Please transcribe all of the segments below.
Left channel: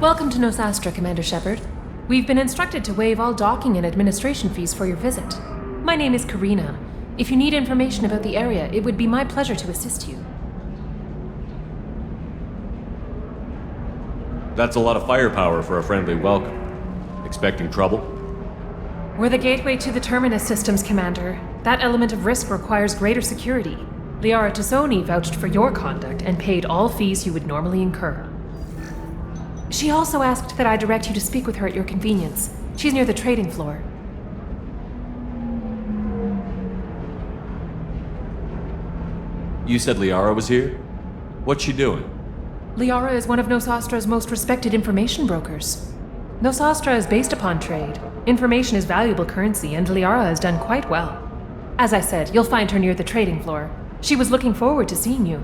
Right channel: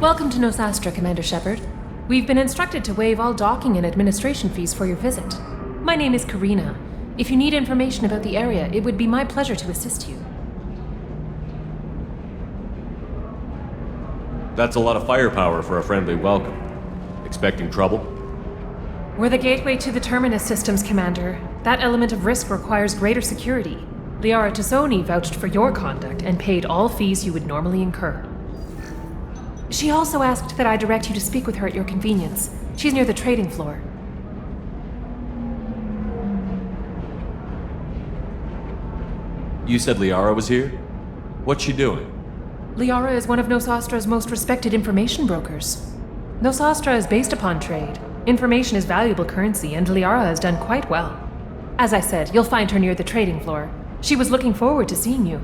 Welcome to Nosastra, Commander Shepard. We've been instructed to waive all docking and administration fees for your visit. My name is Karina. If you need information about the area, it would be my pleasure to assist you. That's a lot of firepower for a friendly welcome. Expecting trouble? We're the gateway to the Terminus systems, Commander. That element of risk requires greater security. Liara Tassoni vouched for your conduct and paid all fees you would normally incur. She also asked that I direct you to speak with her at your convenience. She's near the trading floor. You said Liara was here? What's she doing? Liara is one of Nosastra's most respected information brokers. Nosastra is based upon trade. Information is valuable currency, and Liara has done quite well. As I said, you'll find her near the trading floor. She was looking forward to seeing you.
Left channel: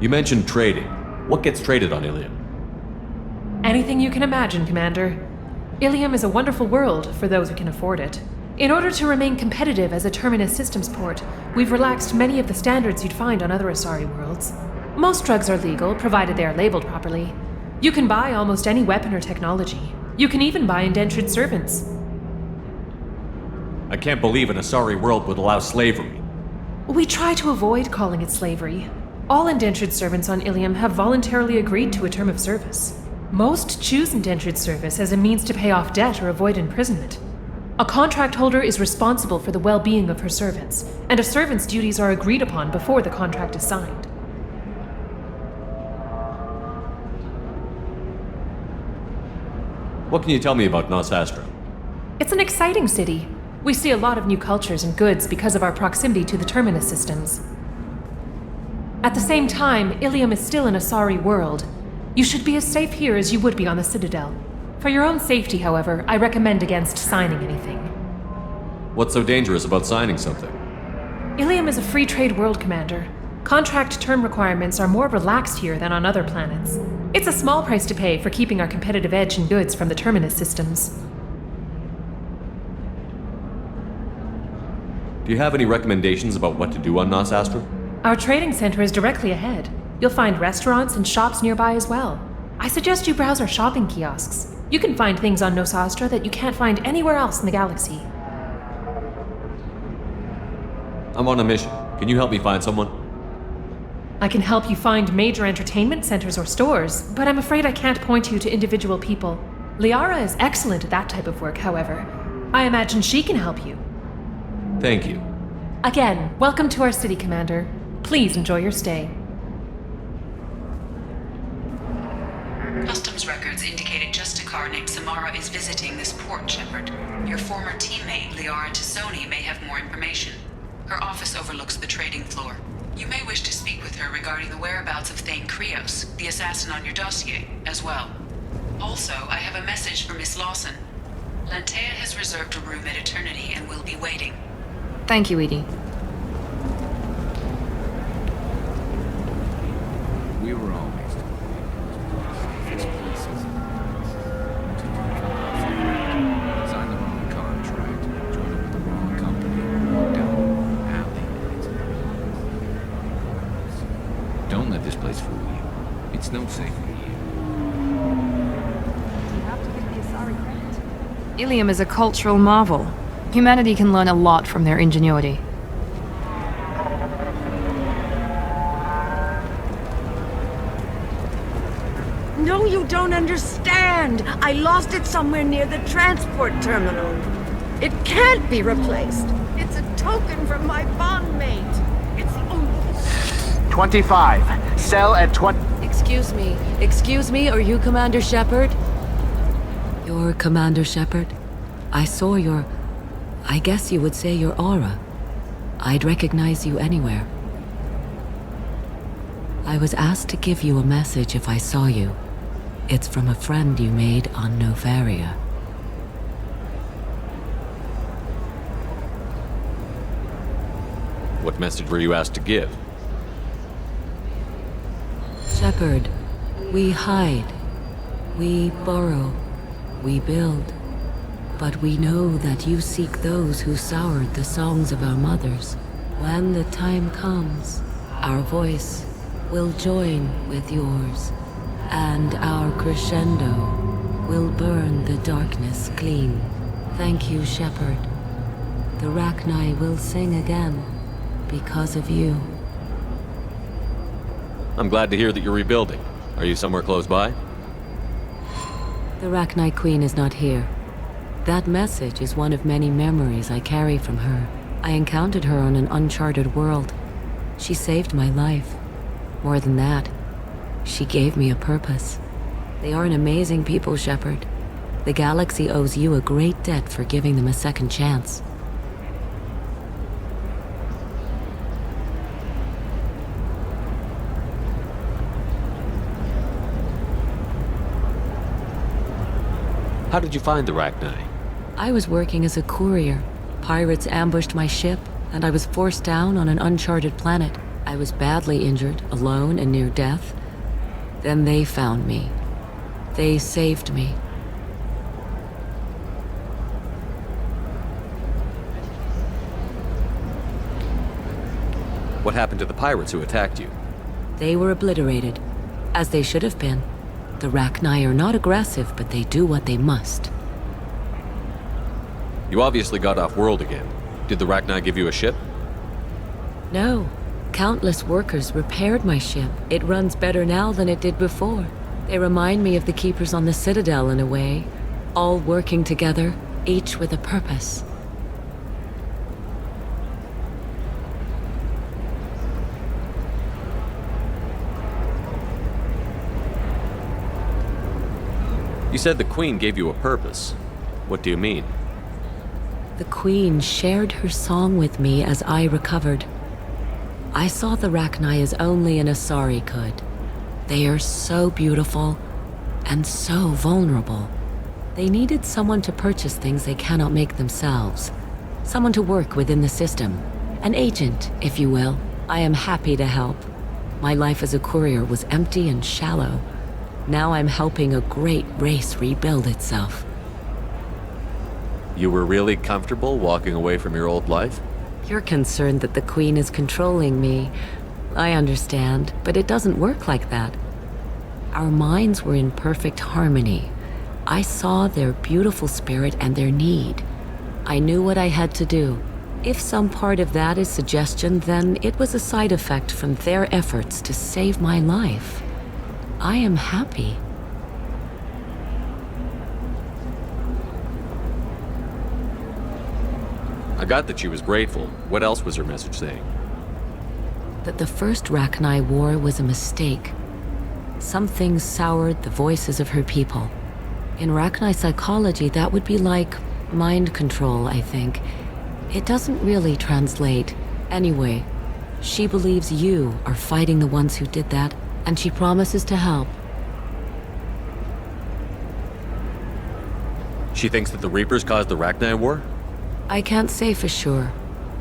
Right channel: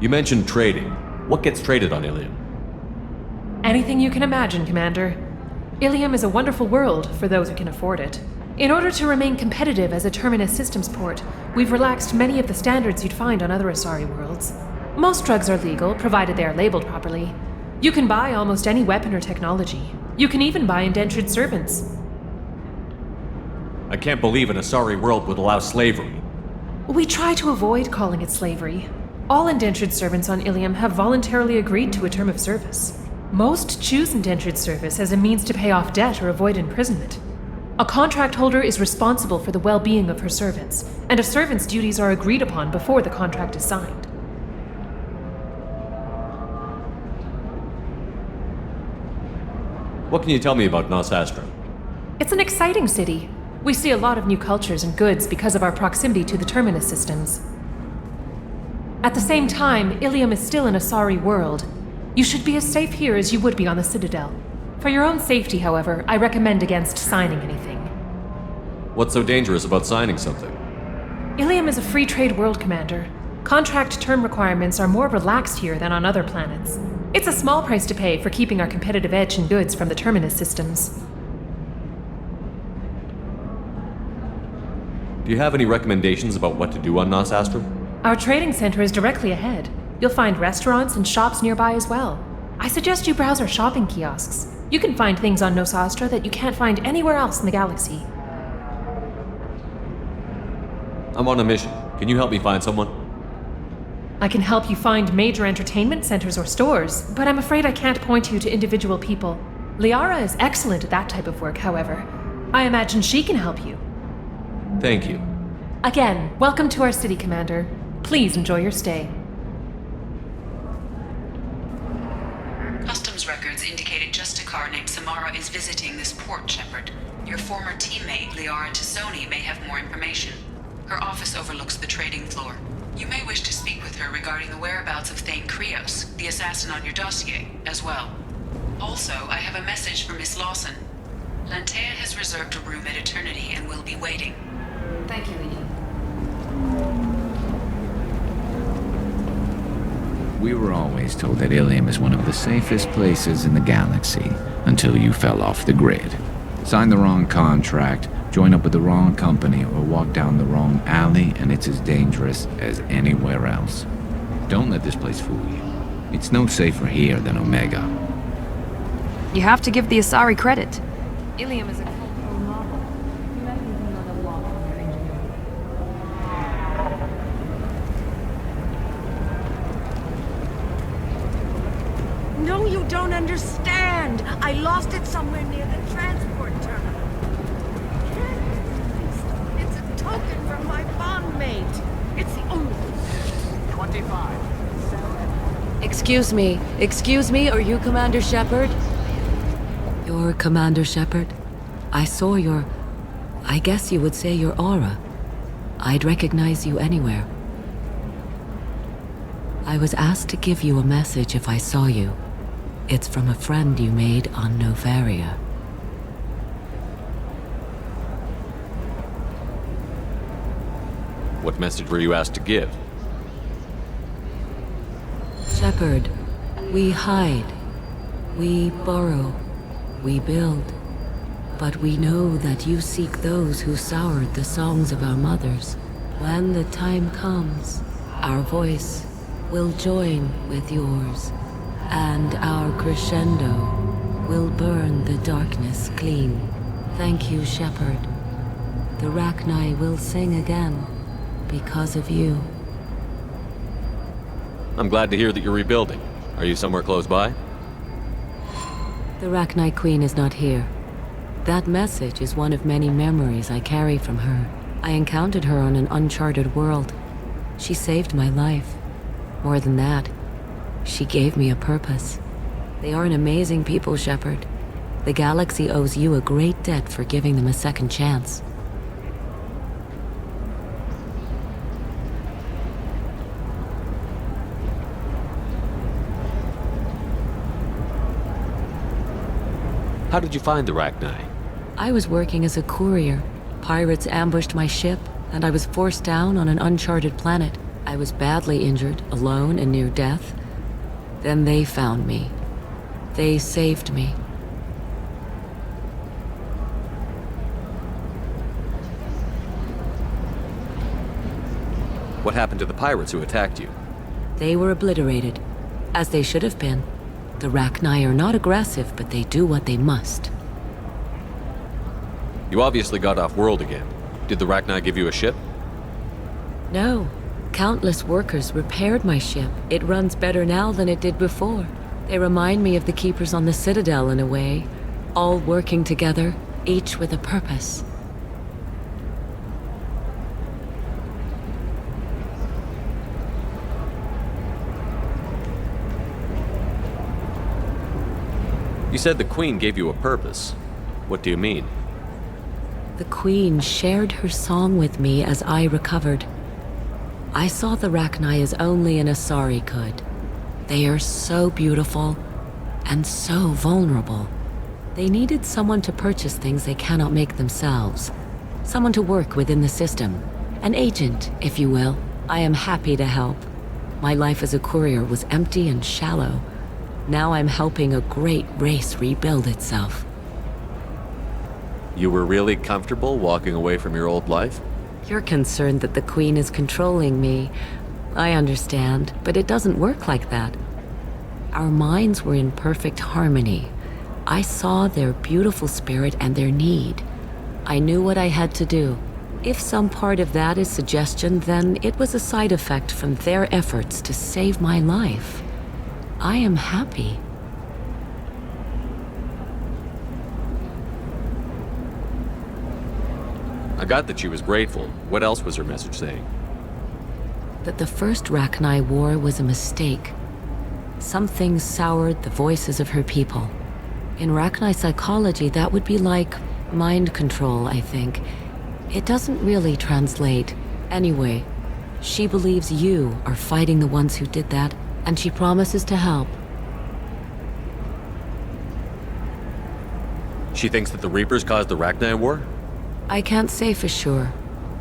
You mentioned trading. What gets traded on Ilium? Anything you can imagine, Commander. Ilium is a wonderful world for those who can afford it. In order to remain competitive as a Terminus systems port, we've relaxed many of the standards you'd find on other Asari worlds. Most drugs are legal, provided they are labeled properly. You can buy almost any weapon or technology. You can even buy indentured servants. I can't believe an Asari world would allow slavery. We try to avoid calling it slavery. All indentured servants on Ilium have voluntarily agreed to a term of service. Most choose indentured service as a means to pay off debt or avoid imprisonment. A contract holder is responsible for the well-being of her servants, and a servant's duties are agreed upon before the contract is signed. What can you tell me about Nosastra? It's an exciting city. We see a lot of new cultures and goods because of our proximity to the Terminus systems. At the same time, Ilium is still an Asari world. You should be as safe here as you would be on the Citadel. For your own safety, however, I recommend against signing anything. What's so dangerous about signing something? Ilium is a free trade world, Commander. Contract term requirements are more relaxed here than on other planets. It's a small price to pay for keeping our competitive edge in goods from the Terminus systems. Do you have any recommendations about what to do on Nosastra? Our trading center is directly ahead. You'll find restaurants and shops nearby as well. I suggest you browse our shopping kiosks. You can find things on Nosastra that you can't find anywhere else in the galaxy. I'm on a mission. Can you help me find someone? I can help you find major entertainment centers or stores, but I'm afraid I can't point you to individual people. Liara is excellent at that type of work, however. I imagine she can help you. Thank you. Again, welcome to our city, Commander. Please enjoy your stay. Customs records indicated just a car named Samara is visiting this port, Shepard. Your former teammate, Liara Tassoni, may have more information. Her office overlooks the trading floor. You may wish to speak with her regarding the whereabouts of Thane Krios, the assassin on your dossier, as well. Also, I have a message for Miss Lawson. Lantea has reserved a room at Eternity and will be waiting. Thank you, Edie. We were always told that Ilium is one of the safest places in the galaxy, until you fell off the grid. Sign the wrong contract, join up with the wrong company, or walk down the wrong alley, and it's as dangerous as anywhere else. Don't let this place fool you. It's no safer here than Omega. You have to give the Asari credit. Ilium is a cultural marvel. Humanity can learn a lot from their ingenuity. No, you don't understand. I lost it somewhere near the transport terminal. It can't be replaced. It's a token from my bondmate. It's the only thing. 25. Sell at 20. Excuse me, are you Commander Shepard? You're Commander Shepard? I saw I guess you would say your aura. I'd recognize you anywhere. I was asked to give you a message if I saw you. It's from a friend you made on Novaria. What message were you asked to give? Shepard, we hide. We borrow. We build. But we know that you seek those who soured the songs of our mothers. When the time comes, our voice will join with yours, and our crescendo will burn the darkness clean. Thank you, Shepard. The Rachni will sing again because of you. I'm glad to hear that you're rebuilding. Are you somewhere close by? The Rachni Queen is not here. That message is one of many memories I carry from her. I encountered her on an uncharted world. She saved my life. More than that, she gave me a purpose. They are an amazing people, Shepard. The galaxy owes you a great debt for giving them a second chance. How did you find the Rachni? I was working as a courier. Pirates ambushed my ship, and I was forced down on an uncharted planet. I was badly injured, alone and near death. Then they found me. They saved me. What happened to the pirates who attacked you? They were obliterated, as they should have been. The Rachni are not aggressive, but they do what they must. You obviously got off world again. Did the Rachni give you a ship? No. Countless workers repaired my ship. It runs better now than it did before. They remind me of the Keepers on the Citadel in a way. All working together, each with a purpose. You said the Queen gave you a purpose. What do you mean? The Queen shared her song with me as I recovered. I saw the Rachni as only an Asari could. They are so beautiful and so vulnerable. They needed someone to purchase things they cannot make themselves. Someone to work within the system. An agent, if you will. I am happy to help. My life as a courier was empty and shallow. Now I'm helping a great race rebuild itself. You were really comfortable walking away from your old life? You're concerned that the Queen is controlling me. I understand, but it doesn't work like that. Our minds were in perfect harmony. I saw their beautiful spirit and their need. I knew what I had to do. If some part of that is suggestion, then it was a side effect from their efforts to save my life. I am happy. I got that she was grateful. What else was her message saying? That the first Rachni War was a mistake. Something soured the voices of her people. In Rachni psychology, that would be like mind control, I think. It doesn't really translate. Anyway, she believes you are fighting the ones who did that, and she promises to help. She thinks that the Reapers caused the Rachni War? I can't say for sure,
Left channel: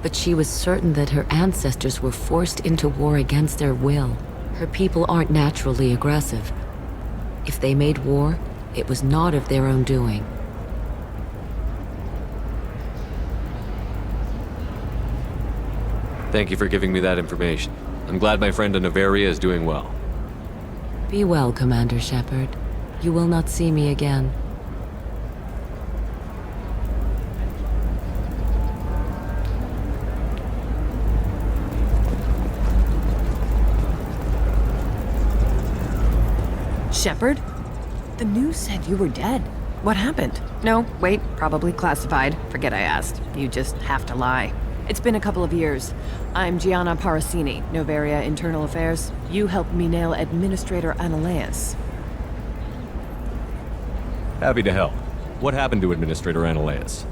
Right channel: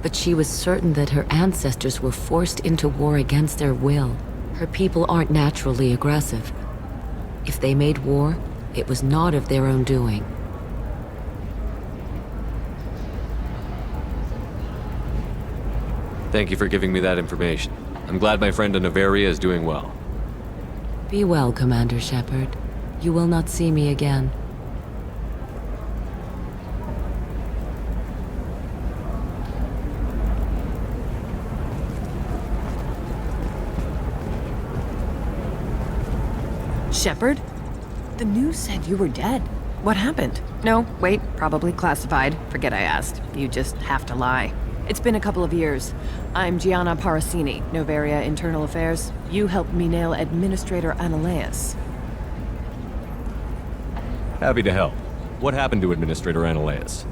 but she was certain that her ancestors were forced into war against their will. Her people aren't naturally aggressive. If they made war, it was not of their own doing. Thank you for giving me that information. I'm glad my friend in Noveria is doing well. Be well, Commander Shepard. You will not see me again. Shepard? The news said you were dead. What happened? No, wait, probably classified. Forget I asked. You just have to lie. It's been a couple of years. I'm Gianna Parasini, Noveria Internal Affairs. You helped me nail Administrator Analeas. Happy to help. What happened to Administrator Analeas?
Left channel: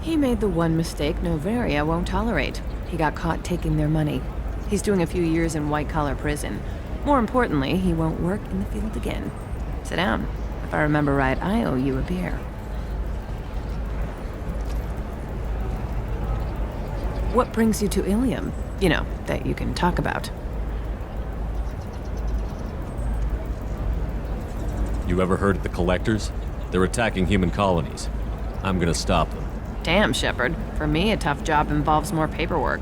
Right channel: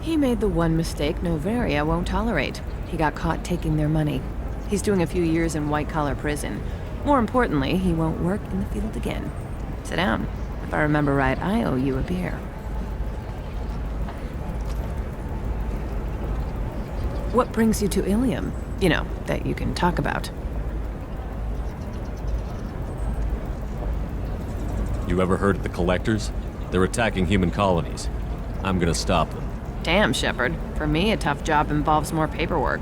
He made the one mistake Noveria won't tolerate. He got caught taking their money. He's doing a few years in white-collar prison. More importantly, he won't work in the field again. Sit down. If I remember right, I owe you a beer. What brings you to Ilium? You know, that you can talk about. You ever heard of the Collectors? They're attacking human colonies. I'm gonna stop them. Damn, Shepard. For me, a tough job involves more paperwork.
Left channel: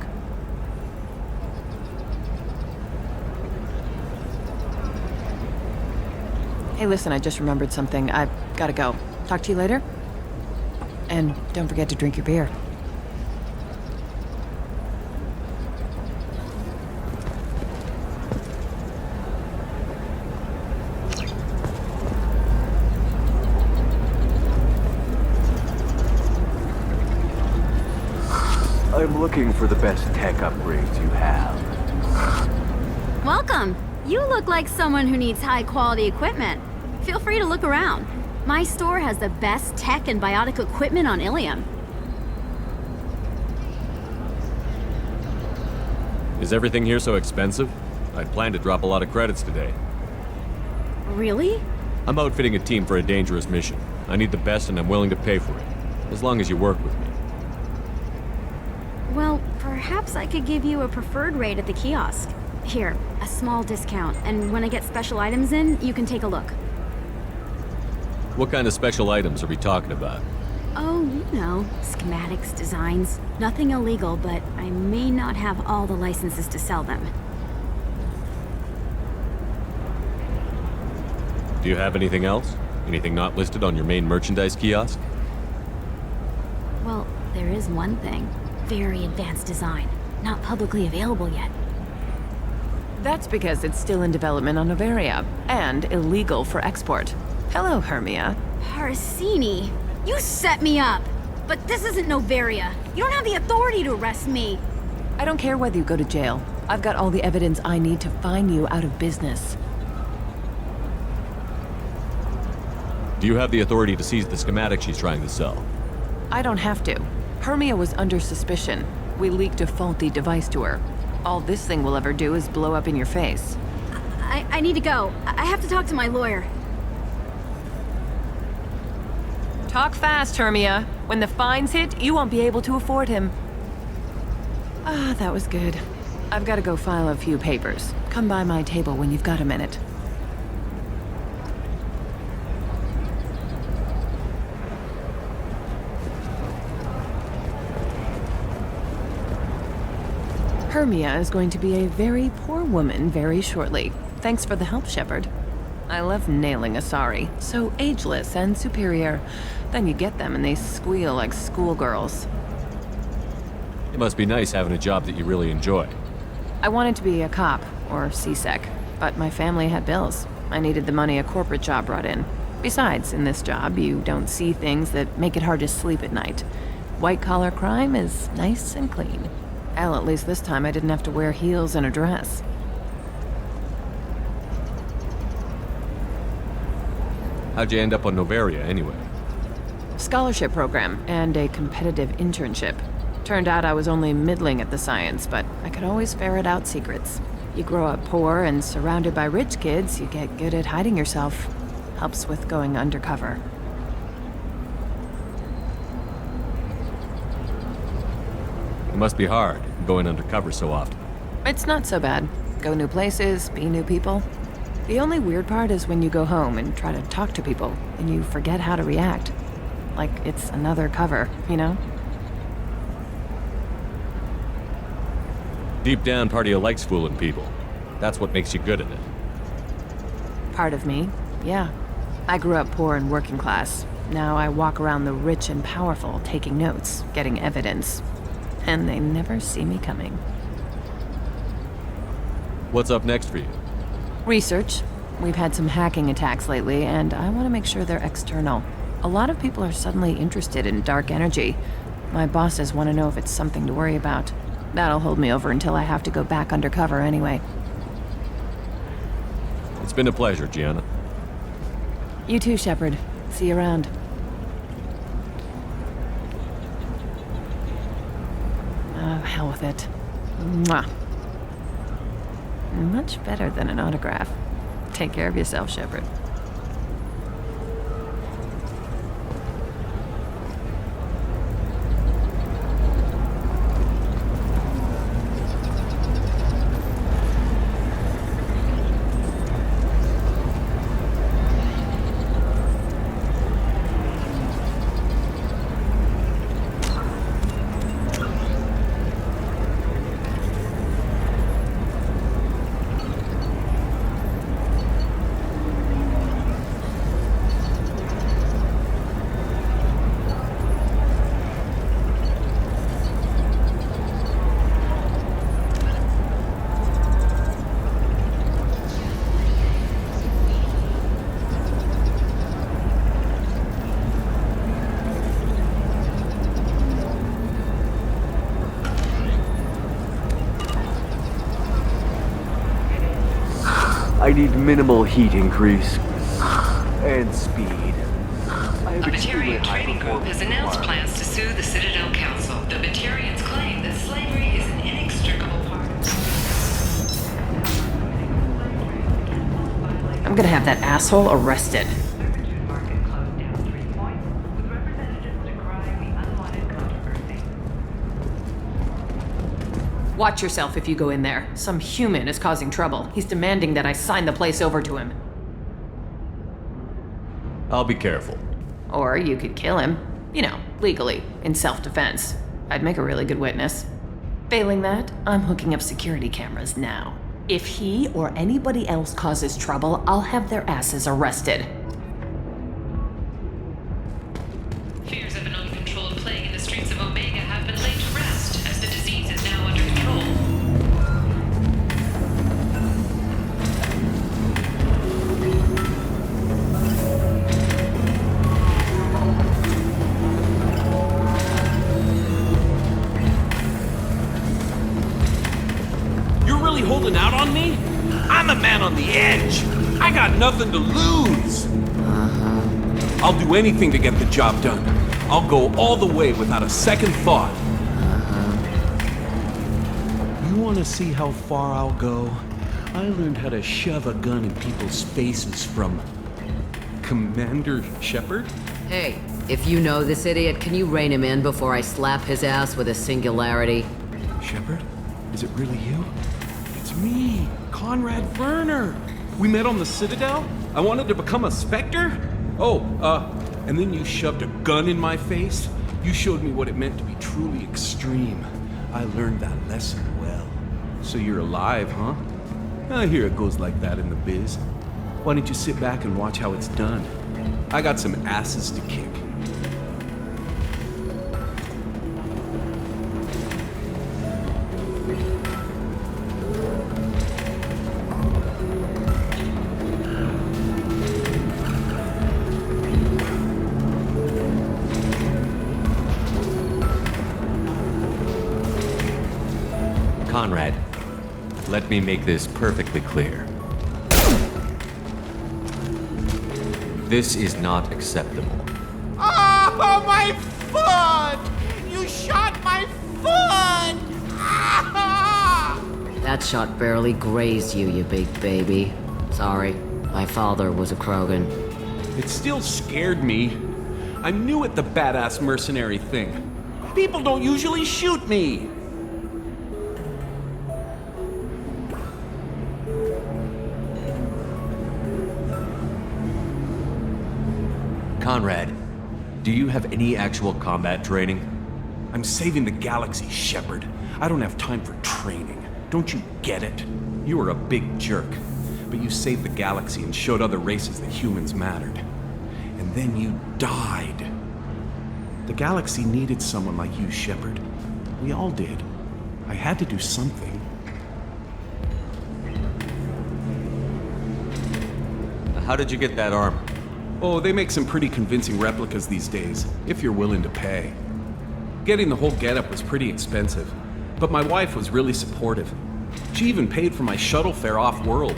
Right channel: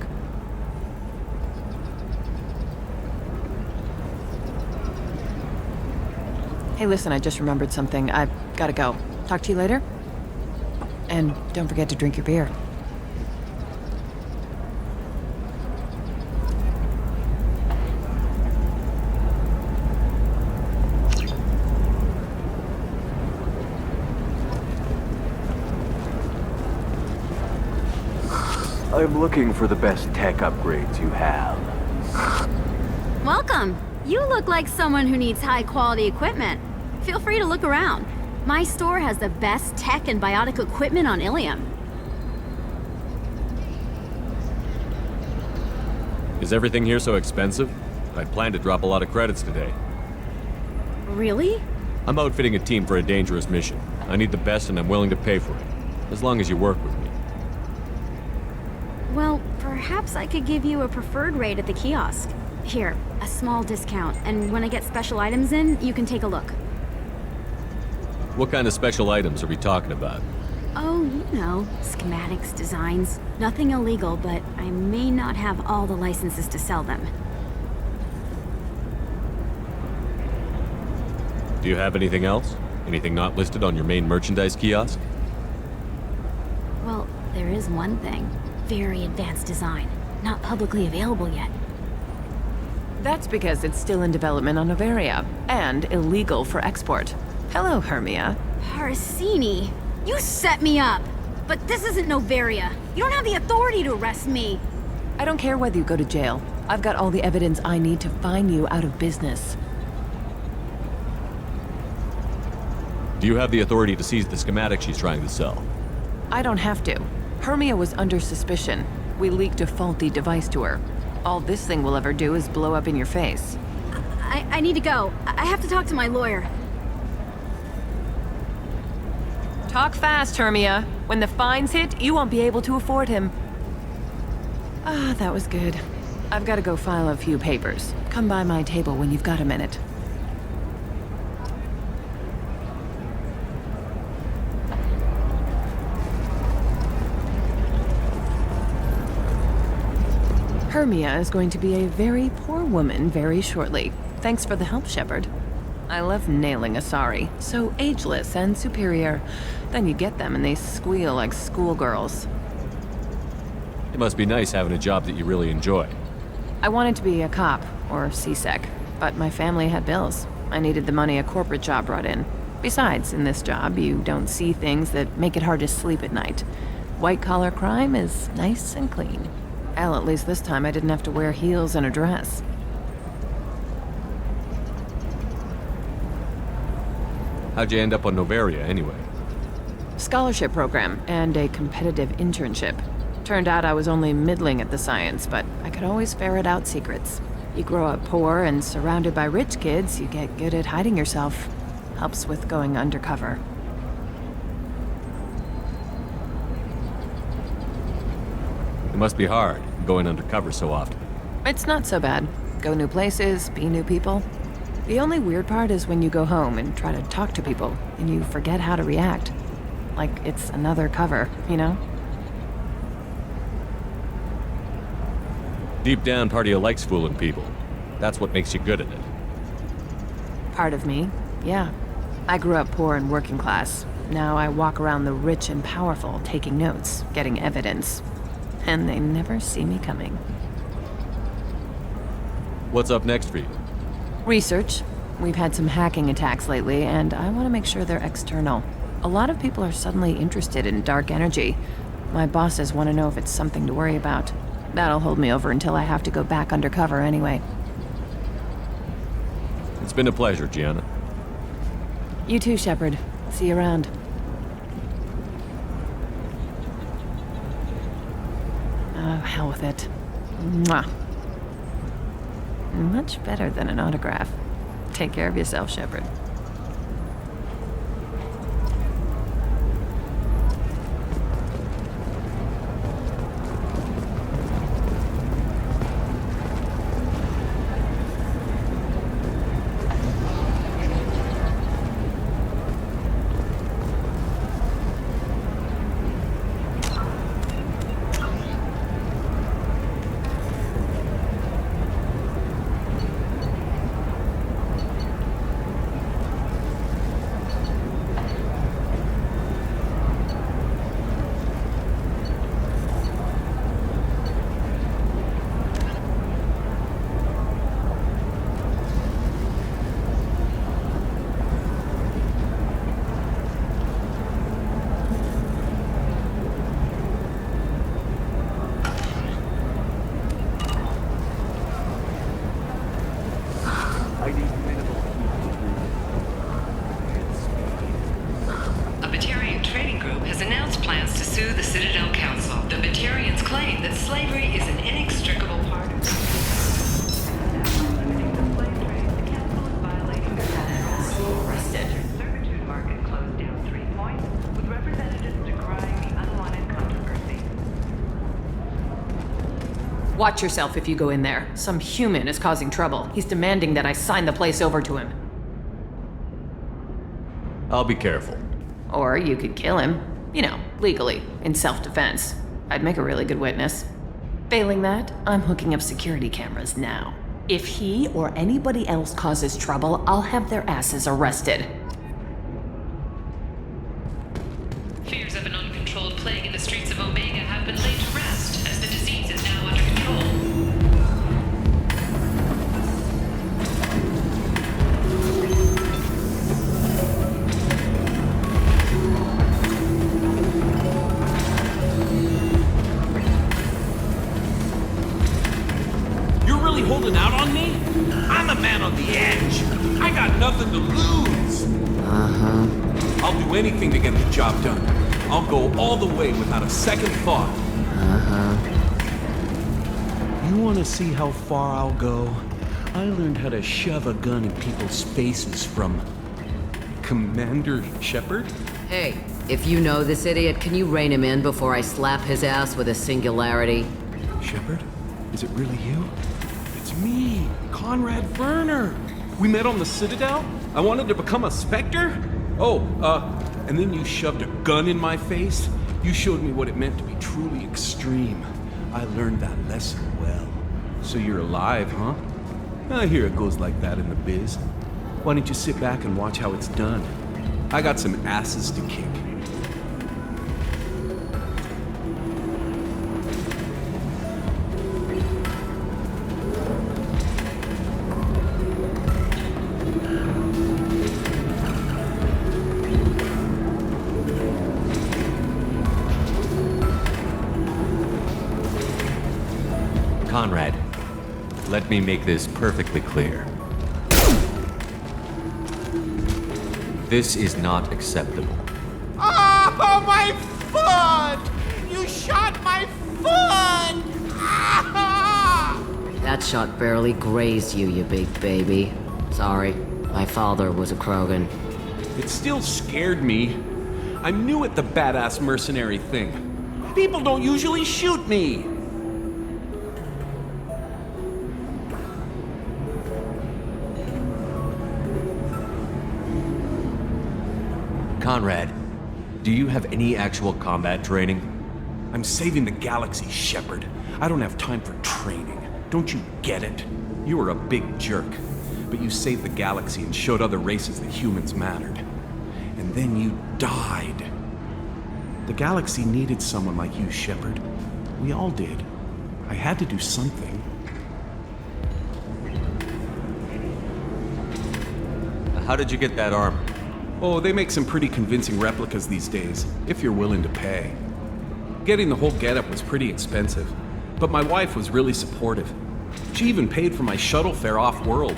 Hey, listen, I just remembered something. I've gotta go. Talk to you later? And don't forget to drink your beer. I'm looking for the best tech upgrades you have. Welcome. You look like someone who needs high-quality equipment. Feel free to look around. My store has the best tech and biotic equipment on Ilium. Is everything here so expensive? I'd planned to drop a lot of credits today. Really? I'm outfitting a team for a dangerous mission. I need the best and I'm willing to pay for it. As long as you work with me. Well, perhaps I could give you a preferred rate at the kiosk. Here, a small discount, and when I get special items in, you can take a look. What kind of special items are we talking about? Oh, you know, schematics, designs. Nothing illegal, but I may not have all the licenses to sell them. Do you have anything else? Anything not listed on your main merchandise kiosk? Well, there is one thing. Very advanced design. Not publicly available yet. That's because it's still in development on Noveria, and illegal for export. Hello, Hermia. Parsini, you set me up! But this isn't Noveria. You don't have the authority to arrest me. I don't care whether you go to jail. I've got all the evidence I need to find you out of business. Do you have the authority to seize the schematic she's trying to sell? I don't have to. Hermia was under suspicion. We leaked a faulty device to her. All this thing will ever do is blow up in your face. I need to go. I have to talk to my lawyer. Talk fast, Hermia. When the fines hit, you won't be able to afford him. Ah, that was good. I've got to go file a few papers. Come by my table when you've got a minute. Hermia is going to be a very poor woman very shortly. Thanks for the help, Shepard. I love nailing Asari. So ageless and superior. Then you get them and they squeal like schoolgirls. It must be nice having a job that you really enjoy. I wanted to be a cop, or CSEC, but my family had bills. I needed the money a corporate job brought in. Besides, in this job, you don't see things that make it hard to sleep at night. White-collar crime is nice and clean. Hell, at least this time I didn't have to wear heels and a dress. How'd you end up on Noveria, anyway? Scholarship program and a competitive internship. Turned out I was only middling at the science, but I could always ferret out secrets. You grow up poor and surrounded by rich kids, you get good at hiding yourself. Helps with going undercover. It must be hard, going undercover so often. It's not so bad. Go new places, be new people. The only weird part is when you go home and try to talk to people, and you forget how to react. Like it's another cover, you know? Deep down, part of you likes fooling people. That's what makes you good at it. Part of me, yeah. I grew up poor and working class. Now I walk around the rich and powerful, taking notes, getting evidence. And they never see me coming. What's up next for you? Research. We've had some hacking attacks lately, and I want to make sure they're external. A lot of people are suddenly interested in dark energy. My bosses want to know if it's something to worry about. That'll hold me over until I have to go back undercover anyway. It's been a pleasure, Gianna. You too, Shepard. See you around. Oh, hell with it. Mwah. Much better than an autograph. Take care of yourself, Shepard. I need minimal heat increase. And speed. A Batarian trading group has announced plans to sue the Citadel Council. The Batarians claim that slavery is an inextricable part of I'm gonna have that asshole arrested. servitude market closed down 3 points, with representatives decrying the unwanted controversy. Watch yourself if you go in there. Some human is causing trouble. He's demanding that I sign the place over to him. I'll be careful. Or you could kill him. You know, legally, in self-defense. I'd make a really good witness. Failing that, I'm hooking up security cameras now. If he or anybody else causes trouble, I'll have their asses arrested. Fears of an uncontrolled plague in the streets of Omega have been laid to rest, as the disease is now under control. You're really holding out on me? I'm a man on the edge. I got nothing to lose. I'll do anything to get the job done. I'll go all the way without a second thought. You want to see how far I'll go? I learned how to shove a gun in people's faces from Commander Shepard. Hey, if you know this idiot, can you rein him in before I slap his ass with a singularity? Shepard? Is it really you? It's me, Conrad Werner. We met on the Citadel. I wanted to become a Spectre. And then you shoved a gun in my face. You showed me what it meant to be truly extreme. I learned that lesson well. So you're alive, huh? I hear it goes like that in the biz. Why don't you sit back and watch how it's done? I got some asses to kick. Conrad, let me make this perfectly clear. This is not acceptable. Oh, my foot! You shot my foot! Ah! That shot barely grazed you, you big baby. Sorry, my father was a Krogan. It still scared me. I'm new at the badass mercenary thing. People don't usually shoot me. Conrad, do you have any actual combat training? I'm saving the galaxy, Shepard. I don't have time for training. Don't you get it? You were a big jerk, but you saved the galaxy and showed other races that humans mattered. And then you died. The galaxy needed someone like you, Shepard. We all did. I had to do something. How did you get that armor? Oh, they make some pretty convincing replicas these days, if you're willing to pay. Getting the whole getup was pretty expensive, but my wife was really supportive. She even paid for my shuttle fare off-world.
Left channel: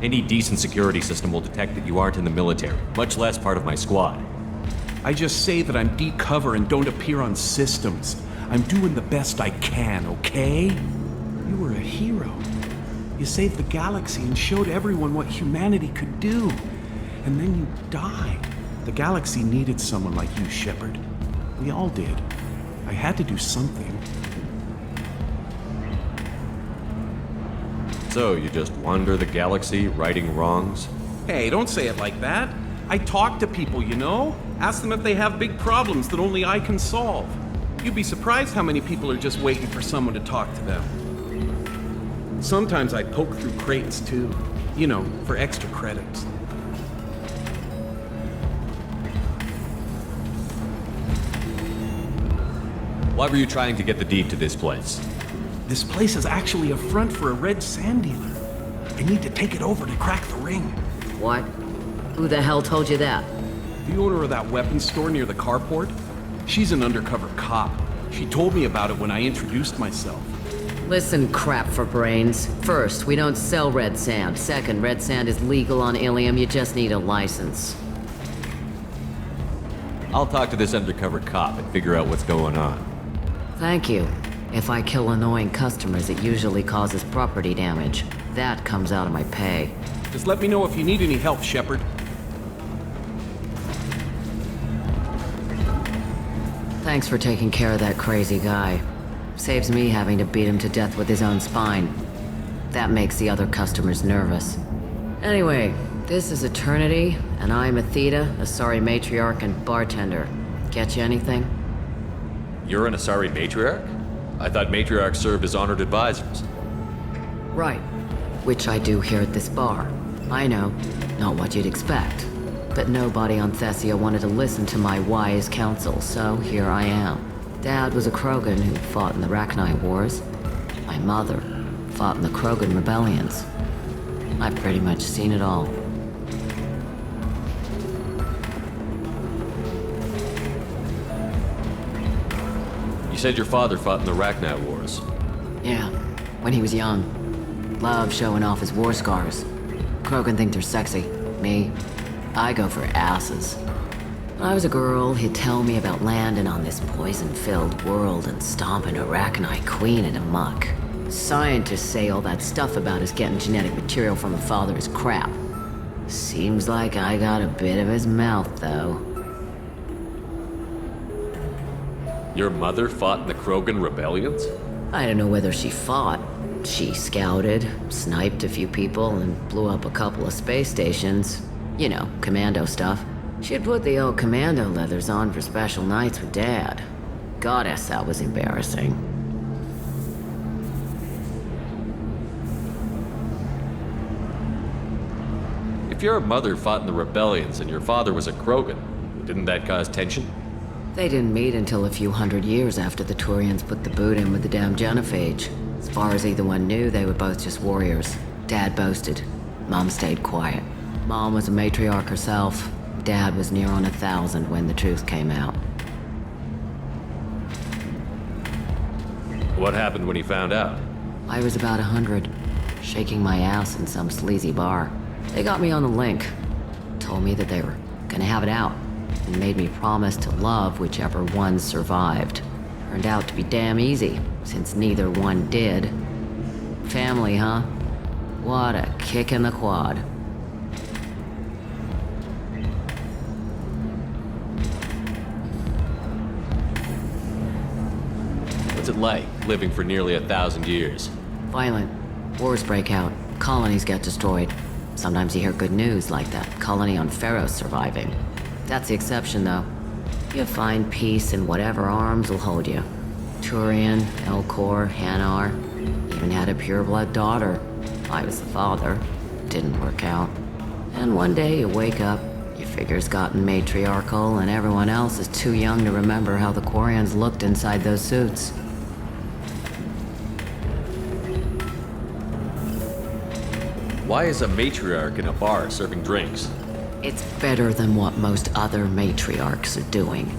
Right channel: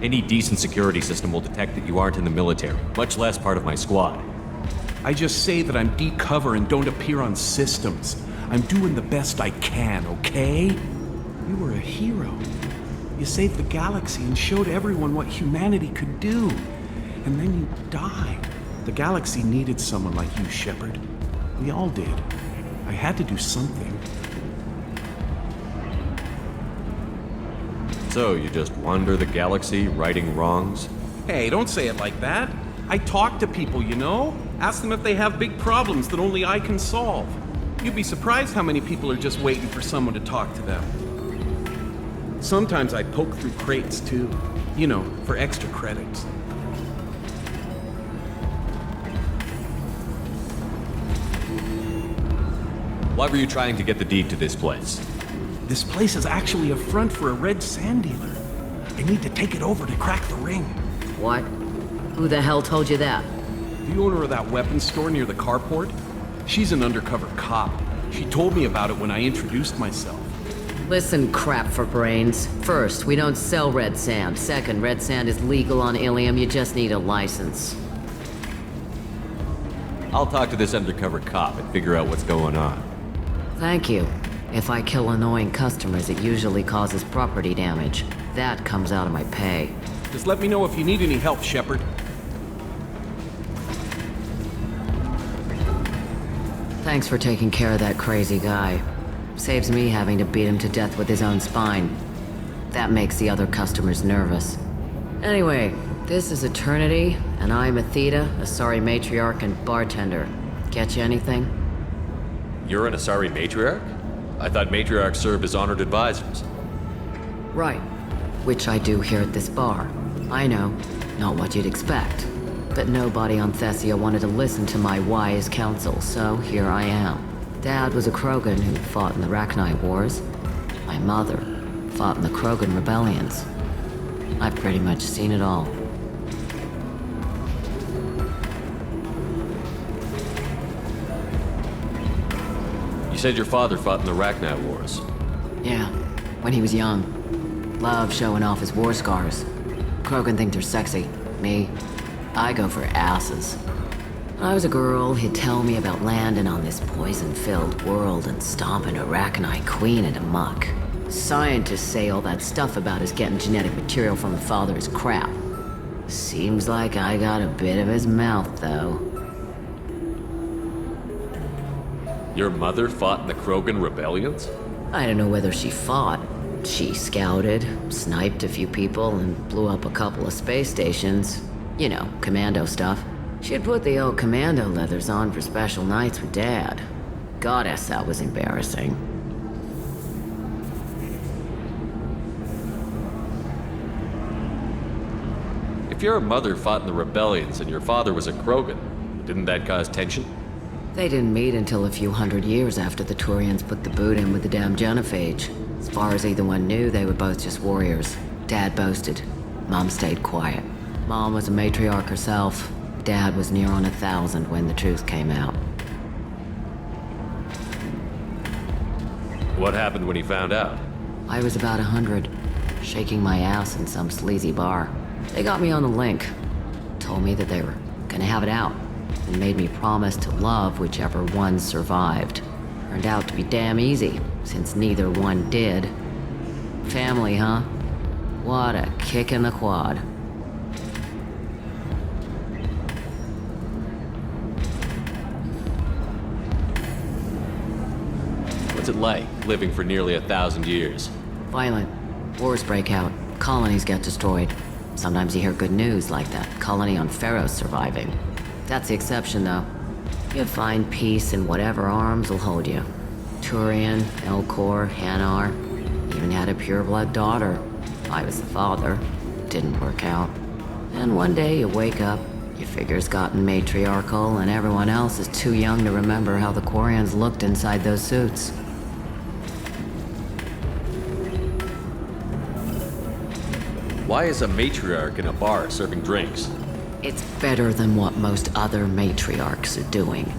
Any decent security system will detect that you aren't in the military, much less part of my squad. I just say that I'm deep cover and don't appear on systems. I'm doing the best I can, okay? You were a hero. You saved the galaxy and showed everyone what humanity could do. And then you died. The galaxy needed someone like you, Shepard. We all did. I had to do something. So, you just wander the galaxy, righting wrongs? Hey, don't say it like that. I talk to people, you know? Ask them if they have big problems that only I can solve. You'd be surprised how many people are just waiting for someone to talk to them. Sometimes I poke through crates, too. You know, for extra credits. Why were you trying to get the deed to this place? This place is actually a front for a red sand dealer. I need to take it over to crack the ring. What? Who the hell told you that? The owner of that weapons store near the carport? She's an undercover cop. She told me about it when I introduced myself. Listen, crap for brains. First, we don't sell red sand. Second, red sand is legal on Ilium, you just need a license. I'll talk to this undercover cop and figure out what's going on. Thank you. If I kill annoying customers, it usually causes property damage. That comes out of my pay. Just let me know if you need any help, Shepard. Thanks for taking care of that crazy guy. Saves me having to beat him to death with his own spine. That makes the other customers nervous. Anyway, this is Eternity, and I'm Athena, Asari matriarch and bartender. Get you anything? You're an Asari matriarch? I thought matriarchs served as honored advisors. Right. Which I do here at this bar. I know, not what you'd expect. But nobody on Thessia wanted to listen to my wise counsel, so here I am. Dad was a Krogan who fought in the Rachni Wars. My mother fought in the Krogan rebellions. I've pretty much seen it all. You said your father fought in the Rachni Wars. Yeah, when he was young. Loved showing off his war scars. Krogan think they're sexy. Me, I go for asses. When I was a girl, he'd tell me about landing on this poison-filled world and stomping a Rachni queen into muck. Scientists say all that stuff about us getting genetic material from the father is crap. Seems like I got a bit of his mouth, though. Your mother fought in the Krogan rebellions? I don't know whether she fought. She scouted, sniped a few people, and blew up a couple of space stations. You know, commando stuff. She'd put the old commando leathers on for special nights with Dad. Goddess, that was embarrassing. If your mother fought in the rebellions and your father was a Krogan, didn't that cause tension? They didn't meet until a few hundred years after the Turians put the boot in with the damn genophage. As far as either one knew, they were both just warriors. Dad boasted. Mom stayed quiet. Mom was a matriarch herself. Dad was near on 1,000 when the truth came out. What happened when he found out? I was about 100, shaking my ass in some sleazy bar. They got me on the link. Told me that they were gonna have it out, and made me promise to love whichever one survived. Turned out to be damn easy, since neither one did. Family, huh? What a kick in the quad. What's it like, living for nearly 1,000 years? Violent. Wars break out. Colonies get destroyed. Sometimes you hear good news like that colony on Pharaoh surviving. That's the exception, though. You find peace in whatever arms will hold you. Turian, Elcor, Hanar. Even had a pureblood daughter. I was the father. Didn't work out. And one day you wake up, your figure's gotten matriarchal, and everyone else is too young to remember how the Quarians looked inside those suits. Why is a matriarch in a bar serving drinks? It's better than what most other matriarchs are doing.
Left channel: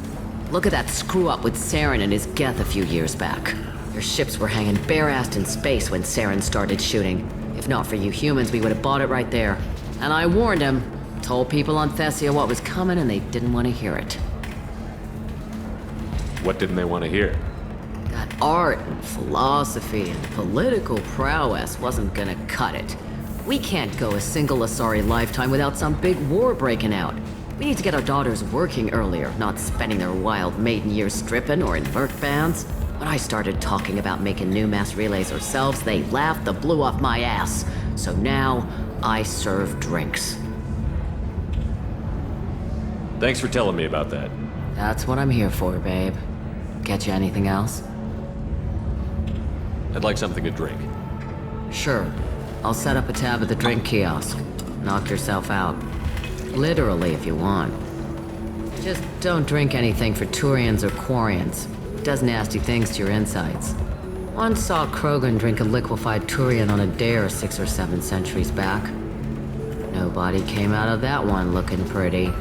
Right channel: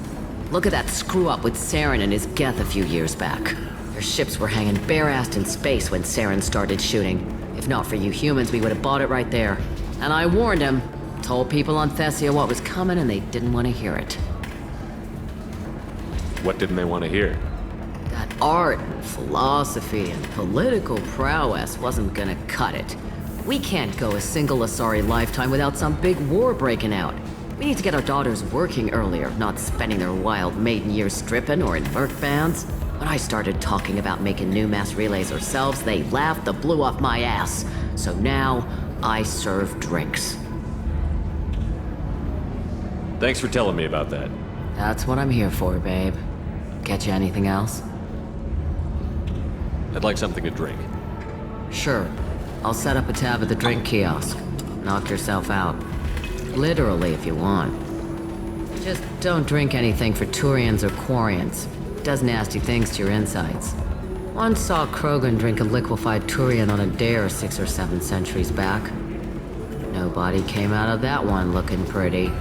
Look at that screw-up with Saren and his Geth a few years back. Their ships were hanging bare-assed in space when Saren started shooting. If not for you humans, we would have bought it right there. And I warned him. Told people on Thessia what was coming, and they didn't want to hear it. What didn't they want to hear? That art and philosophy and political prowess wasn't gonna cut it. We can't go a single Asari lifetime without some big war breaking out. We need to get our daughters working earlier, not spending their wild maiden years stripping or in merc bands. When I started talking about making new mass relays ourselves, they laughed the blue off my ass. So now, I serve drinks. Thanks for telling me about that. That's what I'm here for, babe. Get you anything else? I'd like something to drink. Sure. I'll set up a tab at the drink kiosk. Knock yourself out. Literally, if you want. Just don't drink anything for Turians or Quarians. Does nasty things to your insides. Once saw Krogan drink a liquefied Turian on a dare 6 or 7 centuries back. Nobody came out of that one looking pretty.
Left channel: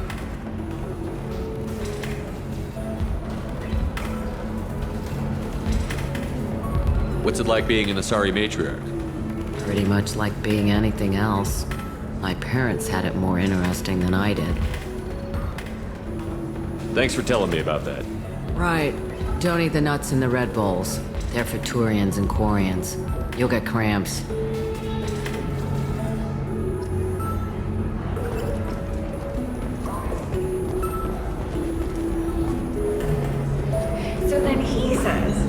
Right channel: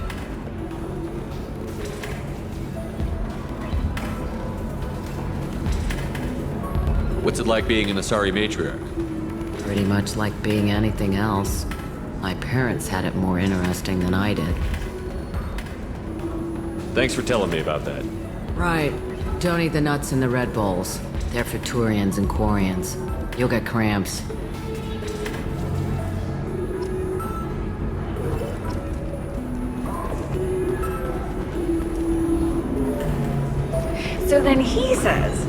What's it like being an Asari matriarch? Pretty much like being anything else. My parents had it more interesting than I did. Thanks for telling me about that. Right. Don't eat the nuts in the Red Bulls. They're for Turians and Quarians. You'll get cramps. So then he says,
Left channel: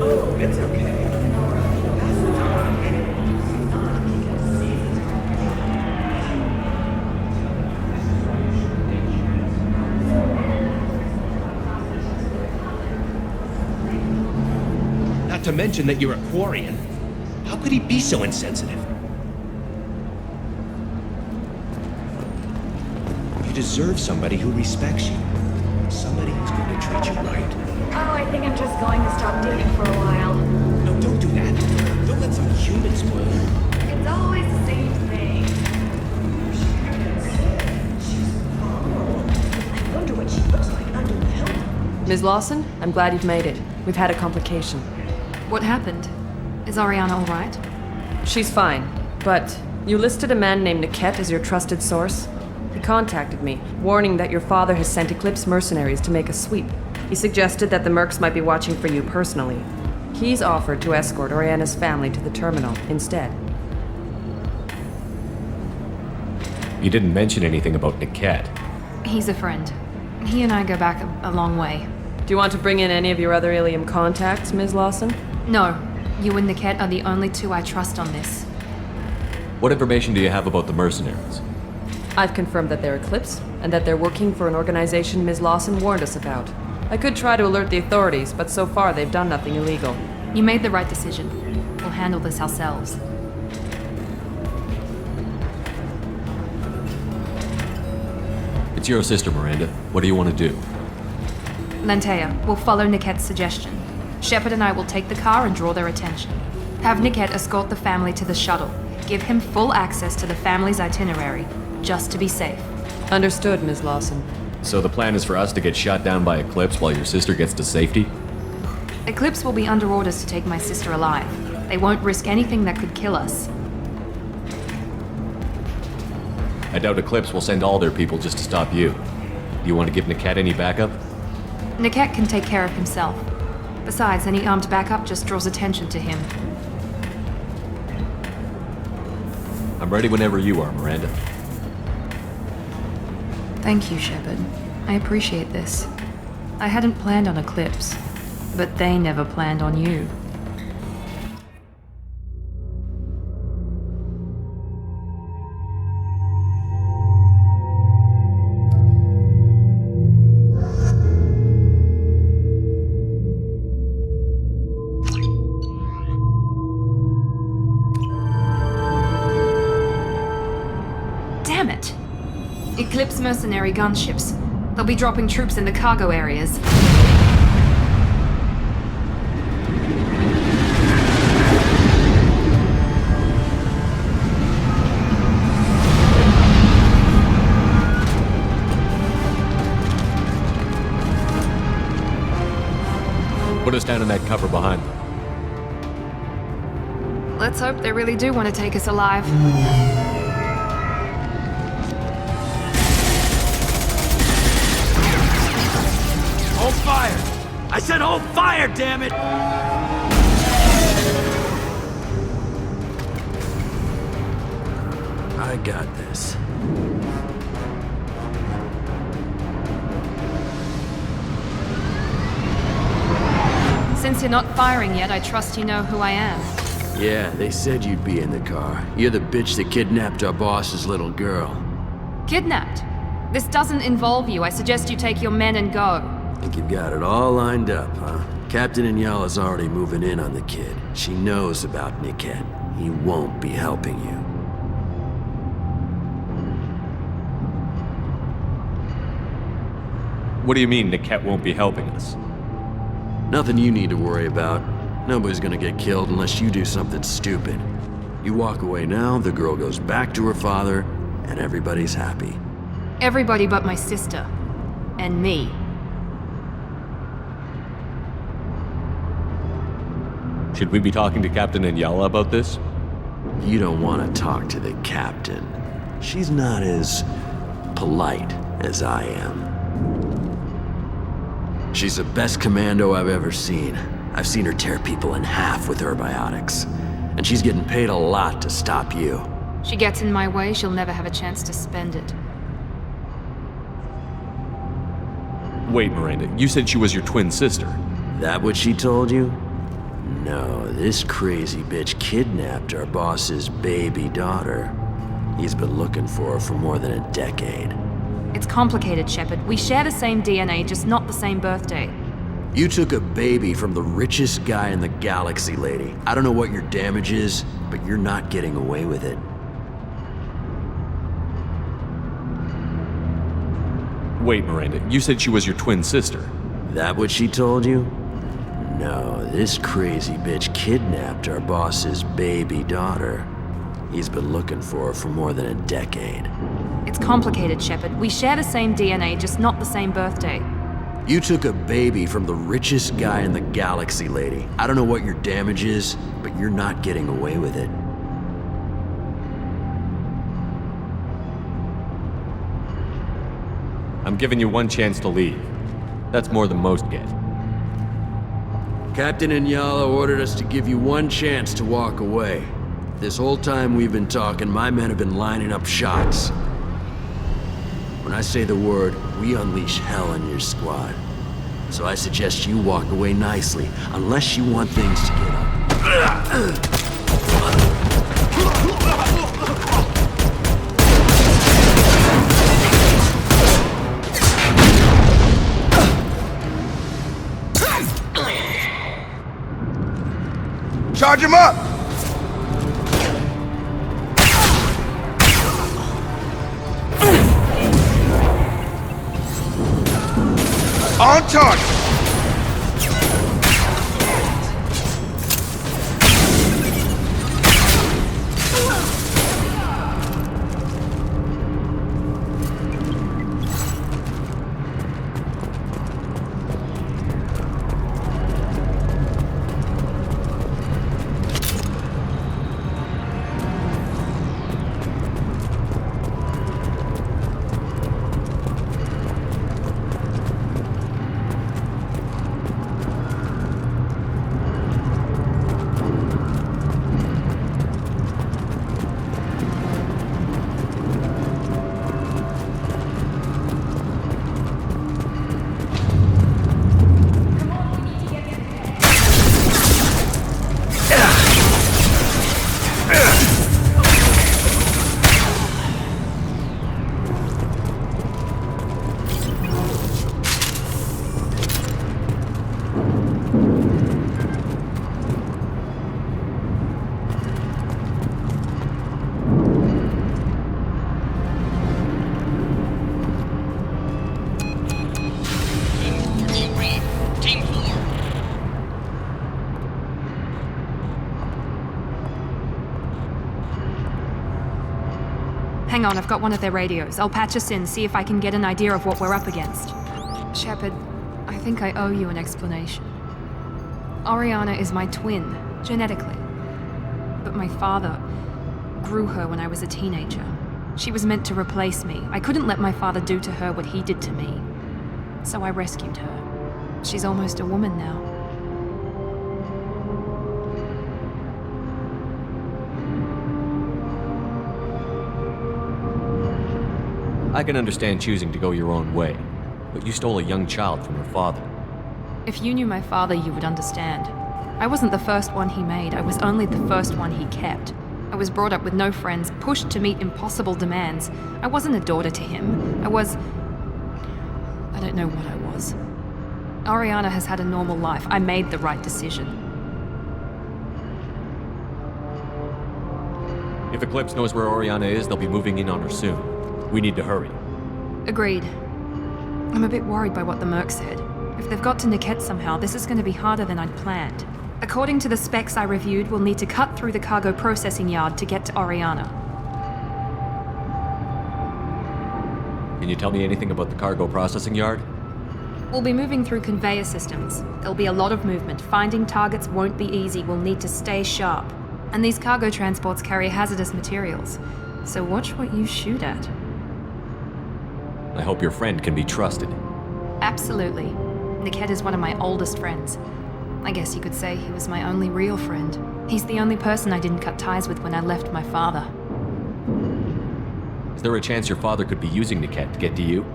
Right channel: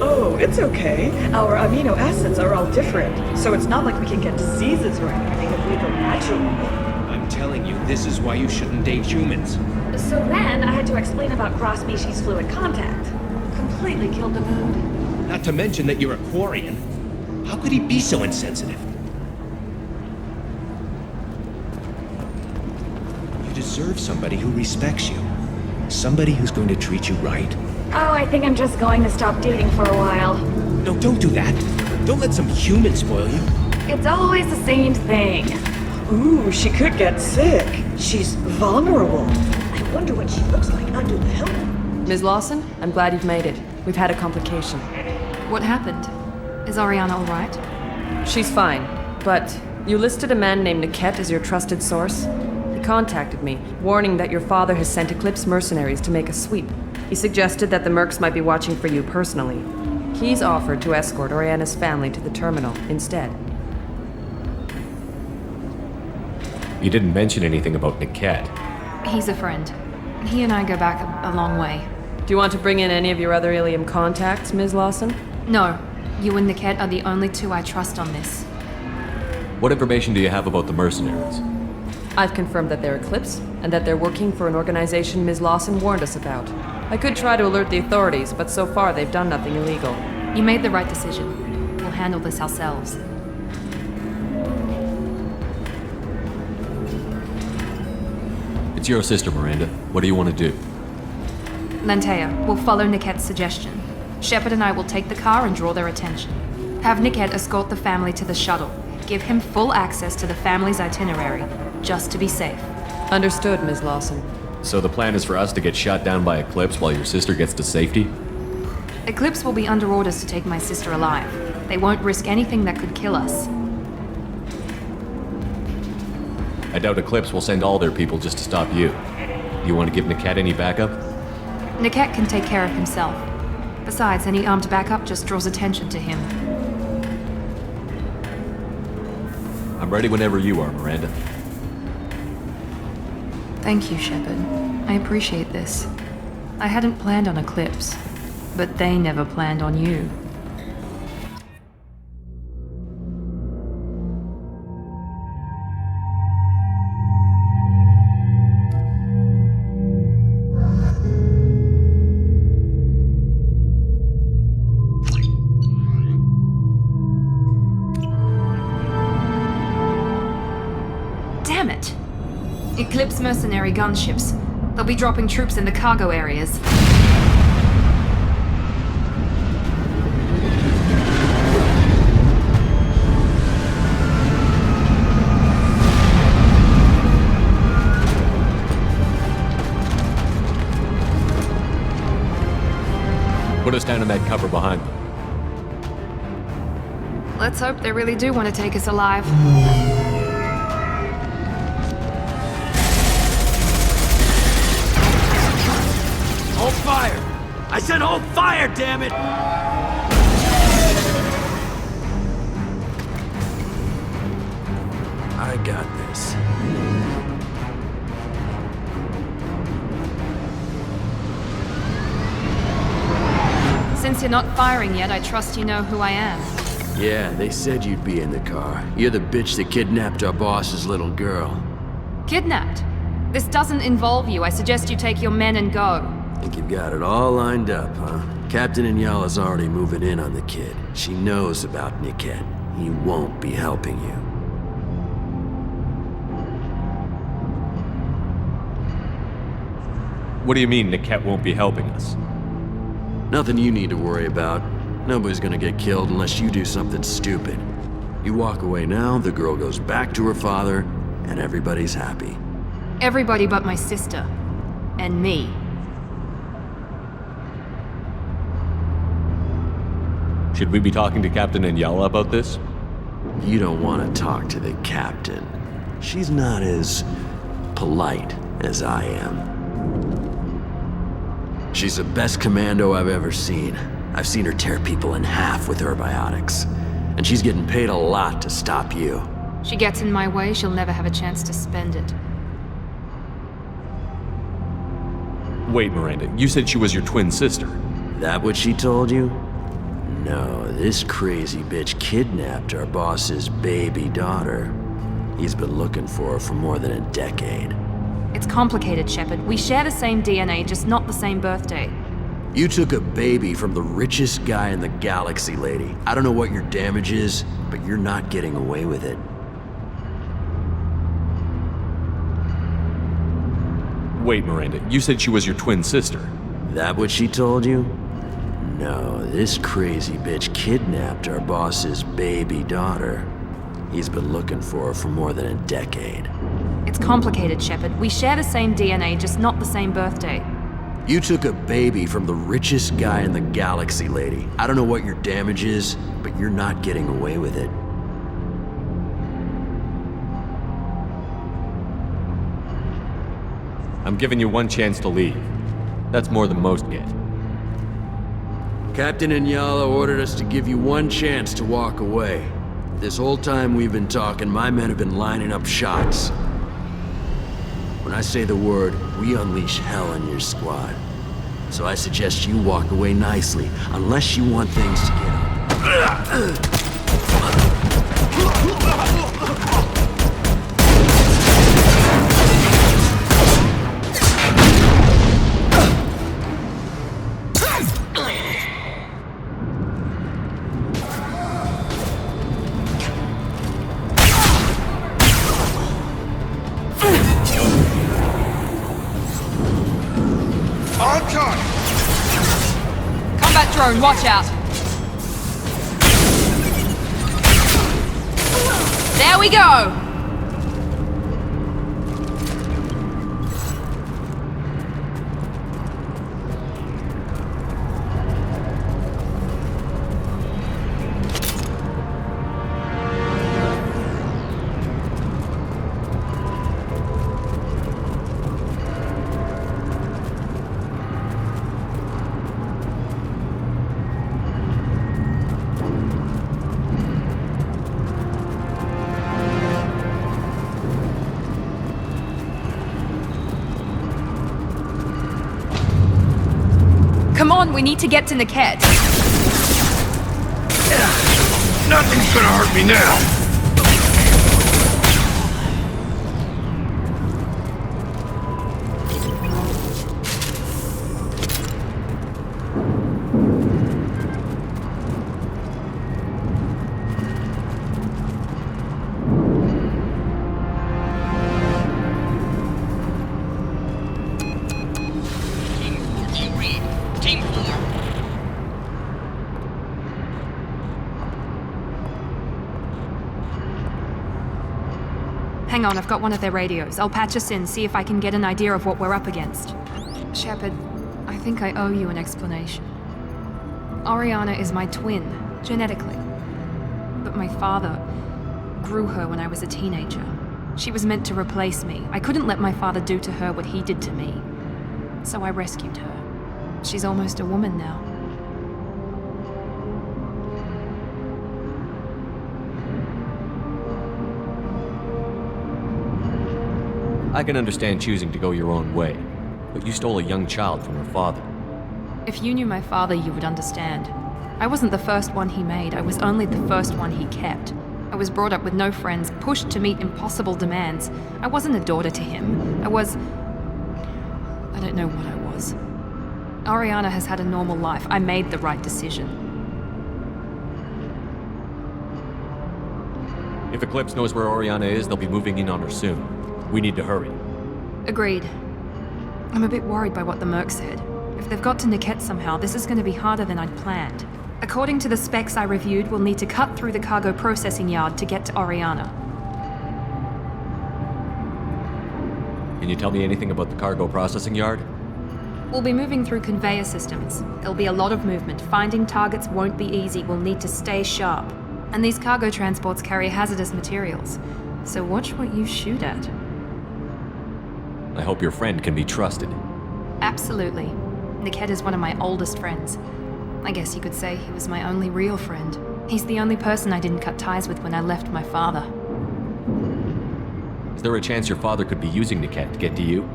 oh, it's okay. Our amino acids are all different, so it's not like we can get diseases or anything if we go naturally. I'm telling you, this is why you shouldn't date humans. So then I had to explain about cross-species fluid contact. Completely killed the mood. Not to mention that you're a Quarian. How could he be so insensitive? You deserve somebody who respects you. Somebody who's going to treat you right. Oh, I think I'm just going to stop dating for a while. No, don't do that. Don't let some human spoil you. It's always the same thing. Ooh, she could get sick. She's vulnerable. I wonder what she looks like under the helmet. Ms. Lawson, I'm glad you've made it. We've had a complication. What happened? Is Ariana all right? She's fine, but you listed a man named Niket as your trusted source. He contacted me, warning that your father has sent Eclipse mercenaries to make a sweep. He suggested that the Mercs might be watching for you personally. He's offered to escort Oriana's family to the terminal instead. You didn't mention anything about Niket. He's a friend. He and I go back a long way. Do you want to bring in any of your other Ilium contacts, Ms. Lawson? No. You and Niket are the only two I trust on this. What information do you have about the mercenaries? I've confirmed that they're Eclipse, and that they're working for an organization Ms. Lawson warned us about. I could try to alert the authorities, but so far they've done nothing illegal. You made the right decision. We'll handle this ourselves. It's your sister, Miranda. What do you want to do? Lantea, we'll follow Niket's suggestion. Shepard and I will take the car and draw their attention. Have Niket escort the family to the shuttle. Give him full access to the family's itinerary, just to be safe. Understood, Ms. Lawson. So the plan is for us to get shot down by Eclipse while your sister gets to safety? Eclipse will be under orders to take my sister alive. They won't risk anything that could kill us. I doubt Eclipse will send all their people just to stop you. Do you want to give Niket any backup? Niket can take care of himself. Besides, any armed backup just draws attention to him. I'm ready whenever you are, Miranda. Thank you, Shepard. I appreciate this. I hadn't planned on Eclipse, but they never planned on you. Damn it! Eclipse mercenary gunships. They'll be dropping troops in the cargo areas. Put us down in that cover behind them. Let's hope they really do want to take us alive. Hold fire! I said hold fire, damn it! I got this. Since you're not firing yet, I trust you know who I am. Yeah, they said you'd be in the car. You're the bitch that kidnapped our boss's little girl. Kidnapped? This doesn't involve you. I suggest you take your men and go. Think you've got it all lined up, huh? Captain Inyala's already moving in on the kid. She knows about Niket. He won't be helping you. What do you mean Niket won't be helping us? Nothing you need to worry about. Nobody's gonna get killed unless you do something stupid. You walk away now, the girl goes back to her father, and everybody's happy. Everybody but my sister. And me. Should we be talking to Captain Inyala about this? You don't want to talk to the captain. She's not as polite as I am. She's the best commando I've ever seen. I've seen her tear people in half with her biotics. And she's getting paid a lot to stop you. She gets in my way, she'll never have a chance to spend it. Wait, Miranda, you said she was your twin sister. That what she told you? No, this crazy bitch kidnapped our boss's baby daughter. He's been looking for her for more than a decade. It's complicated, Shepard. We share the same DNA, just not the same birthday. You took a baby from the richest guy in the galaxy, lady. I don't know what your damage is, but you're not getting away with it. Wait, Miranda, you said she was your twin sister. That what she told you? No, this crazy bitch kidnapped our boss's baby daughter. He's been looking for her for more than a decade. It's complicated, Shepard. We share the same DNA, just not the same birthday. You took a baby from the richest guy in the galaxy, lady. I don't know what your damage is, but you're not getting away with it. I'm giving you one chance to leave. That's more than most get. Captain Inyala ordered us to give you one chance to walk away. This whole time we've been talking, my men have been lining up shots. When I say the word, we unleash hell on your squad. So I suggest you walk away nicely, unless you want things to get up. Charge him up! On target! Combat drone, watch out! There we go! We need to get to Niket. Nothing's gonna hurt me now! Hang on, I've got one of their radios. I'll patch us in, see if I can get an idea of what we're up against. Shepard, I think I owe you an explanation. Oriana is my twin, genetically. But my father grew her when I was a teenager. She was meant to replace me. I couldn't let my father do to her what he did to me. So I rescued her. She's almost a woman now. I can understand choosing to go your own way, but you stole a young child from her father. If you knew my father, you would understand. I wasn't the first one he made, I was only the first one he kept. I was brought up with no friends, pushed to meet impossible demands. I wasn't a daughter to him. I don't know what I was. Oriana has had a normal life. I made the right decision. If Eclipse knows where Oriana is, they'll be moving in on her soon. We need to hurry. Agreed. I'm a bit worried by what the Merc said. If they've got to Niket somehow, this is going to be harder than I'd planned. According to the specs I reviewed, we'll need to cut through the cargo processing yard to get to Oriana. Can you tell me anything about the cargo processing yard? We'll be moving through conveyor systems. There'll be a lot of movement. Finding targets won't be easy. We'll need to stay sharp. And these cargo transports carry hazardous materials. So watch what you shoot at. I hope your friend can be trusted. Absolutely. Niket is one of my oldest friends. I guess you could say he was my only real friend. He's the only person I didn't cut ties with when I left my father. Is there a chance your father could be using Niket to get to you?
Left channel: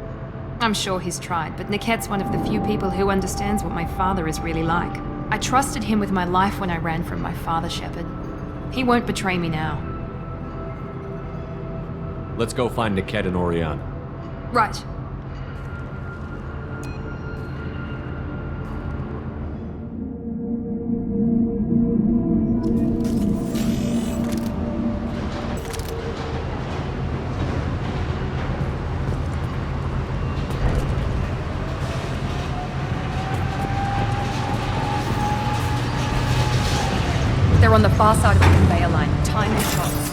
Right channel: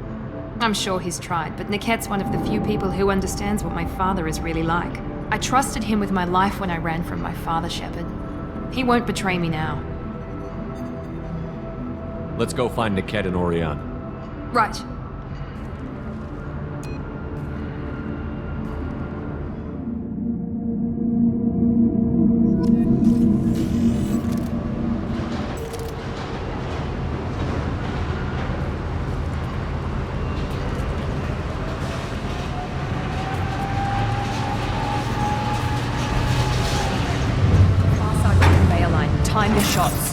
I'm sure he's tried, but Niket's one of the few people who understands what my father is really like. I trusted him with my life when I ran from my father, Shepard. He won't betray me now. Let's go find Niket and Oriana. Right. They're on the far side of the conveyor line. Time your shots.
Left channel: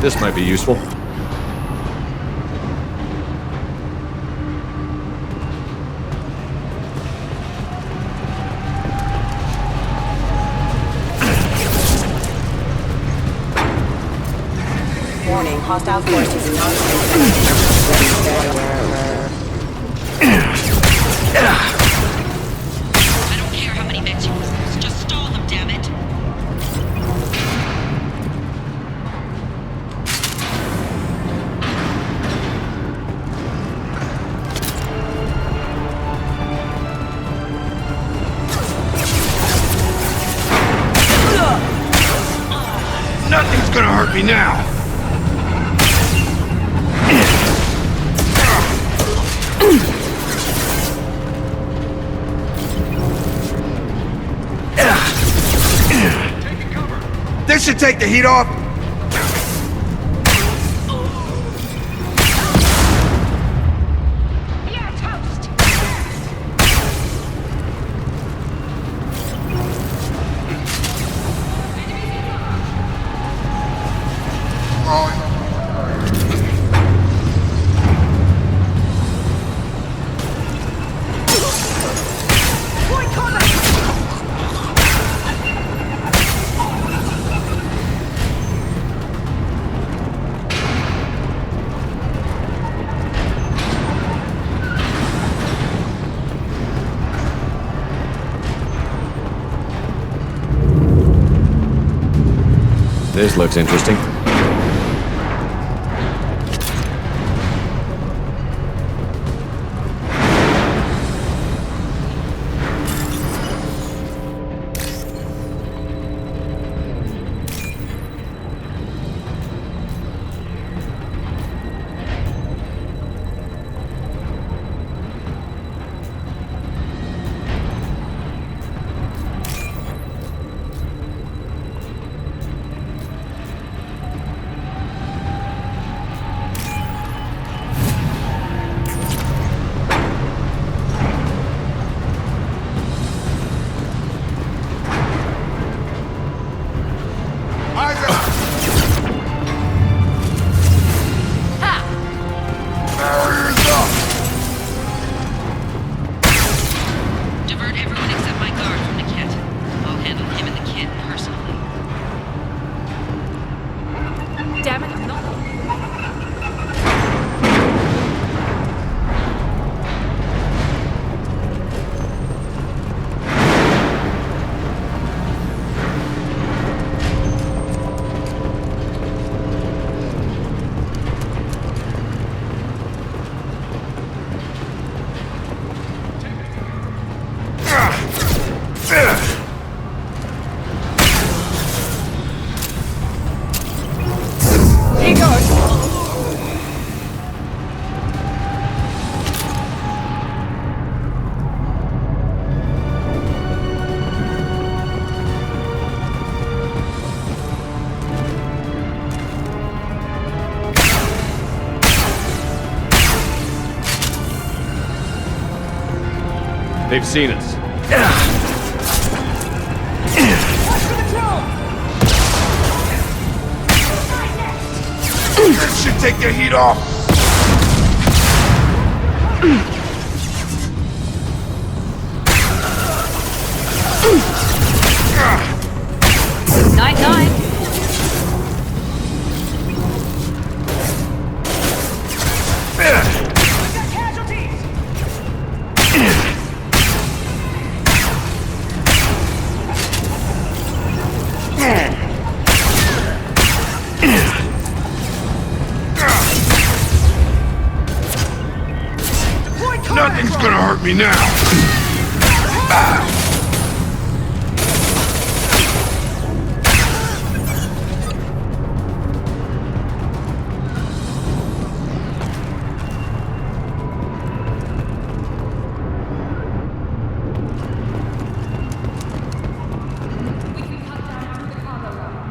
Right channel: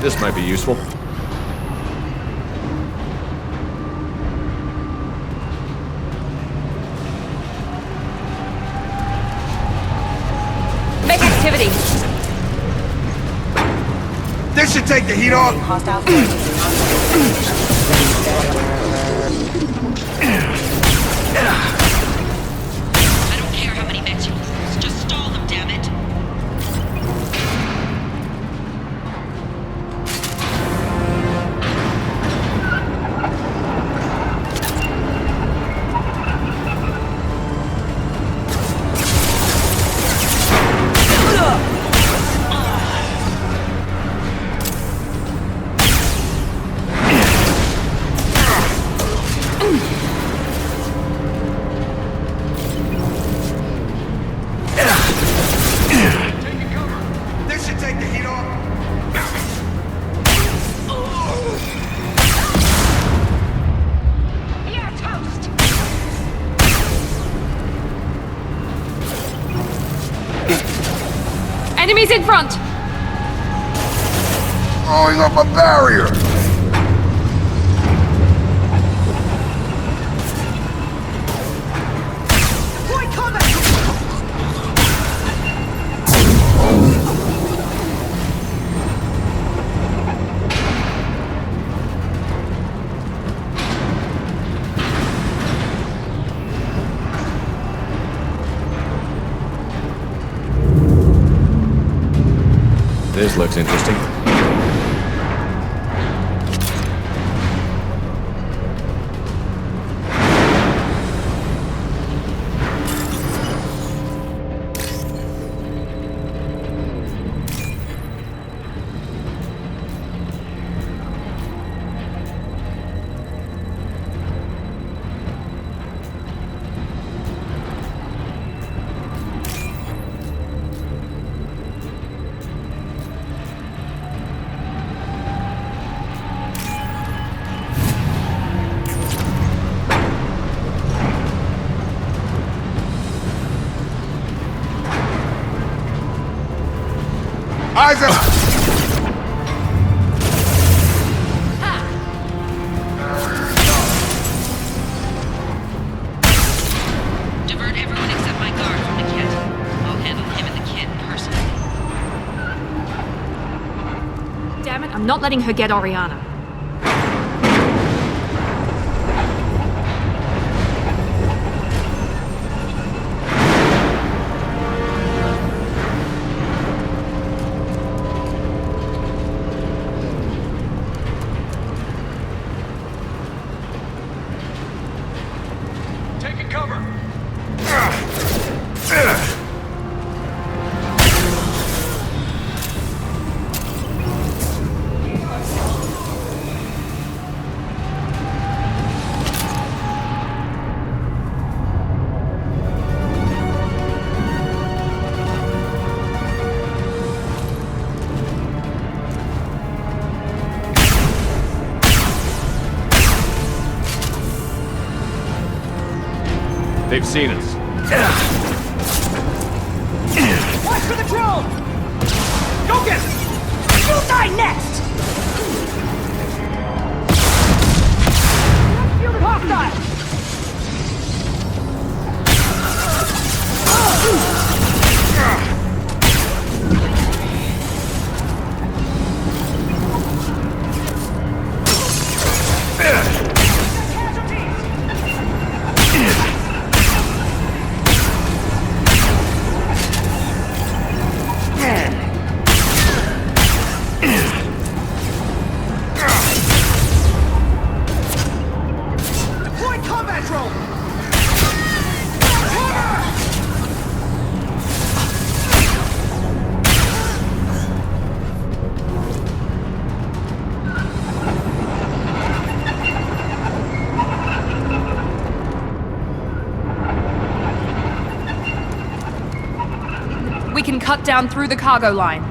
This might be useful. Make activity. This should take the heat off. Hostile forces I don't care how many mechs you lose. Just stall them, damn it. Nothing's gonna hurt me now. This should take the heat off. You're toast. Enemies in front! Throwing up a barrier. Boy, cover! This looks interesting. I'm not letting her get Oriana. They've seen us. Watch for the drone! Go get it! You'll die next! That should take the heat off. Feel the hostile! Night-night. We got casualties! Deploy combat Nothing's drone! gonna hurt me now. We can cut down through the cargo line.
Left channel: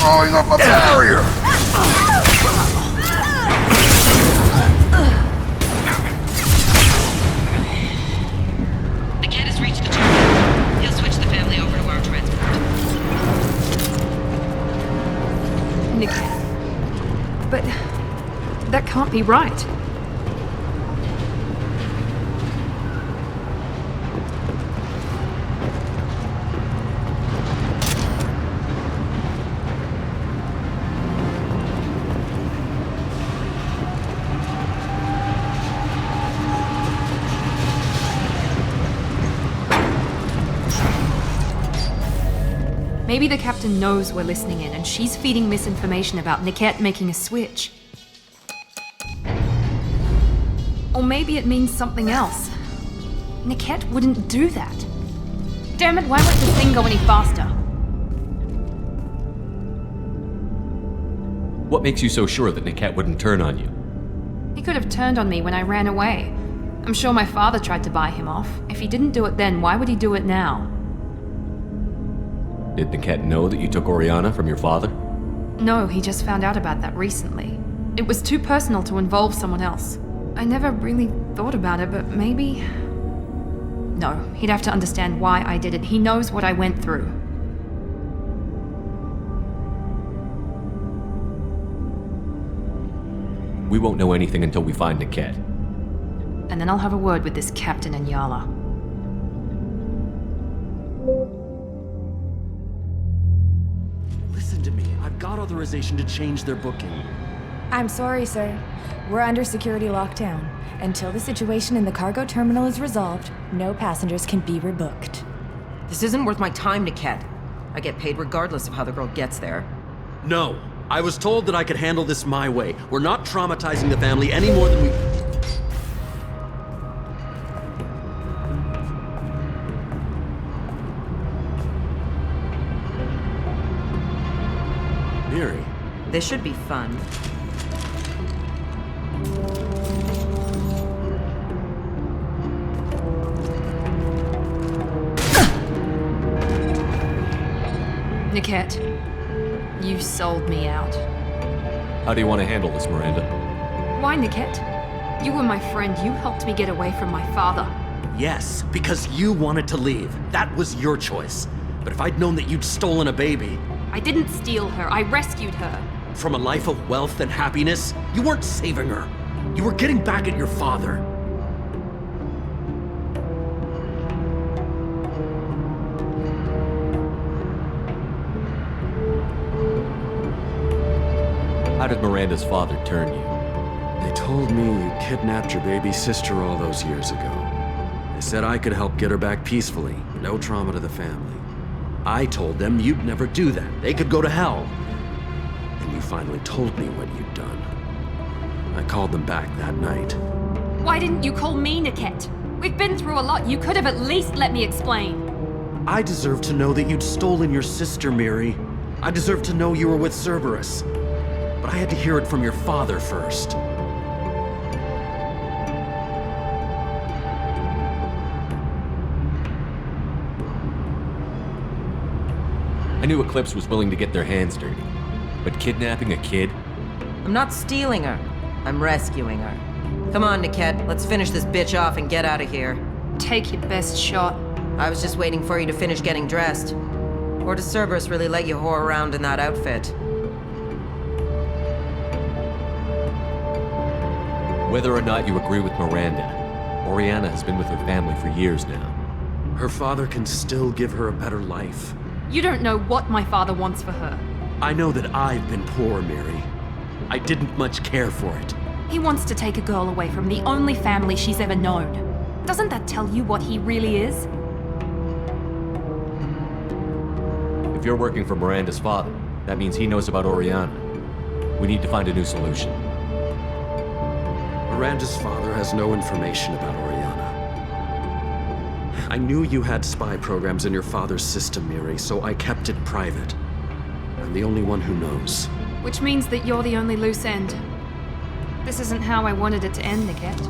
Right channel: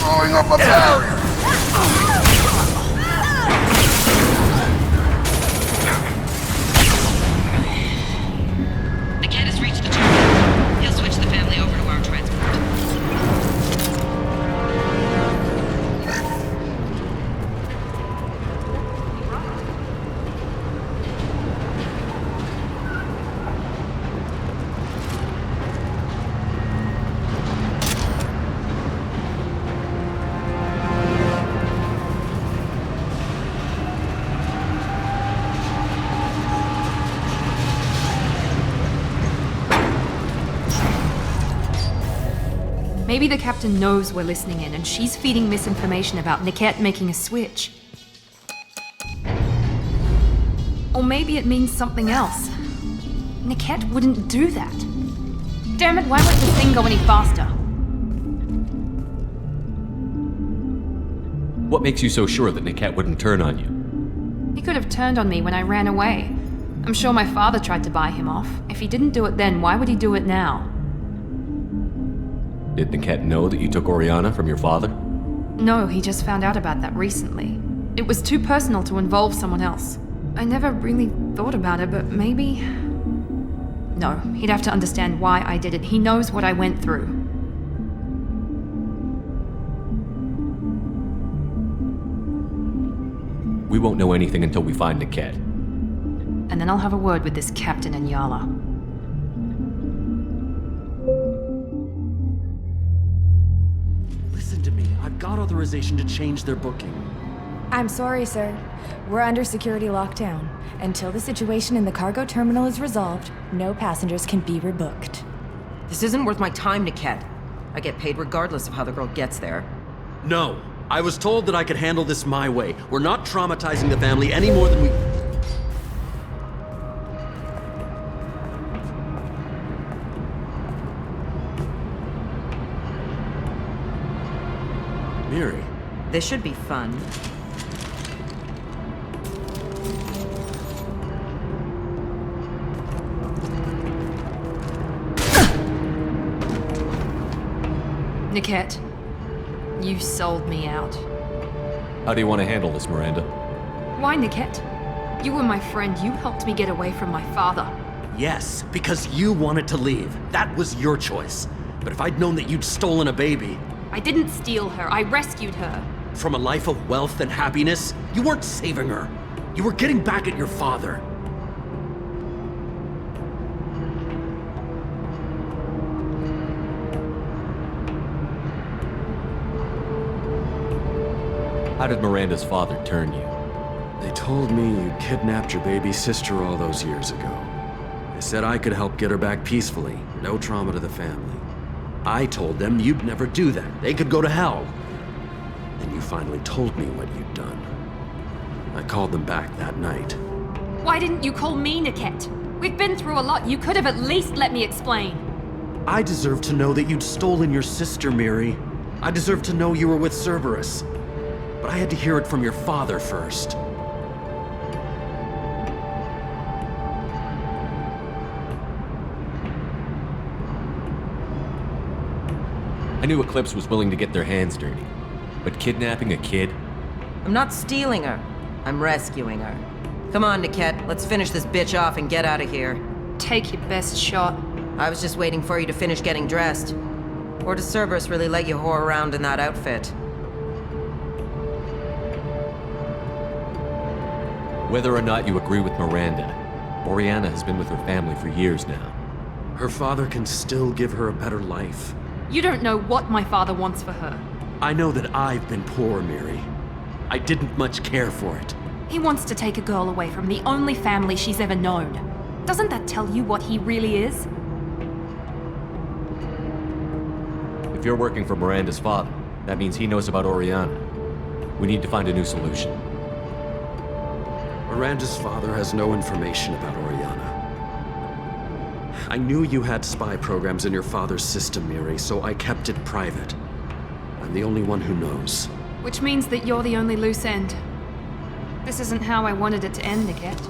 Throwing up a barrier! The cat has reached the terminal. He'll switch the family over to our transport. But that can't be right. Maybe the captain knows we're listening in, and she's feeding misinformation about Niket making a switch. Or maybe it means something else. Niket wouldn't do that. Damn it, why won't this thing go any faster? What makes you so sure that Niket wouldn't turn on you? He could have turned on me when I ran away. I'm sure my father tried to buy him off. If he didn't do it then, why would he do it now? Did Niket know that you took Oriana from your father? No, he just found out about that recently. It was too personal to involve someone else. I never really thought about it, but maybe... No, he'd have to understand why I did it. He knows what I went through. We won't know anything until we find Niket. And then I'll have a word with this captain and Yala. Listen to me. I've got authorization to change their booking. I'm sorry, sir. We're under security lockdown. Until the situation in the cargo terminal is resolved, no passengers can be rebooked. This isn't worth my time, Niket. I get paid regardless of how the girl gets there. No. I was told that I could handle this my way. We're not traumatizing the family any more than we... Miri. This should be fun. Niket, you sold me out. How do you want to handle this, Miranda? Why, Niket? You were my friend. You helped me get away from my father. Yes, because you wanted to leave. That was your choice. But if I'd known that you'd stolen a baby... I didn't steal her. I rescued her. From a life of wealth and happiness, you weren't saving her. You were getting back at your father. How did Miranda's father turn you? They told me you kidnapped your baby sister all those years ago. They said I could help get her back peacefully, no trauma to the family. I told them you'd never do that. They could go to hell. And you finally told me what you'd done. I called them back that night. Why didn't you call me, Niket? We've been through a lot. You could have at least let me explain. I deserve to know that you'd stolen your sister, Miri. I deserve to know you were with Cerberus. But I had to hear it from your father first. I knew Eclipse was willing to get their hands dirty. But kidnapping a kid? I'm not stealing her. I'm rescuing her. Come on, Niket. Let's finish this bitch off and get out of here. Take your best shot. I was just waiting for you to finish getting dressed. Or does Cerberus really let you whore around in that outfit? Whether or not you agree with Miranda, Oriana has been with her family for years now. Her father can still give her a better life. You don't know what my father wants for her. I know that I've been poor, Miri. I didn't much care for it. He wants to take a girl away from the only family she's ever known. Doesn't that tell you what he really is? If you're working for Miranda's father, that means he knows about Oriana. We need to find a new solution. Miranda's father has no information about Oriana. I knew you had spy programs in your father's system, Miri, so I kept it private. I'm the only one who knows. Which means that you're the only loose end. This isn't how I wanted it to end, Niket.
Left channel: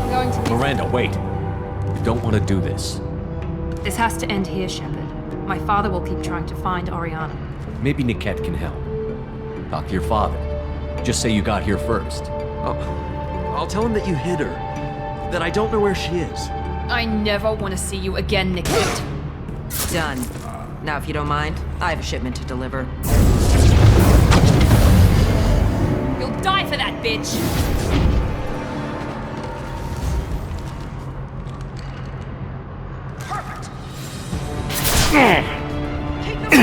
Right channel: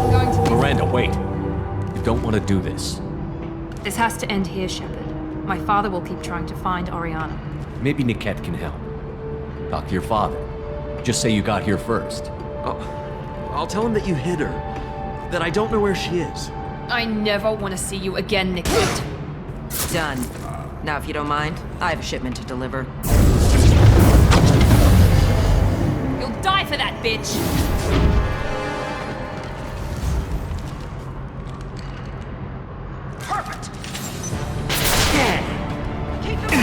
I'm going to... Miranda, wait! You don't want to do this. This has to end here, Shepard. My father will keep trying to find Oriana. Maybe Niket can help. Talk to your father. Just say you got here first. I'll tell him that you hid her. That I don't know where she is. I never want to see you again, Niket. Done. Now, if you don't mind, I have a shipment to deliver. You'll die for that, bitch! Perfect! Keep the to the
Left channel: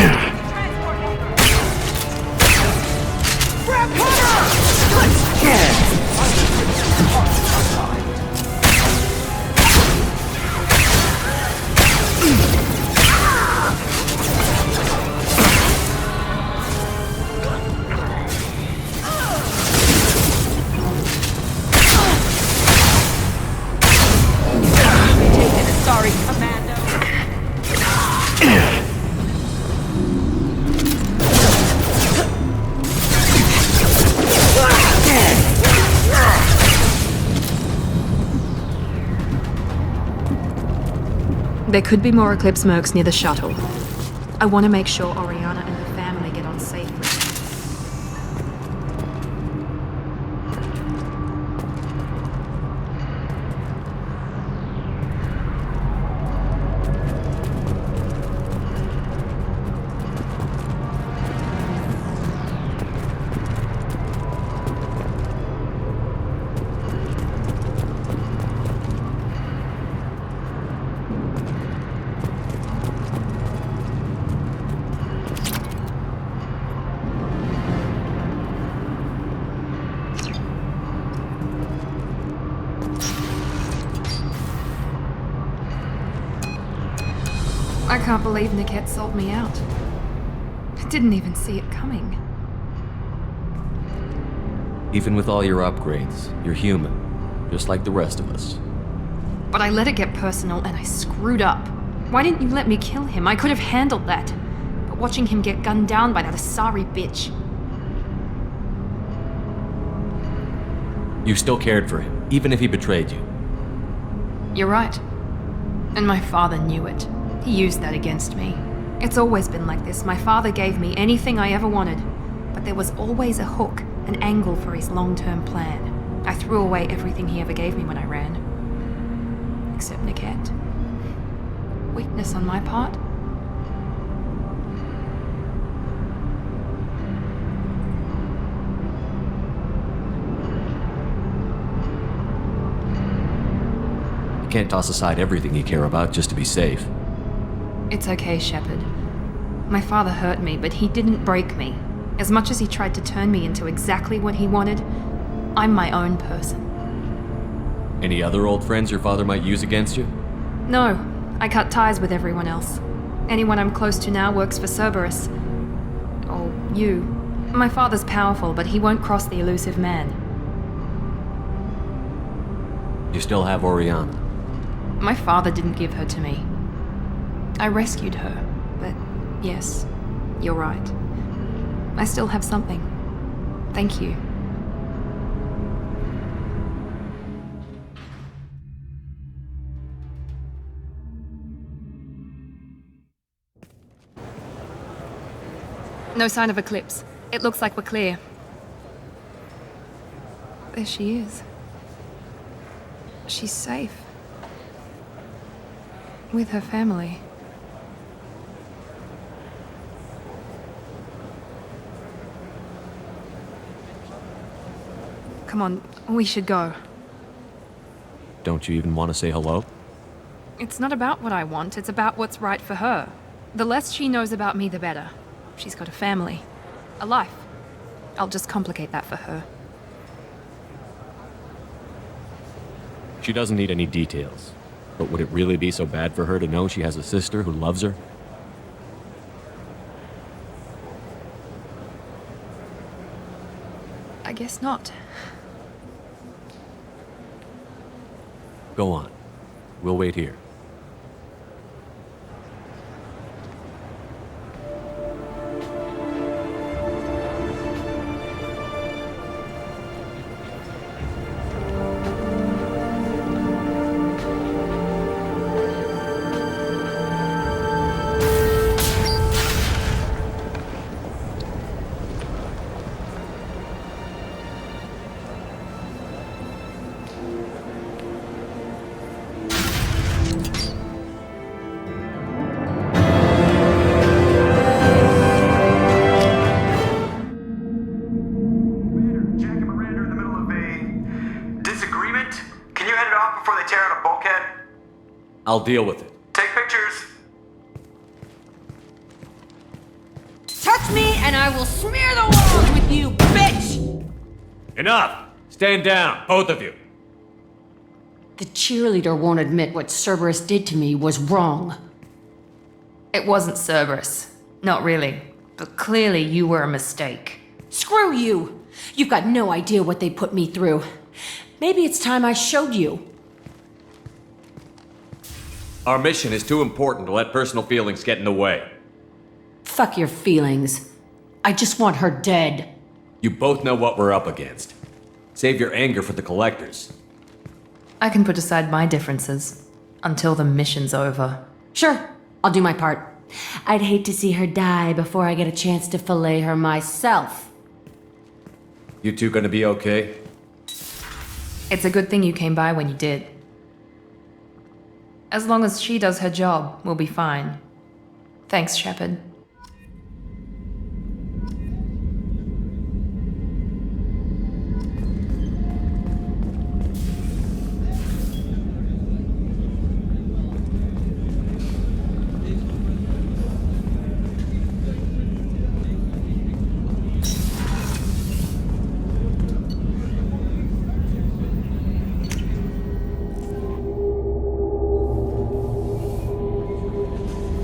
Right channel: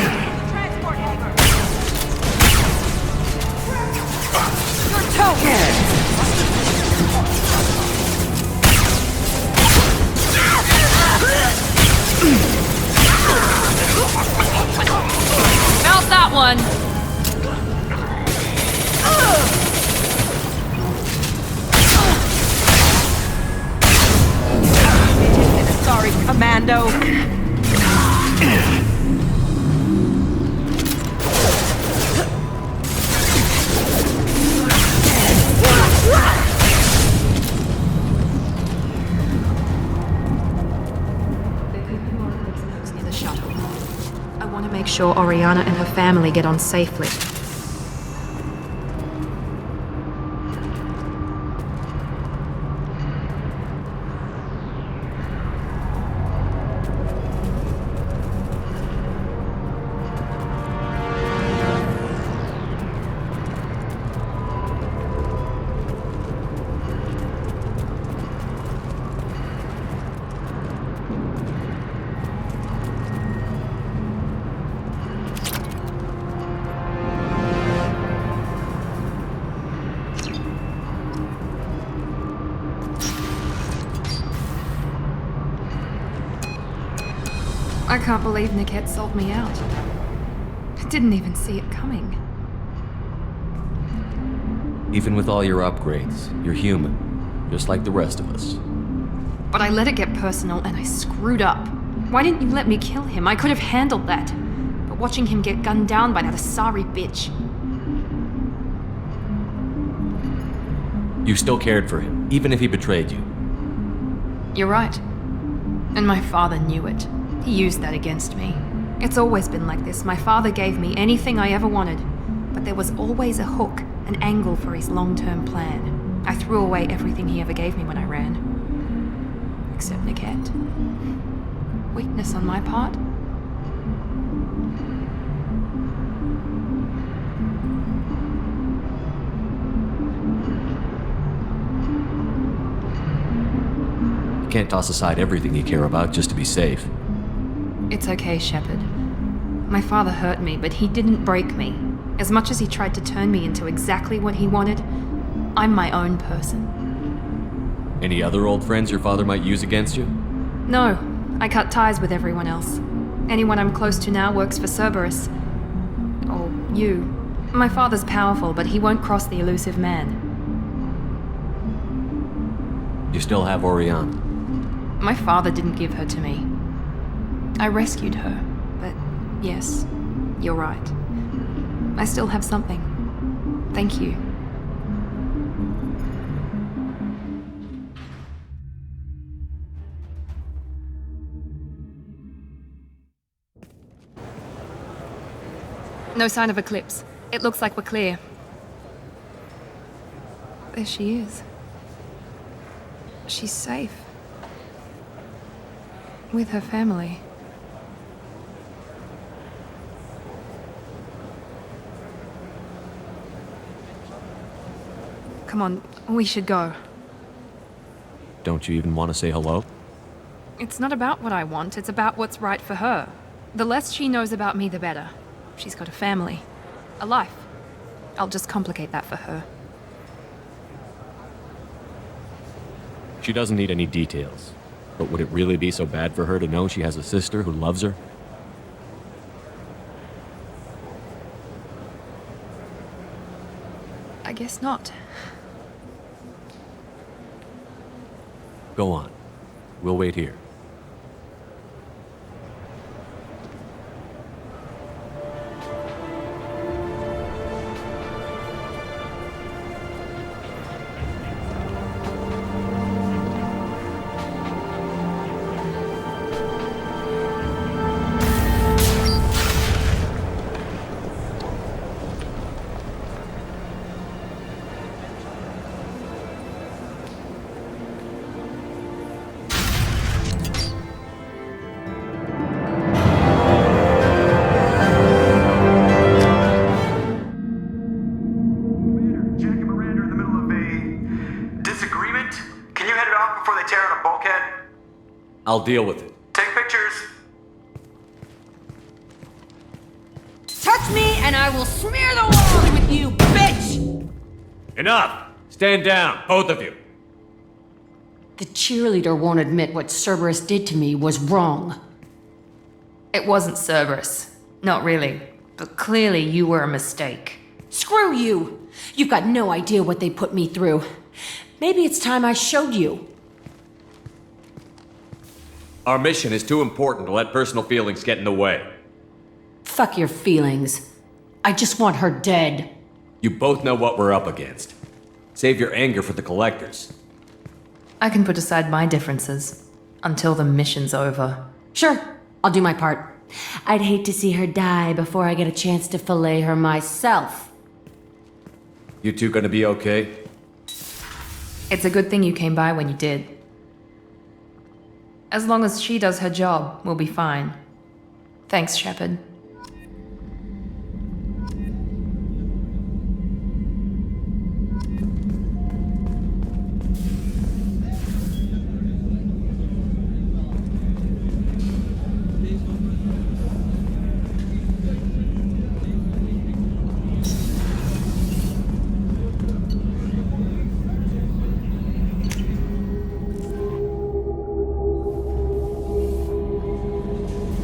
transport hangar! Grab cover! Felt that one! There could be more Eclipse mercs near the shuttle. I want to make sure Oriana and her family get on safely. I can't believe Niket sold me out. I didn't even see it coming. Even with all your upgrades, you're human, just like the rest of us. But I let it get personal and I screwed up. Why didn't you let me kill him? I could have handled that. But watching him get gunned down by that Asari bitch. You still cared for him, even if he betrayed you. You're right. And my father knew it. He used that against me. It's always been like this. My father gave me anything I ever wanted, but there was always a hook, an angle for his long-term plan. I threw away everything he ever gave me when I ran. Except Niket. Weakness on my part? You can't toss aside everything you care about just to be safe. It's okay, Shepard. My father hurt me, but he didn't break me. As much as he tried to turn me into exactly what he wanted, I'm my own person. Any other old friends your father might use against you? No, I cut ties with everyone else. Anyone I'm close to now works for Cerberus. Or you. My father's powerful, but he won't cross the elusive man. You still have Oriana. My father didn't give her to me. I rescued her, but yes, you're right. I still have something. Thank you. No sign of Eclipse. It looks like we're clear. There she is. She's safe. With her family. Come on, we should go. Don't you even want to say hello? It's not about what I want, it's about what's right for her. The less she knows about me, the better. She's got a family. A life. I'll just complicate that for her. She doesn't need any details. But would it really be so bad for her to know she has a sister who loves her? I guess not. Go on. We'll wait here. I'll deal with it. Take pictures. Touch me and I will smear the walls with you, bitch! Enough! Stand down, both of you. The cheerleader won't admit what Cerberus did to me was wrong. It wasn't Cerberus. Not really. But clearly you were a mistake. Screw you! You've got no idea what they put me through. Maybe it's time I showed you. Our mission is too important to let personal feelings get in the way. Fuck your feelings. I just want her dead. You both know what we're up against. Save your anger for the collectors. I can put aside my differences until the mission's over. Sure, I'll do my part. I'd hate to see her die before I get a chance to fillet her myself. You two gonna be okay? It's a good thing you came by when you did. As long as she does her job, we'll be fine. Thanks, Shepard.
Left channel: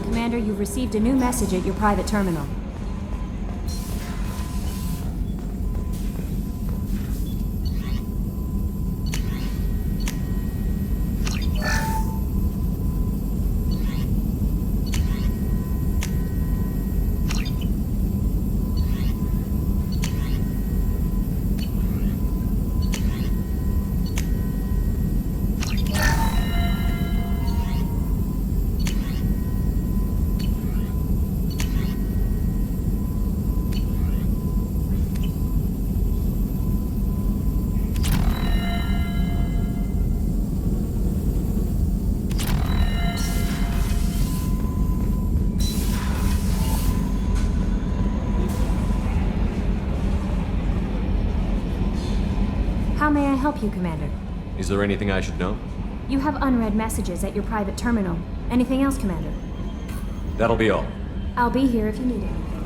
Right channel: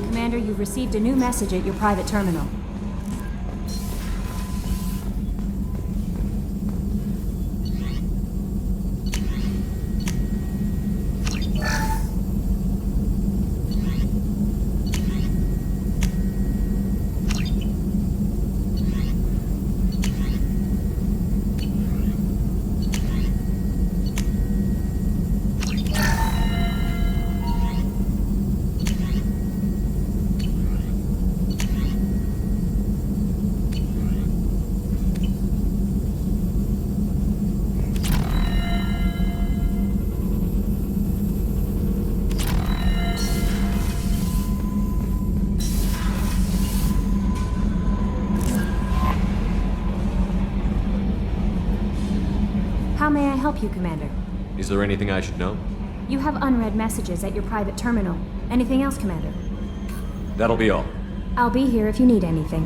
Commander, you've received a new message at your private terminal. How may I help you, Commander? Is there anything I should know? You have unread messages at your private terminal. Anything else, Commander? That'll be all. I'll be here if you need anything.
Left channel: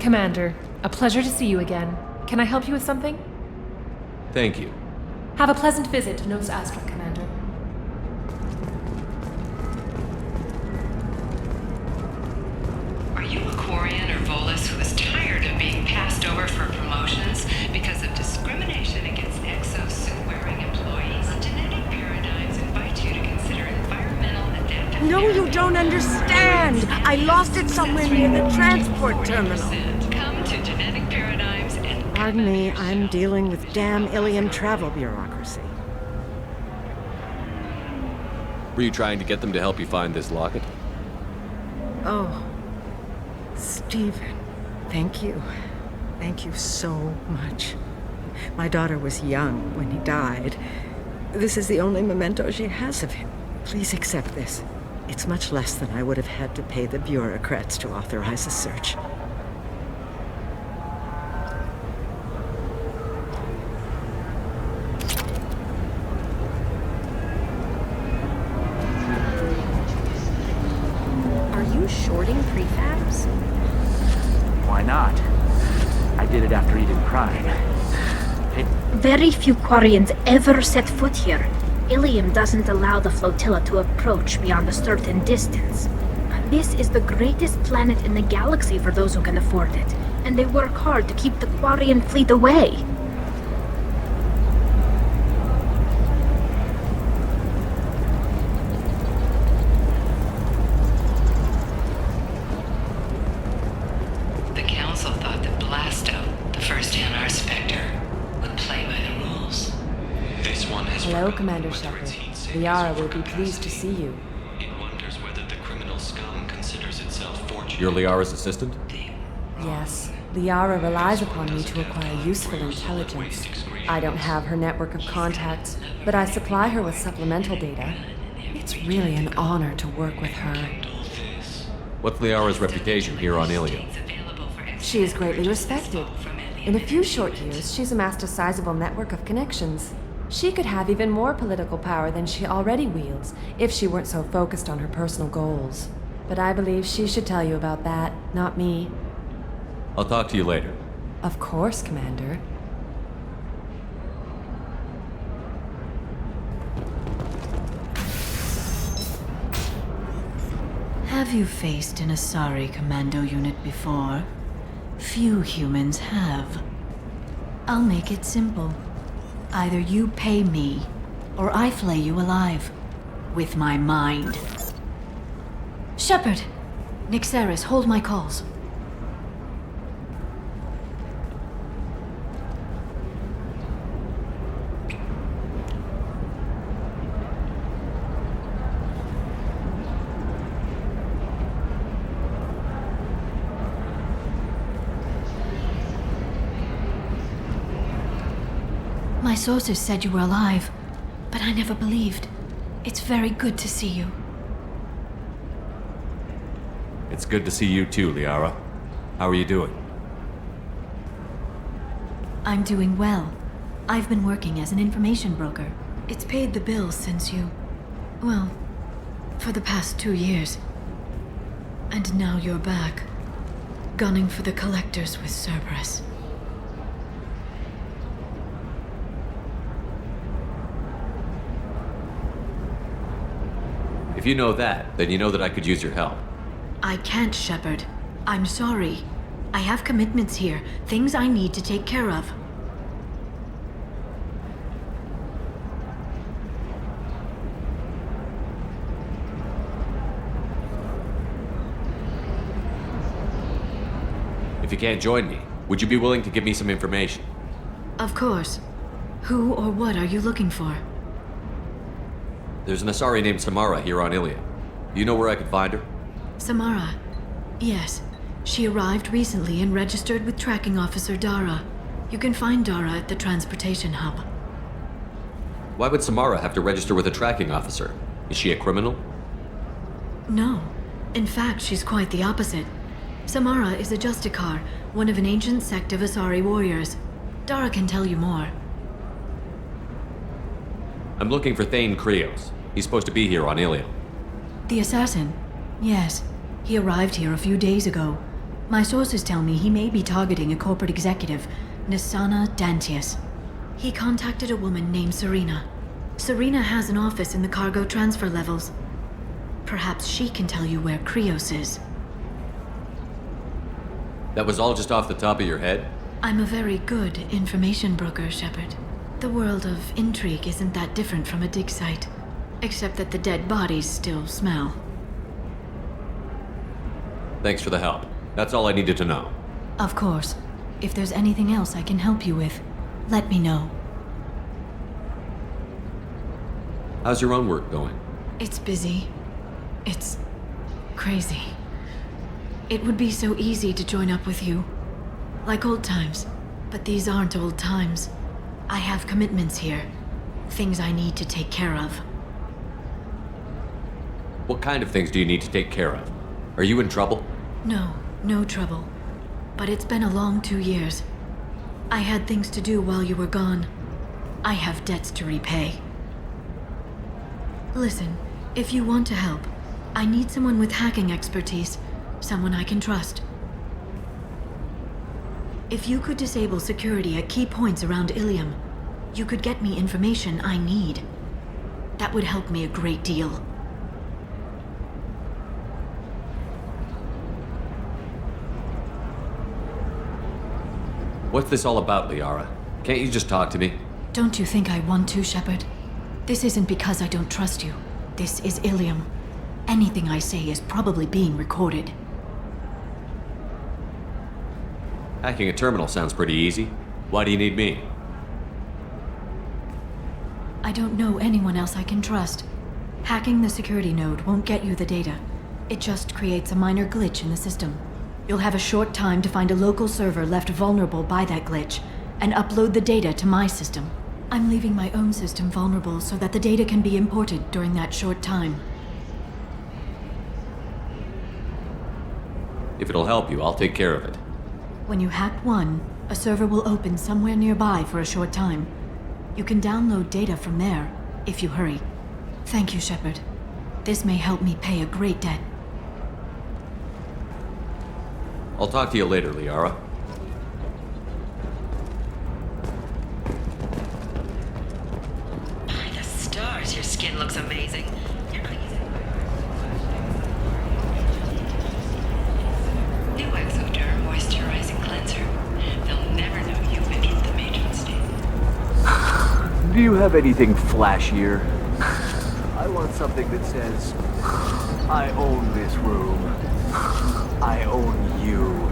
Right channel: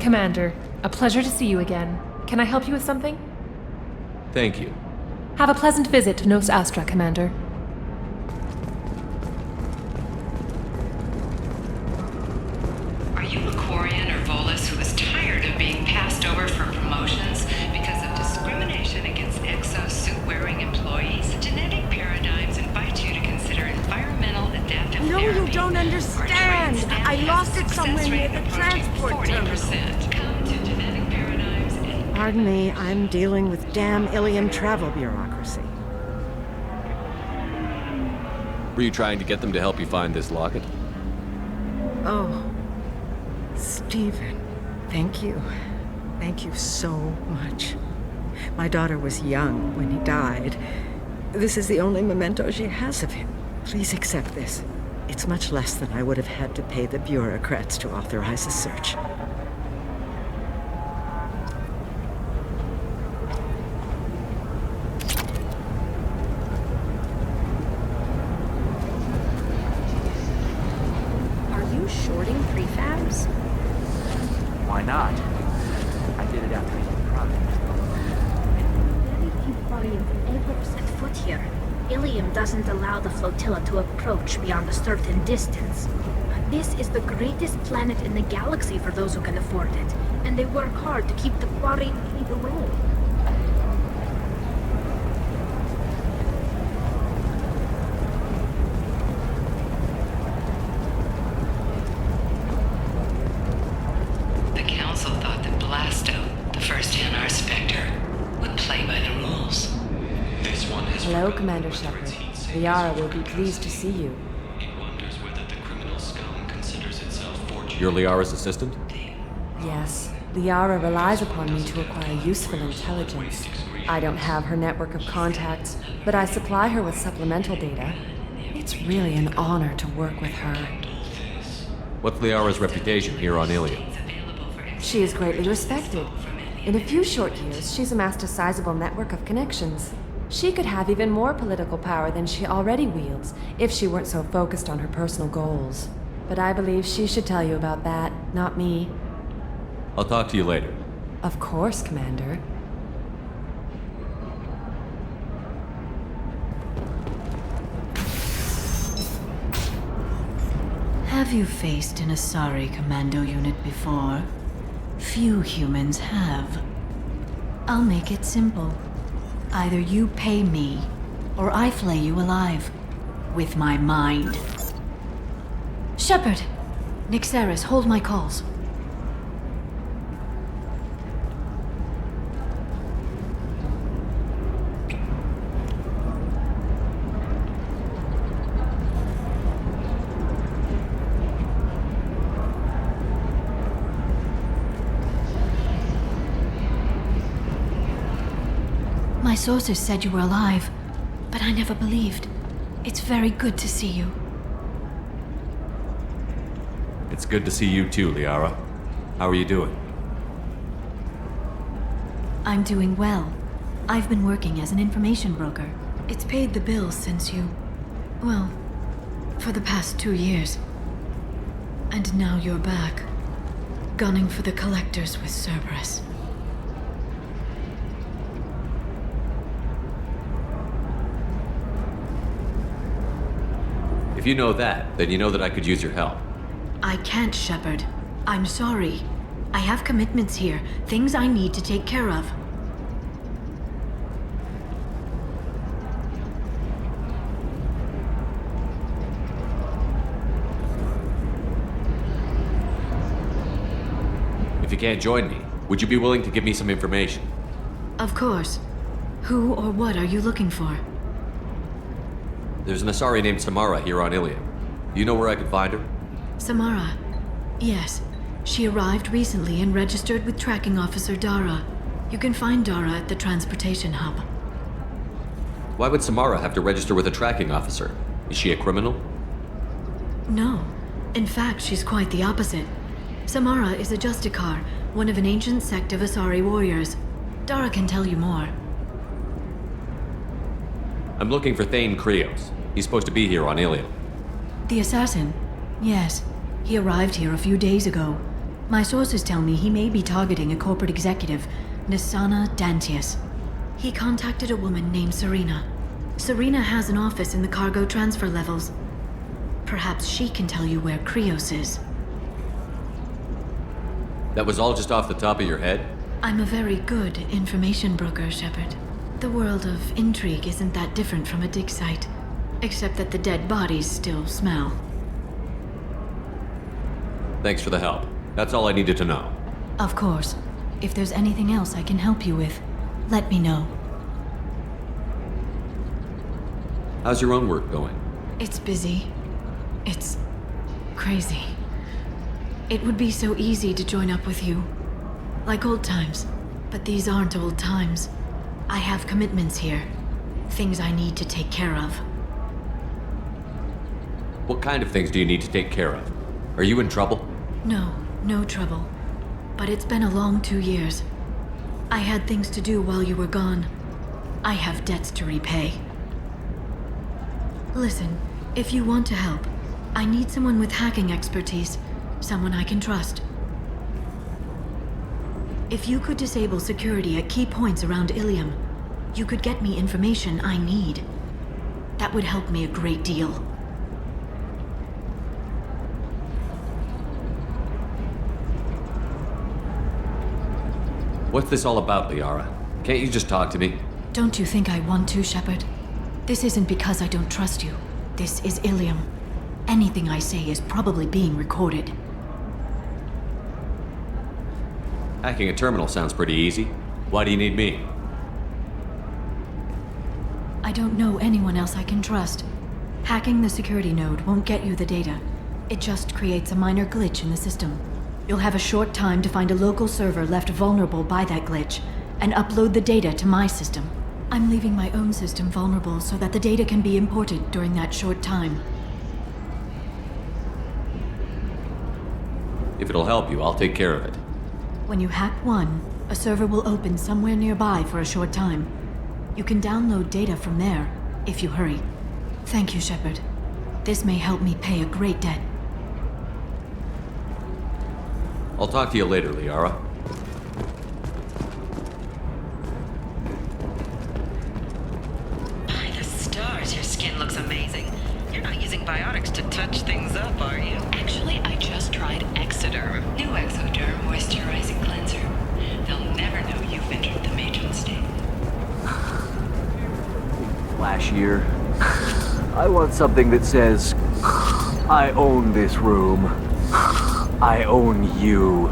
Commander, a pleasure to see you again. Can I help you with something? Thank you. Have a pleasant visit to Nos Astra, Commander. Are you a Quarian or Volus who is tired of being passed over for promotions because of discrimination against exosuit-wearing employees? Genetic Paradigms invite you to consider environmental adaptive No, therapy. you don't understand. I lost it somewhere near the transport terminal. Come to Genetic Paradigms and... Pardon me, I'm dealing with damn Ilium travel bureaucracy. Were you trying to get them to help you find this locket? Oh, Stephen, thank you. Thank you so much. My daughter was young when he died. This is the only memento she has of him. Please accept this. It's much less than I would have had to pay the bureaucrats to authorize a search. Are you shorting prefabs? Why not? I did it after Eden Prime. Very few Quarians ever set foot here. Ilium doesn't allow the flotilla to approach beyond a certain distance. This is the greatest planet in the galaxy for those who can afford it, and they work hard to keep the Quarian fleet away. The Council thought that Blasto, the first Anar Spectre, would play by the rules. This one has Hello, Commander Shepard. Liara will be pleased to see you. It wonders whether the criminal scum considers itself fortunate. You're Liara's assistant? Yes, Liara relies upon me to acquire useful intelligence. I don't have her network of contacts, but I supply her with supplemental data. It's really an honor to work with her. What's Liara's reputation here on Ilium? She is greatly respected. In a few short years, she's amassed a sizable network of connections. She could have even more political power than she already wields if she weren't so focused on her personal goals. But I believe she should tell you about that, not me. I'll talk to you later. Of course, Commander. Have you faced an Asari commando unit before? Few humans have. I'll make it simple. Either you pay me, or I flay you alive. With my mind. Shepard! Nixeris, hold my calls. My sources said you were alive, but I never believed. It's very good to see you. It's good to see you too, Liara. How are you doing? I'm doing well. I've been working as an information broker. It's paid the bills since you... well, for the past 2 years. And now you're back, gunning for the Collectors with Cerberus. If you know that, then you know that I could use your help. I can't, Shepard. I'm sorry. I have commitments here, things I need to take care of. If you can't join me, would you be willing to give me some information? Of course. Who or what are you looking for? There's an Asari named Samara here on Ilium. Do you know where I could find her? Samara. Yes. She arrived recently and registered with Tracking Officer Dara. You can find Dara at the transportation hub. Why would Samara have to register with a tracking officer? Is she a criminal? No. In fact, she's quite the opposite. Samara is a Justicar, one of an ancient sect of Asari warriors. Dara can tell you more. I'm looking for Thane Krios. He's supposed to be here on Ilium. The assassin? Yes. He arrived here a few days ago. My sources tell me he may be targeting a corporate executive, Nisana Dantius. He contacted a woman named Serena. Serena has an office in the cargo transfer levels. Perhaps she can tell you where Krios is. That was all just off the top of your head? I'm a very good information broker, Shepard. The world of intrigue isn't that different from a dig site, except that the dead bodies still smell. Thanks for the help. That's all I needed to know. Of course. If there's anything else I can help you with, let me know. How's your own work going? It's busy. It's crazy. It would be so easy to join up with you. Like old times. But these aren't old times. I have commitments here. Things I need to take care of. What kind of things do you need to take care of? Are you in trouble? No, no trouble. But it's been a long 2 years. I had things to do while you were gone. I have debts to repay. Listen, if you want to help, I need someone with hacking expertise. Someone I can trust. If you could disable security at key points around Ilium, you could get me information I need. That would help me a great deal. What's this all about, Liara? Can't you just talk to me? Don't you think I want to, Shepard? This isn't because I don't trust you. This is Ilium. Anything I say is probably being recorded. Hacking a terminal sounds pretty easy. Why do you need me? I don't know anyone else I can trust. Hacking the security node won't get you the data. It just creates a minor glitch in the system. You'll have a short time to find a local server left vulnerable by that glitch, and upload the data to my system. I'm leaving my own system vulnerable so that the data can be imported during that short time. If it'll help you, I'll take care of it. When you hack one, a server will open somewhere nearby for a short time. You can download data from there, if you hurry. Thank you, Shepard. This may help me pay a great debt. I'll talk to you later, Liara. By the stars, your skin looks amazing. You're not using biotics to touch things up, are you? Actually, New Exoderm Moisturizing Cleanser. They'll never know you've entered the matron state. Do you have anything flashier? I want something that says, I own this room. I own you.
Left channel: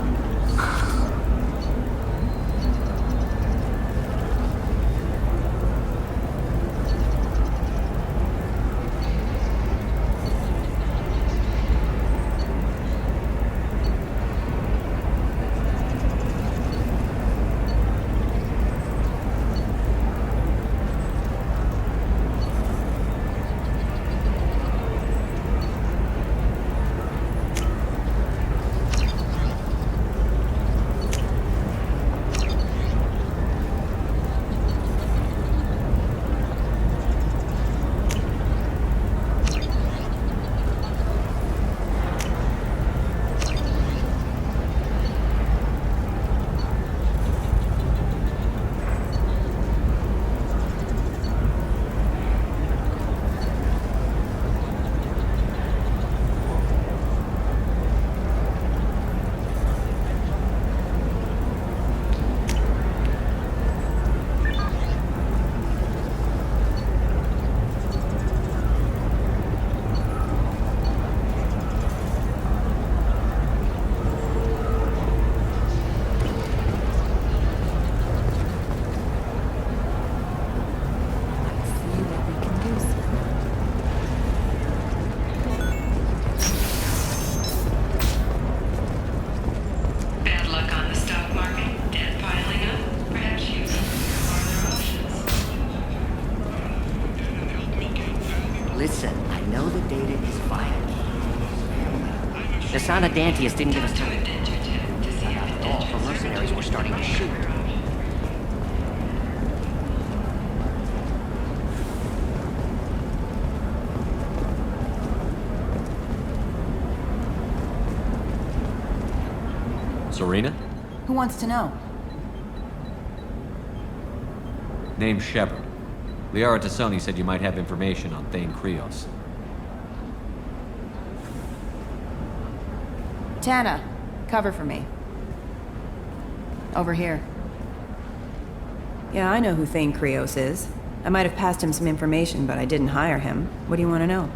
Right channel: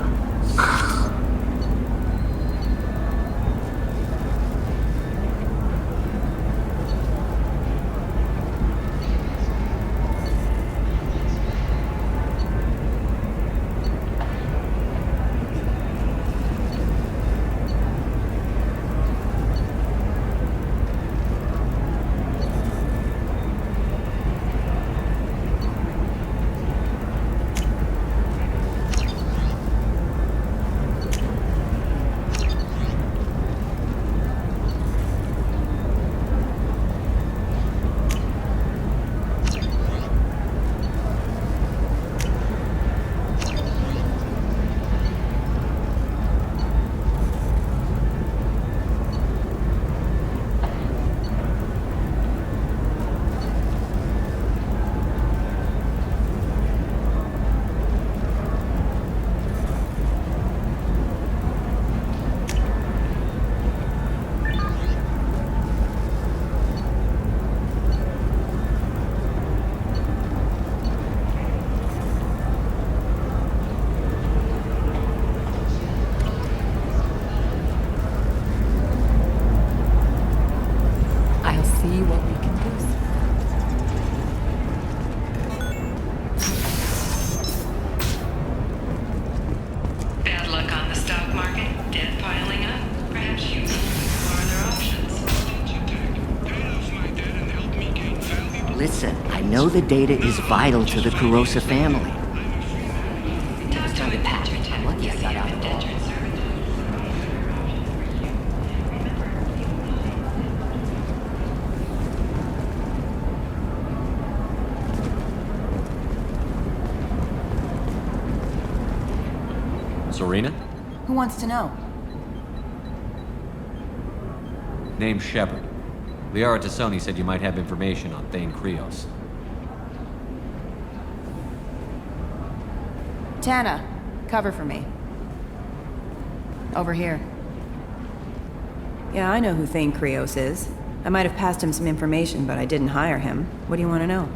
Bad luck on the stock market? Debt piling up? Perhaps you need to explore other options. Listen, I know the data is vital to the Kurosa family. The Sana Dantius didn't give us time to patch it. Well, you got out at all. The mercenaries were starting to shoot. Serena? Who wants to know? Name's Shepard. Liara Tassoni said you might have information on Thane Krios. Tana, cover for me. Over here. Yeah, I know who Thane Krios is. I might have passed him some information, but I didn't hire him. What do you want to know?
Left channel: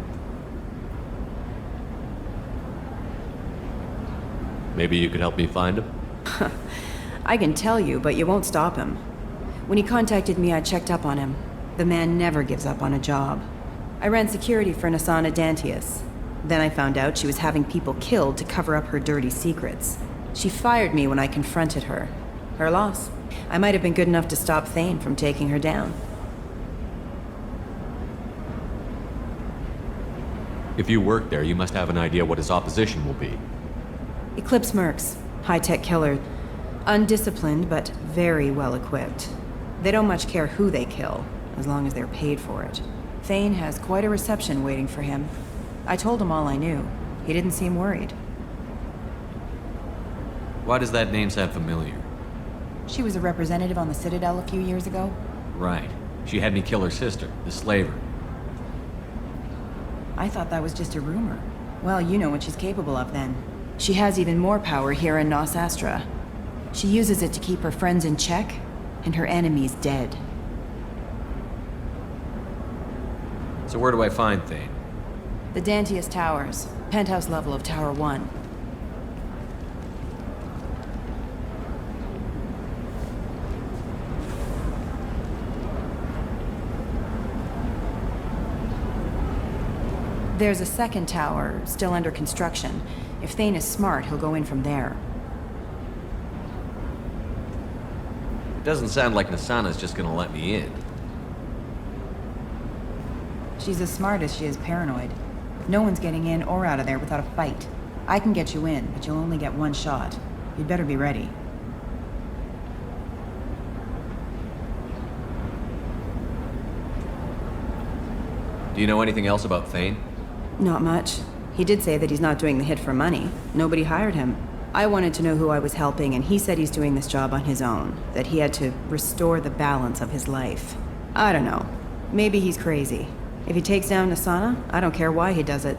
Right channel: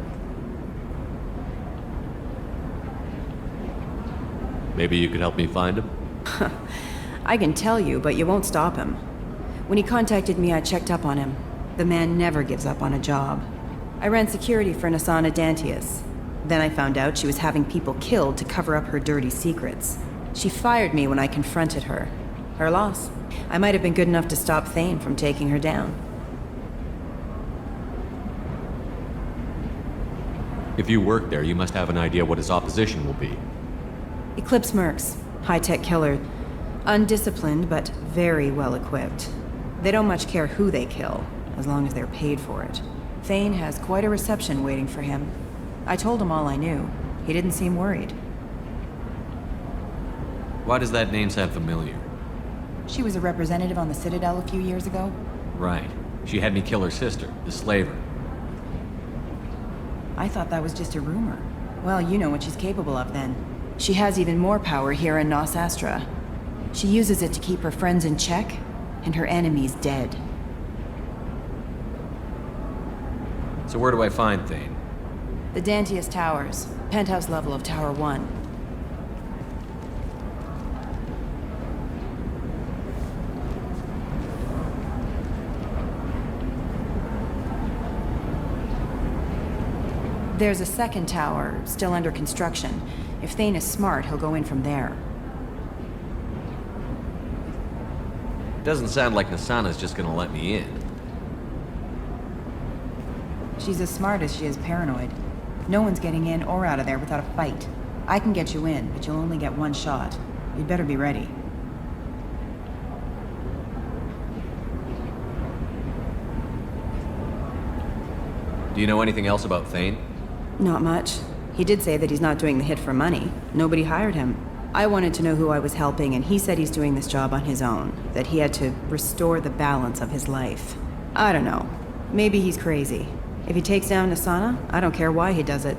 Maybe you could help me find him? I can tell you, but you won't stop him. When he contacted me, I checked up on him. The man never gives up on a job. I ran security for Nasana Dantius. Then I found out she was having people killed to cover up her dirty secrets. She fired me when I confronted her. Her loss. I might have been good enough to stop Thane from taking her down. If you work there, you must have an idea what his opposition will be. Eclipse Mercs. High-tech killer. Undisciplined, but very well-equipped. They don't much care who they kill, as long as they're paid for it. Thane has quite a reception waiting for him. I told him all I knew. He didn't seem worried. Why does that name sound familiar? She was a representative on the Citadel a few years ago. Right. She had me kill her sister, the slaver. I thought that was just a rumor. Well, you know what she's capable of then. She has even more power here in Nos Astra. She uses it to keep her friends in check, and her enemies dead. So where do I find Thane? The Dantius Towers, penthouse level of Tower 1. There's a second tower, still under construction. If Thane is smart, he'll go in from there. Doesn't sound like Nasana's just gonna let me in. She's as smart as she is paranoid. No one's getting in or out of there without a fight. I can get you in, but you'll only get one shot. You'd better be ready. Do you know anything else about Thane? Not much. He did say that he's not doing the hit for money. Nobody hired him. I wanted to know who I was helping, and he said he's doing this job on his own. That he had to restore the balance of his life. I don't know. Maybe he's crazy. If he takes down Nasana, I don't care why he does it.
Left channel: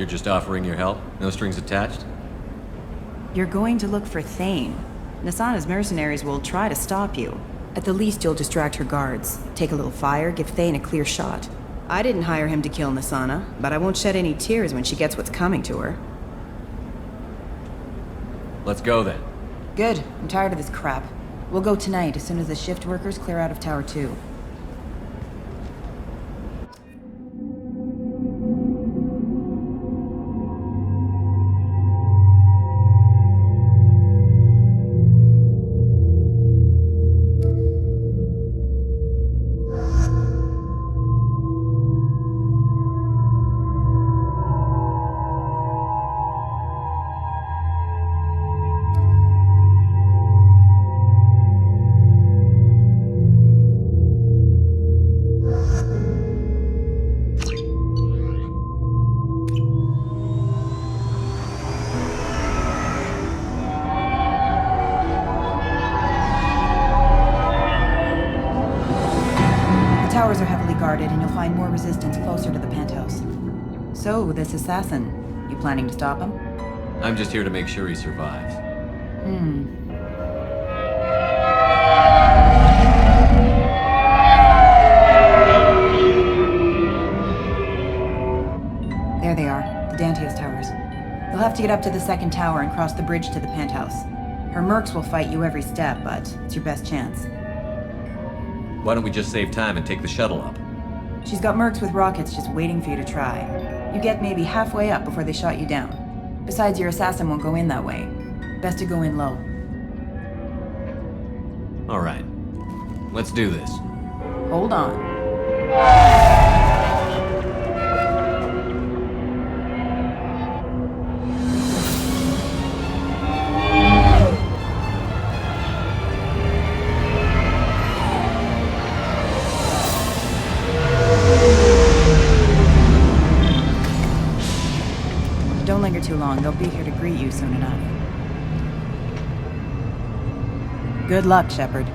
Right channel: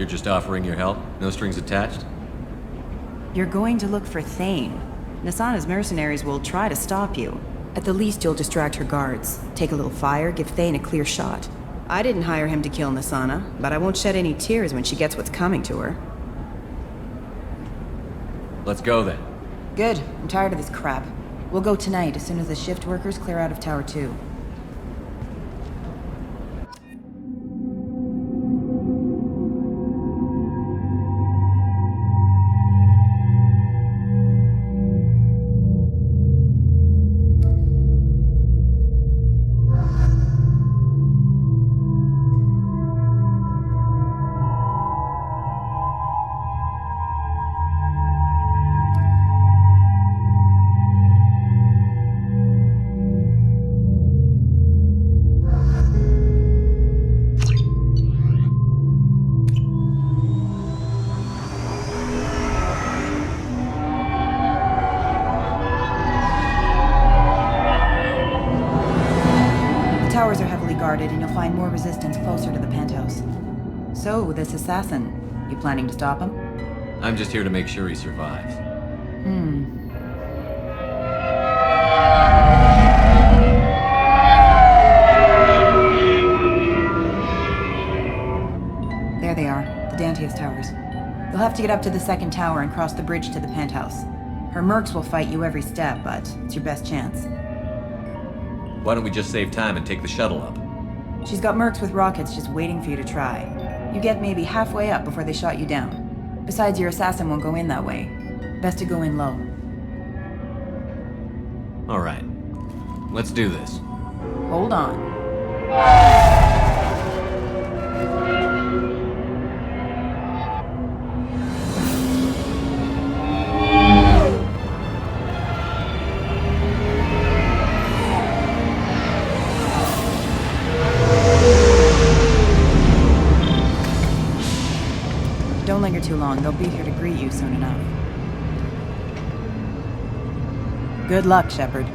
You're just offering your help? No strings attached? You're going to look for Thane. Nasana's mercenaries will try to stop you. At the least, you'll distract her guards. Take a little fire, give Thane a clear shot. I didn't hire him to kill Nasana, but I won't shed any tears when she gets what's coming to her. Let's go then. Good. I'm tired of this crap. We'll go tonight as soon as the shift workers clear out of Tower 2. The towers are heavily guarded, and you'll find more resistance closer to the penthouse. So, this assassin, you planning to stop him? I'm just here to make sure he survives. There they are, the Dantius Towers. You'll have to get up to the second tower and cross the bridge to the penthouse. Her mercs will fight you every step, but it's your best chance. Why don't we just save time and take the shuttle up? She's got mercs with rockets just waiting for you to try. You get maybe halfway up before they shot you down. Besides, your assassin won't go in that way. Best to go in low. All right. Let's do this. Hold on. Don't linger too long. They'll be here to greet you soon enough. Good luck, Shepard.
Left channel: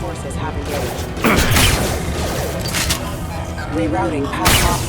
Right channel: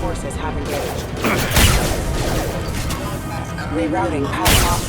Forces have engaged. Rerouting power off.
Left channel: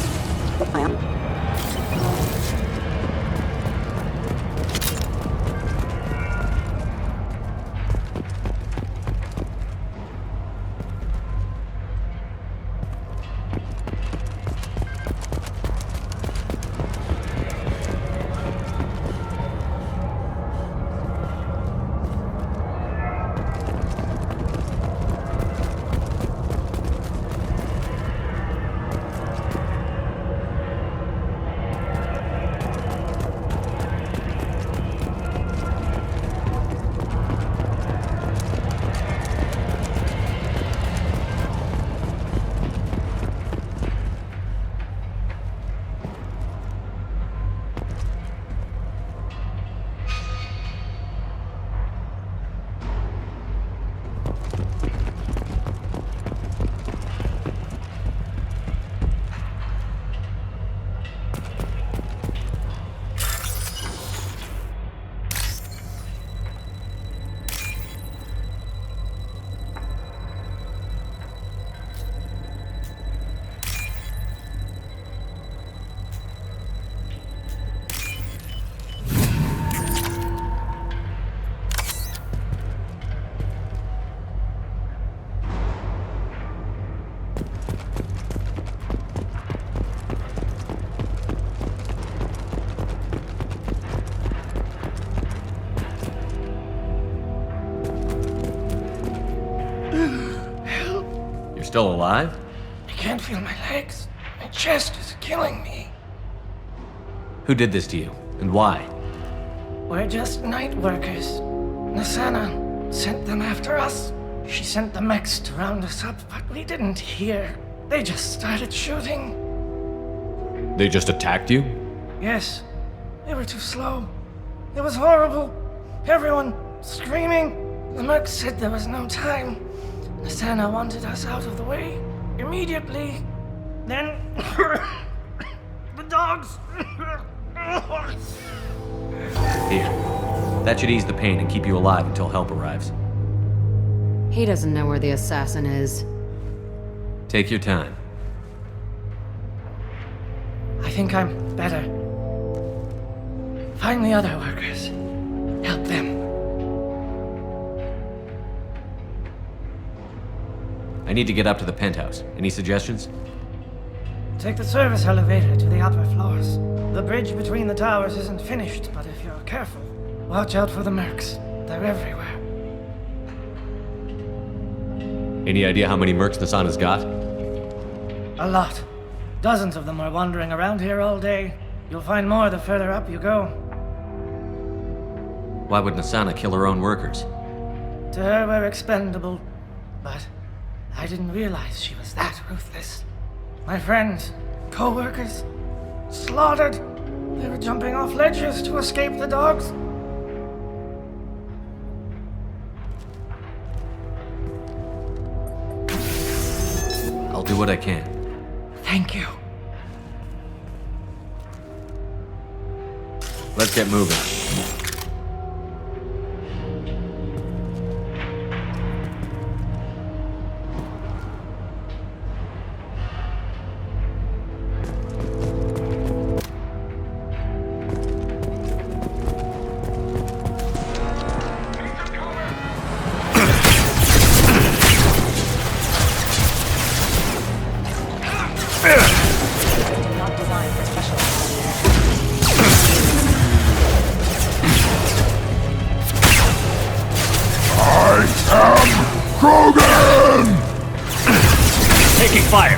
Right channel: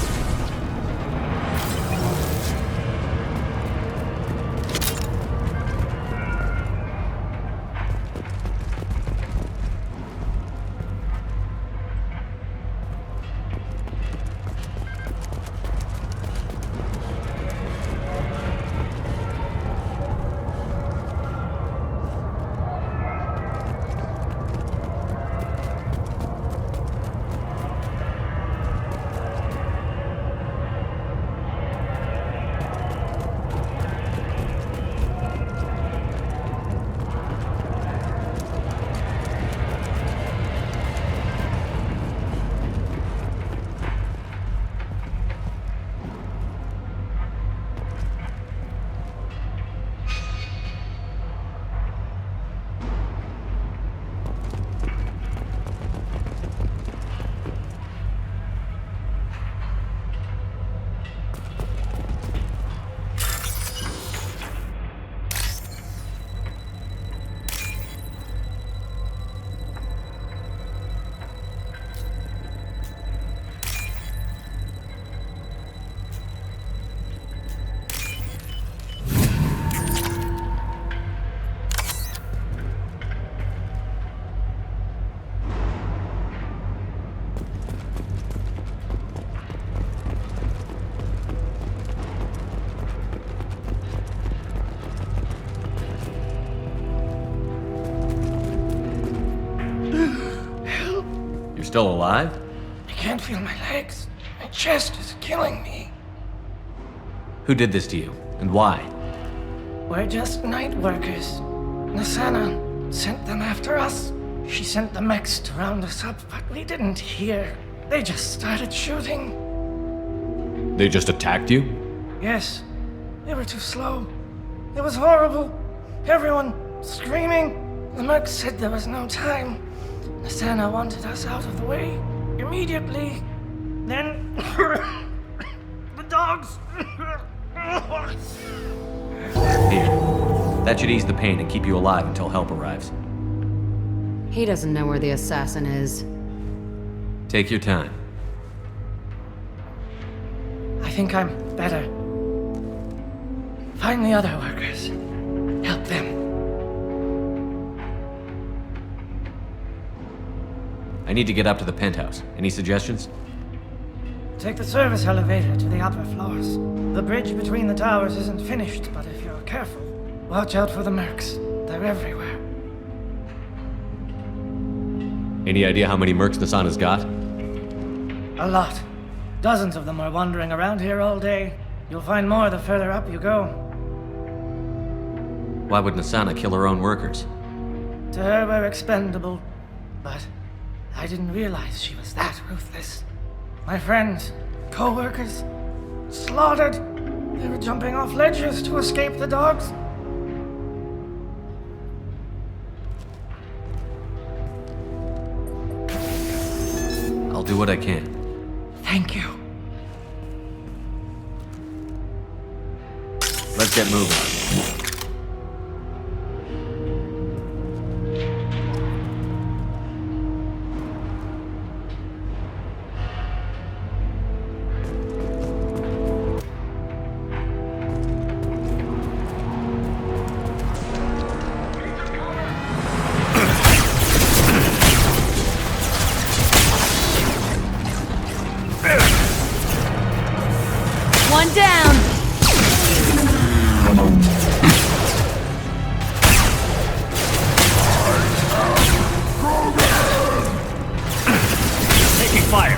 You're still alive? I can't feel my legs. My chest is killing me. Who did this to you, and why? We're just night workers. Nasana sent them after us. She sent the mechs to round us up, but we didn't hear. They just started shooting. They just attacked you? Yes. They were too slow. It was horrible. Everyone screaming. The merc said there was no time. Nasana wanted us out of the way immediately. Then the dogs. Here. That should ease the pain and keep you alive until help arrives. He doesn't know where the assassin is. Take your time. I think I'm better. Find the other workers. Help them. I need to get up to the penthouse. Any suggestions? Take the service elevator to the upper floors. The bridge between the towers isn't finished, but if you're careful, watch out for the mercs. They're everywhere. Any idea how many mercs Nasana's got? A lot. Dozens of them are wandering around here all day. You'll find more the further up you go. Why would Nasana kill her own workers? To her, we're expendable. But I didn't realize she was that ruthless. My friends, co-workers, slaughtered. They were jumping off ledges to escape the dogs. I'll do what I can. Thank you. Let's get moving. One down. Krogan! Taking fire!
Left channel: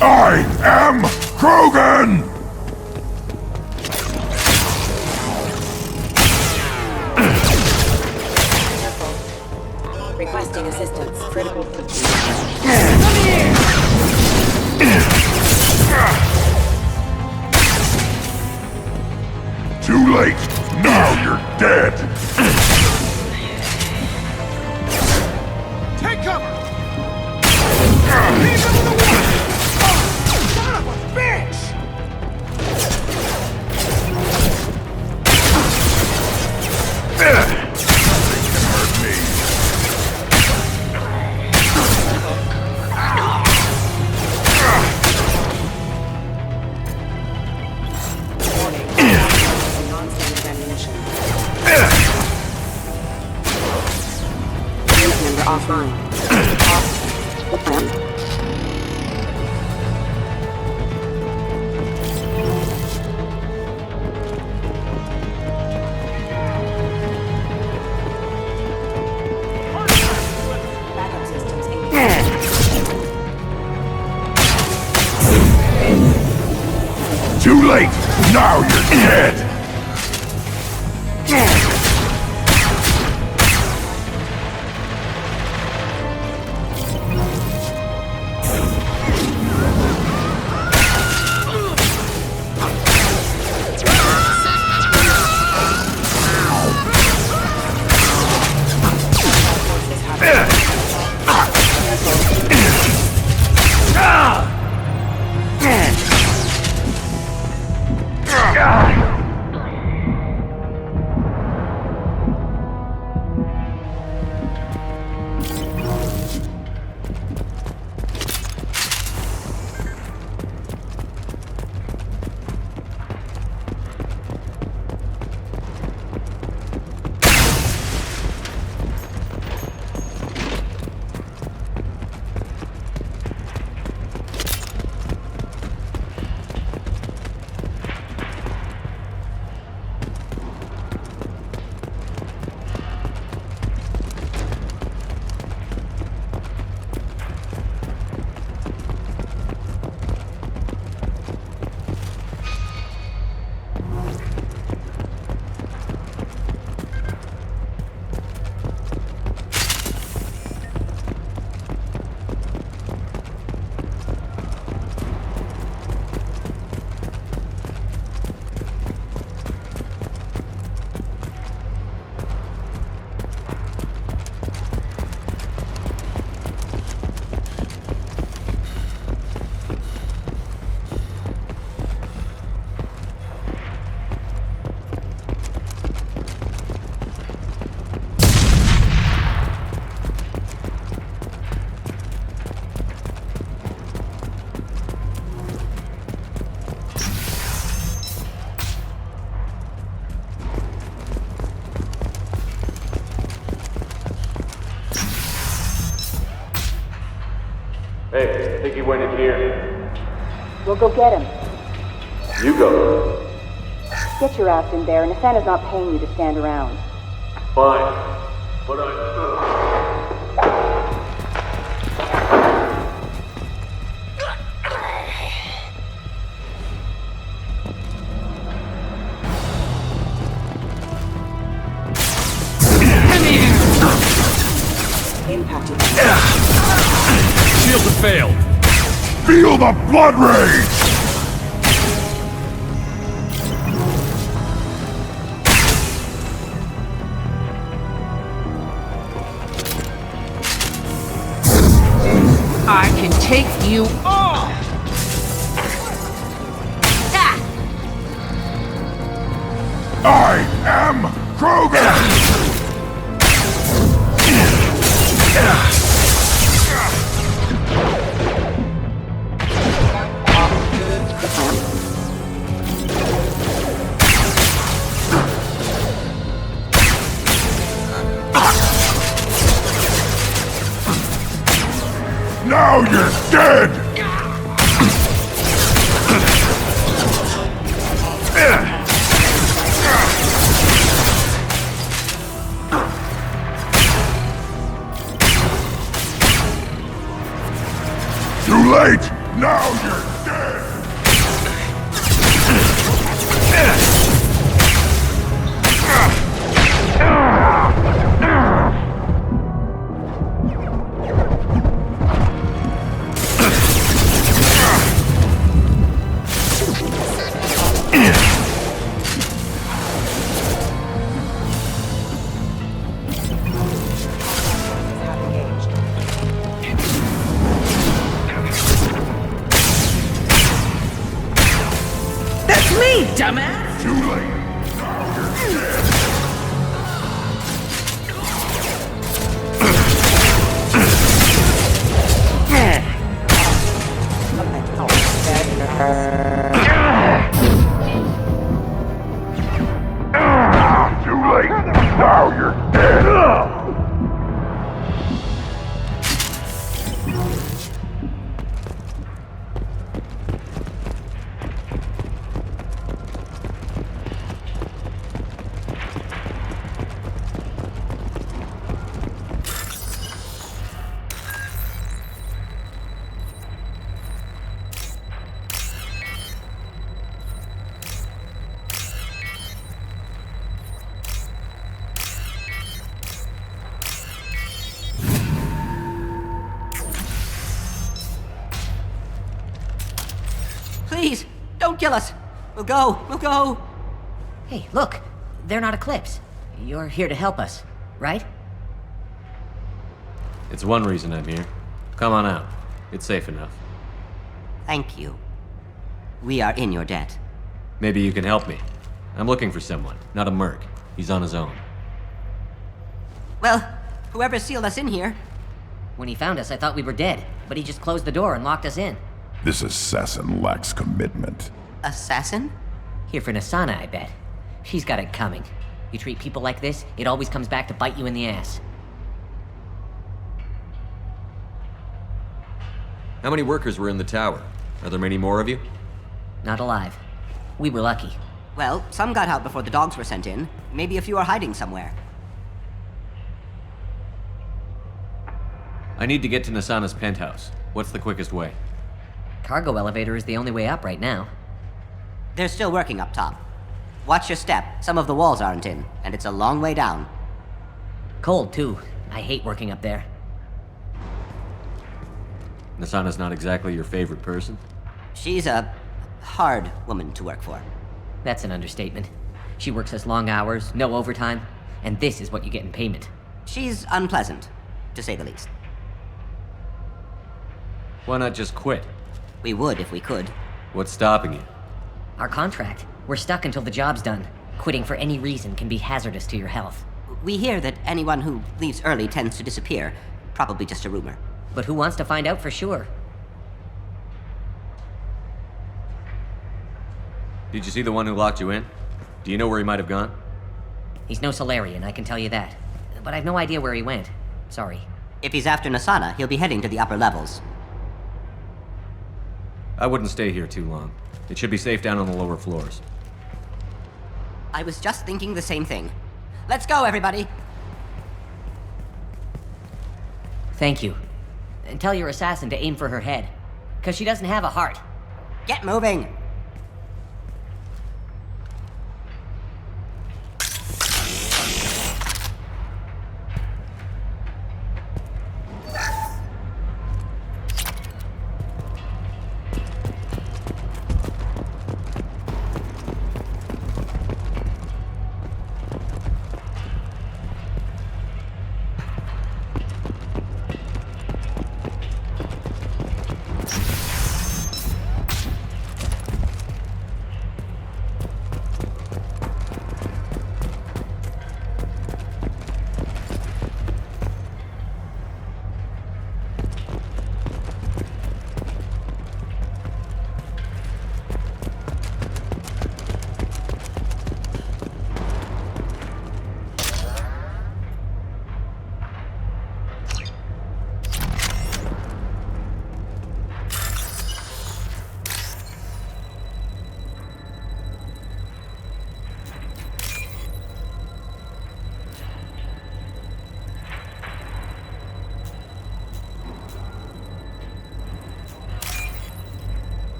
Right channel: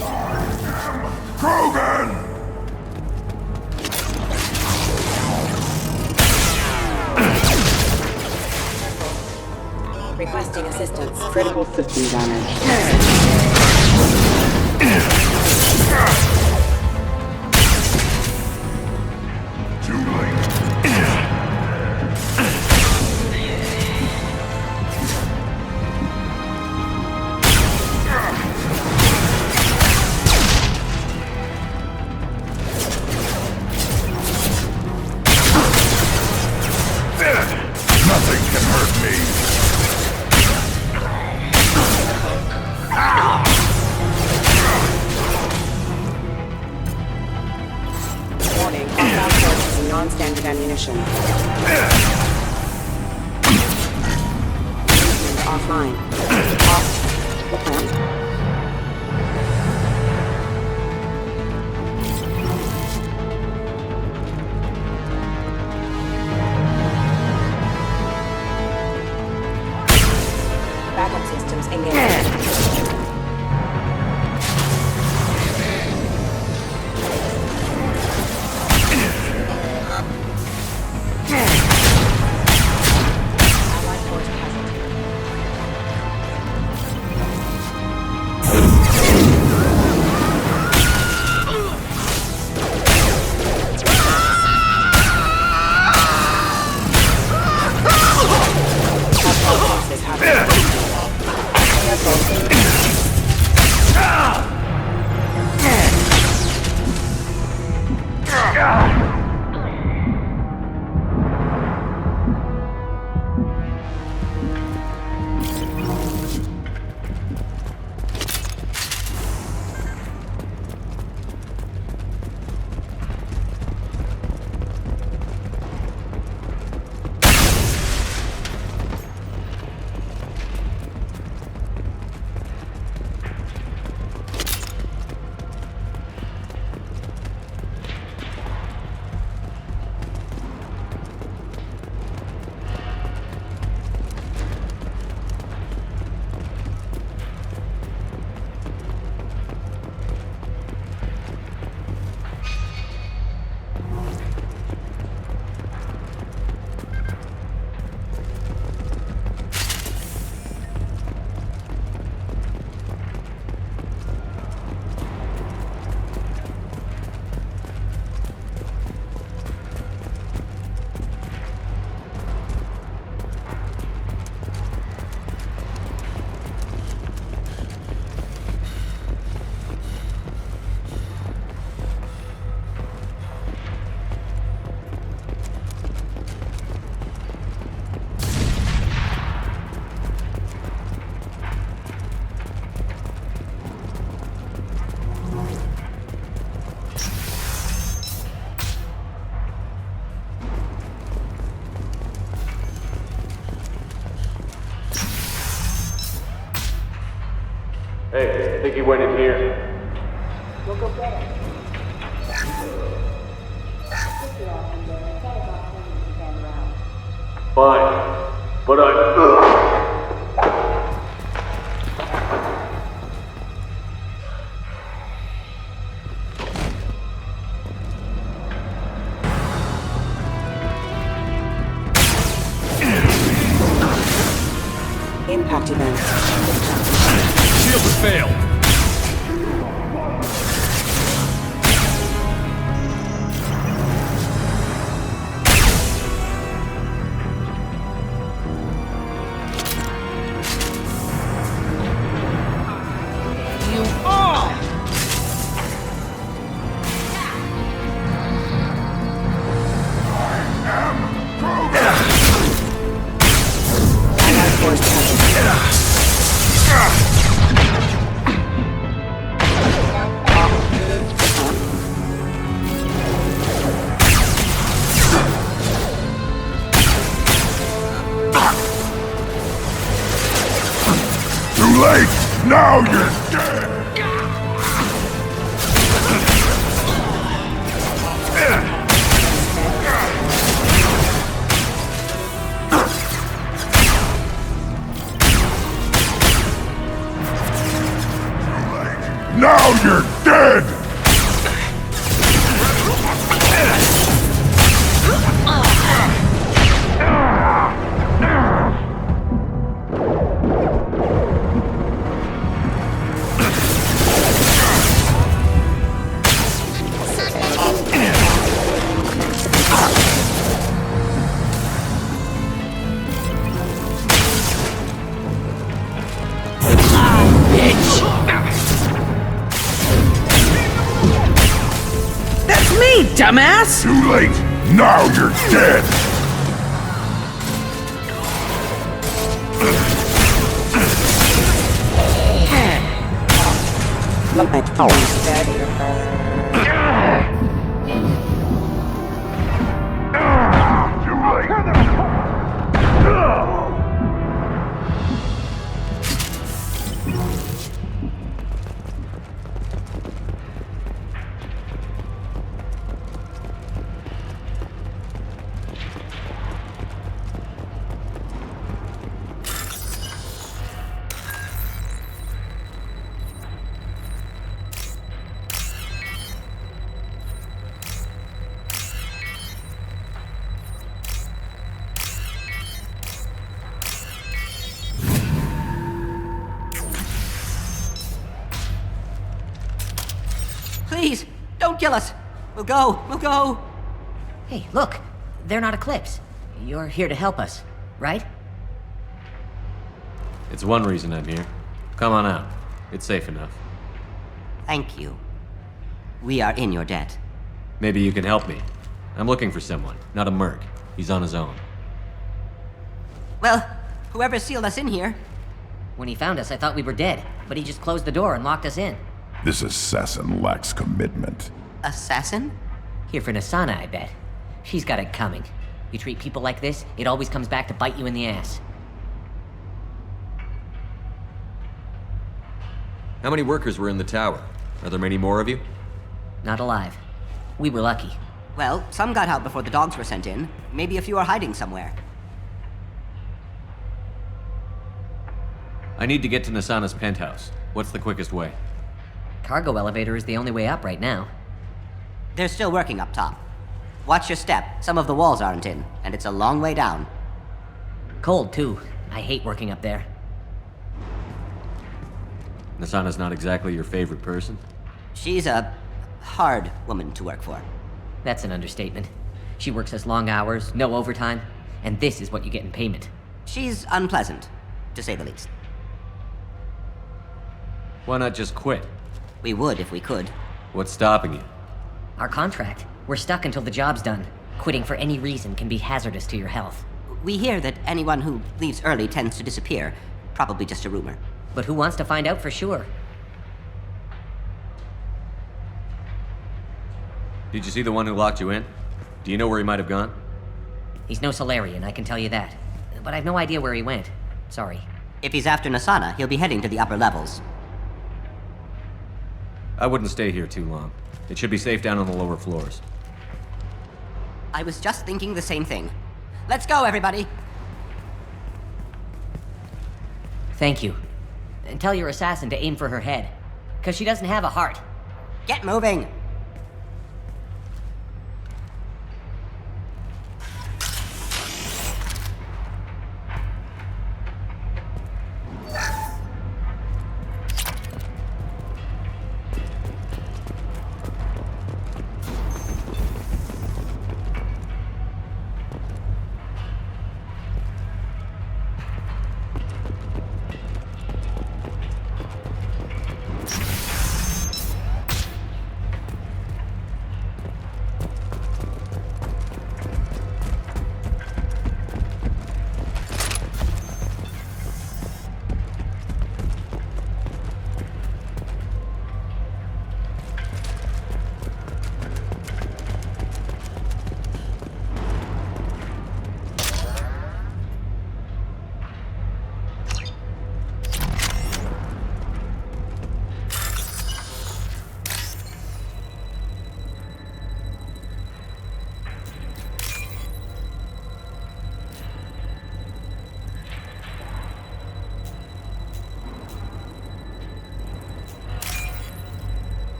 I am Krogan! Requesting assistance. Critical system damage. Too late. Now you're dead. Nothing can hurt me. Warning. All forces and non-standard ammunition. Unit member offline. Off. Plan. Backup systems engaged. Too late. Now you're dead. Hey, I think he went in here. We'll go get him. You go. Get your ass in there, and Nathana's not paying you to stand around. Fine. But Impact event. Shield has failed. Feel the blood rage! I can take you all! I am Krogan! Too late! Now you're dead! Too late! Now you're dead! That's me, dumbass! Too late! Now you're dead! Too late! Now you're dead! Please, don't kill us. We'll go. Hey, look. They're not Eclipse. You're here to help us, right? It's one reason I'm here. Come on out. It's safe enough. Thank you. We are in your debt. Maybe you can help me. I'm looking for someone, not a merc. He's on his own. Well, whoever sealed us in here. When he found us, I thought we were dead, but he just closed the door and locked us in. This assassin lacks commitment. Assassin? Here for Nassana, I bet. She's got it coming. You treat people like this, it always comes back to bite you in the ass. How many workers were in the tower? Are there many more of you? Not alive. We were lucky. Well, some got out before the dogs were sent in. Maybe a few are hiding somewhere. I need to get to Nassana's penthouse. What's the quickest way? Cargo elevator is the only way up right now. They're still working up top. Watch your step. Some of the walls aren't in, and it's a long way down. Cold, too. I hate working up there. Nassana's not exactly your favorite person? She's a hard woman to work for. That's an understatement. She works us long hours, no overtime, and this is what you get in payment. She's unpleasant, to say the least. Why not just quit? We would if we could. What's stopping you? Our contract. We're stuck until the job's done. Quitting for any reason can be hazardous to your health. We hear that anyone who leaves early tends to disappear. Probably just a rumor. But who wants to find out for sure? Did you see the one who locked you in? Do you know where he might have gone? He's no Solarian, I can tell you that. But I've no idea where he went. Sorry. If he's after Nassana, he'll be heading to the upper levels. I wouldn't stay here too long. It should be safe down on the lower floors. I was just thinking the same thing. Let's go, everybody! Thank you. And tell your assassin to aim for her head. 'Cause she doesn't have a heart. Get moving!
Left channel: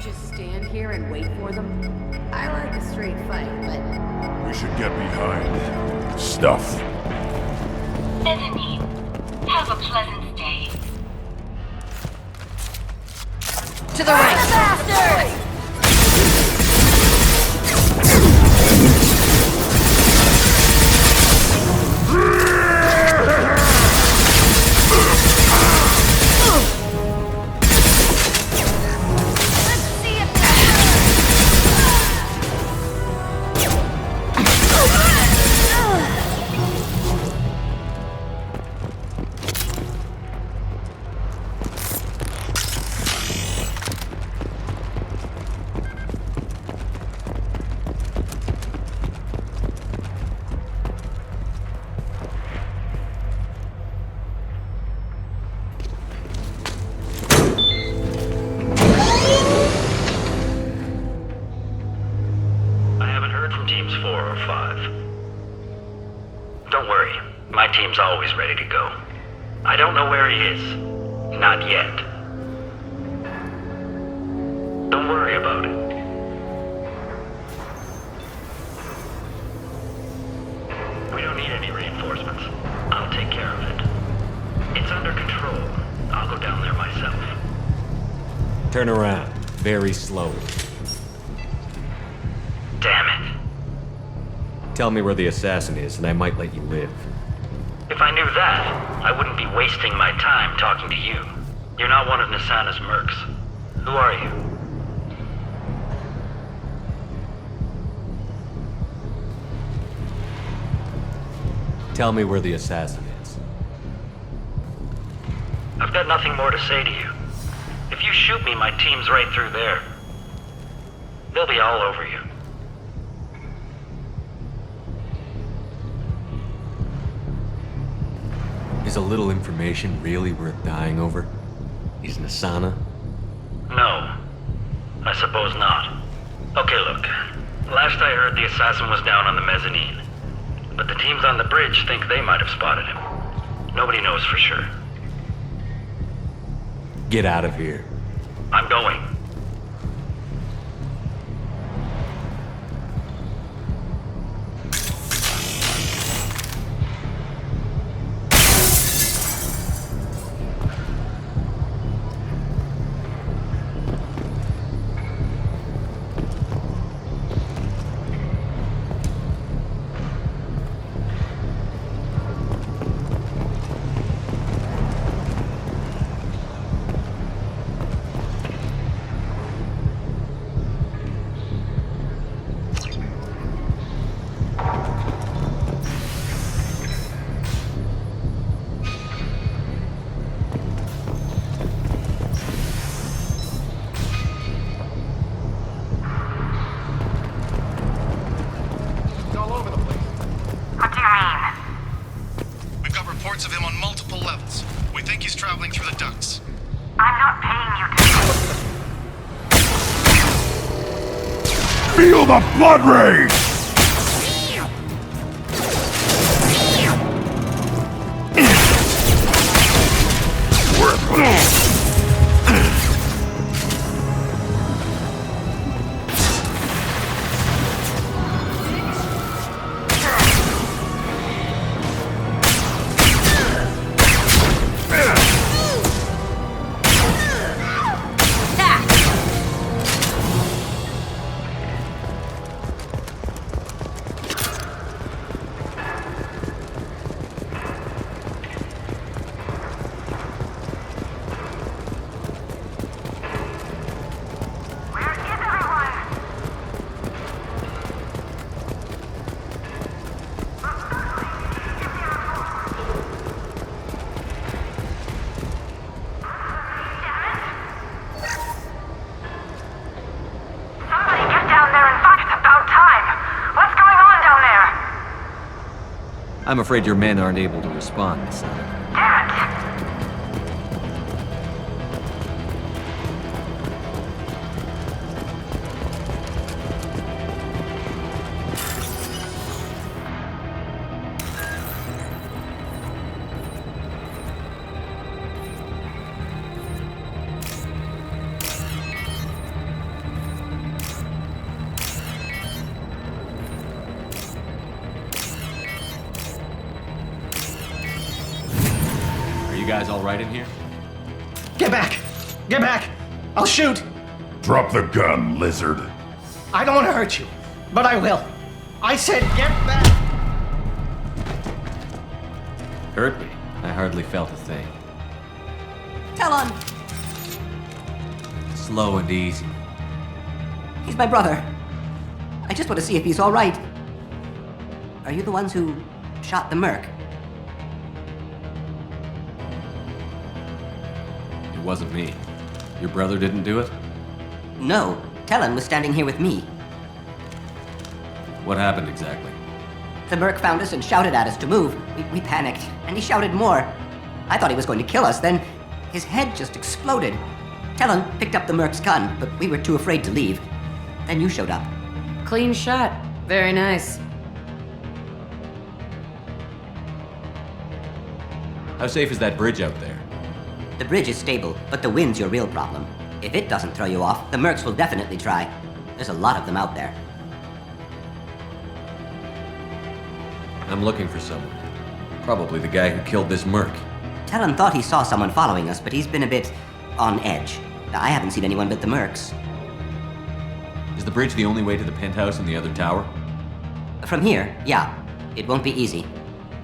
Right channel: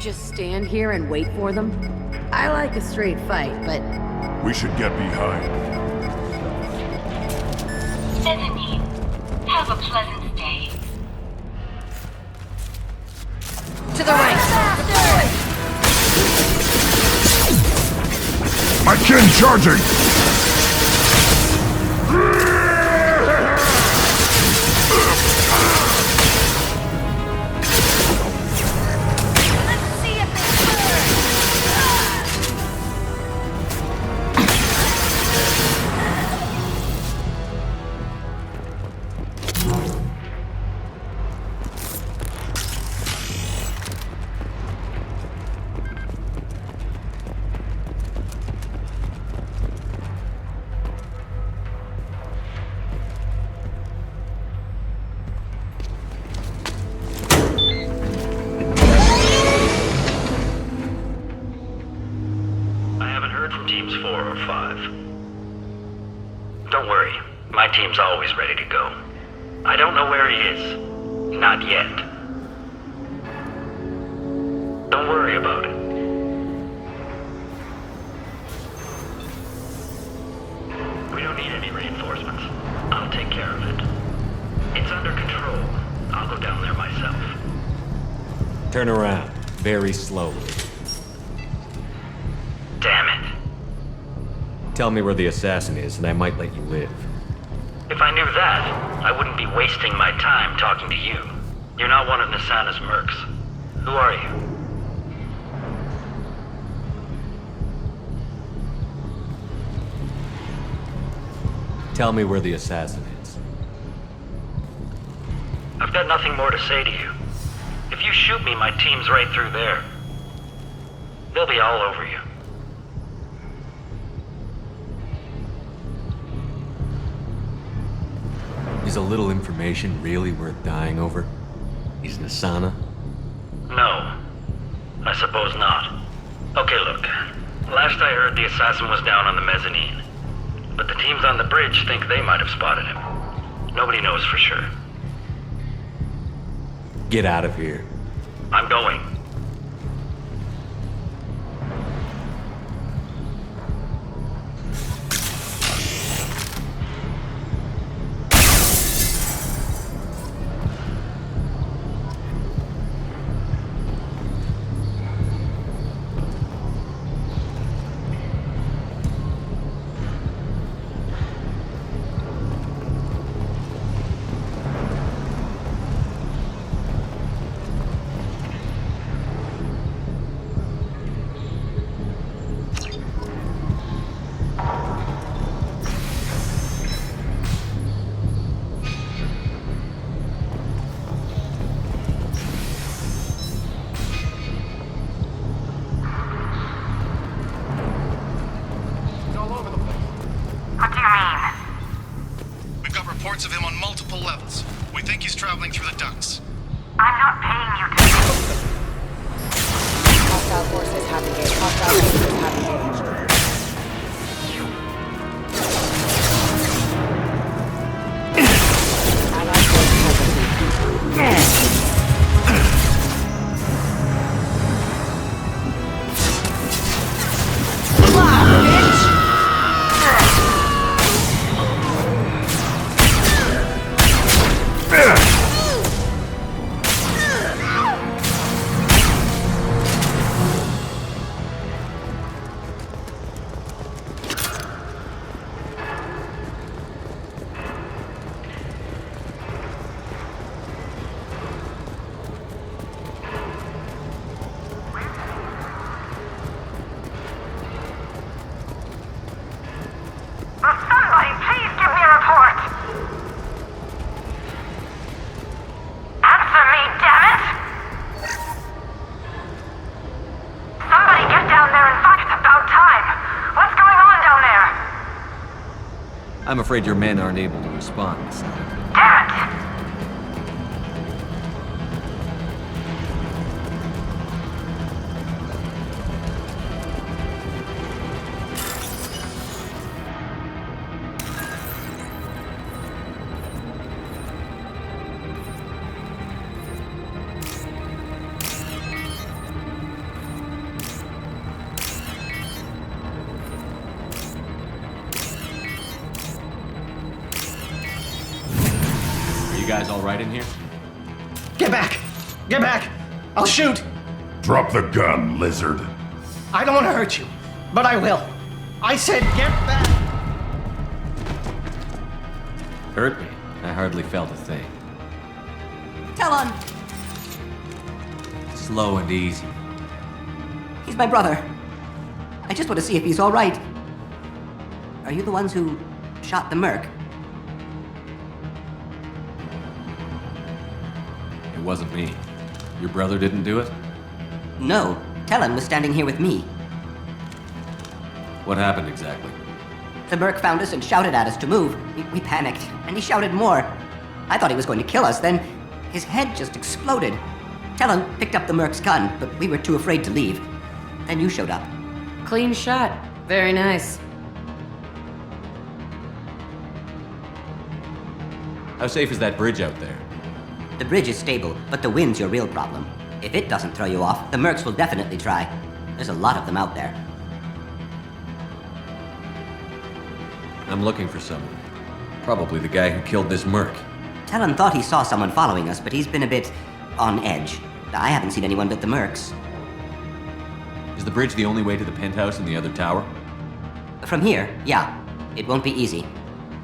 Just stand here and wait for them? I like a straight fight, but... We should get behind stuff. Bethany, have a pleasant day. To the right! My chin charging! Teams 4 or 5. Don't worry, my team's always ready to go. I don't know where he is. Not yet. Don't worry about it. We don't need any reinforcements. I'll take care of it. It's under control. I'll go down there myself. Turn around, very slowly. Damn it. Tell me where the assassin is, and I might let you live. If I knew that, I wouldn't be wasting my time talking to you. You're not one of Nassana's mercs. Who are you? Tell me where the assassin is. I've got nothing more to say to you. If you shoot me, my team's right through there. They'll be all over you. Is a little information really worth dying over? Is Nassana? No. I suppose not. Okay, look. Last I heard, the assassin was down on the mezzanine. But the teams on the bridge think they might have spotted him. Nobody knows for sure. Get out of here. I'm going. Reports of him on multiple levels. We think he's traveling through the ducts. I'm not paying you to... Feel the blood rage! I'm afraid your men aren't able to respond, Nassana. You guys all right in here? Get back! Get back! I'll shoot! Drop the gun, lizard. I don't want to hurt you, but I will. I said get back! Hurt me? I hardly felt a thing. Talon! Slow and easy. He's my brother. I just want to see if he's all right. Are you the ones who shot the merc? It wasn't me. Your brother didn't do it? No. Talon was standing here with me. What happened exactly? The merc found us and shouted at us to move. We panicked, and he shouted more. I thought he was going to kill us, then his head just exploded. Talon picked up the merc's gun, but we were too afraid to leave. Then you showed up. Clean shot. Very nice. How safe is that bridge out there? The bridge is stable, but the wind's your real problem. If it doesn't throw you off, the mercs will definitely try. There's a lot of them out there. I'm looking for someone. Probably the guy who killed this merc. Talon thought he saw someone following us, but he's been a bit on edge. I haven't seen anyone but the mercs. Is the bridge the only way to the penthouse and the other tower? From here, yeah. It won't be easy.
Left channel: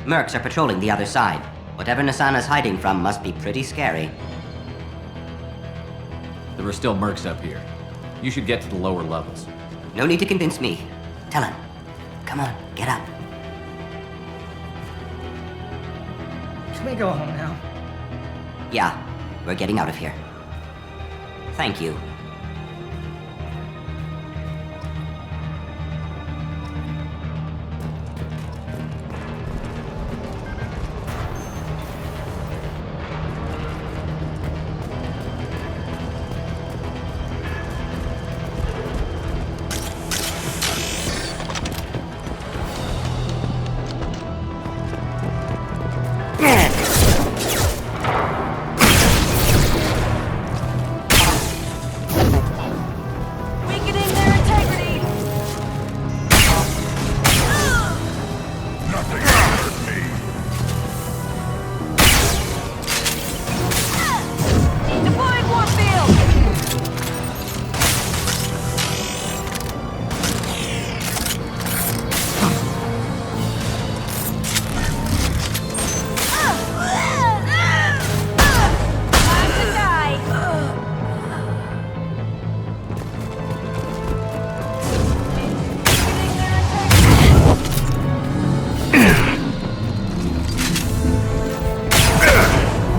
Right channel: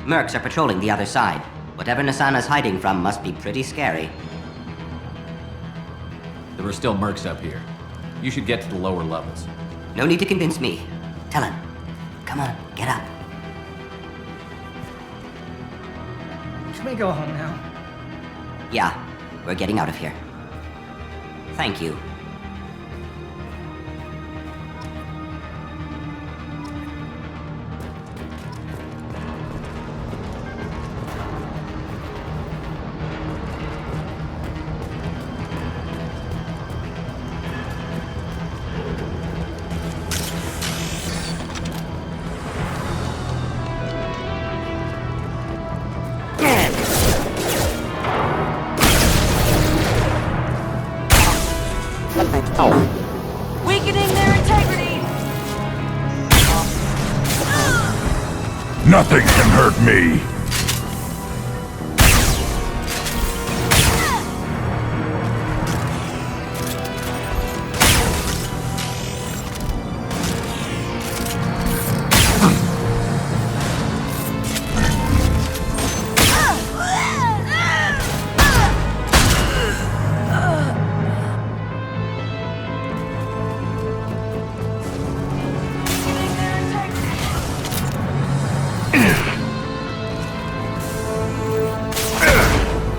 Mercs are patrolling the other side. Whatever Nassana's hiding from must be pretty scary. There are still mercs up here. You should get to the lower levels. No need to convince me. Talon, come on, get up. Can we go home now? Yeah, we're getting out of here. Thank you. Weakening their integrity! Nothing can hurt me. Deploying Warfield!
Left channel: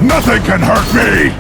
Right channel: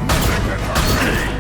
Nothing can hurt me.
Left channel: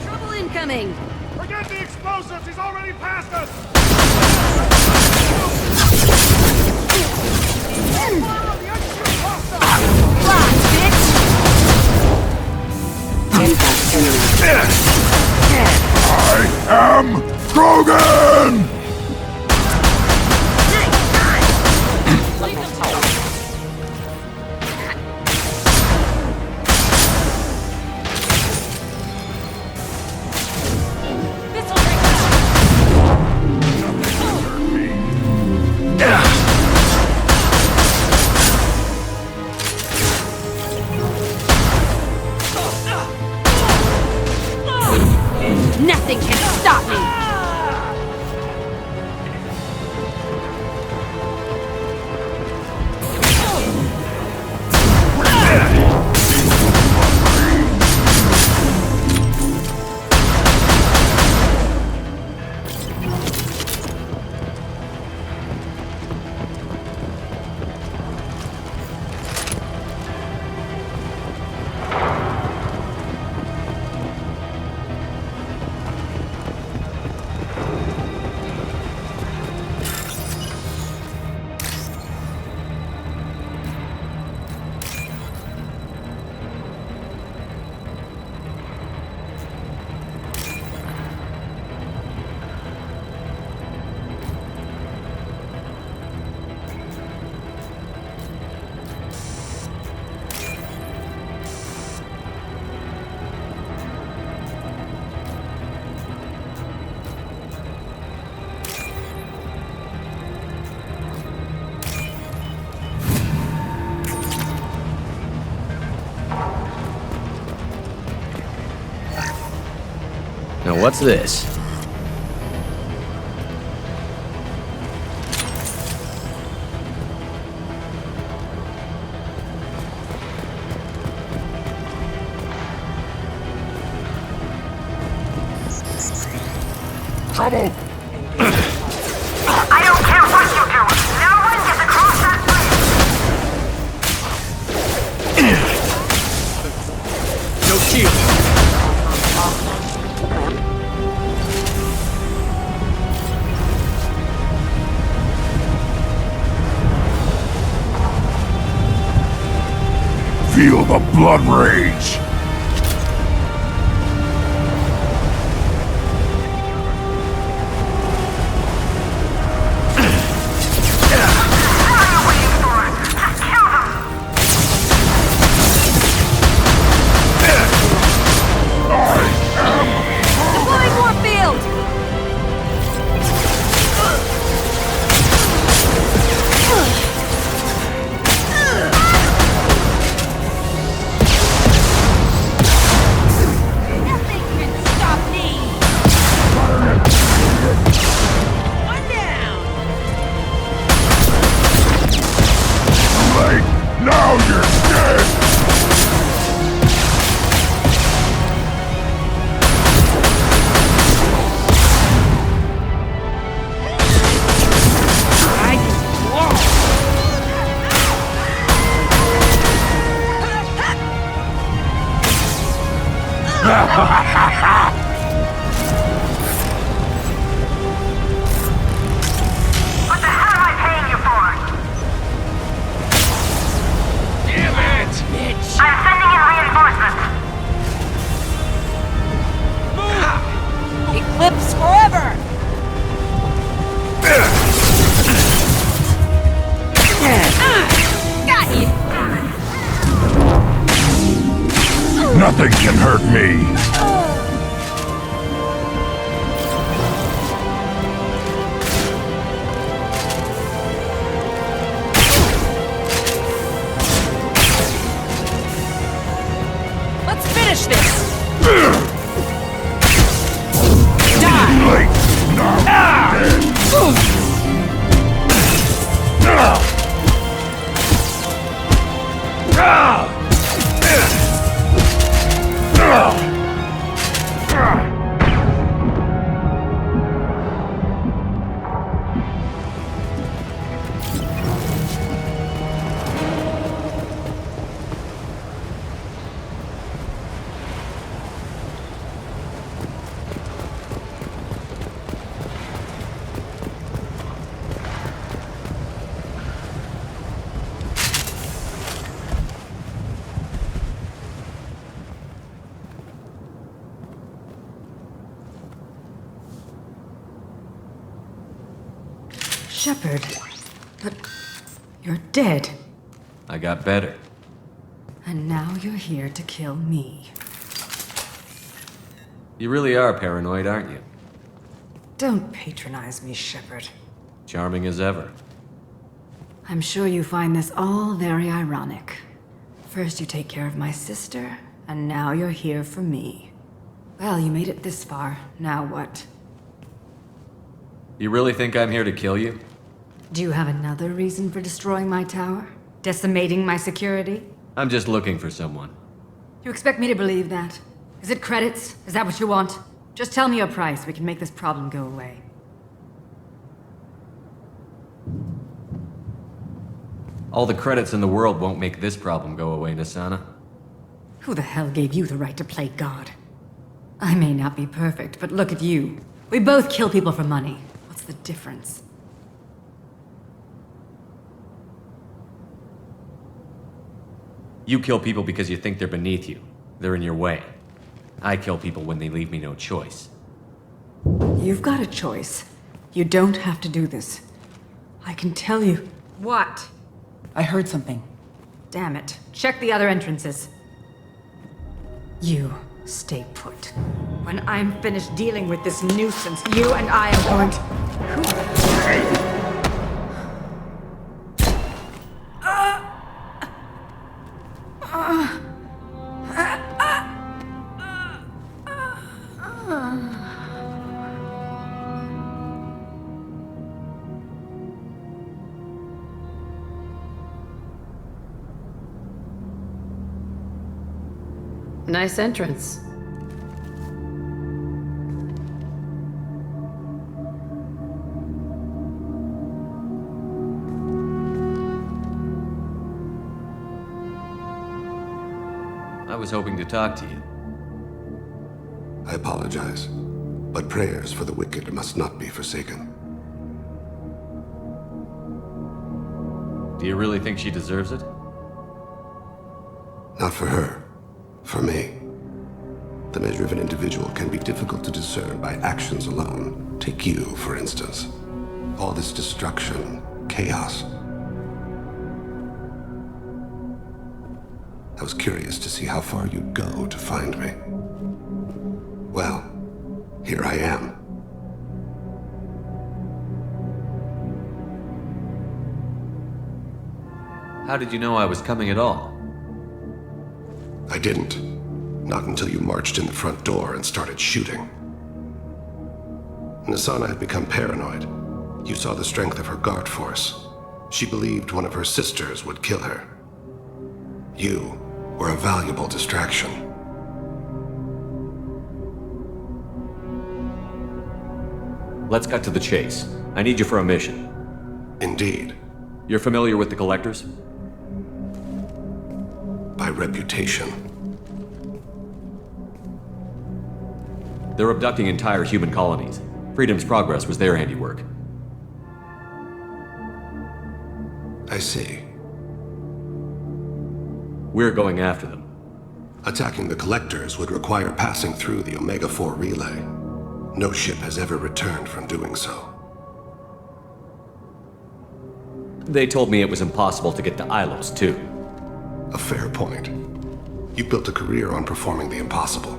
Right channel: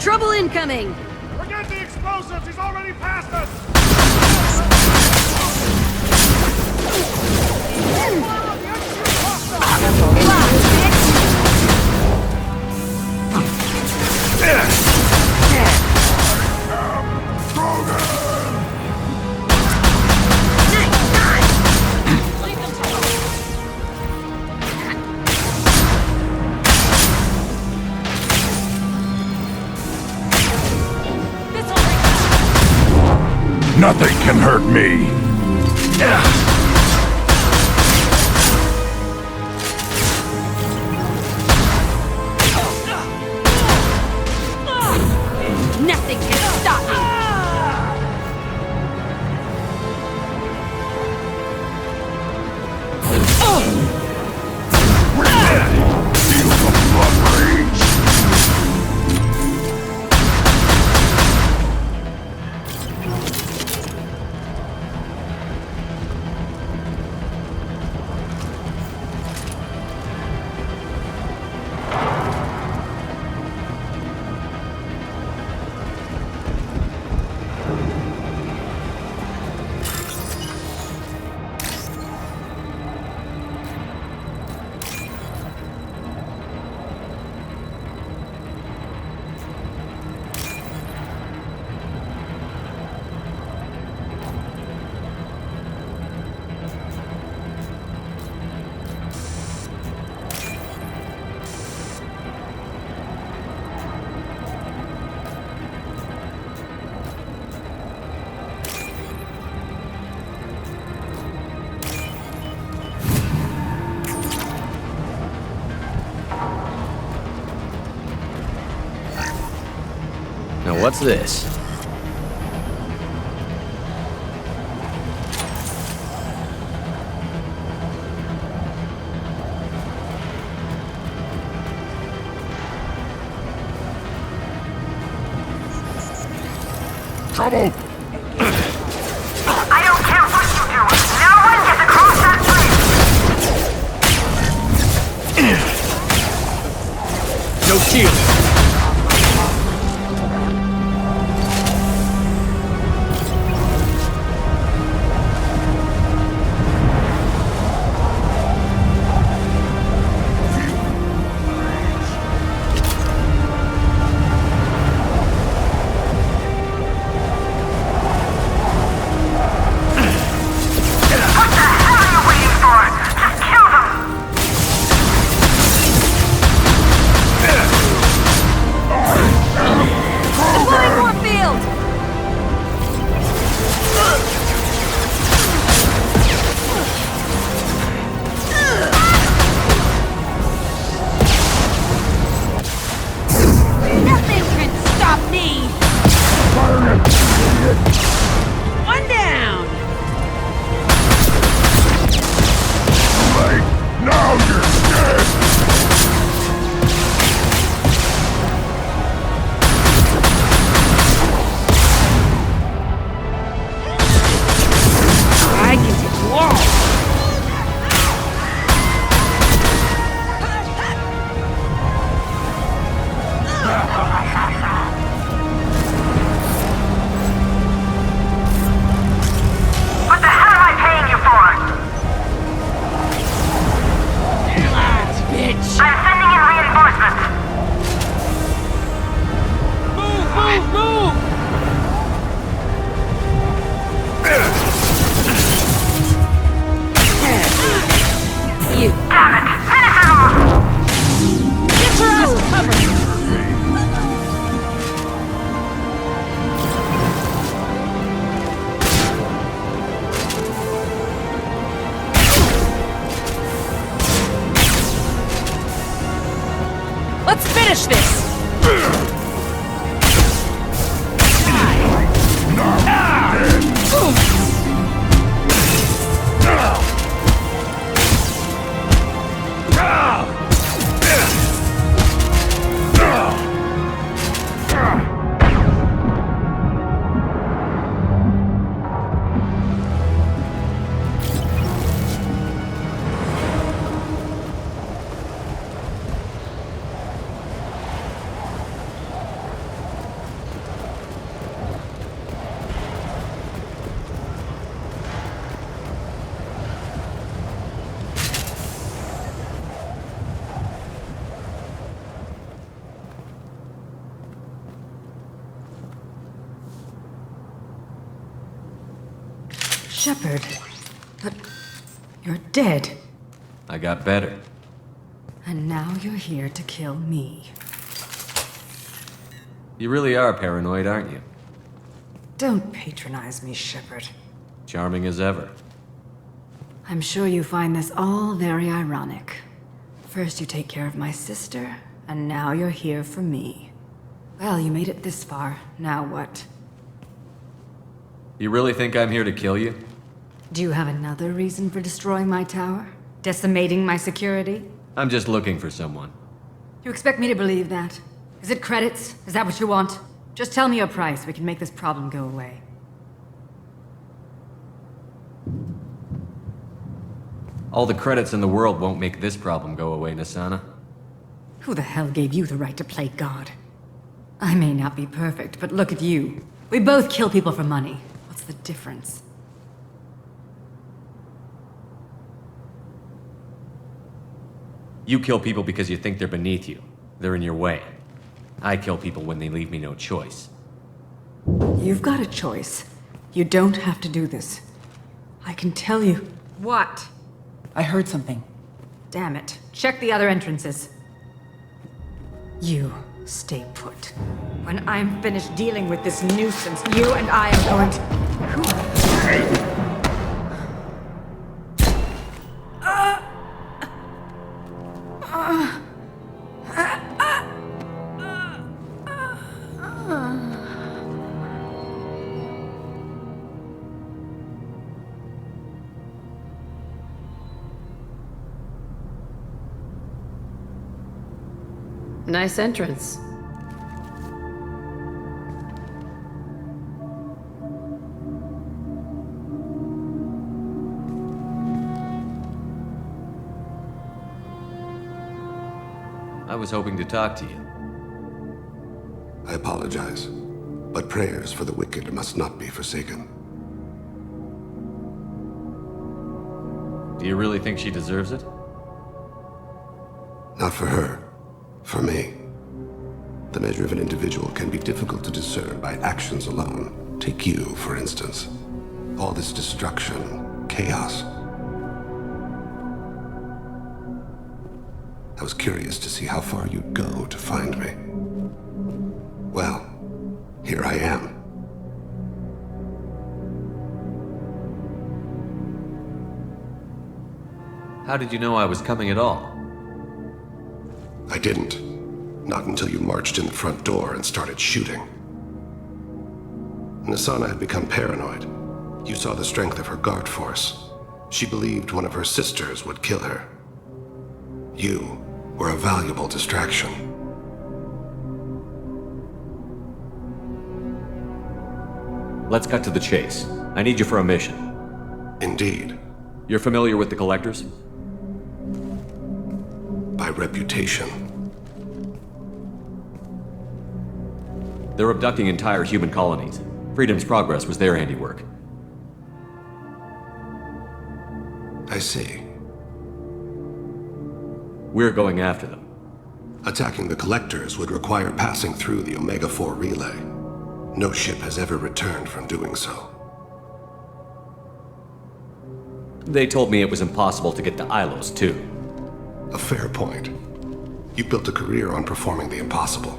Trouble incoming! Forget the explosives! He's already passed us! I am Krogan! Nothing can hurt me. Nothing can stop me! Now what's this? Trouble! I don't care what you do! No one gets across that bridge! No shield! Feel the blood rage! Now you're dead! I can take walls! What the hell am I paying you for? Damn it, bitch! I'm sending in reinforcements. Move! Eclipse forever! Got you! Damn it! Nothing can hurt me. Let's finish this! Shepard, but you're dead. I got better. And now you're here to kill me. You really are paranoid, aren't you? Don't patronize me, Shepard. Charming as ever. I'm sure you find this all very ironic. First you take care of my sister, and now you're here for me. Well, you made it this far. Now what? You really think I'm here to kill you? Do you have another reason for destroying my tower? Decimating my security? I'm just looking for someone. You expect me to believe that? Is it credits? Is that what you want? Just tell me your price. We can make this problem go away. All the credits in the world won't make this problem go away, Nassana. Who the hell gave you the right to play God? I may not be perfect, but look at you. We both kill people for money. What's the difference? You kill people because you think they're beneath you. They're in your way. I kill people when they leave me no choice. You've got a choice. You don't have to do this. I can tell you. What? I heard something. Damn it. Check the other entrances. You stay put. When I'm finished dealing with this nuisance, you and I are going to... Nice entrance. I was hoping to talk to you. I apologize, but prayers for the wicked must not be forsaken. Do you really think she deserves it? Not for her. For me. The measure of an individual can be difficult to discern by actions alone. Take you, for instance. All this destruction, chaos. I was curious to see how far you'd go to find me. Well, here I am. How did you know I was coming at all? I didn't. Not until you marched in the front door and started shooting. Nassana had become paranoid. You saw the strength of her guard force. She believed one of her sisters would kill her. You were a valuable distraction. Let's cut to the chase. I need you for a mission. Indeed. You're familiar with the Collectors? By reputation. They're abducting entire human colonies. Freedom's Progress was their handiwork. I see. We're going after them. Attacking the Collectors would require passing through the Omega-4 relay. No ship has ever returned from doing so. They told me it was impossible to get to Ilos, too. A fair point. You built a career on performing the impossible.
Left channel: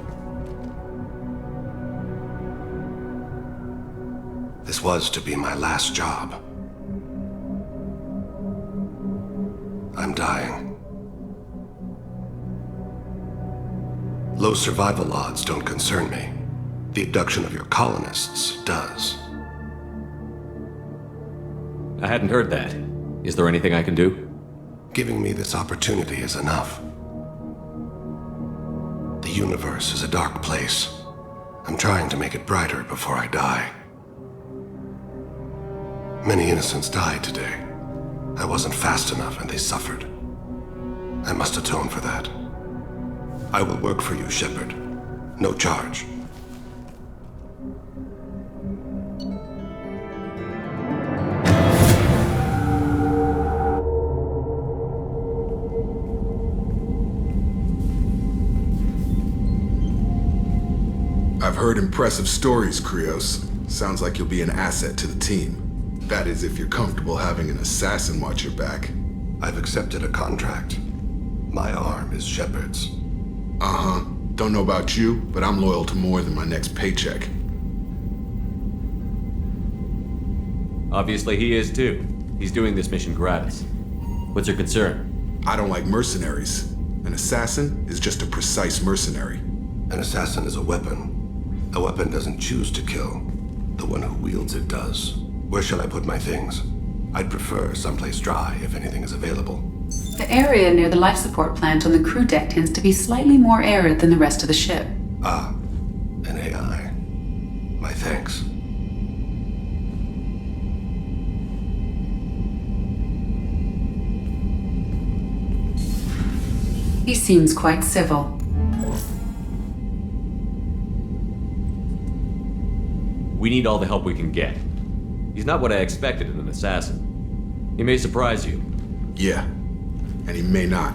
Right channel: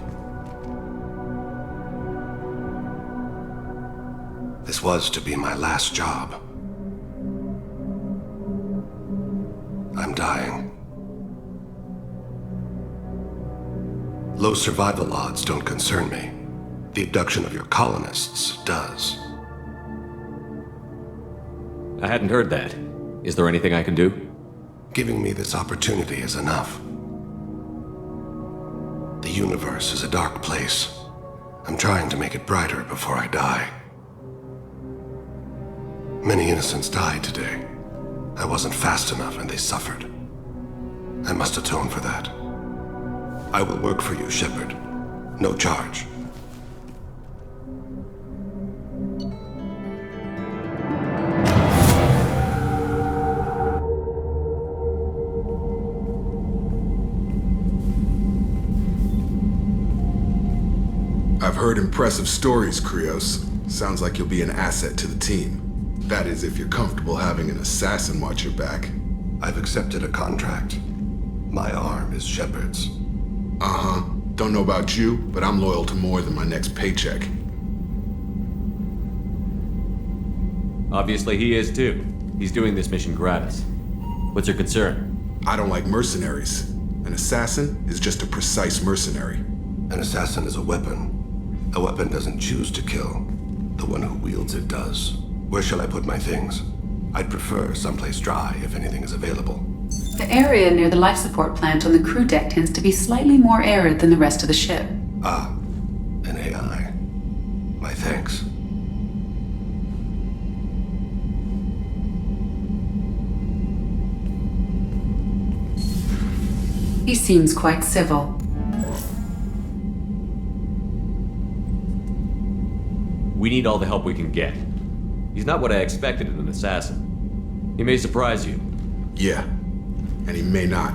This was to be my last job. I'm dying. Low survival odds don't concern me. The abduction of your colonists does. I hadn't heard that. Is there anything I can do? Giving me this opportunity is enough. The universe is a dark place. I'm trying to make it brighter before I die. Many innocents died today. I wasn't fast enough and they suffered. I must atone for that. I will work for you, Shepard. No charge. I've heard impressive stories, Krios. Sounds like you'll be an asset to the team. That is, if you're comfortable having an assassin watch your back. I've accepted a contract. My arm is Shepard's. Uh-huh. Don't know about you, but I'm loyal to more than my next paycheck. Obviously he is too. He's doing this mission gratis. What's your concern? I don't like mercenaries. An assassin is just a precise mercenary. An assassin is a weapon. A weapon doesn't choose to kill. The one who wields it does. Where shall I put my things? I'd prefer someplace dry if anything is available. The area near the life support plant on the crew deck tends to be slightly more arid than the rest of the ship. Ah, an AI. My thanks. He seems quite civil. We need all the help we can get. He's not what I expected in an assassin. He may surprise you. Yeah, and he may not.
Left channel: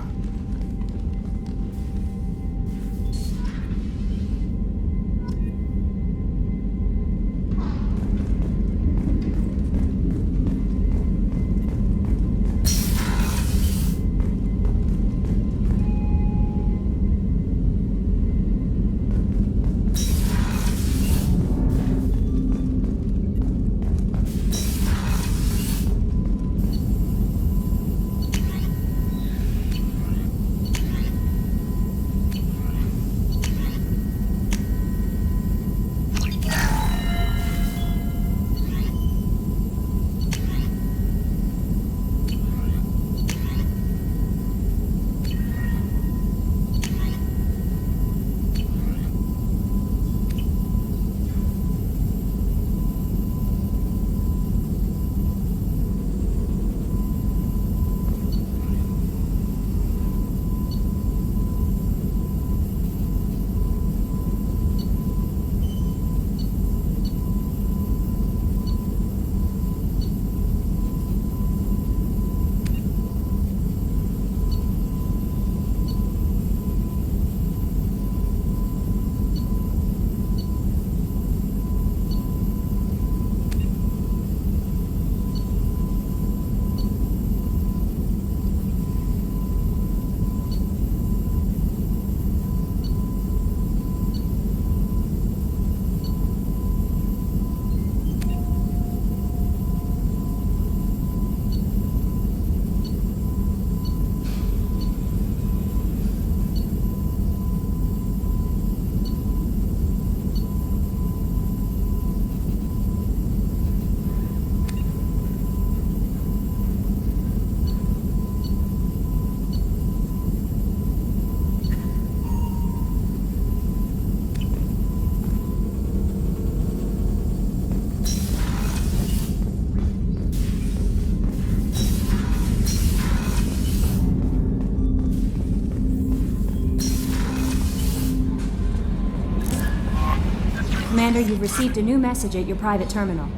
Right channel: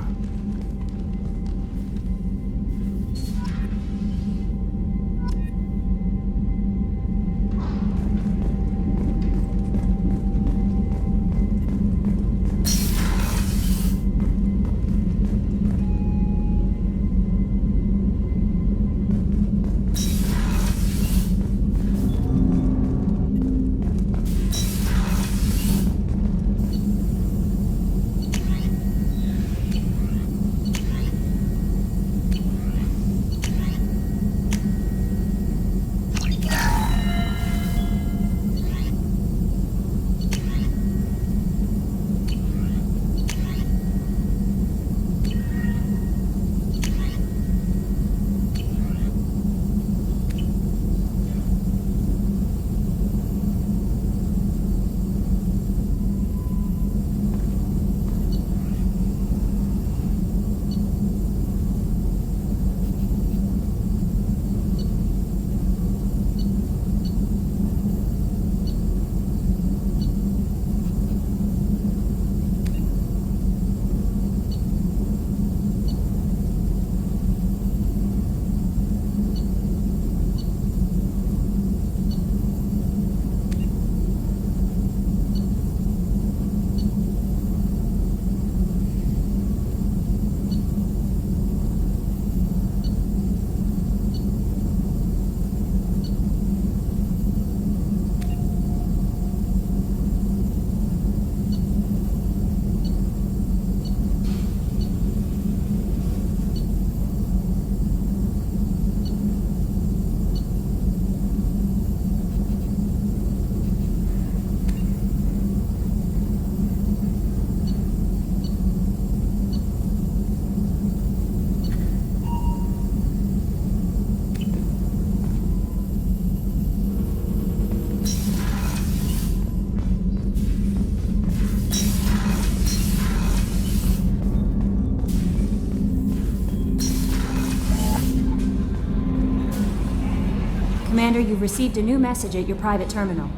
Commander, you've received a new message at your private terminal.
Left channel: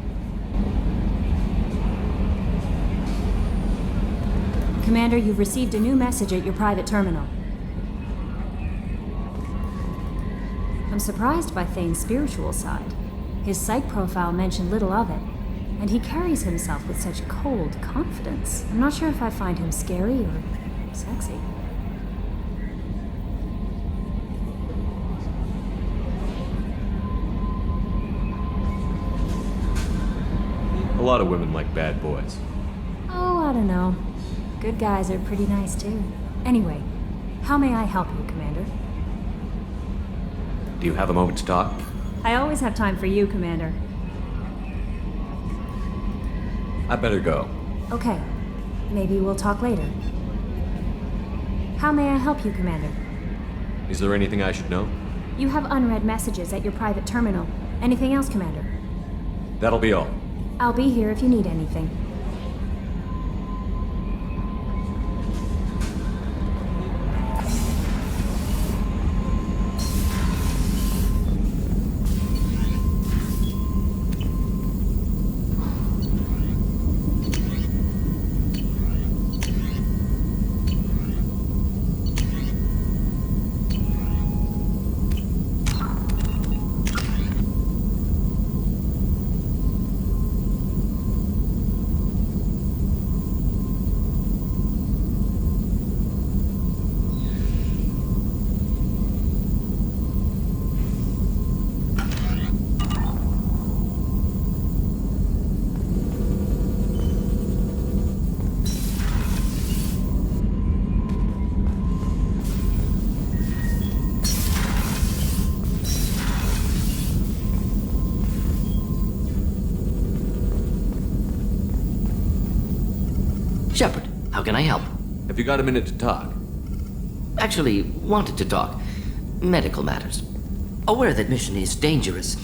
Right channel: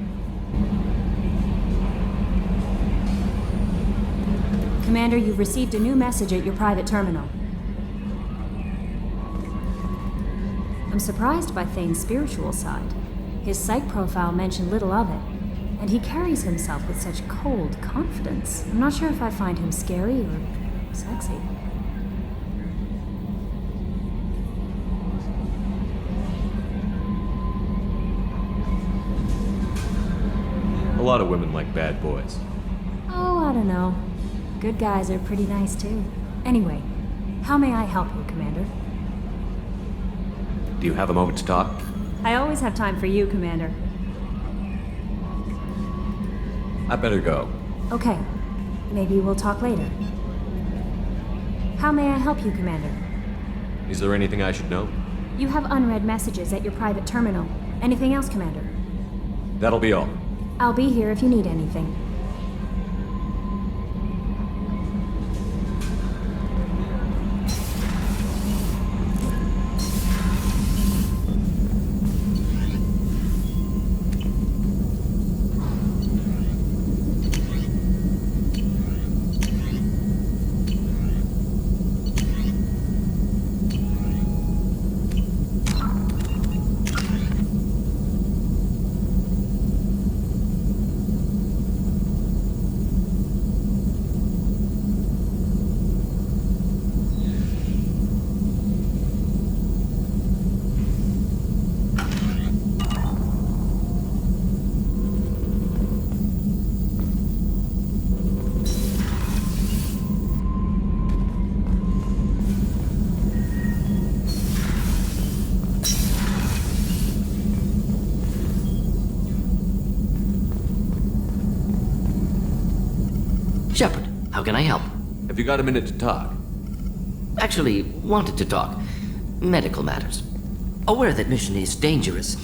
Commander, you've received a new message at your private terminal. I'm surprised by Thane's spiritual side. His psych profile mentioned little of it, and he carries himself with such cold confidence. I'm not sure if I find him scary or sexy. A lot of women like bad boys. Oh, I don't know. Good guys are pretty nice too. Anyway, how may I help you, Commander? Do you have a moment to talk? I always have time for you, Commander. I better go. Okay. Maybe we'll talk later. How may I help you, Commander? Is there anything I should know? You have unread messages at your private terminal. Anything else, Commander? That'll be all. I'll be here if you need anything. Shepard, how can I help? Have you got a minute to talk? Actually, wanted to talk. Medical matters. Aware that mission is dangerous.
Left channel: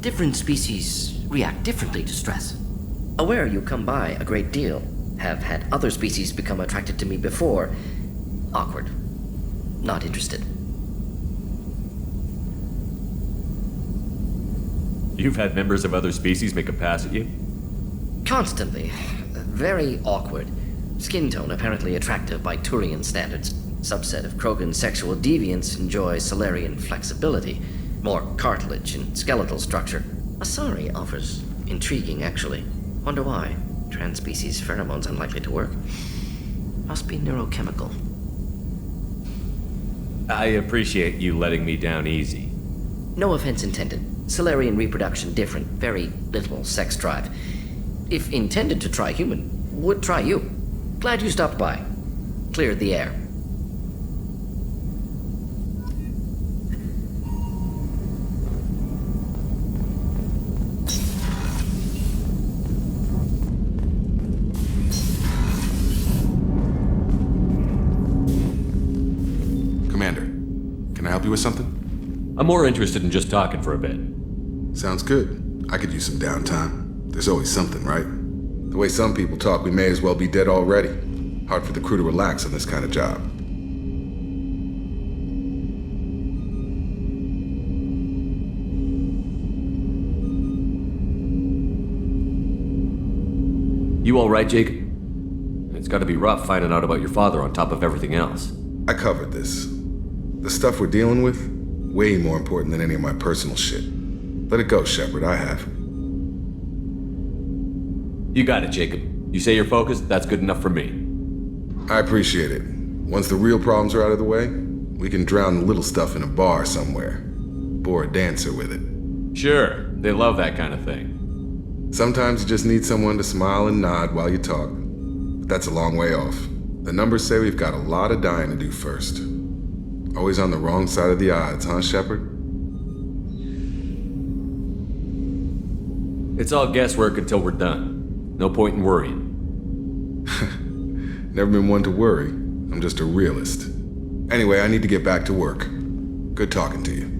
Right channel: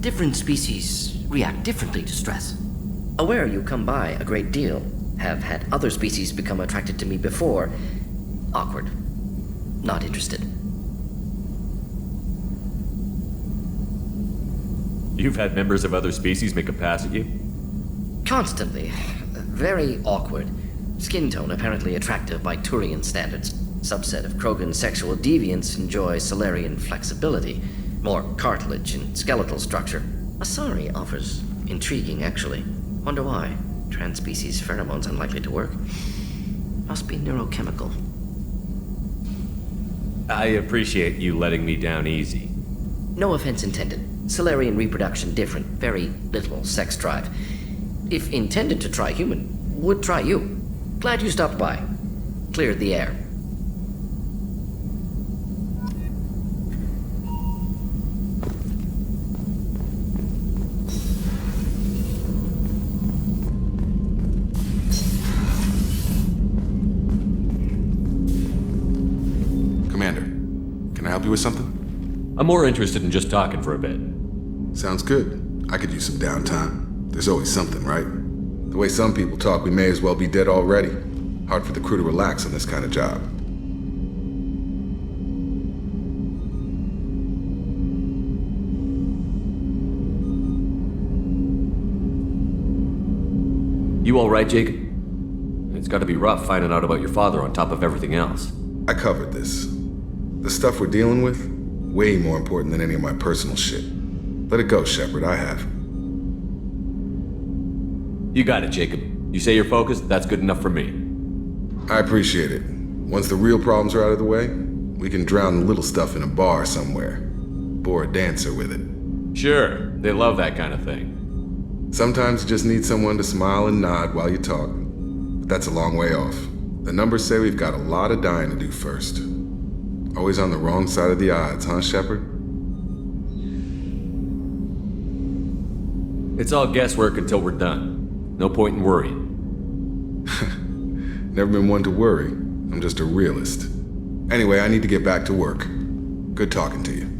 Different species react differently to stress. Aware you come by a great deal. Have had other species become attracted to me before. Awkward. Not interested. You've had members of other species make a pass at you? Constantly. Very awkward. Skin tone apparently attractive by Turian standards. Subset of Krogan sexual deviants enjoy Solarian flexibility. More cartilage and skeletal structure. Asari offers intriguing, actually. Wonder why. Transspecies pheromones unlikely to work. Must be neurochemical. I appreciate you letting me down easy. No offense intended. Solarian reproduction different. Very little sex drive. If intended to try human, would try you. Glad you stopped by. Cleared the air. Commander, can I help you with something? I'm more interested in just talking for a bit. Sounds good. I could use some downtime. There's always something, right? The way some people talk, we may as well be dead already. Hard for the crew to relax on this kind of job. You all right, Jacob? It's gotta be rough finding out about your father on top of everything else. I covered this. The stuff we're dealing with, way more important than any of my personal shit. Let it go, Shepard, I have. You got it, Jacob. You say you're focused, that's good enough for me. I appreciate it. Once the real problems are out of the way, we can drown the little stuff in a bar somewhere. Bore a dancer with it. Sure, they love that kind of thing. Sometimes you just need someone to smile and nod while you talk. But that's a long way off. The numbers say we've got a lot of dying to do first. Always on the wrong side of the odds, huh, Shepard? It's all guesswork until we're done. No point in worrying. Never been one to worry. I'm just a realist. Anyway, I need to get back to work. Good talking to you.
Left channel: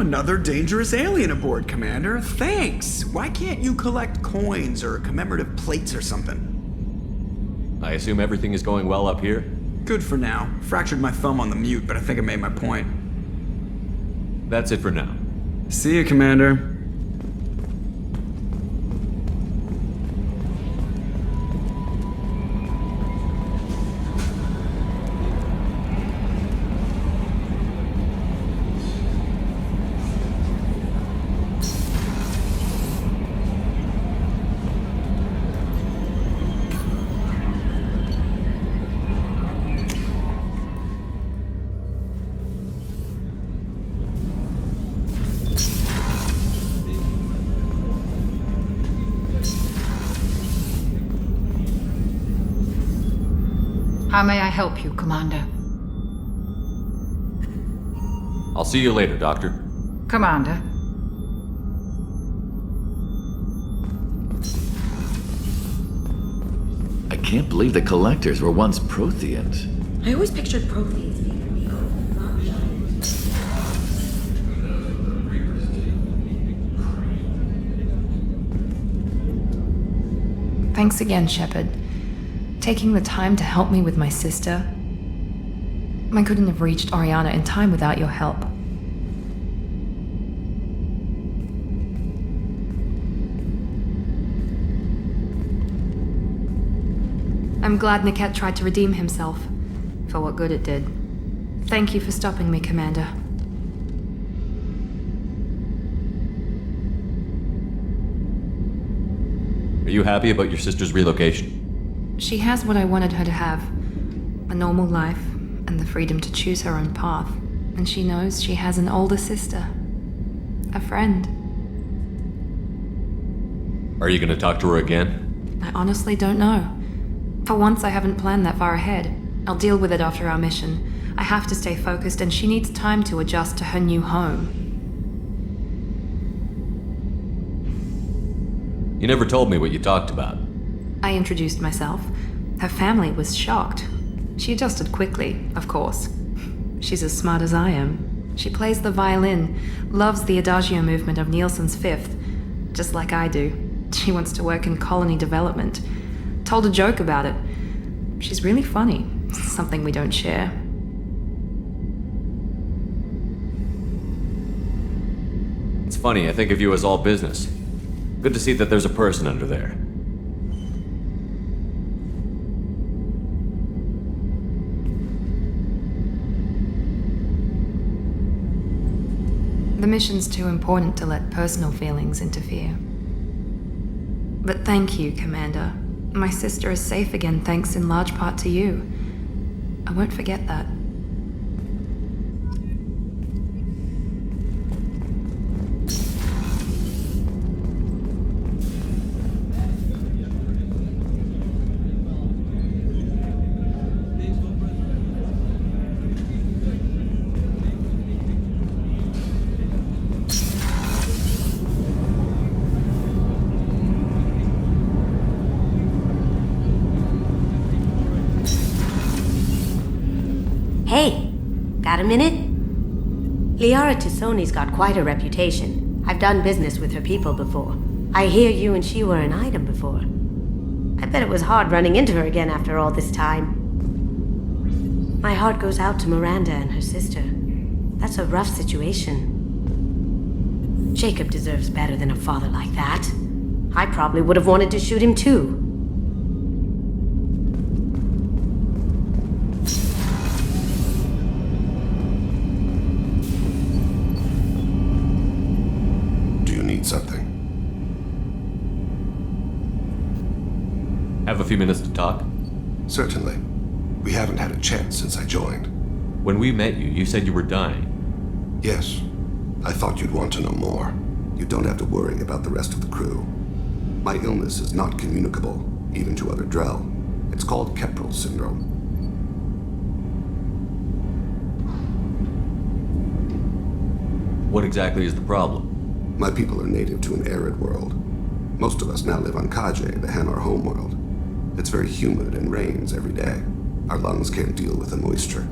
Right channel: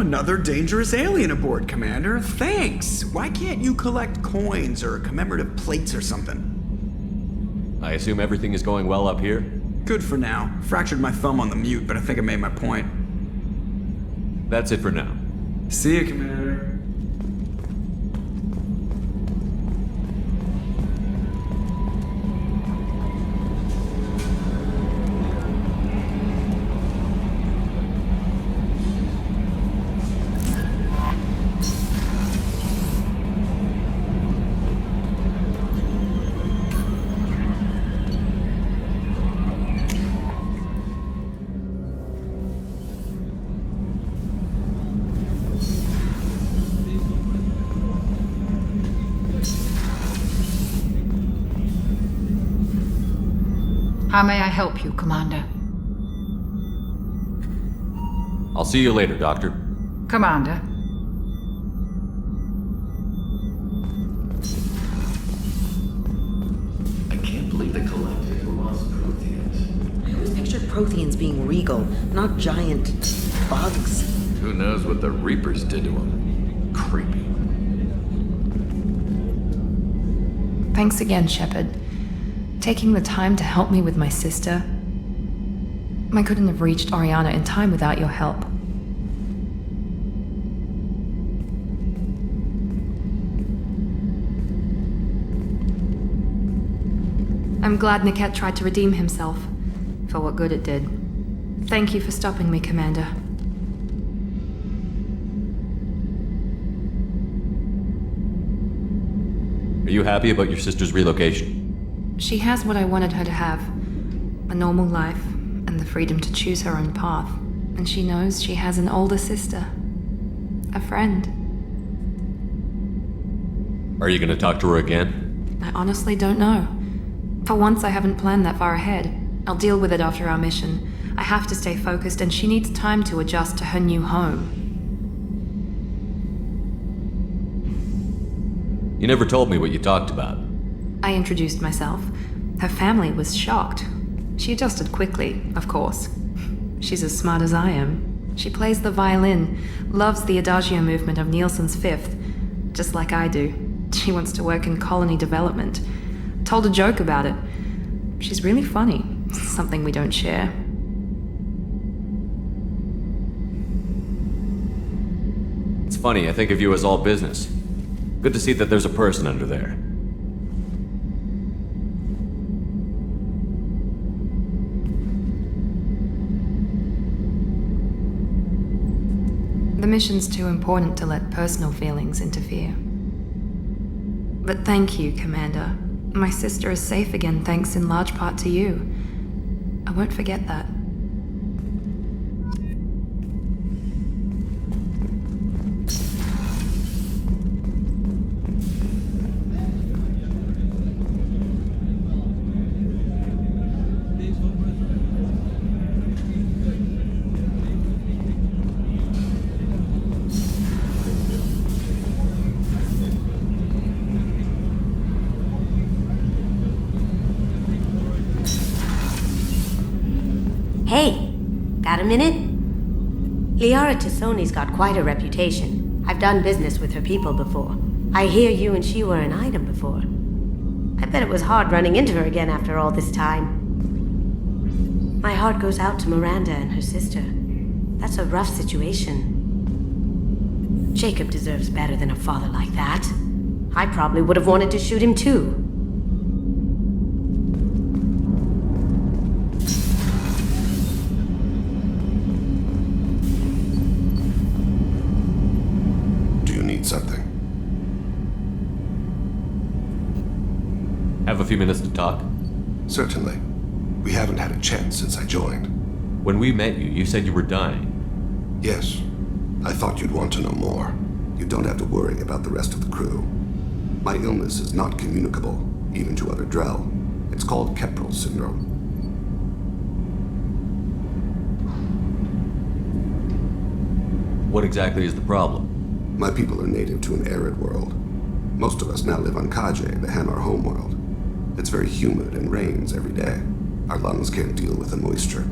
another dangerous alien aboard, Commander. Thanks. Why can't you collect coins or commemorative plates or something? I assume everything is going well up here? Good for now. Fractured my thumb on the mute, but I think I made my point. That's it for now. See you, Commander. How may I help you, Commander? I'll see you later, Doctor. Commander. I can't believe the Collectors were once Protheans. I always pictured Protheans being regal, not giant bugs. Who knows what the Reapers did to him? Creepy. Thanks again, Shepard. Taking the time to help me with my sister. I couldn't have reached Oriana in time without your help. I'm glad Niket tried to redeem himself, for what good it did. Thank you for stopping me, Commander. Are you happy about your sister's relocation? She has what I wanted her to have. A normal life, and the freedom to choose her own path. And she knows she has an older sister. A friend. Are you gonna talk to her again? I honestly don't know. For once, I haven't planned that far ahead. I'll deal with it after our mission. I have to stay focused, and she needs time to adjust to her new home. You never told me what you talked about. I introduced myself. Her family was shocked. She adjusted quickly, of course. She's as smart as I am. She plays the violin, loves the Adagio movement of Nielsen's Fifth, just like I do. She wants to work in colony development. Told a joke about it. She's really funny, something we don't share. It's funny, I think of you as all business. Good to see that there's a person under there. The mission's too important to let personal feelings interfere. But thank you, Commander. My sister is safe again thanks in large part to you. I won't forget that. Hey, got a minute? Liara Tassoni's got quite a reputation. I've done business with her people before. I hear you and she were an item before. I bet it was hard running into her again after all this time. My heart goes out to Miranda and her sister. That's a rough situation. Jacob deserves better than a father like that. I probably would have wanted to shoot him too. Something. Have a few minutes to talk? Certainly. We haven't had a chance since I joined. When we met you, you said you were dying. Yes. I thought you'd want to know more. You don't have to worry about the rest of the crew. My illness is not communicable, even to other Drell. It's called Keprel syndrome. What exactly is the problem? My people are native to an arid world. Most of us now live on Kaje, the Hanar homeworld. It's very humid and rains every day. Our lungs can't deal with the moisture.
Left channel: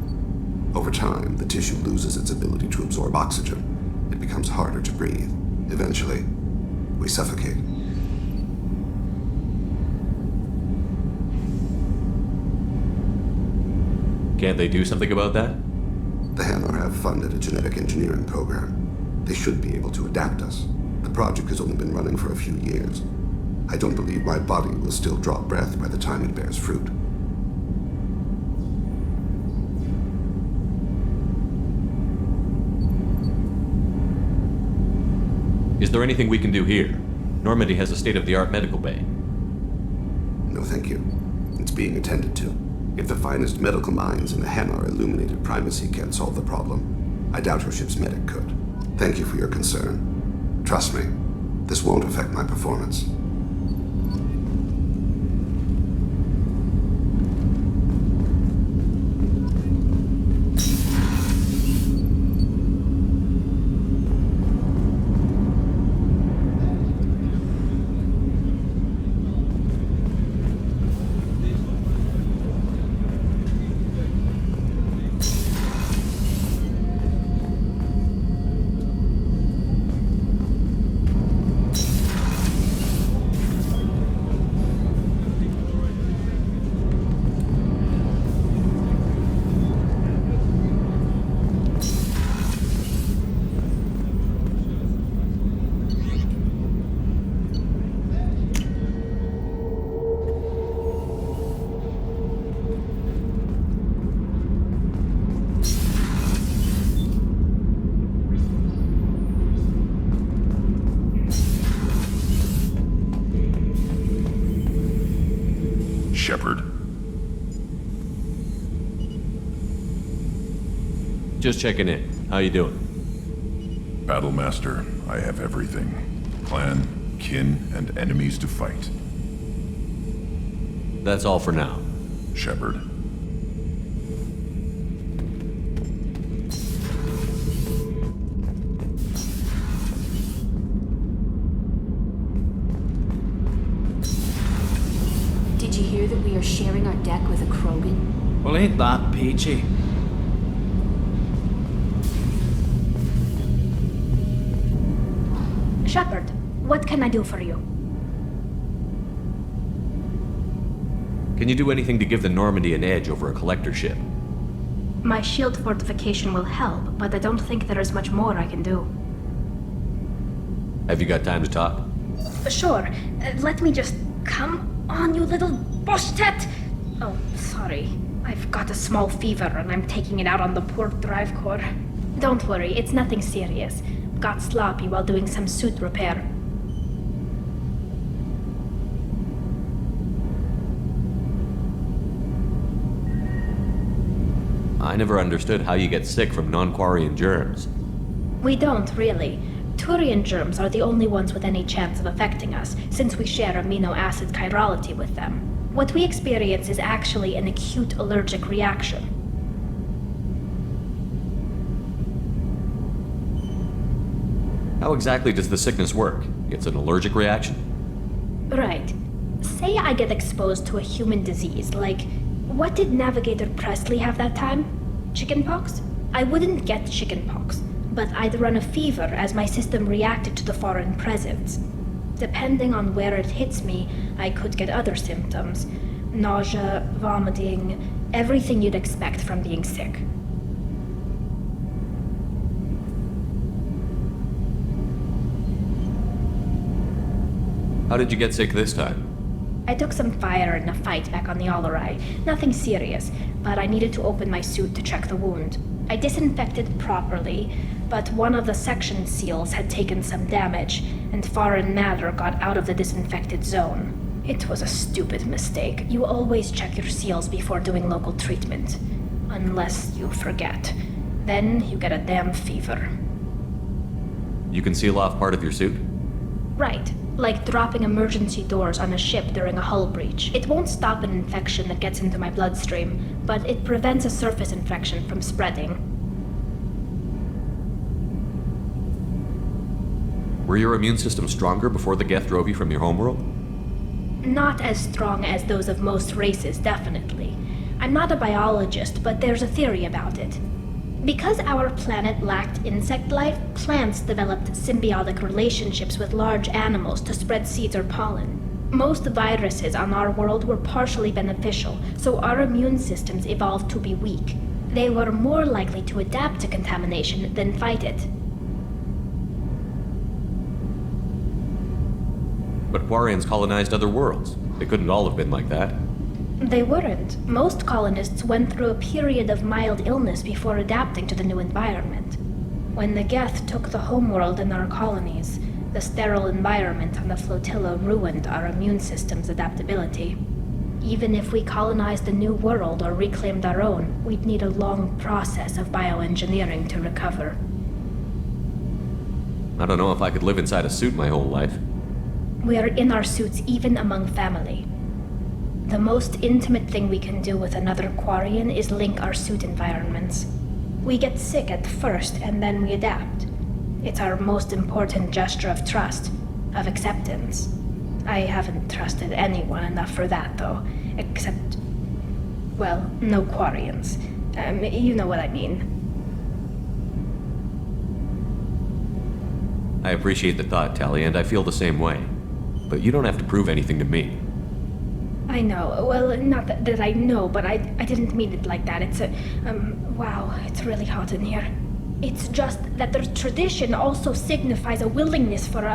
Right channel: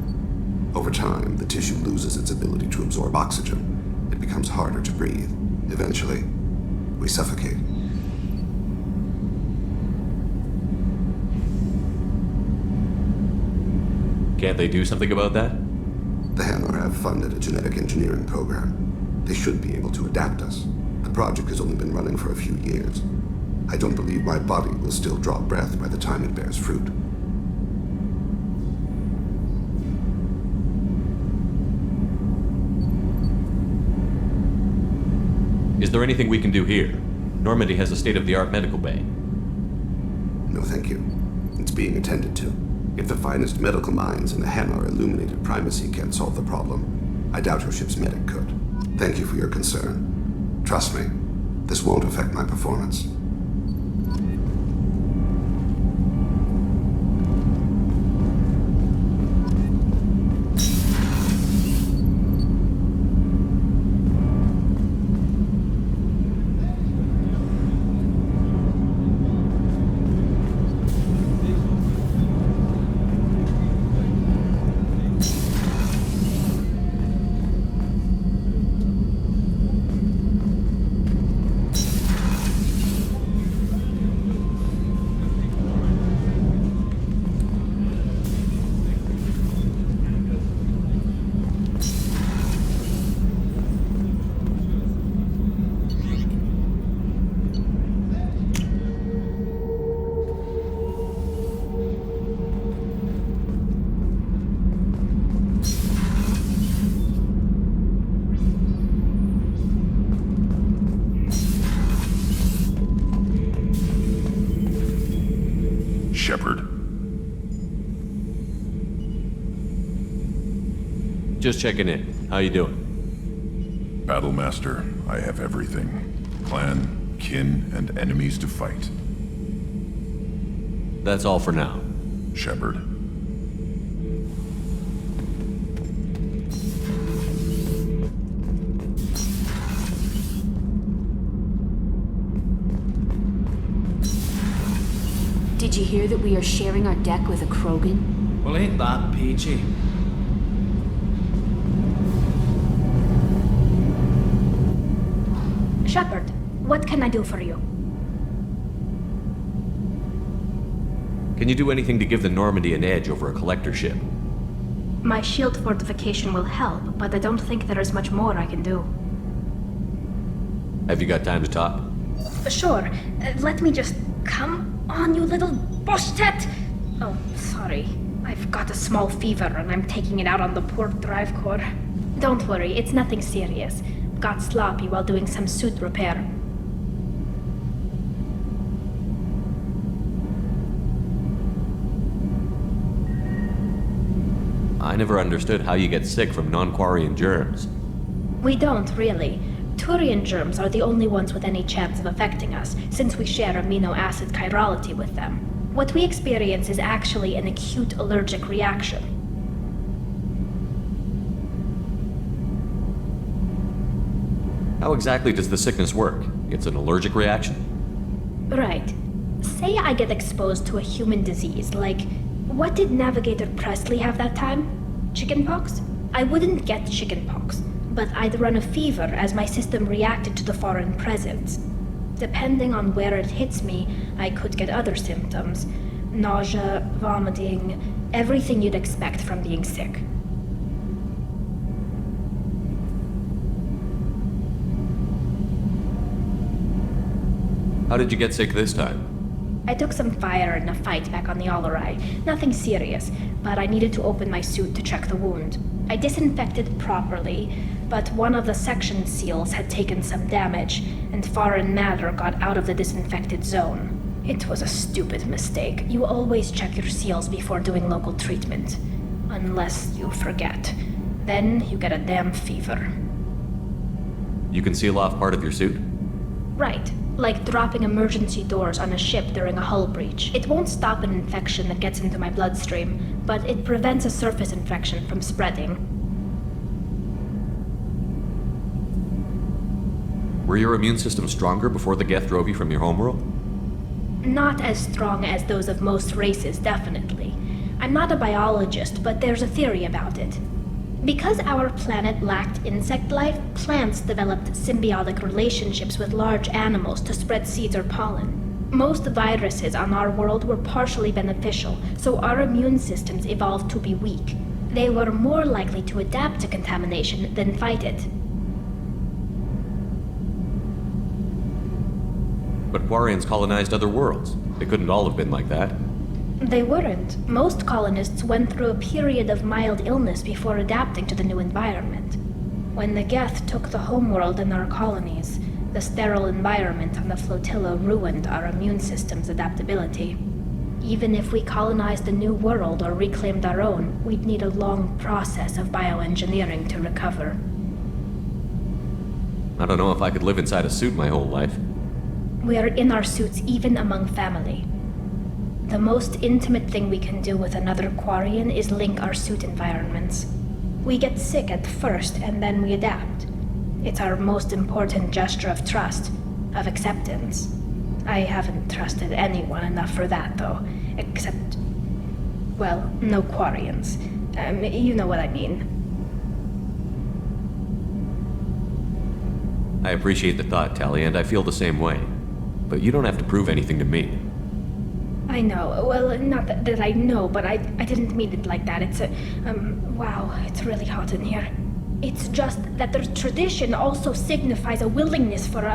Over time, the tissue loses its ability to absorb oxygen, it becomes harder to breathe. Eventually, we suffocate. Can't they do something about that? The Hanar have funded a genetic engineering program. They should be able to adapt us. The project has only been running for a few years. I don't believe my body will still draw breath by the time it bears fruit. Is there anything we can do here? Normandy has a state-of-the-art medical bay. No, thank you. It's being attended to. If the finest medical minds in the Hanar illuminated primacy can't solve the problem, I doubt your ship's medic could. Thank you for your concern. Trust me, this won't affect my performance. Shepard. Just checking in. How you doing? Battlemaster, I have everything. Clan, kin, and enemies to fight. That's all for now. Shepard. Did you hear that we are sharing our deck with a Krogan? Well, ain't that peachy? Shepard, what can I do for you? Can you do anything to give the Normandy an edge over a collector ship? My shield fortification will help, but I don't think there is much more I can do. Have you got time to talk? Sure. Let me just... Come on, you little boshtet! Oh, sorry. I've got a small fever and I'm taking it out on the poor drive core. Don't worry, it's nothing serious. Got sloppy while doing some suit repair. I never understood how you get sick from non-Quarian germs. We don't, really. Turian germs are the only ones with any chance of affecting us, since we share amino acid chirality with them. What we experience is actually an acute allergic reaction. How exactly does the sickness work? It's an allergic reaction? Right. Say I get exposed to a human disease, like... What did Navigator Presley have that time? Chickenpox? I wouldn't get chickenpox, but I'd run a fever as my system reacted to the foreign presence. Depending on where it hits me, I could get other symptoms. Nausea, vomiting, everything you'd expect from being sick. How did you get sick this time? I took some fire in a fight back on the Alarai. Nothing serious, but I needed to open my suit to check the wound. I disinfected properly, but one of the section seals had taken some damage, and foreign matter got out of the disinfected zone. It was a stupid mistake. You always check your seals before doing local treatment. Unless you forget. Then you get a damn fever. You can seal off part of your suit? Right. Like dropping emergency doors on a ship during a hull breach. It won't stop an infection that gets into my bloodstream, but it prevents a surface infection from spreading. Were your immune system stronger before the Geth drove you from your homeworld? Not as strong as those of most races, definitely. I'm not a biologist, but there's a theory about it. Because our planet lacked insect life, plants developed symbiotic relationships with large animals to spread seeds or pollen. Most viruses on our world were partially beneficial, so our immune systems evolved to be weak. They were more likely to adapt to contamination than fight it. But Quarians colonized other worlds. They couldn't all have been like that. They weren't. Most colonists went through a period of mild illness before adapting to the new environment. When the Geth took the homeworld in our colonies, the sterile environment on the flotilla ruined our immune system's adaptability. Even if we colonized a new world or reclaimed our own, we'd need a long process of bioengineering to recover. I don't know if I could live inside a suit my whole life. We are in our suits even among family. The most intimate thing we can do with another Quarian is link our suit environments. We get sick at first and then we adapt. It's our most important gesture of trust, of acceptance. I haven't trusted anyone enough for that, though. Except, well, no Quarians. You know what I mean. I appreciate the thought, Tali, and I feel the same way. But you don't have to prove anything to me. I know. Well, not that I know, but I didn't mean it like that. It's wow, it's really hot in here. It's just that the tradition also signifies a willingness for,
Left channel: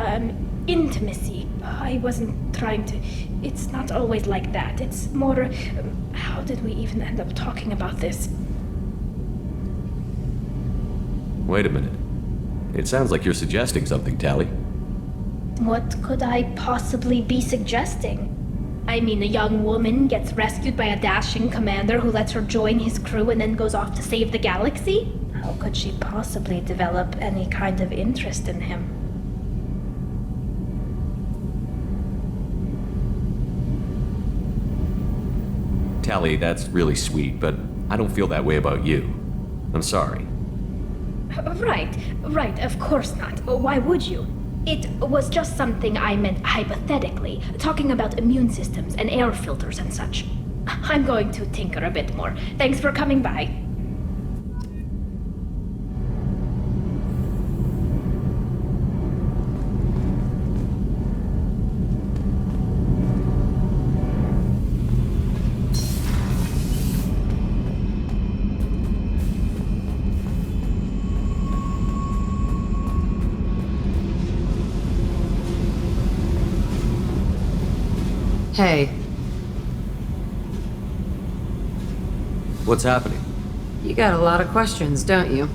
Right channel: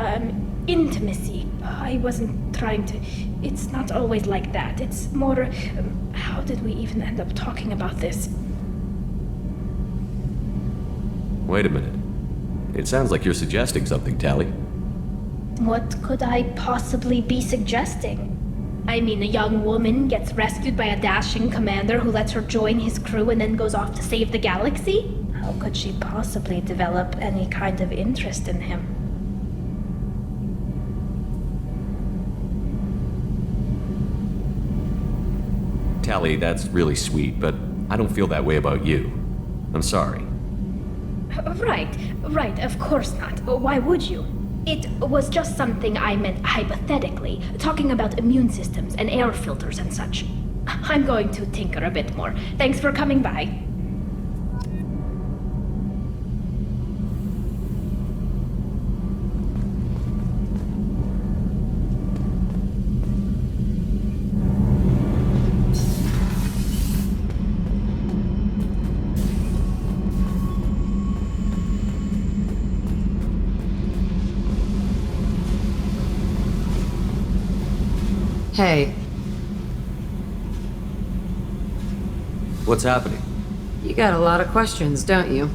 intimacy. I wasn't trying to... It's not always like that. It's more... how did we even end up talking about this? Wait a minute. It sounds like you're suggesting something, Tali. What could I possibly be suggesting? I mean, a young woman gets rescued by a dashing commander who lets her join his crew and then goes off to save the galaxy? How could she possibly develop any kind of interest in him? Tali, that's really sweet, but I don't feel that way about you. I'm sorry. Right, of course not. Why would you? It was just something I meant hypothetically, talking about immune systems and air filters and such. I'm going to tinker a bit more. Thanks for coming by. Hey. What's happening? You got a lot of questions, don't you?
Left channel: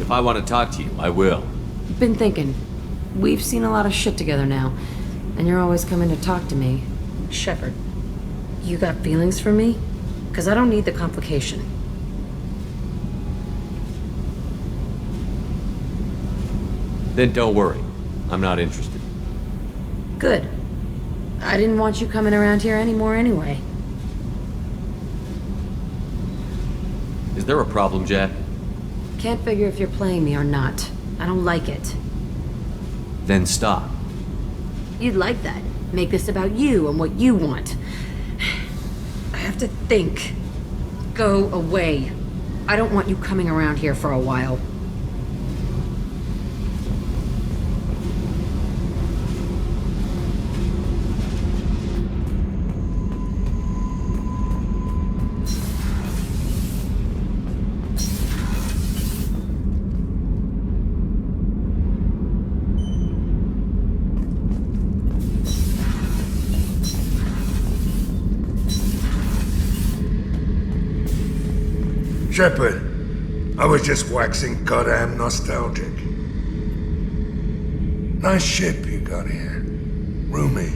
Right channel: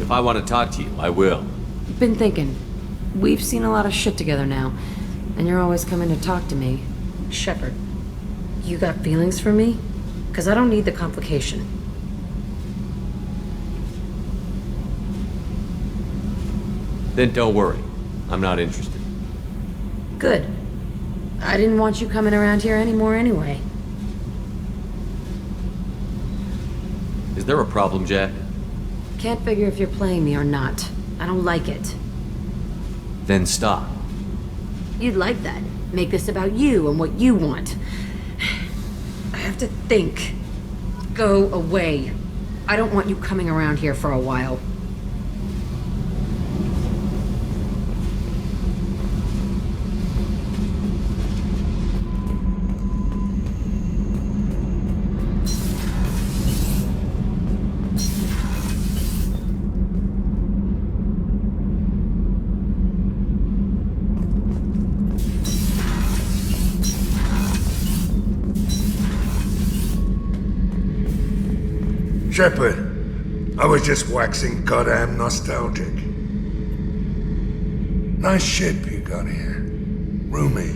If I want to talk to you, I will. Been thinking. We've seen a lot of shit together now, and you're always coming to talk to me. Shepard, you got feelings for me? 'Cause I don't need the complication. Then don't worry. I'm not interested. Good. I didn't want you coming around here anymore anyway. Is there a problem, Jack? Can't figure if you're playing me or not. I don't like it. Then stop. You'd like that. Make this about you and what you want. I have to think. Go away. I don't want you coming around here for a while. Shepard, I was just waxing goddamn nostalgic. Nice ship you got here. Roomy.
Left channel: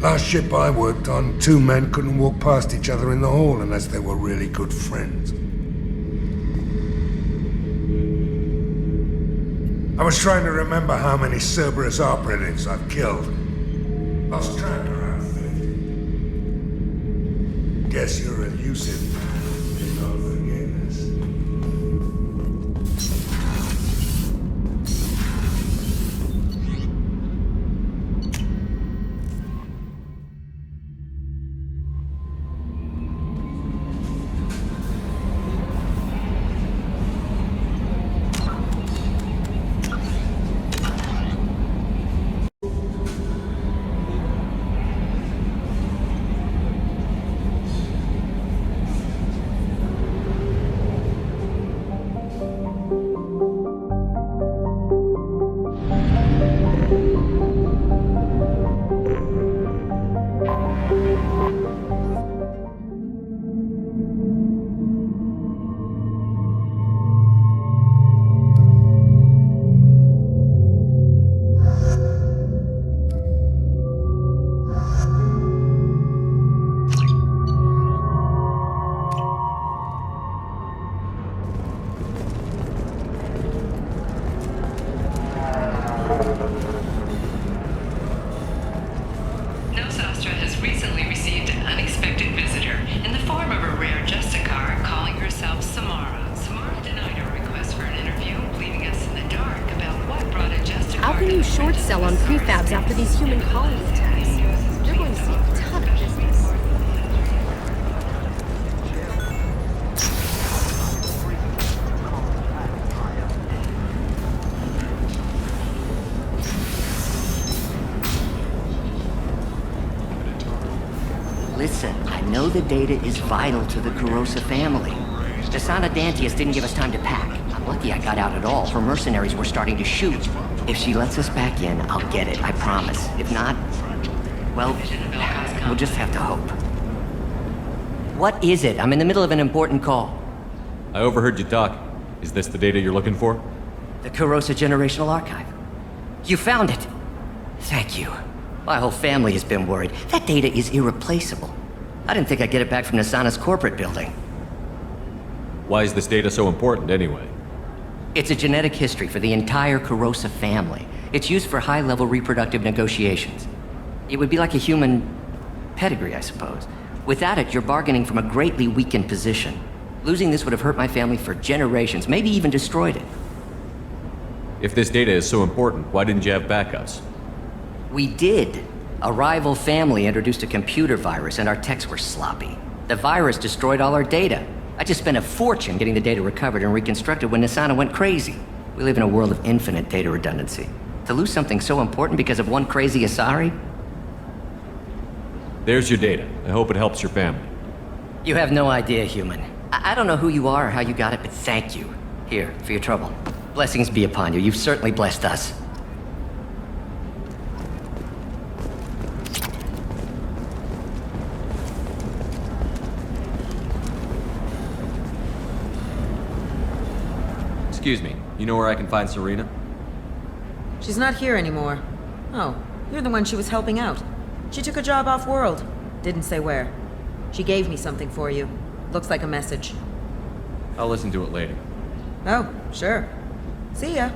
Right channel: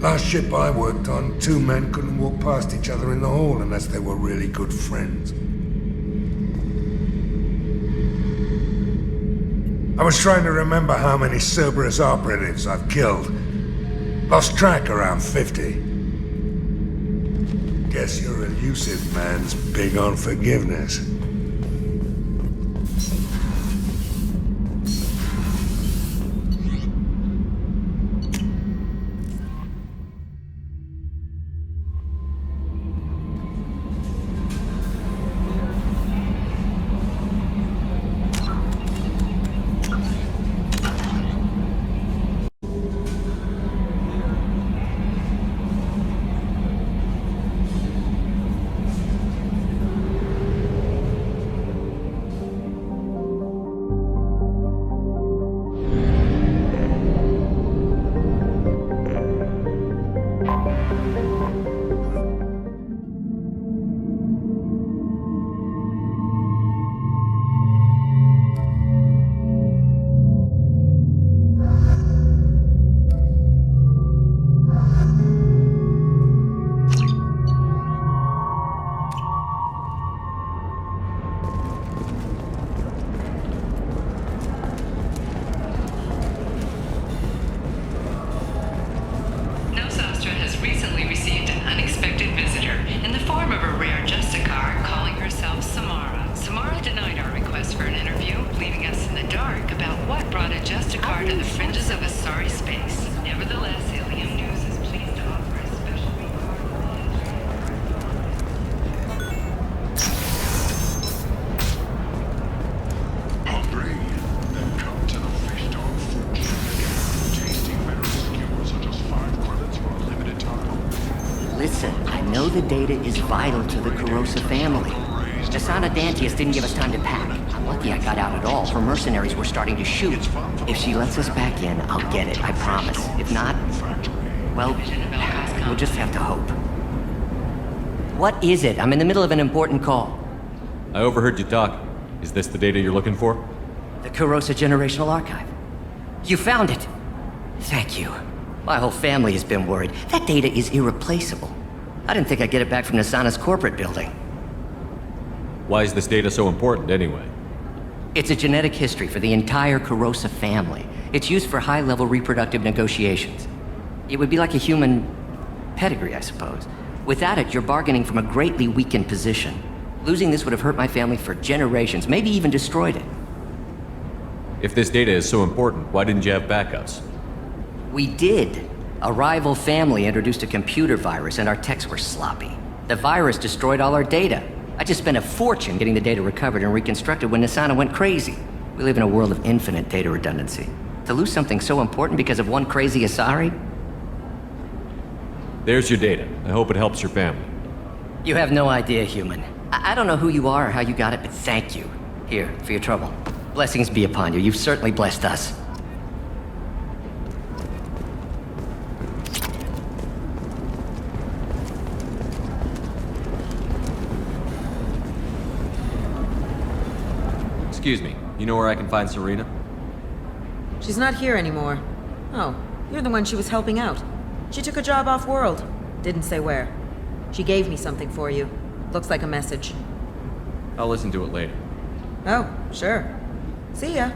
Last ship I worked on, two men couldn't walk past each other in the hall unless they were really good friends. I was trying to remember how many Cerberus operatives I've killed. Lost track around 50. Guess your elusive man's big on forgiveness. How can you short sell on prefabs after these human colony attacks? Everyone's so tough. Listen, I know the data is vital to the Kurosa family. Nasana Dantius didn't give us time to pack. I'm lucky I got out at all. Her mercenaries were starting to shoot. If she lets us back in, I'll get it, I promise. If not, well, we'll just have to hope. What is it? I'm in the middle of an important call. I overheard you talk. Is this the data you're looking for? The Kurosa Generational Archive. You found it! Thank you. My whole family has been worried. That data is irreplaceable. I didn't think I'd get it back from Nasana's corporate building. Why is this data so important, anyway? It's a genetic history for the entire Kurosa family. It's used for high-level reproductive negotiations. It would be like a human pedigree, I suppose. Without it, you're bargaining from a greatly weakened position. Losing this would have hurt my family for generations, maybe even destroyed it. If this data is so important, why didn't you have backups? We did. A rival family introduced a computer virus and our techs were sloppy. The virus destroyed all our data. I just spent a fortune getting the data recovered and reconstructed when Nasana went crazy. We live in a world of infinite data redundancy. To lose something so important because of one crazy Asari? There's your data. I hope it helps your family. You have no idea, human. I don't know who you are or how you got it, but thank you. Here, for your trouble. Blessings be upon you. You've certainly blessed us. Excuse me, you know where I can find Serena? She's not here anymore. Oh, you're the one she was helping out. She took a job off-world. Didn't say where. She gave me something for you. Looks like a message. I'll listen to it later. Oh, sure. See ya.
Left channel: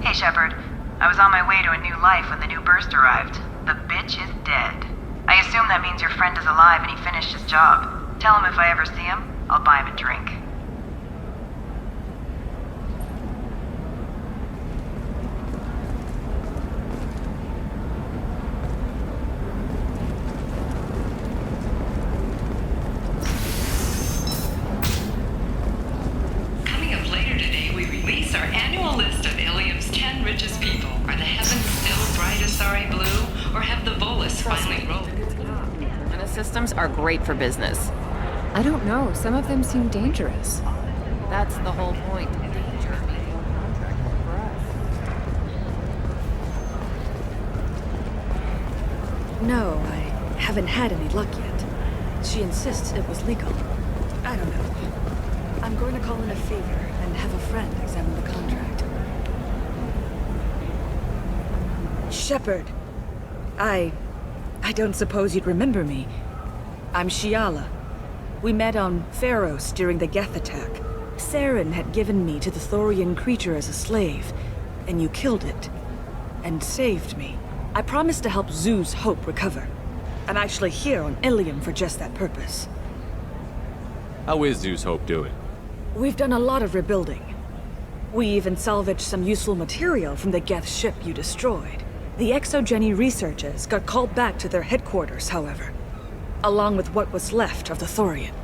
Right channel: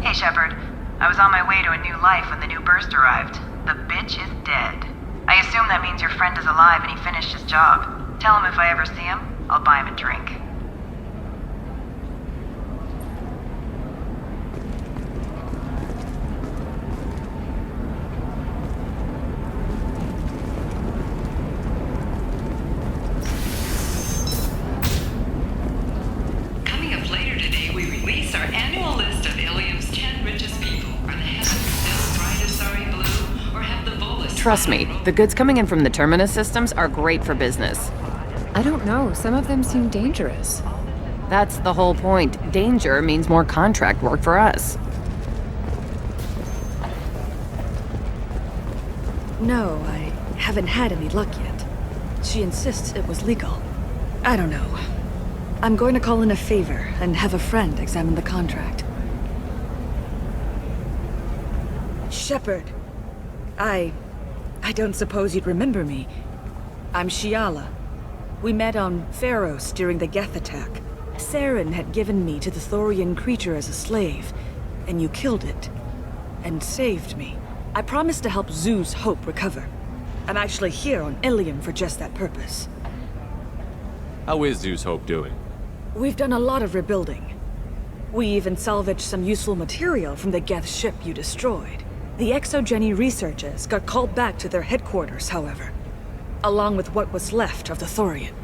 Hey, Shepard. I was on my way to a new life when the new burst arrived. The bitch is dead. I assume that means your friend is alive and he finished his job. Tell him if I ever see him, I'll buy him a drink. Coming up later today, we release our annual list of Ilium's 10 richest people. Are the heavens still bright Asari blue? Or have the Volus Trust me, the goods coming in from the Terminus systems are great for business. I don't know, some of them seem dangerous. That's the whole point. Danger means more contract work for us. No, I haven't had any luck yet. She insists it was legal. I don't know. I'm going to call in a favor and have a friend examine the contract. Shepard. I don't suppose you'd remember me. I'm Shiala. We met on Pharos during the Geth attack. Saren had given me to the Thorian creature as a slave, and you killed it. And saved me. I promised to help Zeus Hope recover. I'm actually here on Ilium for just that purpose. How is Zeus Hope doing? We've done a lot of rebuilding. We even salvaged some useful material from the Geth ship you destroyed. The Exogeny researchers got called back to their headquarters, however, along with what was left of the Thorian.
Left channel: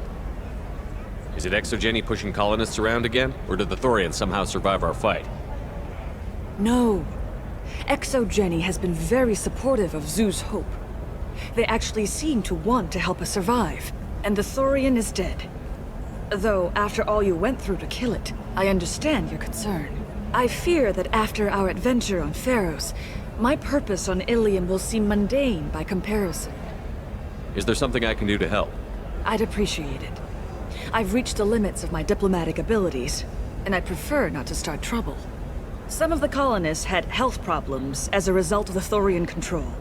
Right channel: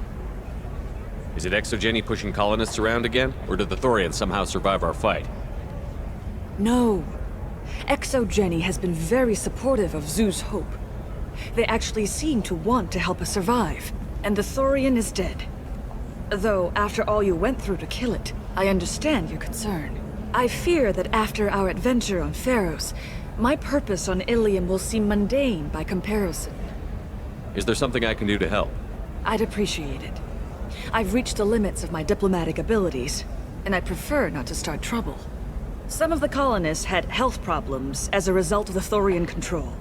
Is it Exogeny pushing colonists around again? Or did the Thorians somehow survive our fight? No. Exogeny has been very supportive of Zeus Hope. They actually seem to want to help us survive, and the Thorian is dead. Though, after all you went through to kill it, I understand your concern. I fear that after our adventure on Pharos, my purpose on Ilium will seem mundane by comparison. Is there something I can do to help? I'd appreciate it. I've reached the limits of my diplomatic abilities, and I prefer not to start trouble. Some of the colonists had health problems as a result of the Thorian control.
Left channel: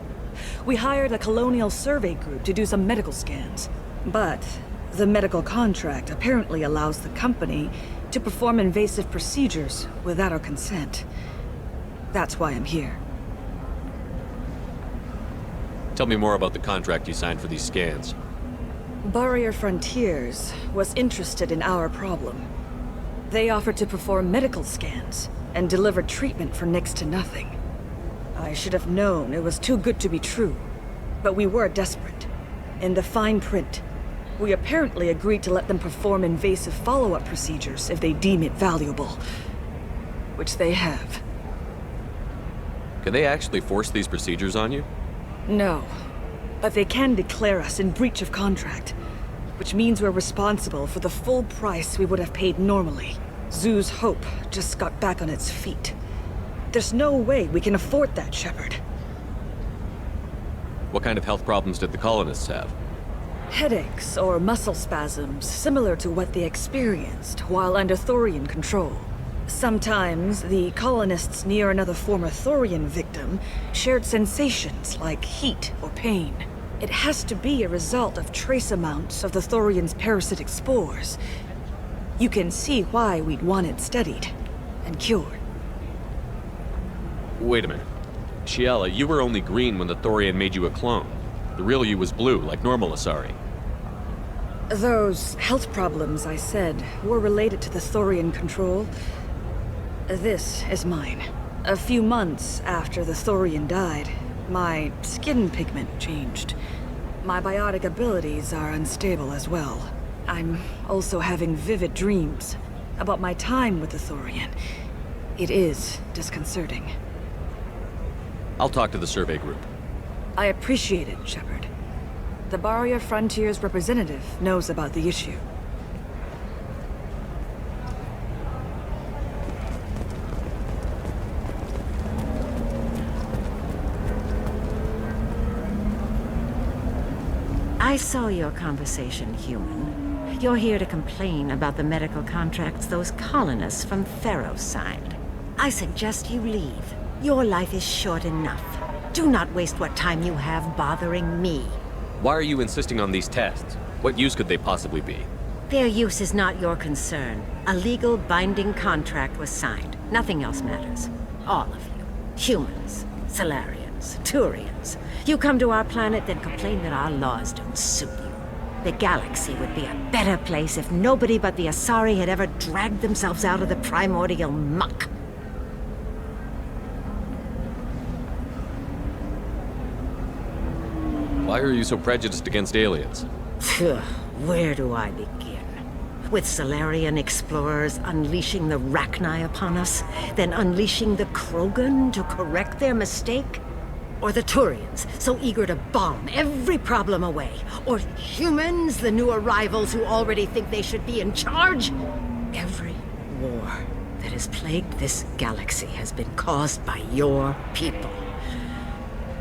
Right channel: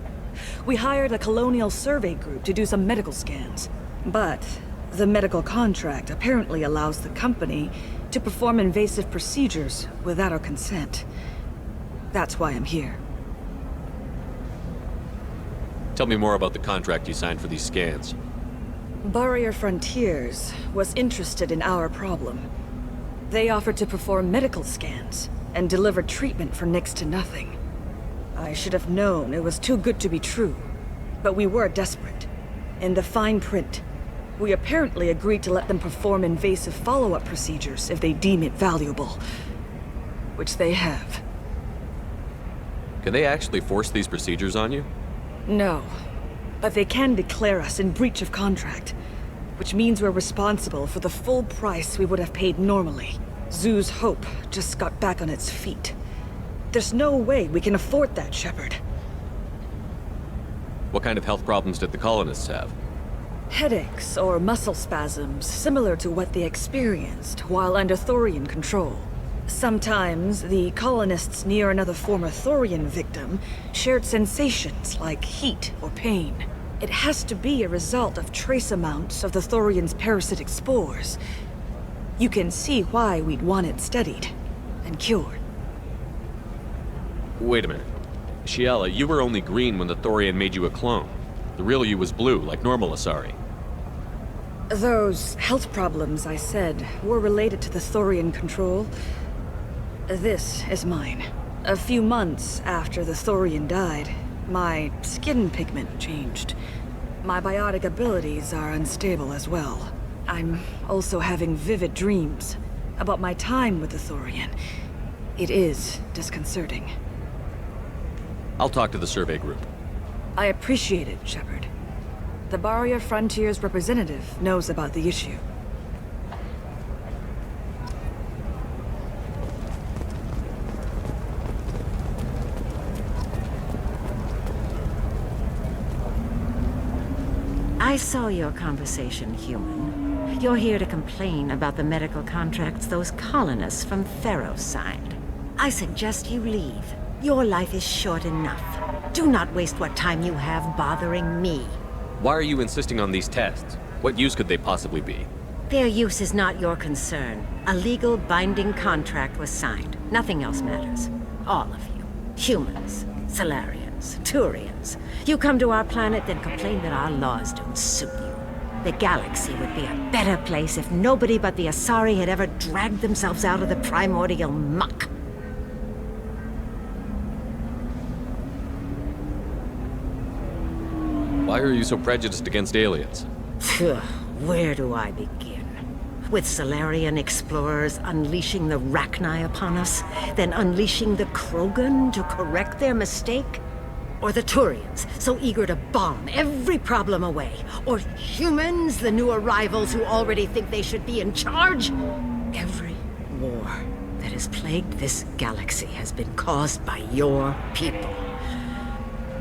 We hired a colonial survey group to do some medical scans. But the medical contract apparently allows the company to perform invasive procedures without our consent. That's why I'm here. Tell me more about the contract you signed for these scans. Barrier Frontiers was interested in our problem. They offered to perform medical scans and deliver treatment for next to nothing. I should have known it was too good to be true, but we were desperate. In the fine print, we apparently agreed to let them perform invasive follow-up procedures if they deem it valuable, which they have. Can they actually force these procedures on you? No, but they can declare us in breach of contract, which means we're responsible for the full price we would have paid normally. Zoo's Hope just got back on its feet. There's no way we can afford that, Shepard. What kind of health problems did the colonists have? Headaches or muscle spasms similar to what they experienced while under Thorian control. Sometimes the colonists near another former Thorian victim shared sensations like heat or pain. It has to be a result of trace amounts of the Thorian's parasitic spores. You can see why we'd want it studied and cured. Wait a minute. Shiala, you were only green when the Thorian made you a clone. The real you was blue, like normal Asari. Those health problems I said were related to the Thorian control. This is mine. A few months after the Thorian died, my skin pigment changed. My biotic abilities are unstable as well. I'm also having vivid dreams about my time with the Thorian. It is disconcerting. I'll talk to the survey group. I appreciate it, Shepard. The Barrier Frontiers representative knows about the issue. I saw your conversation, human. You're here to complain about the medical contracts those colonists from Theros signed. I suggest you leave. Your life is short enough. Do not waste what time you have bothering me. Why are you insisting on these tests? What use could they possibly be? Their use is not your concern. A legal binding contract was signed. Nothing else matters. All of you. Humans, Salarians, Turians. You come to our planet, then complain that our laws don't suit you. The galaxy would be a better place if nobody but the Asari had ever dragged themselves out of the primordial muck. Why are you so prejudiced against aliens? Where do I begin? With Salarian explorers unleashing the Rachni upon us, then unleashing the Krogan to correct their mistake? Or the Turians, so eager to bomb every problem away? Or humans, the new arrivals who already think they should be in charge? Every war that has plagued this galaxy has been caused by your people.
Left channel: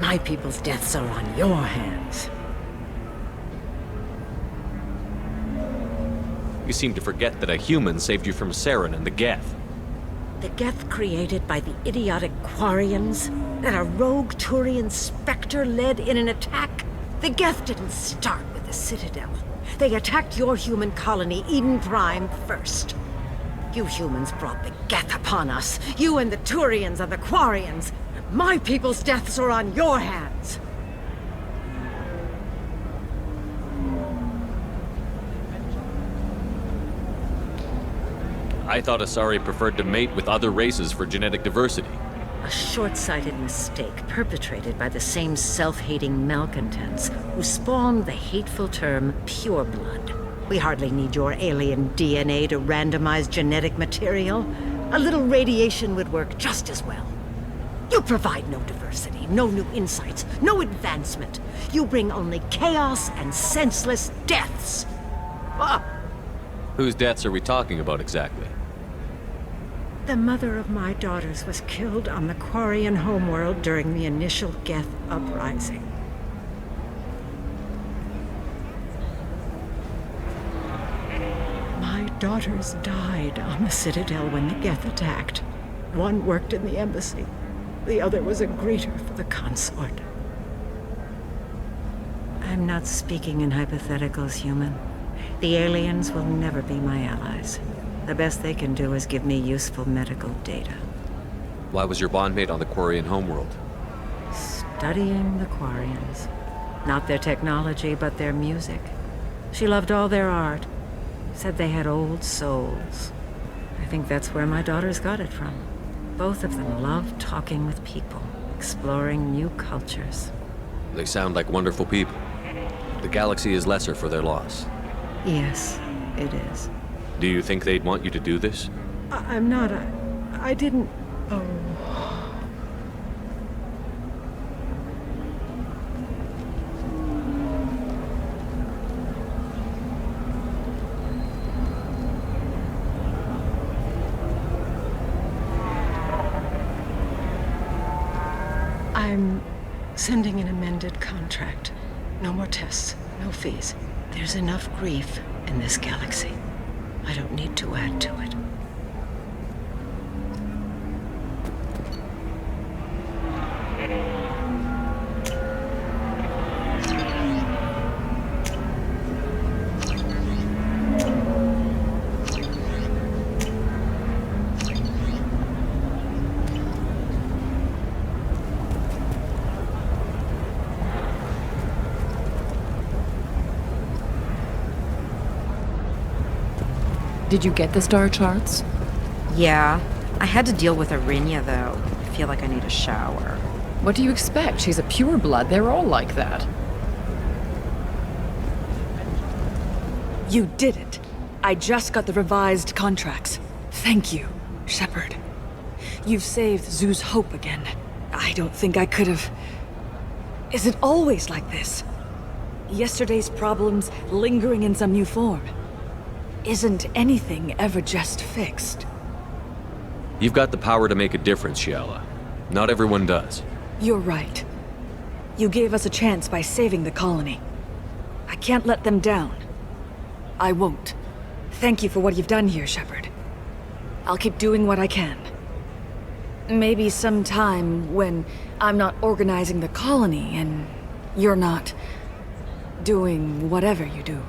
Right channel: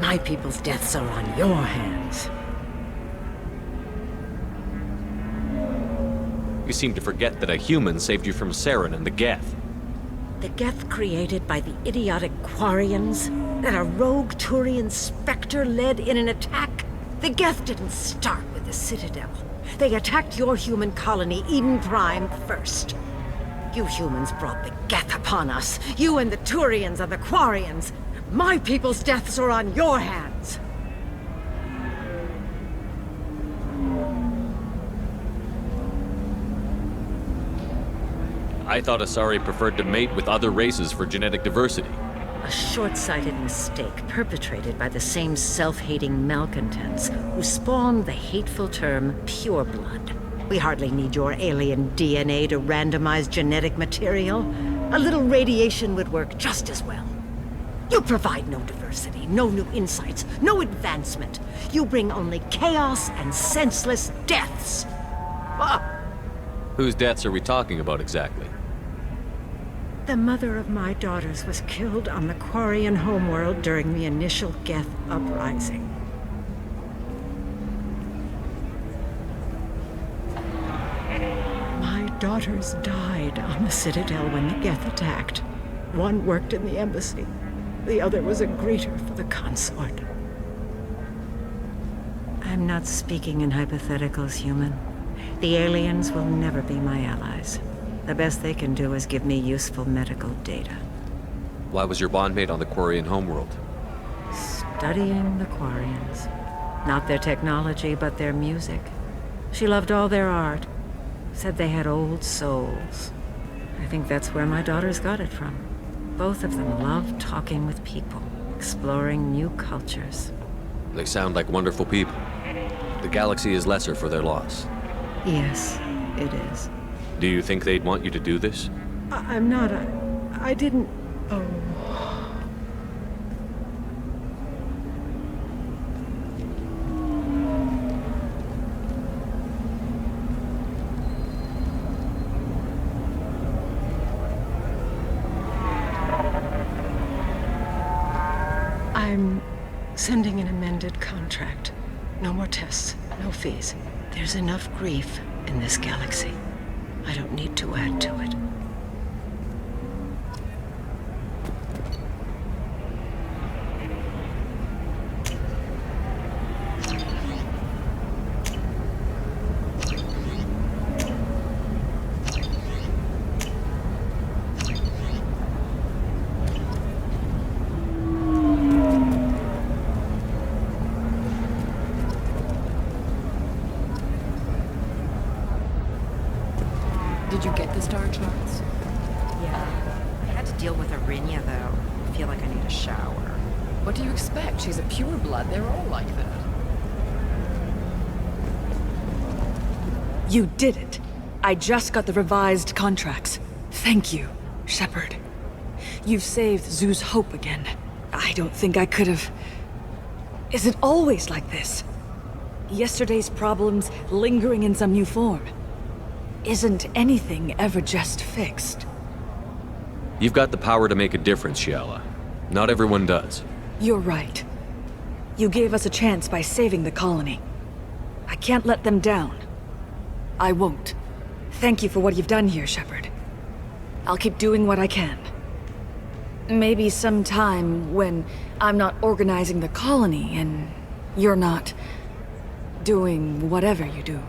My people's deaths are on your hands. You seem to forget that a human saved you from Saren and the Geth. The Geth created by the idiotic Quarians that a rogue Turian Spectre led in an attack? The Geth didn't start with the Citadel. They attacked your human colony, Eden Prime, first. You humans brought the Geth upon us. You and the Turians and the Quarians. My people's deaths are on your hands. I thought Asari preferred to mate with other races for genetic diversity. A short-sighted mistake perpetrated by the same self-hating malcontents who spawned the hateful term pureblood. We hardly need your alien DNA to randomize genetic material. A little radiation would work just as well. You provide no diversity, no new insights, no advancement. You bring only chaos and senseless deaths. Whose deaths are we talking about exactly? The mother of my daughters was killed on the Quarian homeworld during the initial Geth uprising. My daughters died on the Citadel when the Geth attacked. One worked in the embassy. The other was a greeter for the consort. I'm not speaking in hypotheticals, human. The aliens will never be my allies. The best they can do is give me useful medical data. Why was your bondmate on the Quarian homeworld? Studying the Quarians. Not their technology, but their music. She loved all their art. Said they had old souls. I think that's where my daughters got it from. Both of them love talking with people, exploring new cultures. They sound like wonderful people. The galaxy is lesser for their loss. Yes, it is. Do you think they'd want you to do this? I'm not. I didn't. Oh. I'm sending an amended contract. No more tests, no fees. There's enough grief in this galaxy. I don't need to add to it. Did you get the star charts? Yeah. I had to deal with Arinya, though. I feel like I need a shower. What do you expect? She's a pureblood. They're all like that. You did it. I just got the revised contracts. Thank you, Shepard. You've saved Zoo's hope again. I don't think I could have... Is it always like this? Yesterday's problems lingering in some new form. Isn't anything ever just fixed? You've got the power to make a difference, Shiala. Not everyone does. You're right. You gave us a chance by saving the colony. I can't let them down. I won't. Thank you for what you've done here, Shepard. I'll keep doing what I can. Maybe sometime when I'm not organizing the colony and you're not doing whatever you do.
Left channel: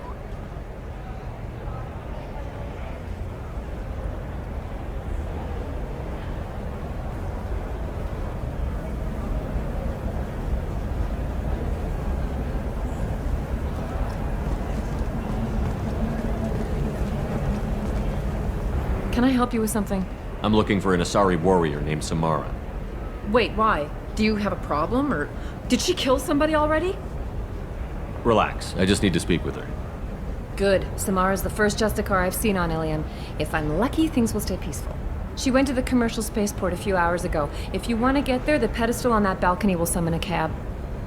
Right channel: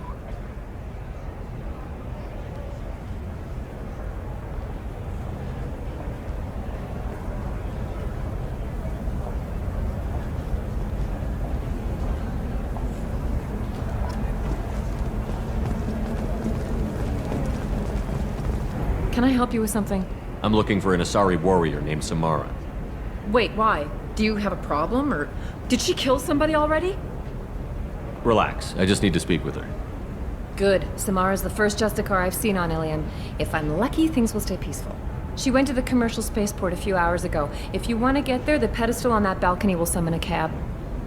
Can I help you with something? I'm looking for an Asari warrior named Samara. Wait, why? Do you have a problem, or did she kill somebody already? Relax, I just need to speak with her. Good. Samara's the first Justicar I've seen on Ilium. If I'm lucky, things will stay peaceful. She went to the commercial spaceport a few hours ago. If you want to get there, the pedestal on that balcony will summon a cab.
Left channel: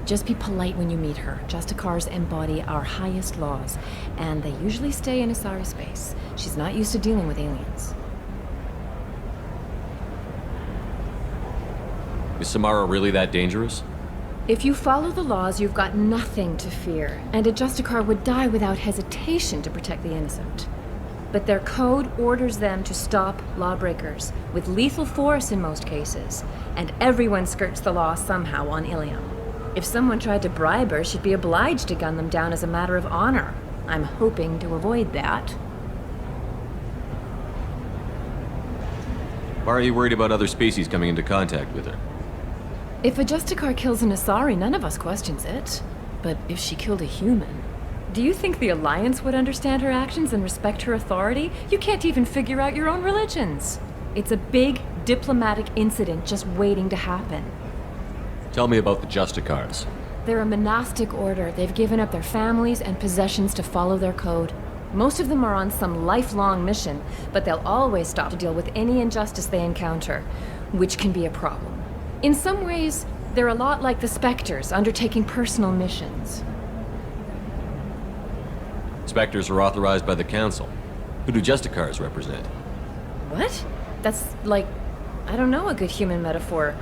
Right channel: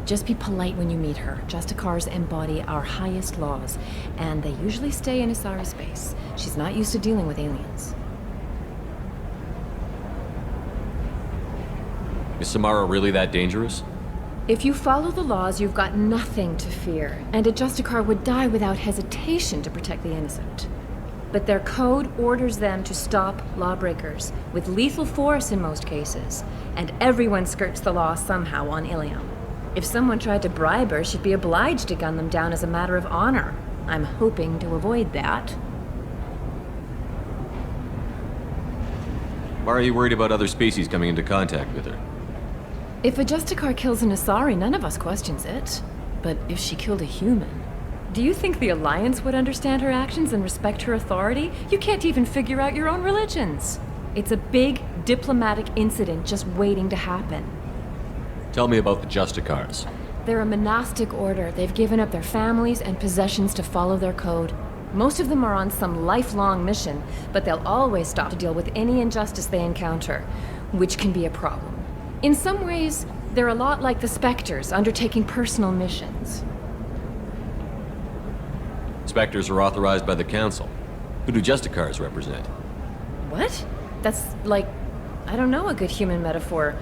Just be polite when you meet her. Justicars embody our highest laws, and they usually stay in Asari space. She's not used to dealing with aliens. Is Samara really that dangerous? If you follow the laws, you've got nothing to fear, and a Justicar would die without hesitation to protect the innocent. But their code orders them to stop lawbreakers, with lethal force in most cases, and everyone skirts the law somehow on Ilium. If someone tried to bribe her, she'd be obliged to gun them down as a matter of honor. I'm hoping to avoid that. Why are you worried about other species coming into contact with her? If a Justicar kills an Asari, none of us questions it. But if she killed a human... Do you think the Alliance would understand her actions and respect her authority? You can't even figure out your own religions. It's a big diplomatic incident just waiting to happen. Tell me about the Justicars. They're a monastic order. They've given up their families and possessions to follow their code. Most of them are on some lifelong mission, but they'll always stop to deal with any injustice they encounter, which can be a problem. In some ways, they're a lot like the Spectres, undertaking personal missions. Spectres are authorized by the Council. Who do Justicars represent? What? That's like, I don't know, a good human metaphor.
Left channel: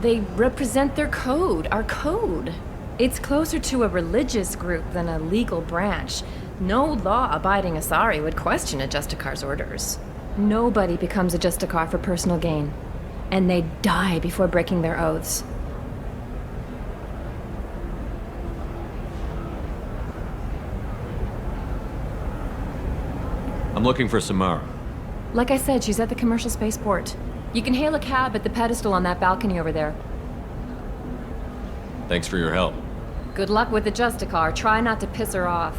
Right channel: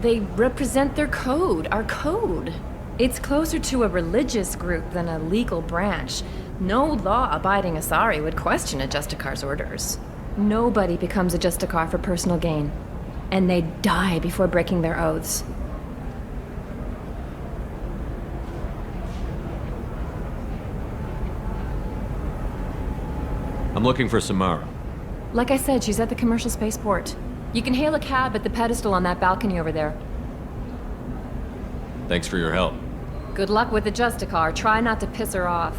They represent their code, our code. It's closer to a religious group than a legal branch. No law-abiding Asari would question a Justicar's orders. Nobody becomes a Justicar for personal gain. And they die before breaking their oaths. I'm looking for Samara. Like I said, she's at the commercial spaceport. You can hail a cab at the pedestal on that balcony over there. Thanks for your help. Good luck with the Justicar. Try not to piss her off.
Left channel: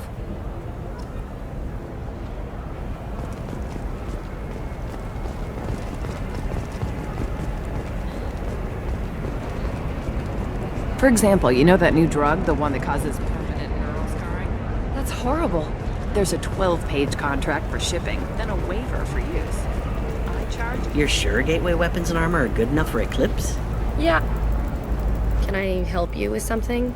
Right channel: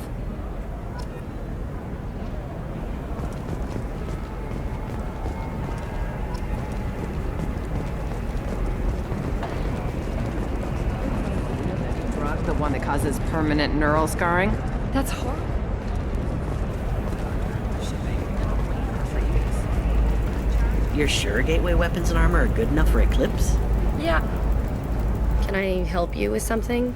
For example, you know that new drug, the one that causes permanent neural scarring? That's horrible. There's a 12-page contract for shipping, then a waiver for use. You're sure Gateway weapons and armor are good enough for Eclipse? Yeah. Can I help you with something?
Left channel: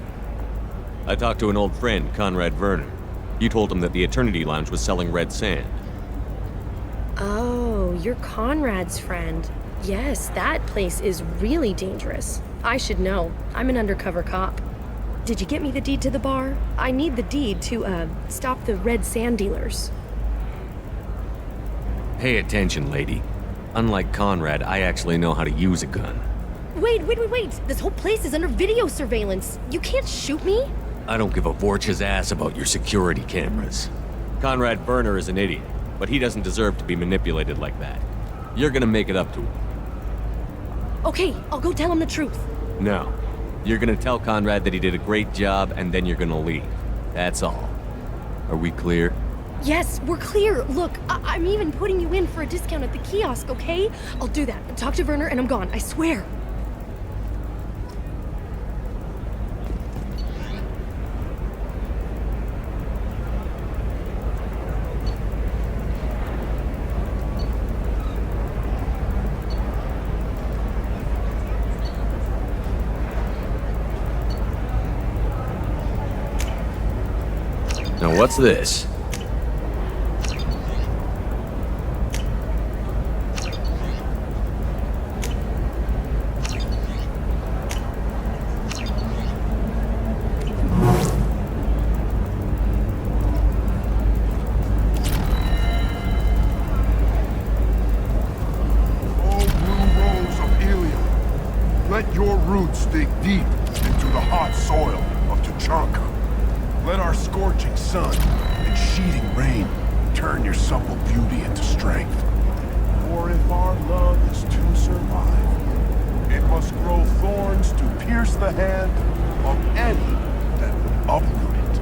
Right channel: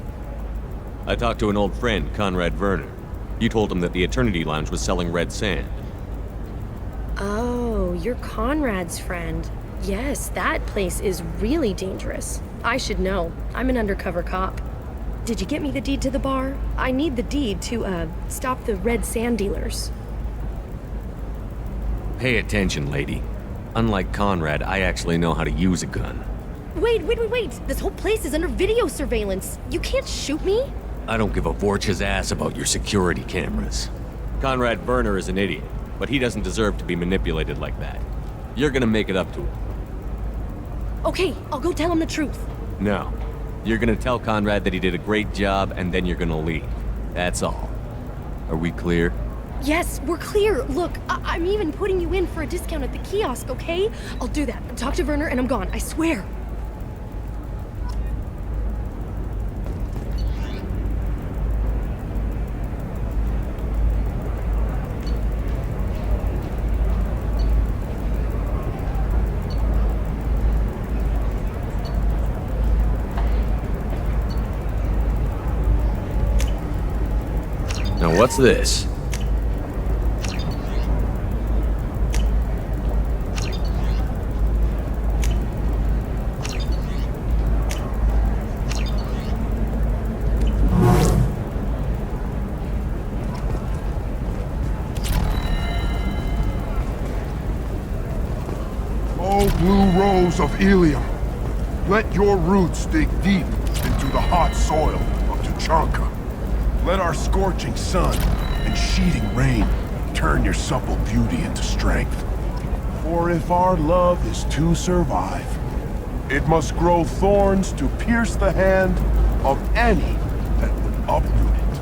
I talked to an old friend, Conrad Werner. You told him that the Eternity Lounge was selling red sand. Oh, you're Conrad's friend. Yes, that place is really dangerous. I should know. I'm an undercover cop. Did you get me the deed to the bar? I need the deed to, stop the red sand dealers. Pay attention, lady. Unlike Conrad, I actually know how to use a gun. Wait. This whole place is under video surveillance. You can't shoot me? I don't give a Vorch's ass about your security cameras. Conrad Werner is an idiot, but he doesn't deserve to be manipulated like that. You're gonna make it up to him. Okay, I'll go tell him the truth. No. You're gonna tell Conrad that he did a great job, and then you're gonna leave. That's all. Are we clear? Yes, we're clear. Look, I'm even putting you in for a discount at the kiosk, okay? I'll do that. Talk to Werner and I'm gone, I swear. Now what's this? O blue rose of Ilium, let your roots dig deep into the hot soil of Tuchanka. Let our scorching sun and sheeting rain turn your supple beauty into strength. For if our love is to survive, it must grow thorns to pierce the hand of any that would uproot it.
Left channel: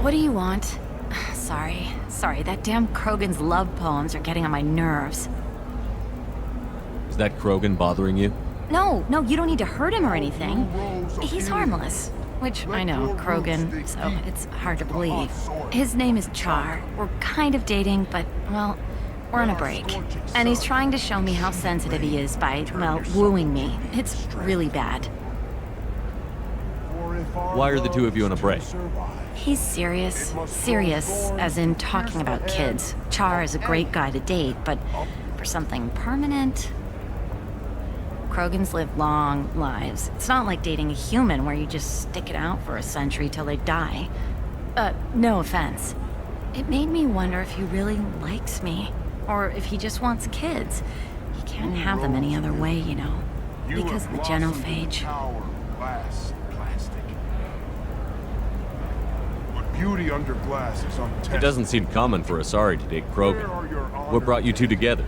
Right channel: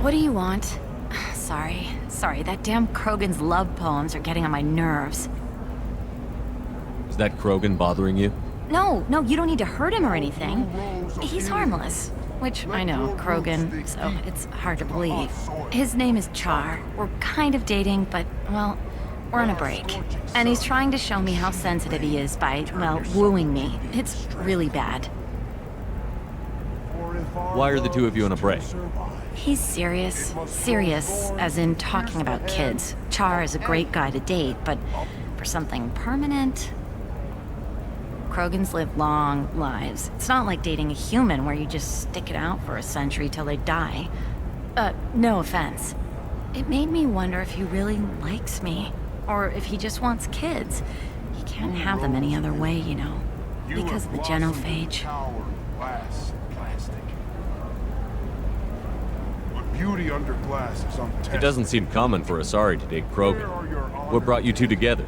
What do you want? Sorry, that damn Krogan's love poems are getting on my nerves. Is that Krogan bothering you? No, you don't need to hurt him or anything. He's harmless. Which, I know, Krogan, so it's hard to believe. His name is Char. We're kind of dating, but, well, we're on a break. And he's trying to show me how sensitive he is by, well, wooing me. It's really bad. Why are the two of you on a break? He's serious. Serious, as in talking about kids. Char is a great guy to date, but for something permanent... Krogans live long lives. It's not like dating a human where you just stick it out for a century till they die. No offense. It made me wonder if he really likes me, or if he just wants kids. He can't have them any other way, you know, because of the genophage. But beauty under glass is untested. It doesn't seem common for Asari to date Krogan. What brought you two together?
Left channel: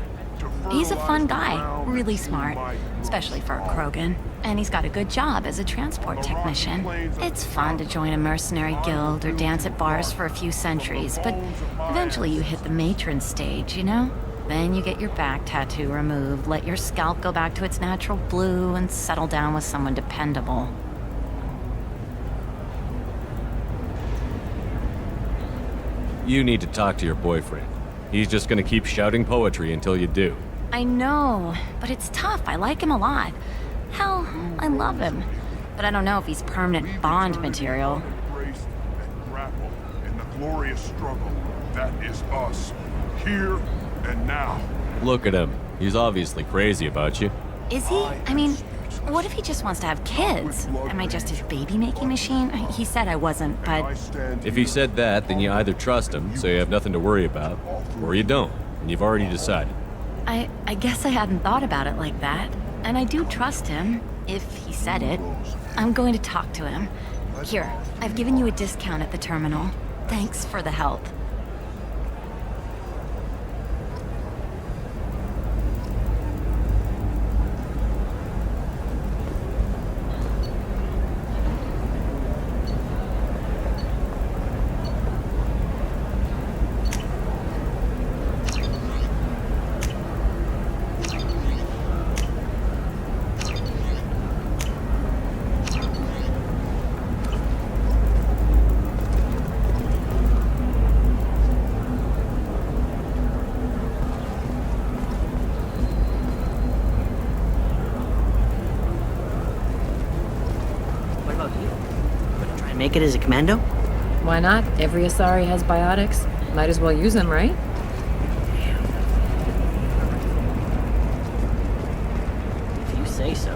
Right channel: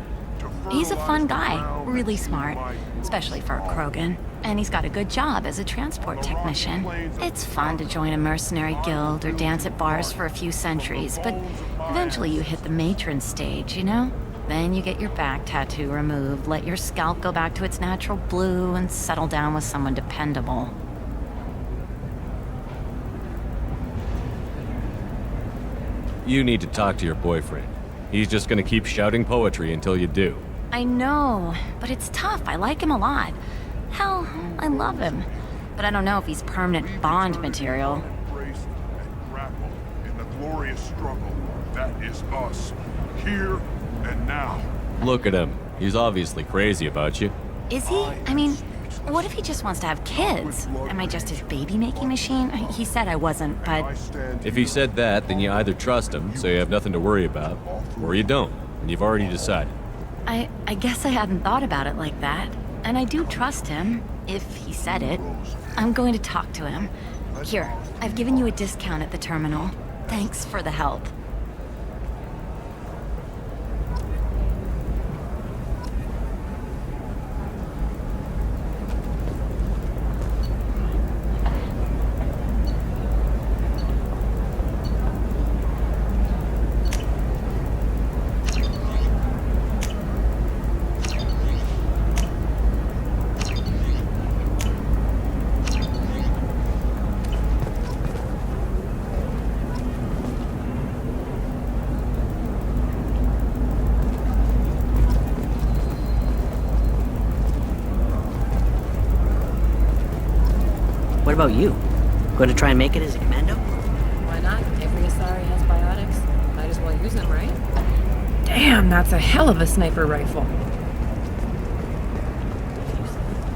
He's a fun guy, really smart, especially for a Krogan. And he's got a good job as a transport technician. It's fun to join a mercenary guild or dance at bars for a few centuries, but eventually you hit the matron stage, you know? Then you get your back tattoo removed, let your scalp go back to its natural blue, and settle down with someone dependable. You need to talk to your boyfriend. He's just gonna keep shouting poetry until you do. I know, but it's tough. I like him a lot. Hell, I love him. But I don't know if he's permanent Bond material. Embrace and grapple in the glorious struggle that is us, here and now. Look at him. He's obviously crazy about you. Is he? I mean, what if he just wants to have kids? Am I just his baby-making machine? He said I wasn't, but... If he said that, then you either trust him, so you have nothing to worry about, or you don't, and you've already decided. I guess I hadn't thought about it like that. And I do trust him, if he said it. I'm going to talk to him. Here, I've given you a discount at the terminal. Thanks for the help. What about you? Going to try and make it as a commando? Why not? Every Asari has biotics. Might as well use them, right? Damn, that's a hell of a sniper rifle. If you say so.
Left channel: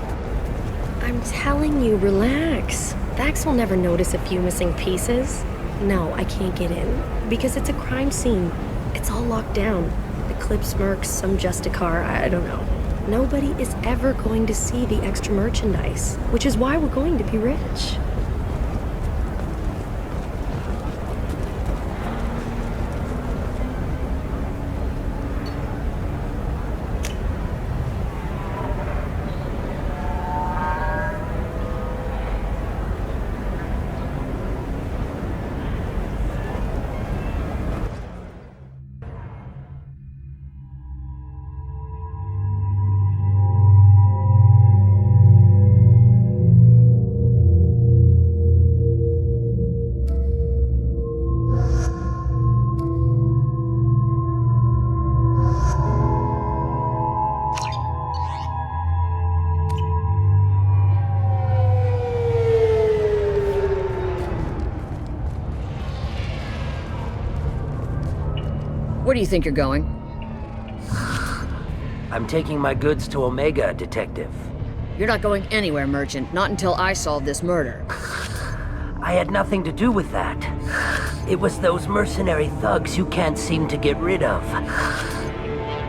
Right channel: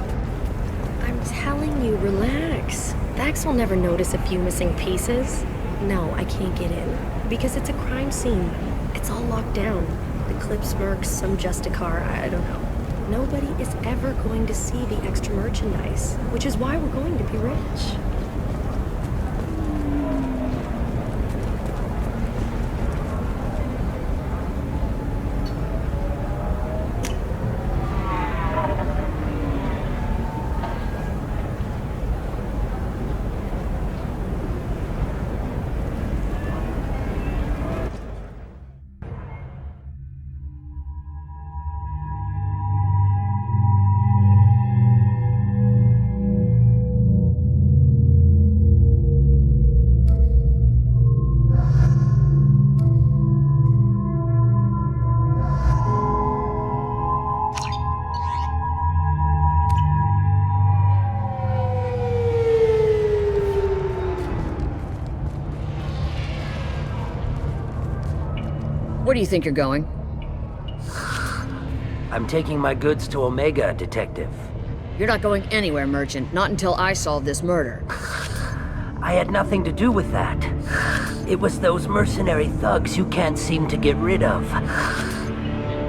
I'm telling you, relax. Vax will never notice a few missing pieces. No, I can't get in. Because it's a crime scene. It's all locked down. The Clips mercs, some Justicar, I don't know. Nobody is ever going to see the extra merchandise, which is why we're going to be rich. Where do you think you're going? I'm taking my goods to Omega, Detective. You're not going anywhere, Merchant. Not until I solve this murder. I had nothing to do with that. It was those mercenary thugs you can't seem to get rid of.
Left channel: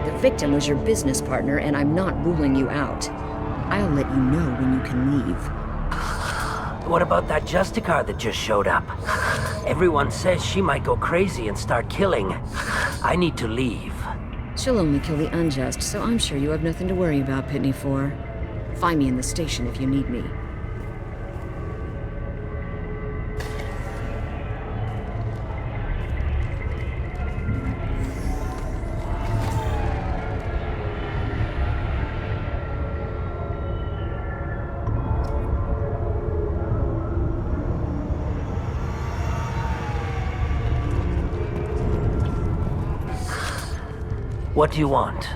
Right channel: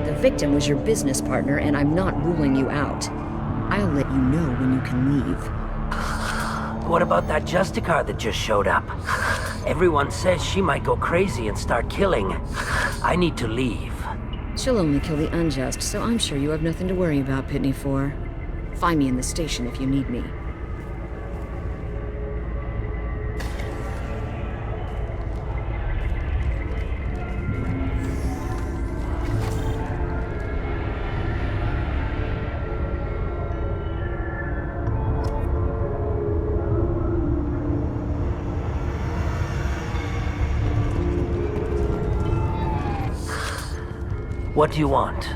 The victim was your business partner, and I'm not ruling you out. I'll let you know when you can leave. What about that Justicar that just showed up? Everyone says she might go crazy and start killing. I need to leave. She'll only kill the unjust, so I'm sure you have nothing to worry about, Pitney 4. Find me in the station if you need me. What do you want?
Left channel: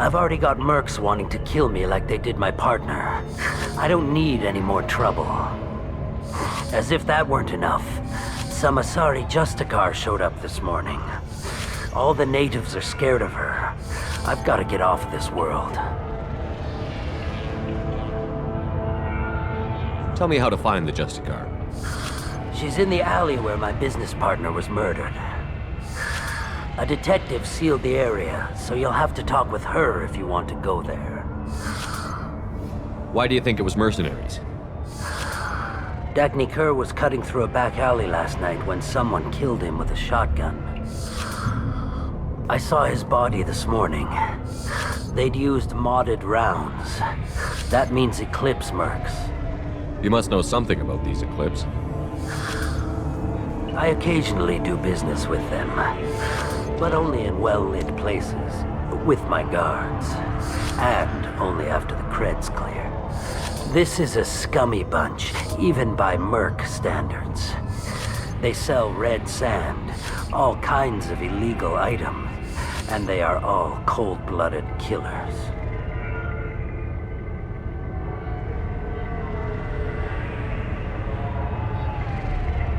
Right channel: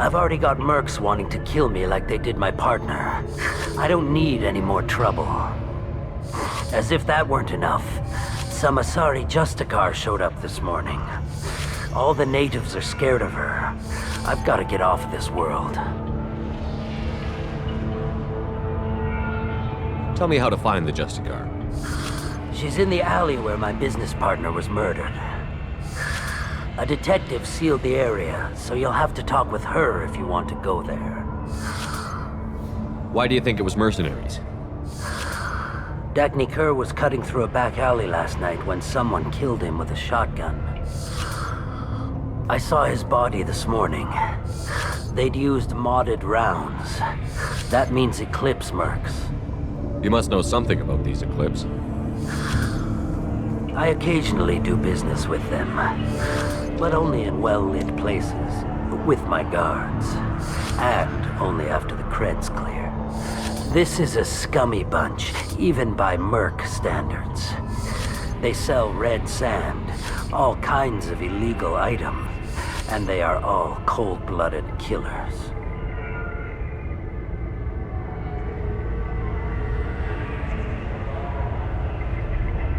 I've already got mercs wanting to kill me like they did my partner. I don't need any more trouble. As if that weren't enough, some Asari Justicar showed up this morning. All the natives are scared of her. I've got to get off this world. Tell me how to find the Justicar. She's in the alley where my business partner was murdered. A detective sealed the area, so you'll have to talk with her if you want to go there. Why do you think it was mercenaries? Dagny Kerr was cutting through a back alley last night when someone killed him with a shotgun. I saw his body this morning. They'd used modded rounds. That means Eclipse mercs. You must know something about these Eclipse. I occasionally do business with them, but only in well-lit places, with my guards, and only after the cred's clear. This is a scummy bunch, even by merc standards. They sell red sand, all kinds of illegal items, and they are all cold-blooded killers.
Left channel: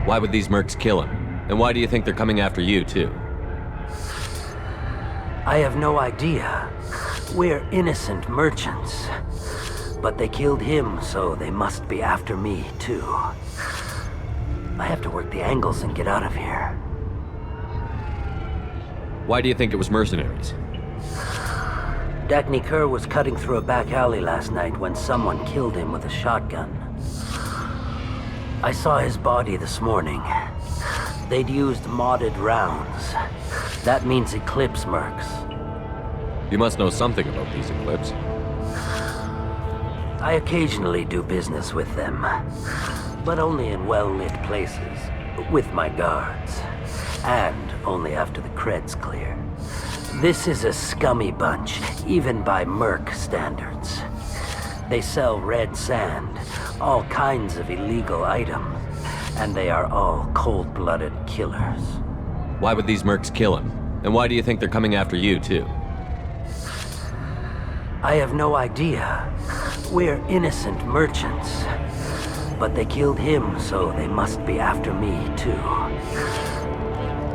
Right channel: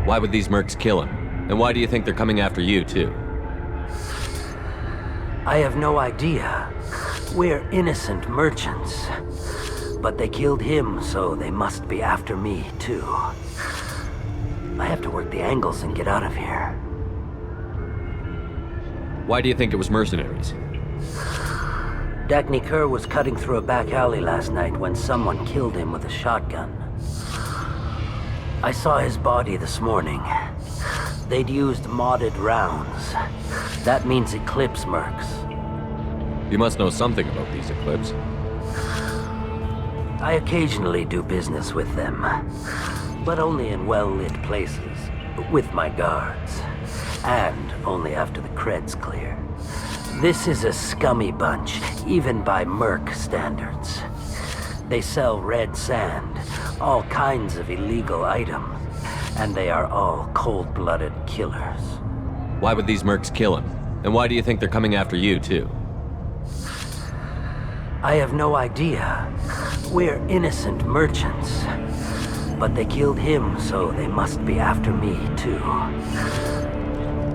Why would these mercs kill him? And why do you think they're coming after you, too? I have no idea. We're innocent merchants. But they killed him, so they must be after me, too. I have to work the angles and get out of here. Why do you think it was mercenaries? Dagny Kerr was cutting through a back alley last night when someone killed him with a shotgun. I saw his body this morning. They'd used modded rounds. That means Eclipse mercs. You must know something about these Eclipse. I occasionally do business with them, but only in well-lit places, with my guards, and only after the cred's clear. This is a scummy bunch, even by merc standards. They sell red sand, all kinds of illegal items, and they are all cold-blooded killers. Why would these mercs kill him? And why do you think they're coming after you, too? I have no idea. We're innocent merchants. But they killed him, so they must be after me, too.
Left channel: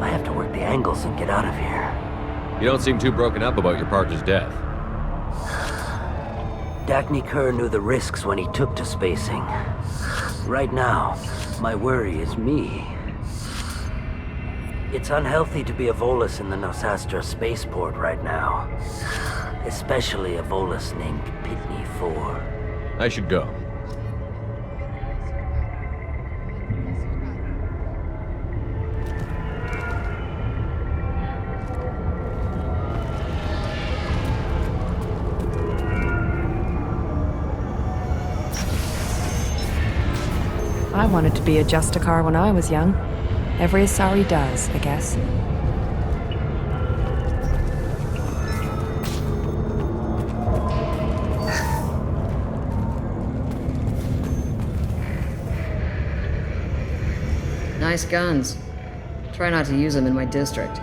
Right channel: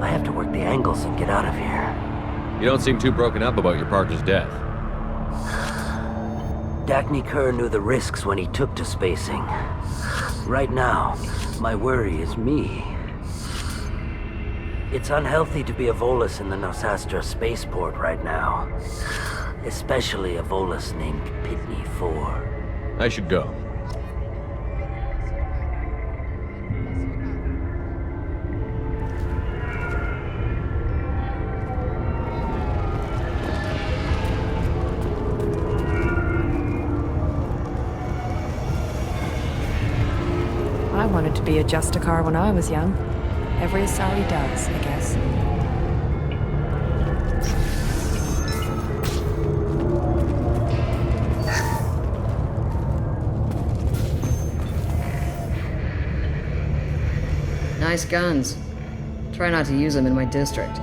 I have to work the angles and get out of here. You don't seem too broken up about your partner's death. Dagny Kerr knew the risks when he took to spacing. Right now, my worry is me. It's unhealthy to be a Volus in the Nosastra spaceport right now. Especially a Volus named Pitney 4. I should go. I wanted to be a Justicar when I was young. Every Asari does, I guess. Nice guns. Try not to use them in my district.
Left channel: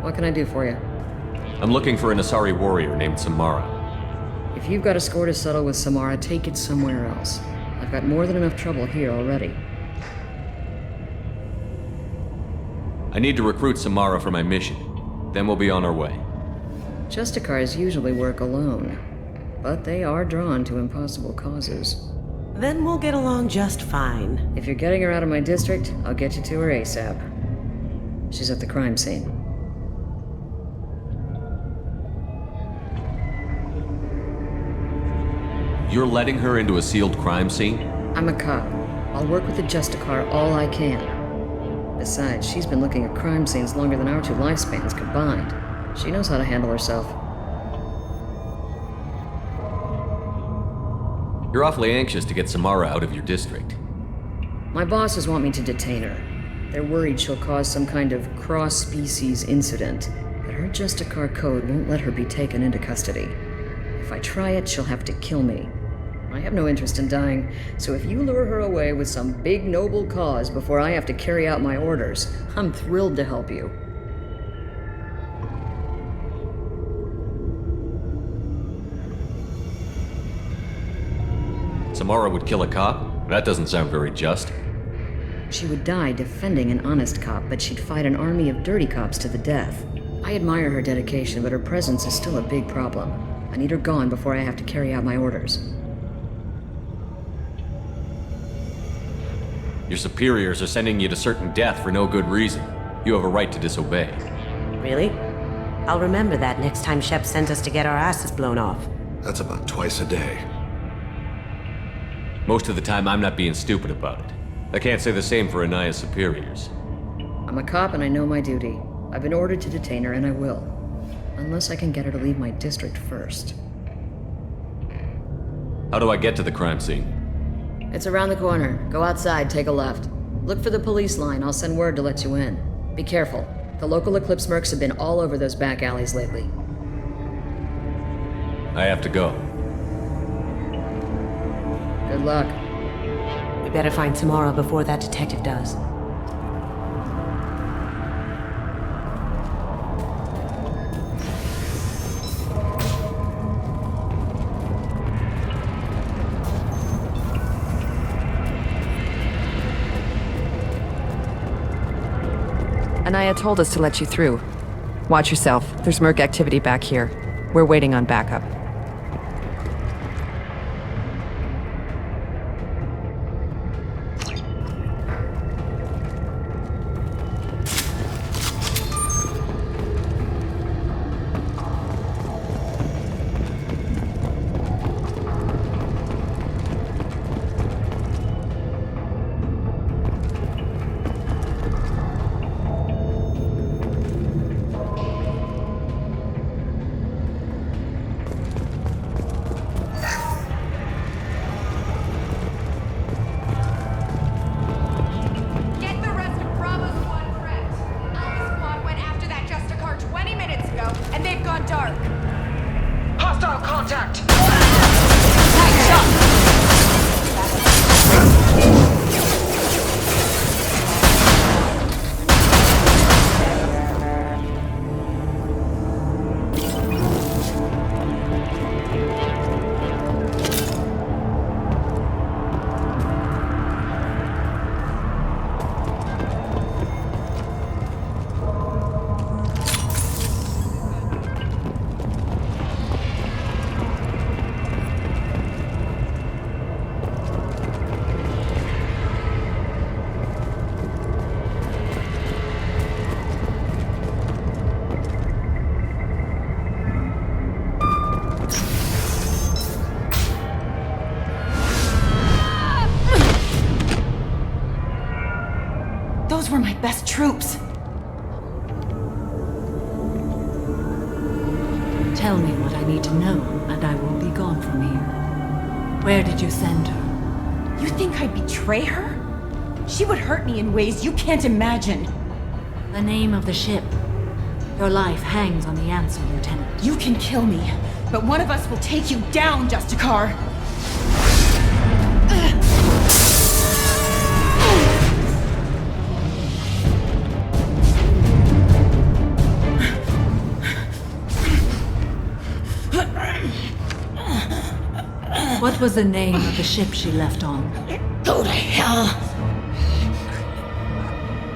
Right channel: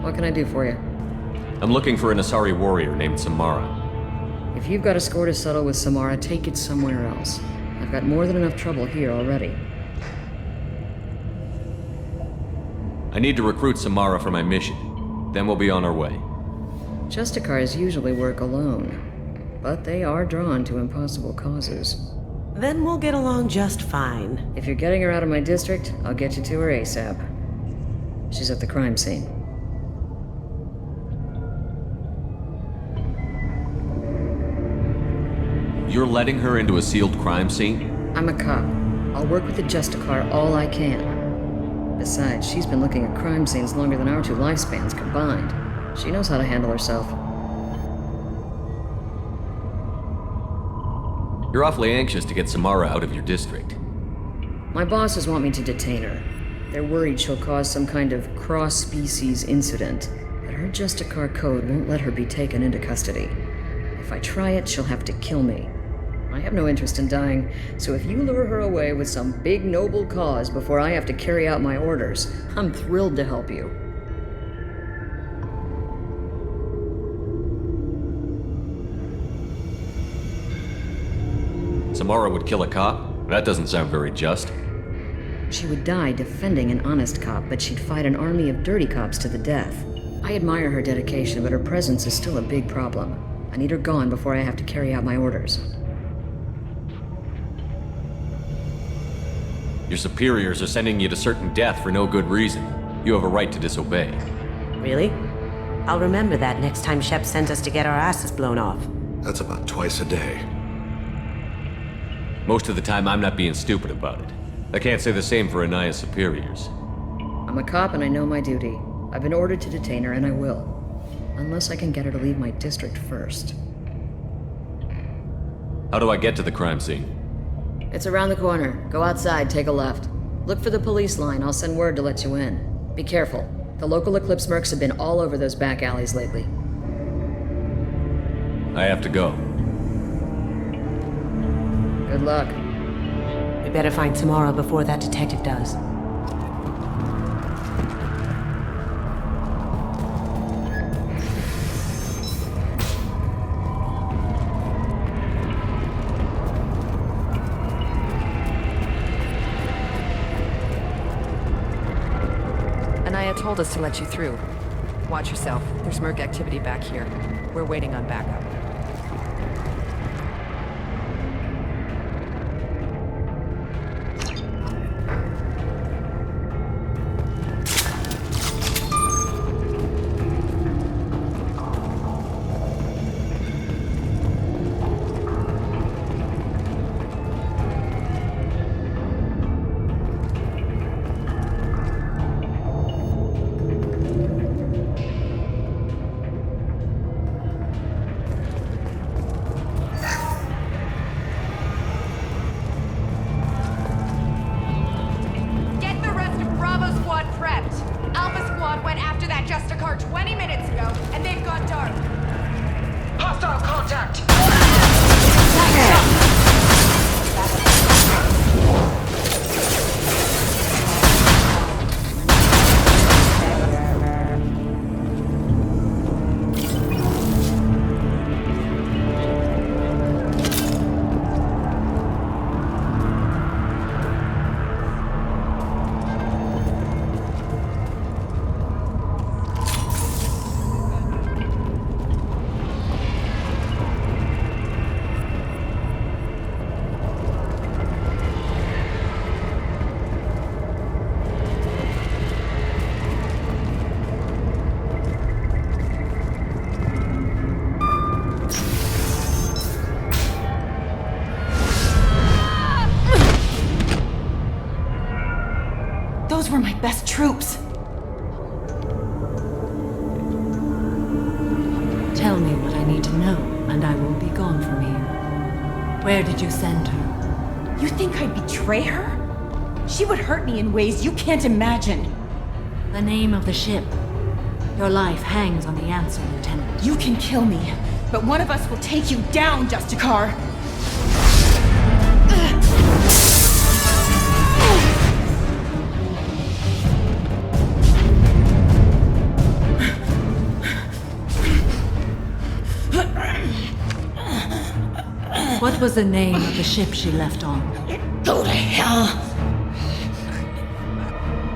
What can I do for you? I'm looking for an Asari warrior named Samara. If you've got a score to settle with Samara, take it somewhere else. I've got more than enough trouble here already. I need to recruit Samara for my mission. Then we'll be on our way. Justicars usually work alone, but they are drawn to impossible causes. Then we'll get along just fine. If you're getting her out of my district, I'll get you to her ASAP. She's at the crime scene. You're letting her into a sealed crime scene? I'm a cop. I'll work with the Justicar all I can. Besides, she's been looking at crime scenes longer than our two lifespans combined. She knows how to handle herself. You're awfully anxious to get Samara out of your district. My bosses want me to detain her. They're worried she'll cause some kind of cross-species incident, but her Justicar code won't let her be taken into custody. If I try it, she'll have to kill me. I have no interest in dying, so if you lure her away with some big noble cause before I have to carry out my orders, I'm thrilled to help you. Samara would kill a cop? That doesn't sound very just. She would die defending an honest cop, but she'd fight an army of dirty cops to the death. I admire her dedication, but her presence is still a big problem. I need her gone before I have to carry out my orders. Your superiors are sending you to certain death for no good reason. You have a right to disobey. Really? I'll remember that next time Shep sends us to get our asses blown off. That's about twice a day. Most of the time, I'm not being stupid about it. I can't say the same for Anaya's superiors. I'm a cop and I know my duty. I've been ordered to detain her, and I will. Unless I can get her to leave my district first. How do I get to the crime scene? It's around the corner. Go outside, take a left. Look for the police line. I'll send word to let you in. Be careful. The local Eclipse mercs have been all over those back alleys lately. I have to go. Good luck. We better find Samara before that detective does. Anaya told us to let you through. Watch yourself. There's merc activity back here. We're waiting on backup. Those were my best troops. Tell me what I need to know, and I won't be gone from here. Where did you send her? You think I'd betray her? She would hurt me in ways you can't imagine. The name of the ship. Your life hangs on the answer, Lieutenant. You can kill me, but one of us will take you down, Justicar. What was the name of the ship she left on? Go to hell!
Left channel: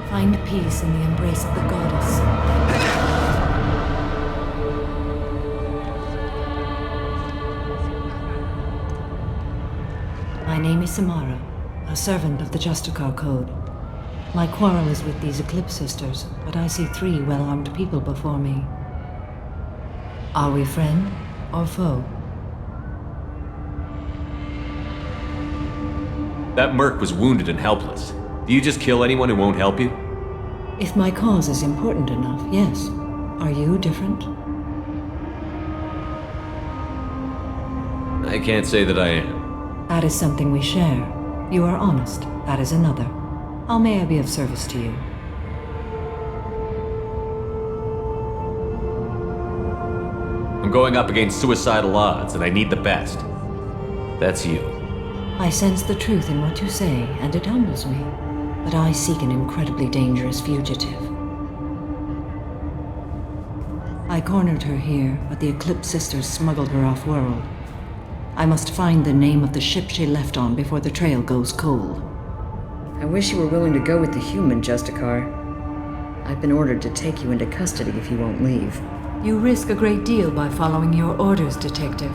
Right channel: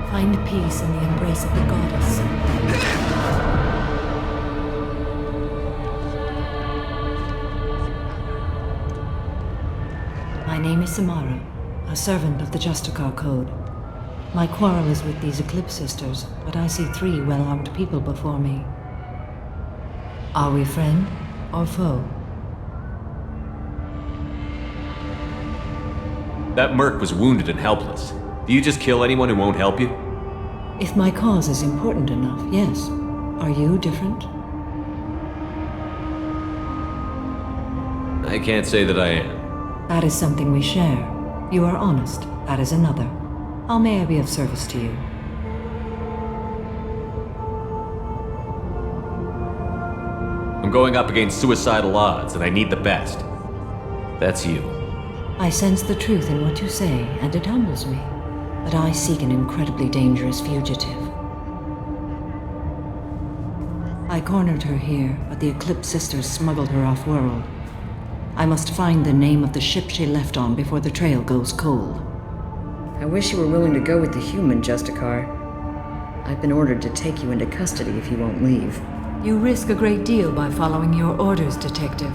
Find peace in the embrace of the goddess. My name is Samara, a servant of the Justicar Code. My quarrel is with these Eclipse Sisters, but I see 3 well-armed people before me. Are we friend or foe? That merc was wounded and helpless. Do you just kill anyone who won't help you? If my cause is important enough, yes. Are you different? I can't say that I am. That is something we share. You are honest. That is another. How may I be of service to you? I'm going up against suicidal odds, and I need the best. That's you. I sense the truth in what you say, and it humbles me. But I seek an incredibly dangerous fugitive. I cornered her here, but the Eclipse Sisters smuggled her off-world. I must find the name of the ship she left on before the trail goes cold. I wish you were willing to go with the human, Justicar. I've been ordered to take you into custody if you won't leave. You risk a great deal by following your orders, Detective.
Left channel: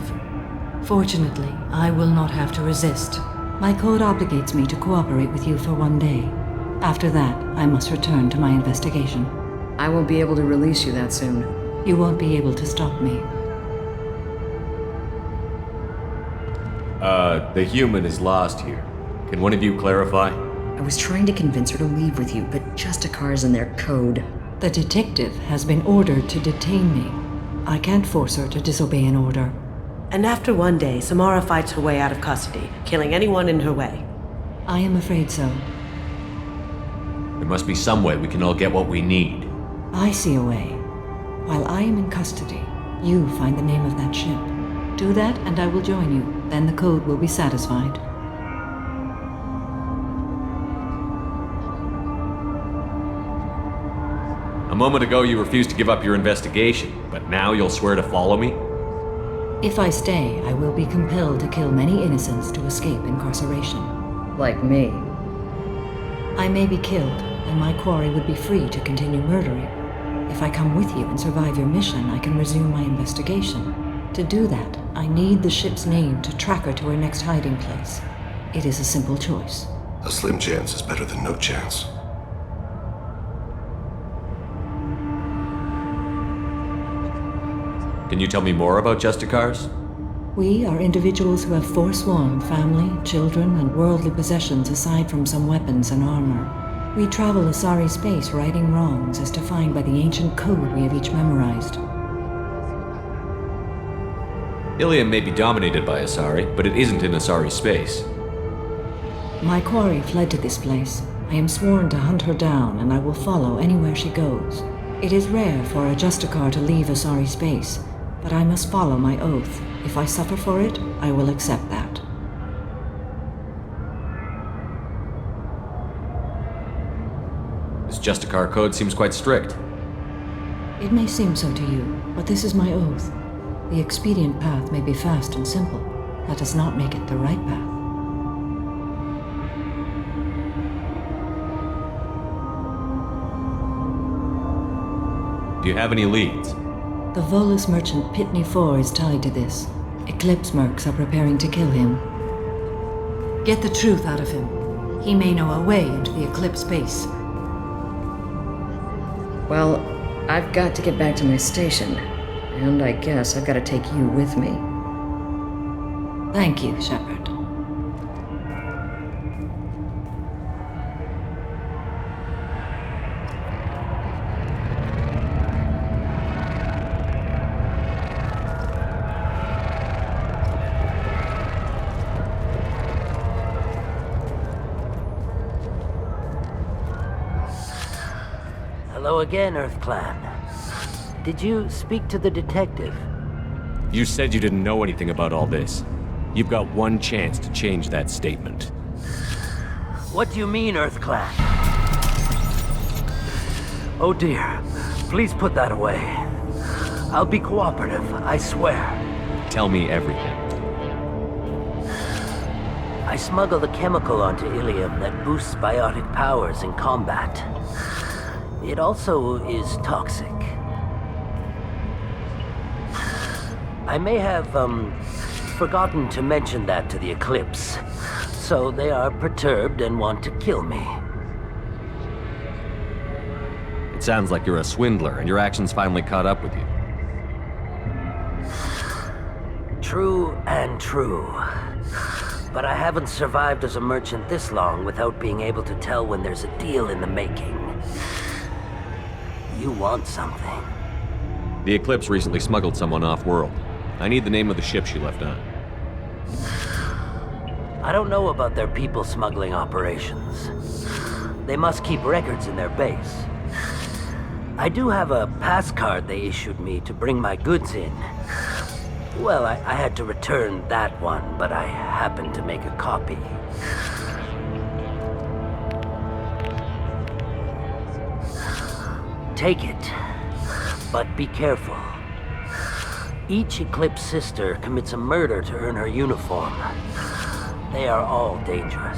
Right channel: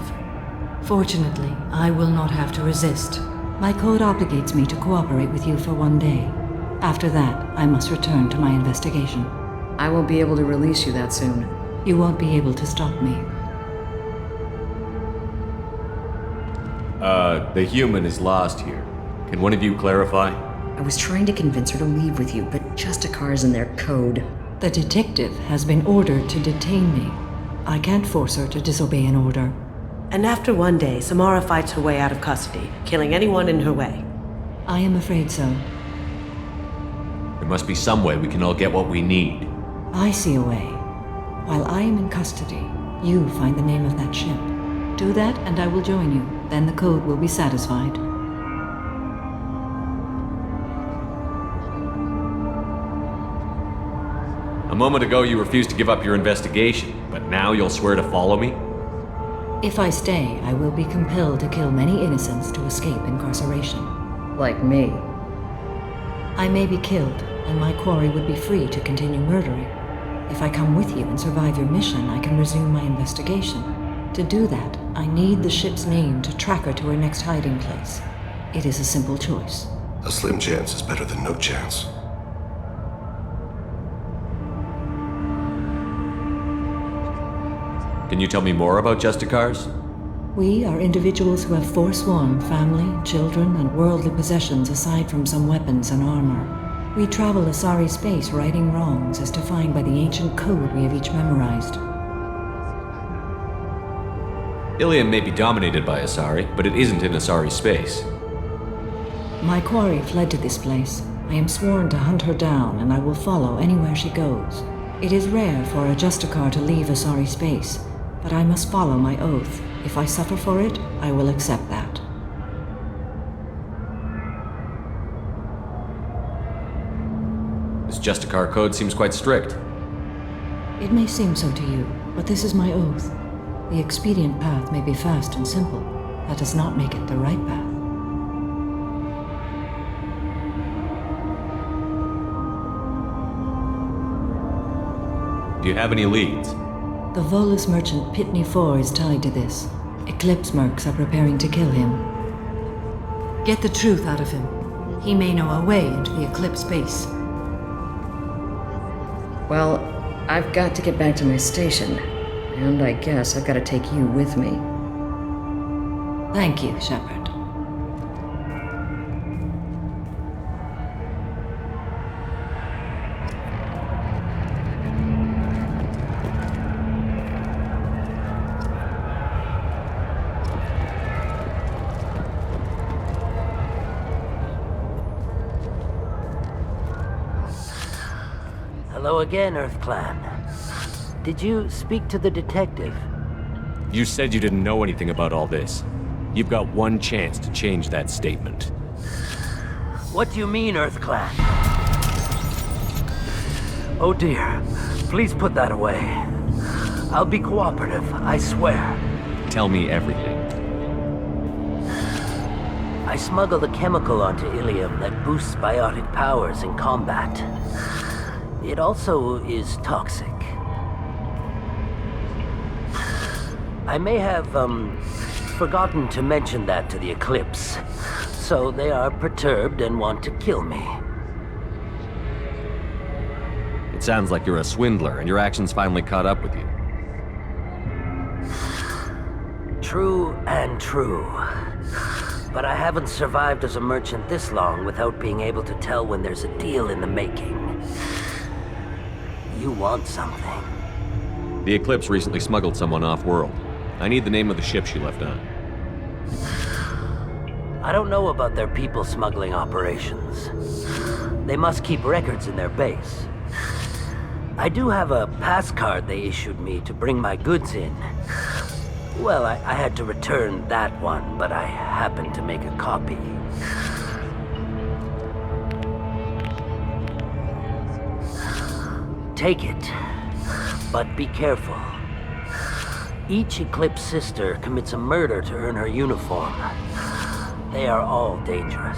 Fortunately, I will not have to resist. My code obligates me to cooperate with you for 1 day. After that, I must return to my investigation. I won't be able to release you that soon. You won't be able to stop me. The human is lost here. Can one of you clarify? I was trying to convince her to leave with you, but Justicar's in their code. The detective has been ordered to detain me. I can't force her to disobey an order. And after 1 day, Samara fights her way out of custody, killing anyone in her way. I am afraid so. There must be some way we can all get what we need. I see a way. While I am in custody, you find the name of that ship. Do that and I will join you. Then the code will be satisfied. A moment ago you refused to give up your investigation, but now you'll swear to follow me? If I stay, I will be compelled to kill many innocents to escape incarceration. Like me. I may be killed, and my quarry would be free to continue murdering. If I come with you and survive your mission, I can resume my investigation. To do that, I need the ship's name to track her to her next hiding place. It is a simple choice. A slim chance is better than no chance. Can you tell me more about Justicars? We are individuals who have forsworn family, children, and worldly possessions aside from some weapons and armor. We travel Asari space righting wrongs as defined by the ancient code we have each memorized. Ilium may be dominated by Asari, but it isn't in Asari space. My quarry fled to this place. I am sworn to hunt her down, and I will follow anywhere she goes. It is rare for a Justicar to leave Asari space, but I must follow my oath. If I suffer for it, I will accept that. This Justicar code seems quite strict. It may seem so to you, but this is my oath. The expedient path may be fast and simple. That does not make it the right path. Do you have any leads? The Volus merchant Pitney 4 is tied to this. Eclipse mercs are preparing to kill him. Get the truth out of him. He may know a way into the Eclipse base. Well, I've got to get back to my station. And I guess I've got to take you with me. Thank you, Shepard. Hello again, Earth Clan. Did you speak to the detective? You said you didn't know anything about all this. You've got one chance to change that statement. What do you mean, Earth Clan? Oh dear. Please put that away. I'll be cooperative, I swear. Tell me everything. I smuggled a chemical onto Ilium that boosts biotic powers in combat. It also is toxic. I may have, forgotten to mention that to the Eclipse, so they are perturbed and want to kill me. It sounds like you're a swindler, and your actions finally caught up with you. True and true. But I haven't survived as a merchant this long without being able to tell when there's a deal in the making. You want something. The Eclipse recently smuggled someone off-world. I need the name of the ship she left on. I don't know about their people smuggling operations. They must keep records in their base. I do have a pass card they issued me to bring my goods in. Well, I had to return that one, but I happened to make a copy. Take it, but be careful. Each Eclipse sister commits a murder to earn her uniform. They are all dangerous.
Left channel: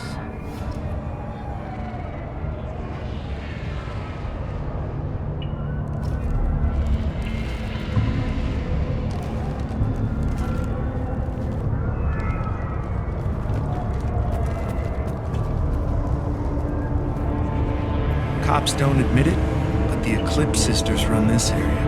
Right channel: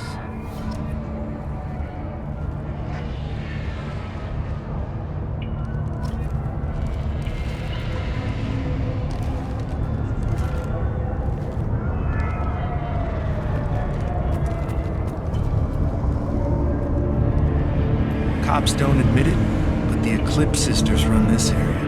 Cops don't admit it, but the Eclipse sisters run this area.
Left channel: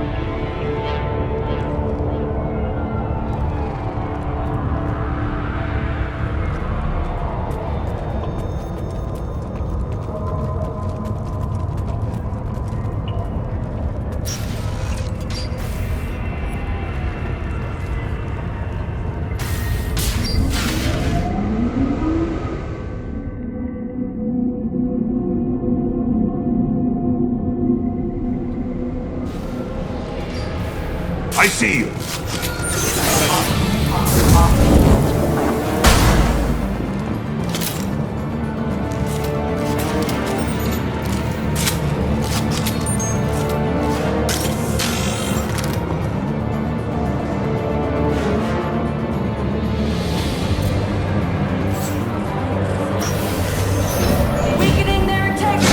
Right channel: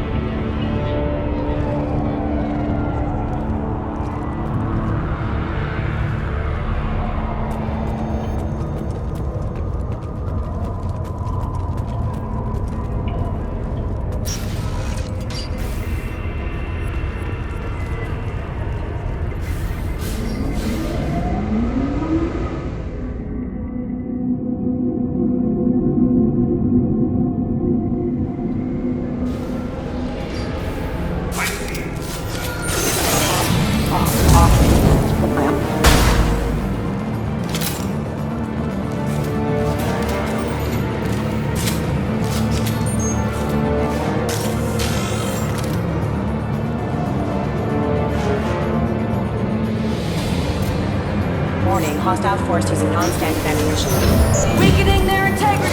I see you. Warning, hostile forces constant veneration. Weakening their integrity!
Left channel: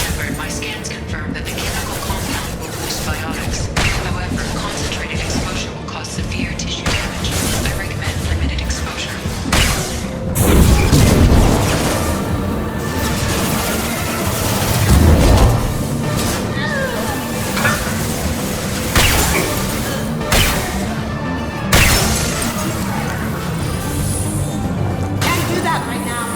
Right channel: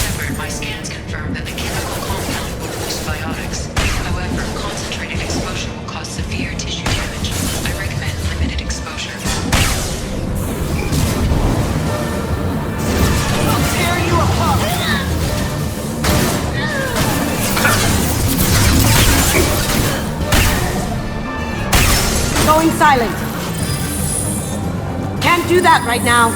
Shepard, my scans confirm that the chemical compound will boost biotics. However, concentrated exposure will cause severe tissue damage. I recommend limited exposure. Going silent. Can't do that right now.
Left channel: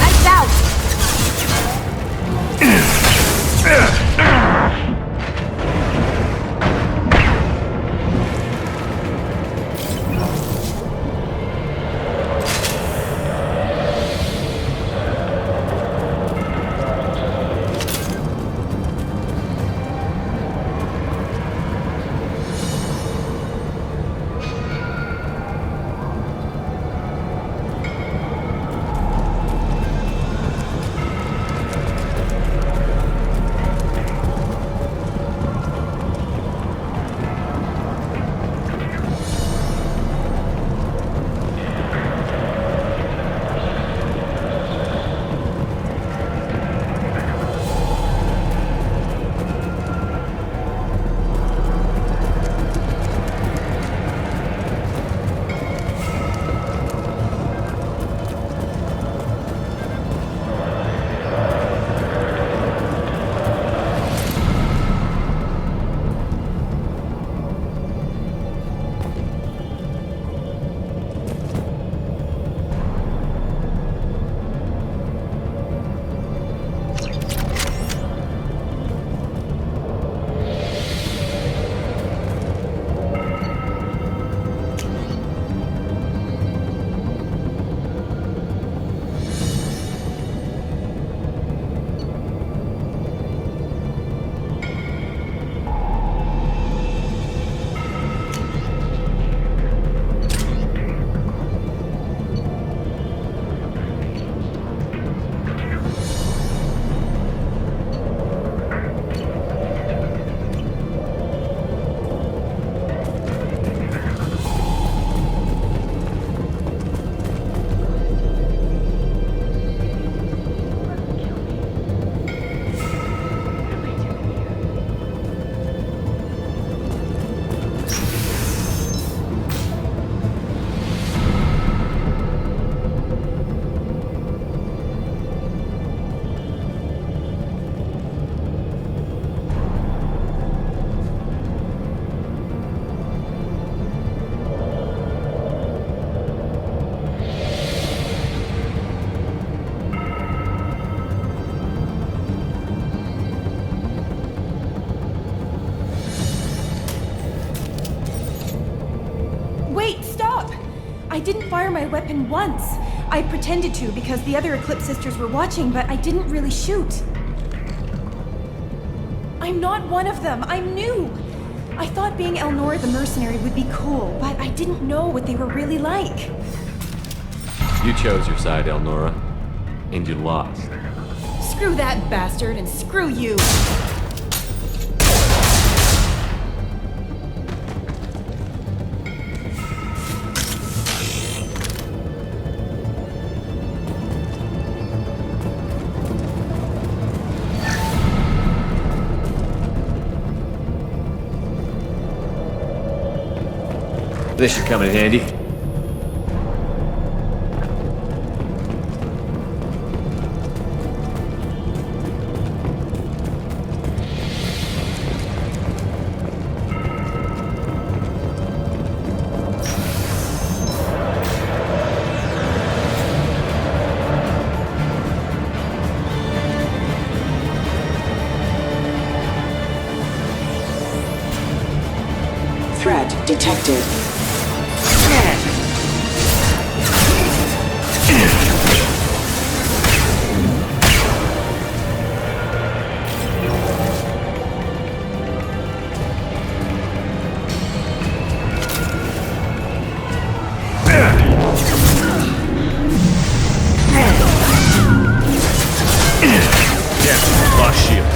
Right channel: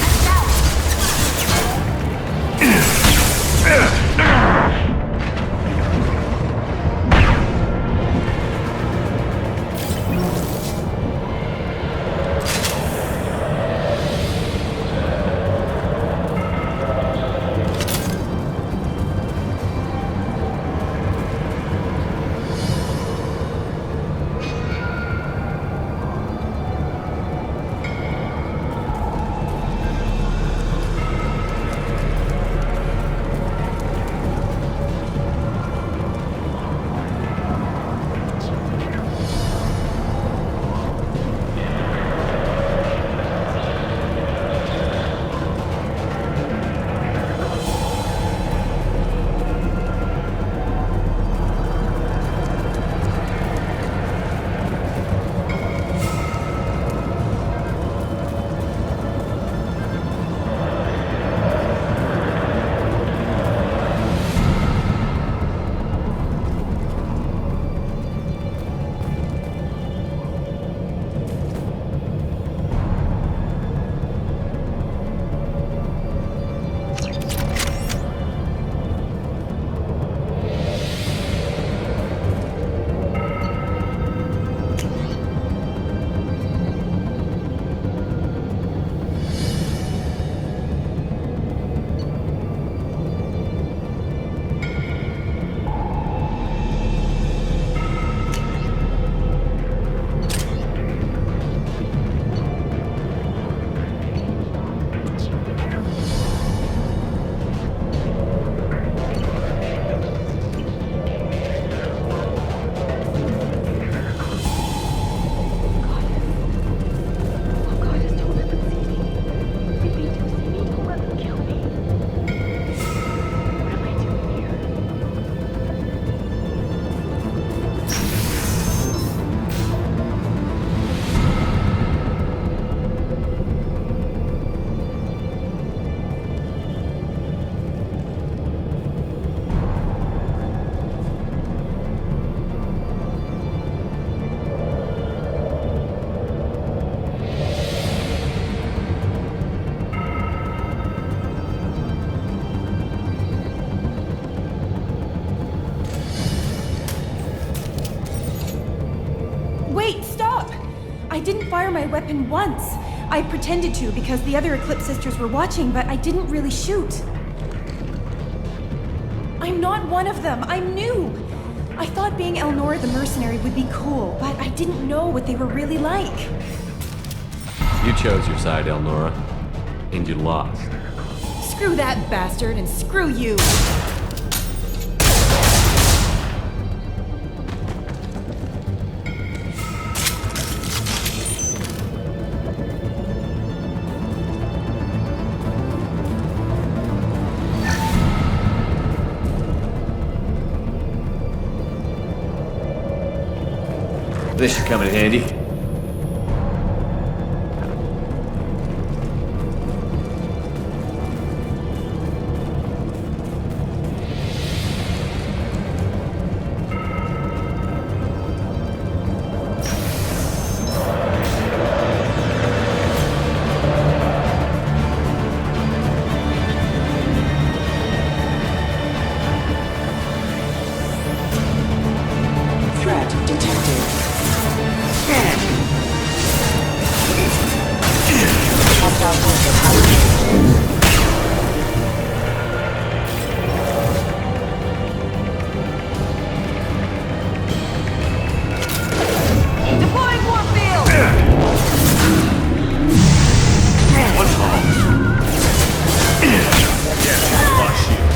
Lights out. Wait, stop! I didn't fire my weapon once. I pretended to because the other Eclipse sisters were watching, but I didn't really shoot. I'm not one of them. I'm new. I thought being Elnora the mercenary would be cool, but I didn't know what they were really like. You chose your side, Elnora, and you lost. Screw that bastard and screw you! This should come in handy. Threat detected. Yeah, lost shield.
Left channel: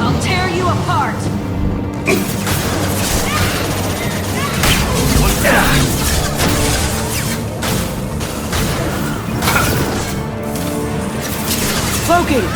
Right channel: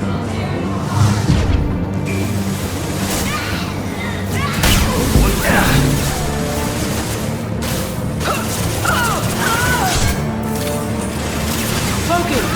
I'll tear you apart! Cloaking!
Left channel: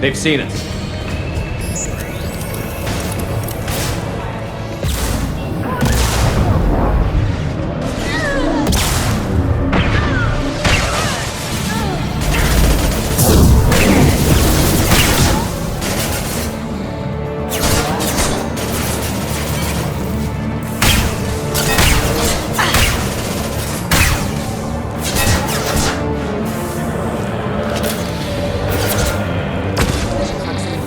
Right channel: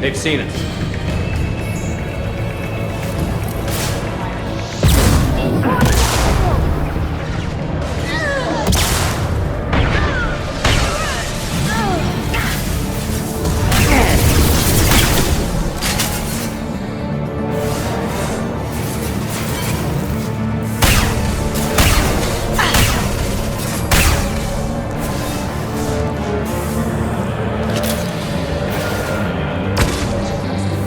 They've seen us. Proximity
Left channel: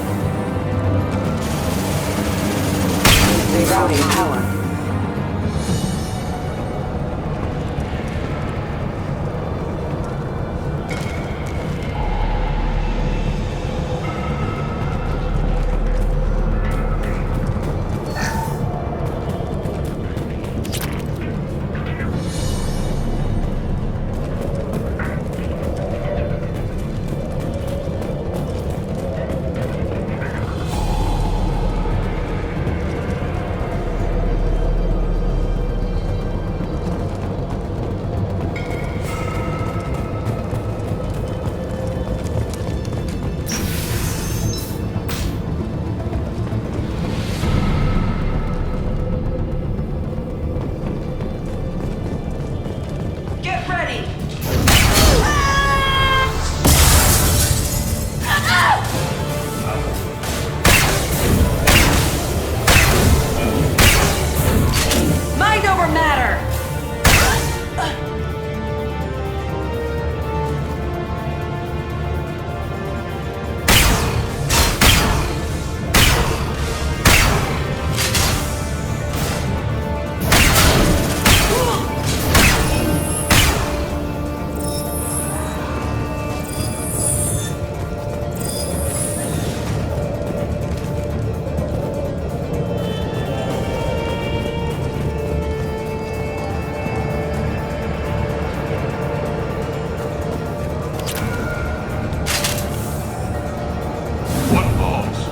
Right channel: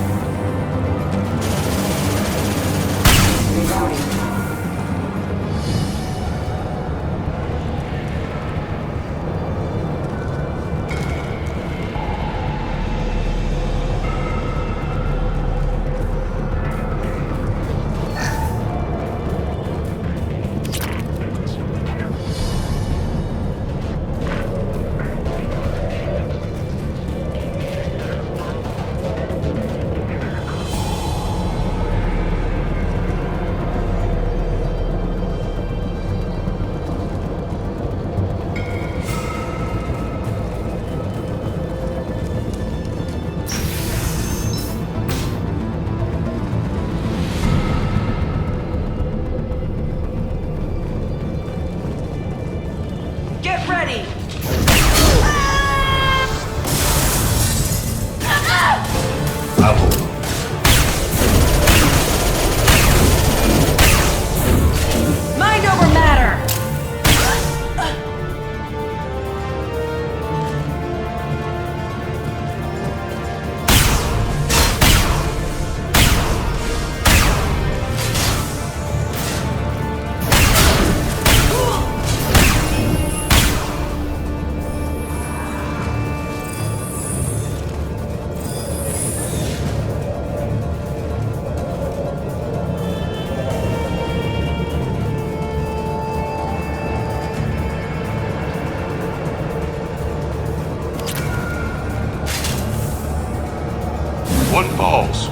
One falls.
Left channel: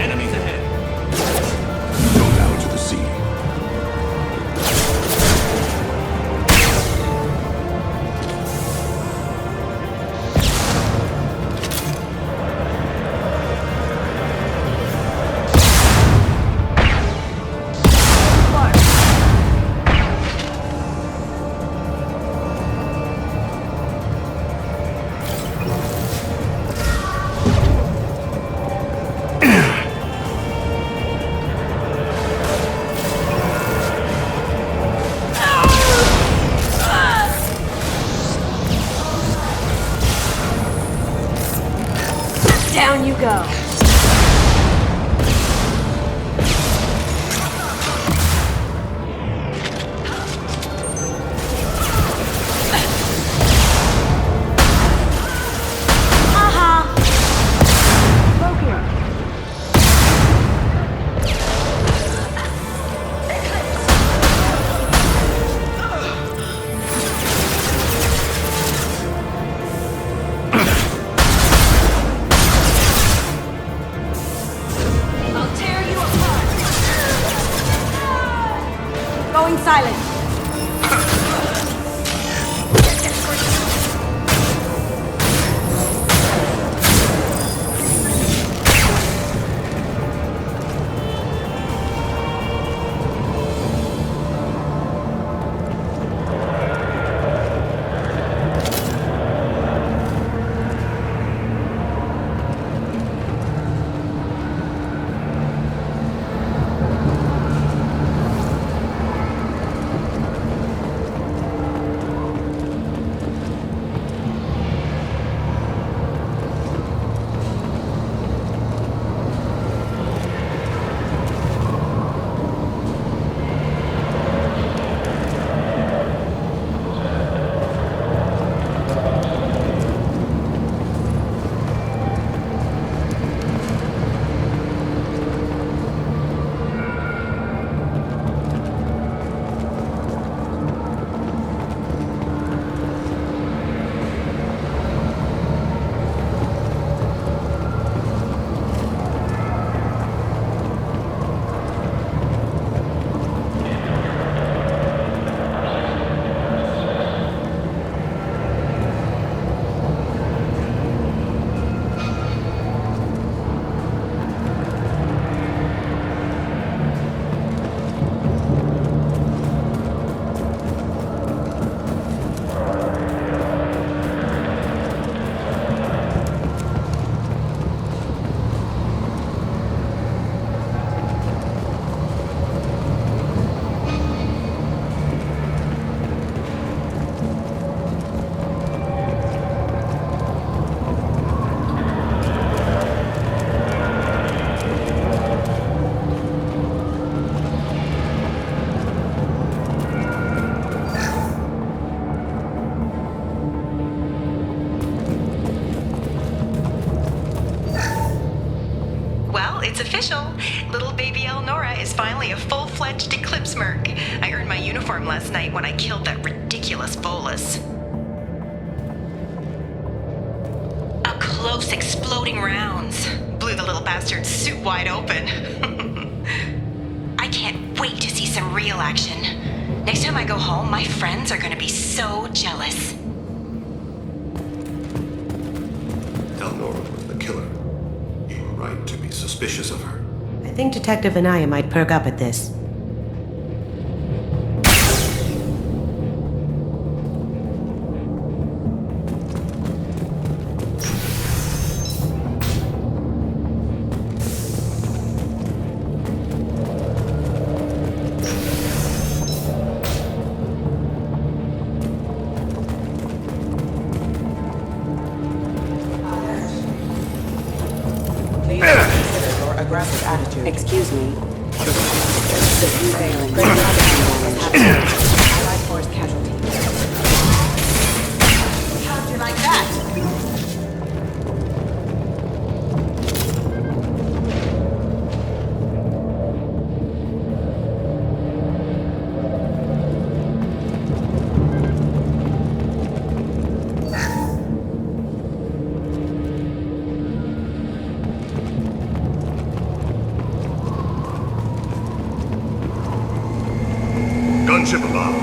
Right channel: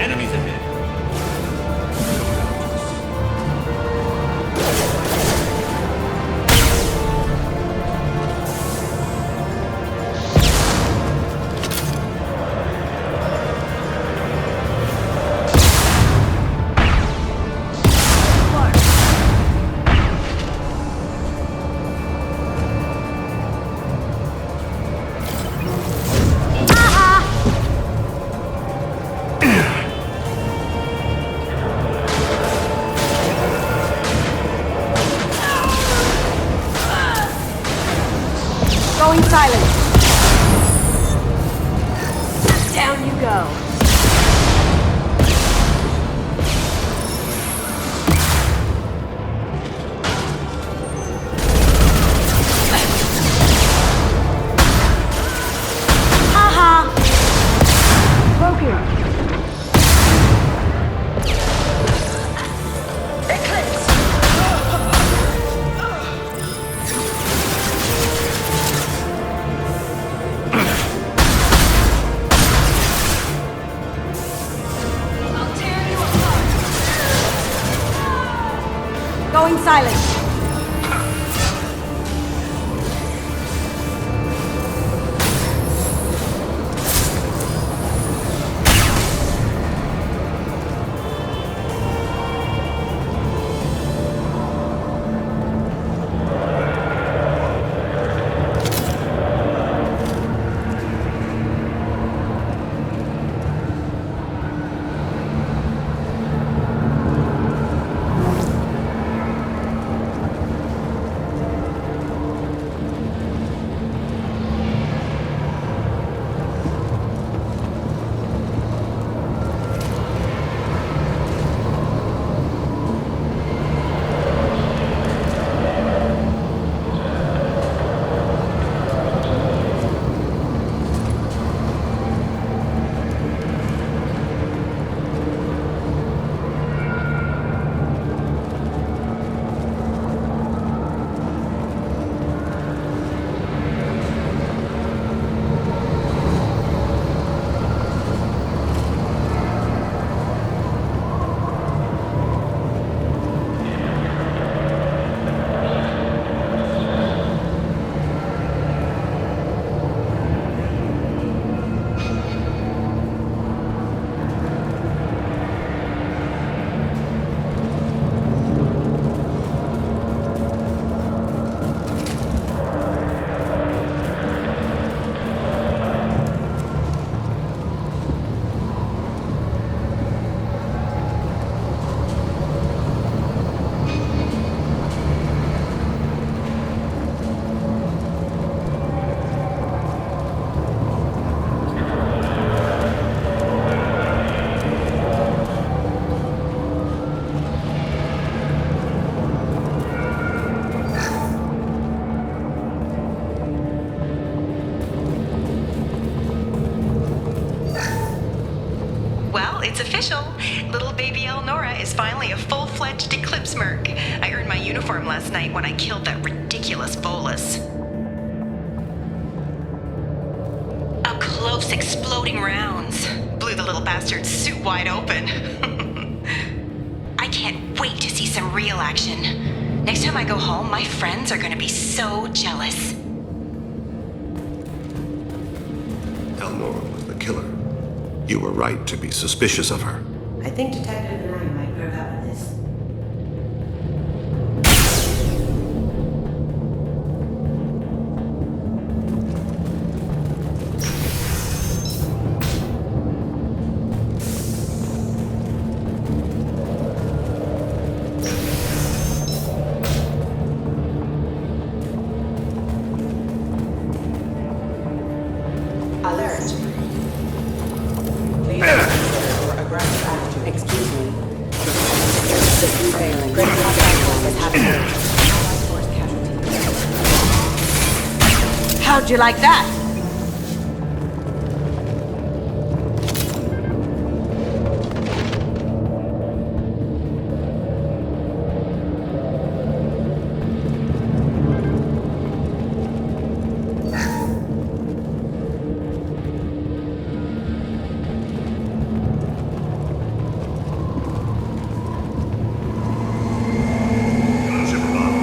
Enemies ahead. Go down to the sea. Going silent. Down you go. Haha. Broken. I'll tear you apart. Going silent. It's official. Little baby Elnora is finally a full-fledged Eclipse Merc. I earned my uniform last night when I killed that ridiculous Volus. Up close, exploding rounds. Blew the little bastard's suit wide open. I can't wait to see some real action. Next time I go home, my friends are gonna be so jealous. Elnora was the killer. You were right to be suspicious of her. I think Detective Anaya might perk up at this. Aggressive attitude. Excuse me. The prevailing is happening. Allied force casualty. How'd you you like that? Gunship above.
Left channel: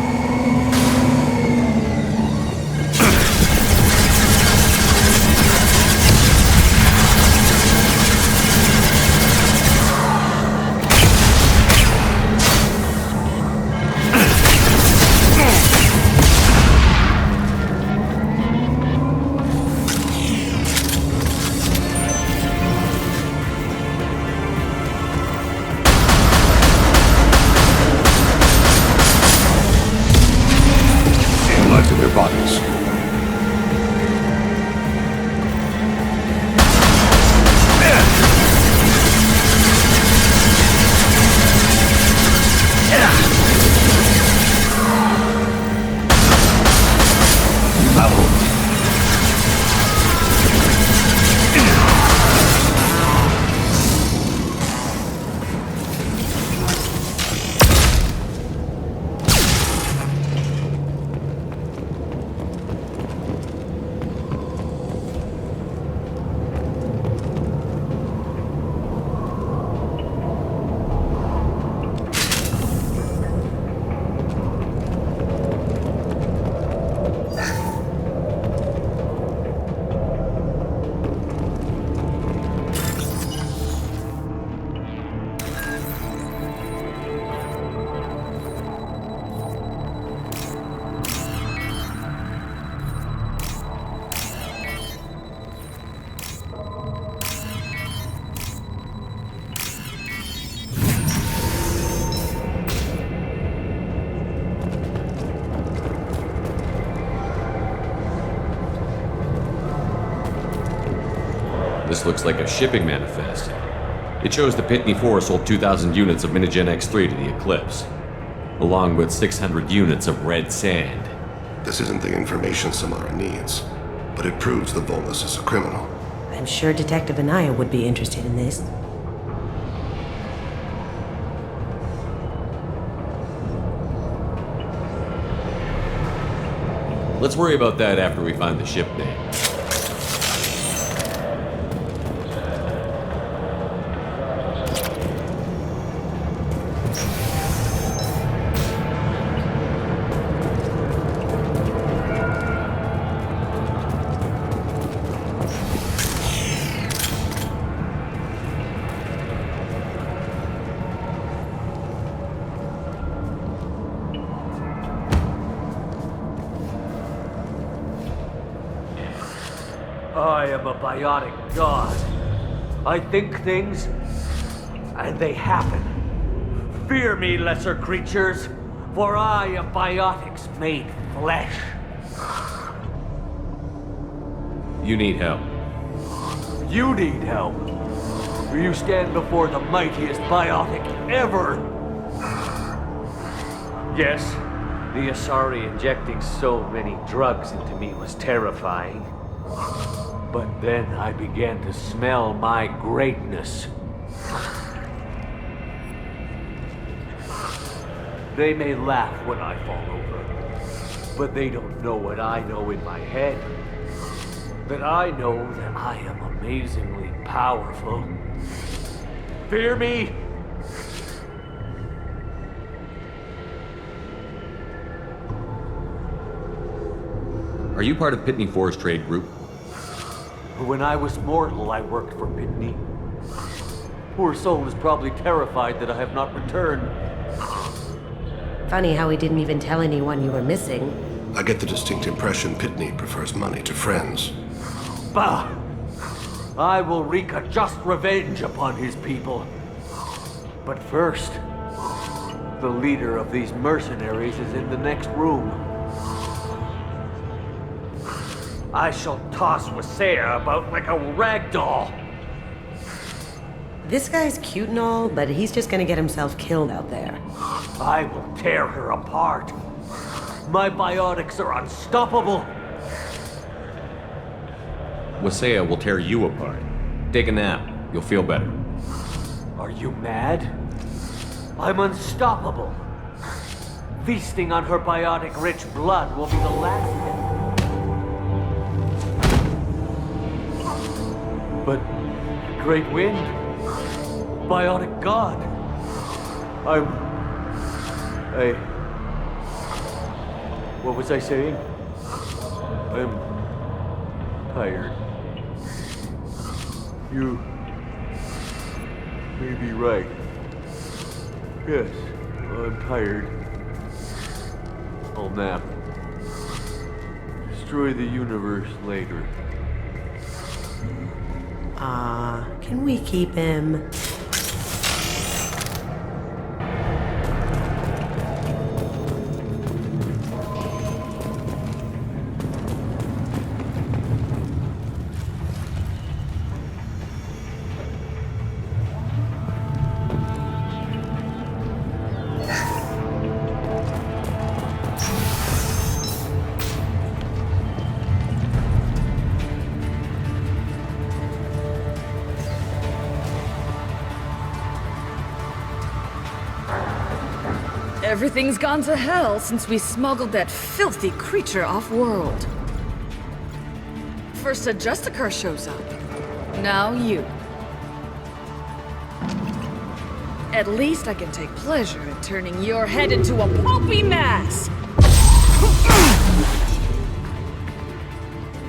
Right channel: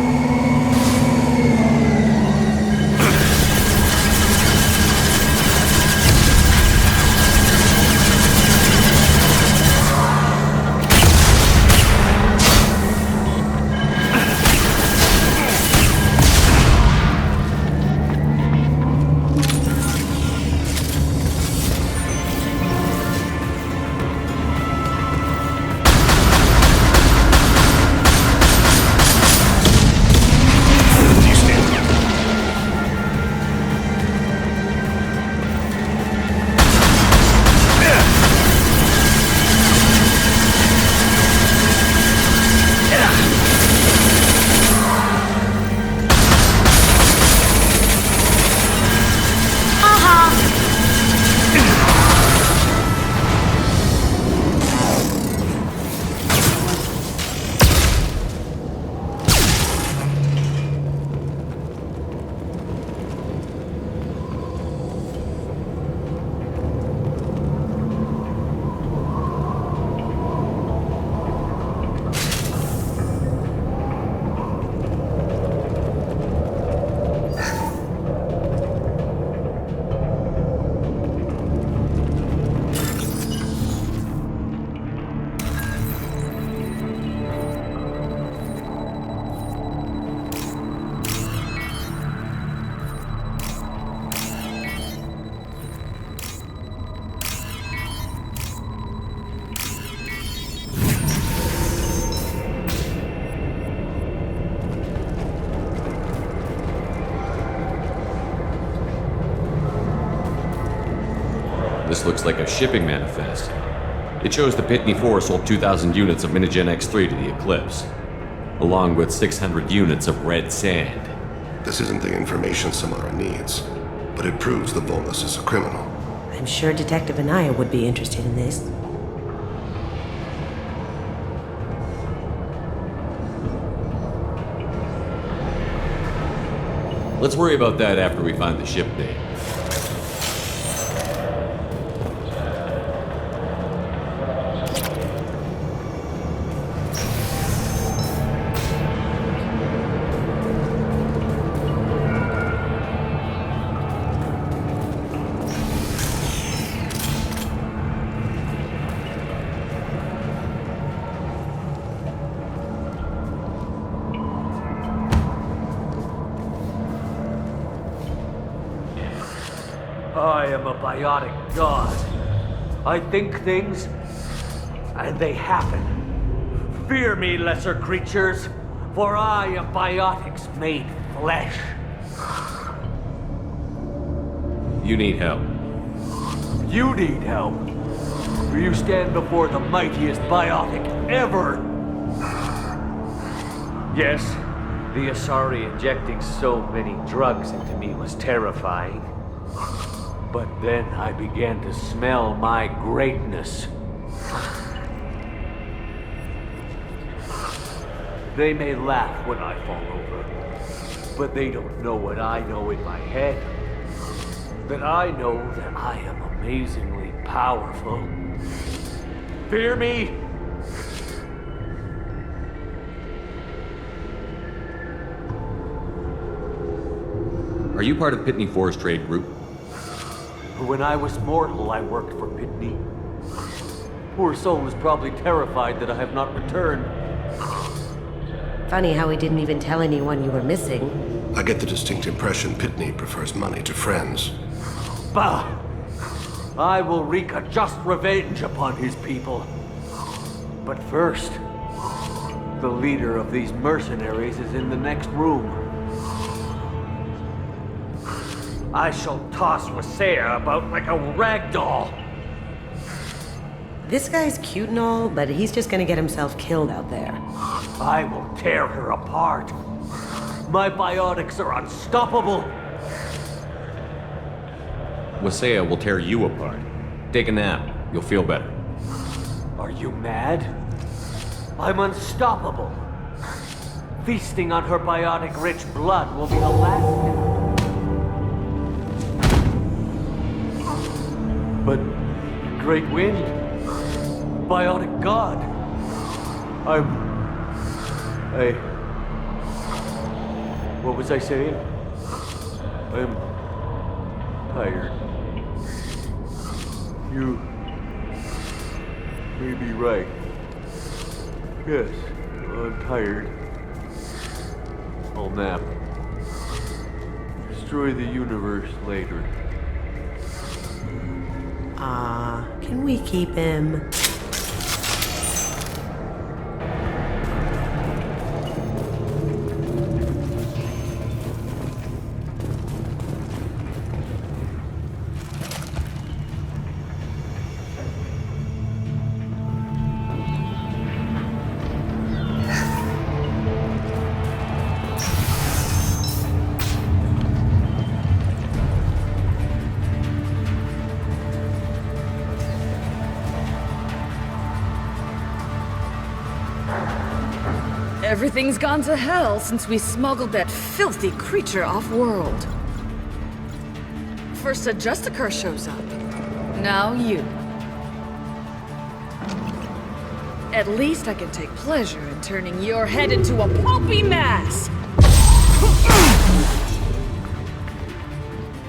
This looks like a shipping manifest. It shows the Pitney 4 sold 2,000 units of Minigen X3 to the Eclipse, along with 600 units of red sand. This isn't the information Samara needs, but it proves the Volus is a criminal. I'm sure Detective Anaya would be interested in this. Let's worry about that after we find the ship name. I am a biotic god. I think things, and they happen. Fear me, lesser creatures, for I am biotics made flesh. You need help. You need help. You stand before the mightiest biotic ever. Yes, the Asari injecting so many drugs into me was terrifying. But then I began to smell my greatness. They may laugh when I fall over, but they don't know what I know in my head. That I know that I am amazingly powerful. Fear me? Are you part of Pitney 4's trade group? When I was mortal, I worked for Pitney. Poor soul is probably terrified that I have not returned. Funny how he didn't even tell anyone you were missing. I get the distinct impression Pitney prefers money to friends. Bah! I will wreak a just revenge upon his people. But first, the leader of these mercenaries is in the next room. I shall toss Wasea about like a rag doll. This guy's cute and all, but he's just gonna get himself killed out there. I will tear her apart. My biotics are unstoppable. Wasea will tear you apart. Take a nap. You'll feel better. Are you mad? I'm unstoppable. Feasting on her biotic-rich blood will be the last step. But Great Wind, Biotic God, what was I saying? I'm tired. You may be right. Yes, I'm tired. I'll nap. Destroy the universe later. Can we keep him? Everything's gone to hell since we smuggled that filthy creature off-world. First a Justicar shows up. Now you. At least I can take pleasure in turning your head into a pulpy mass!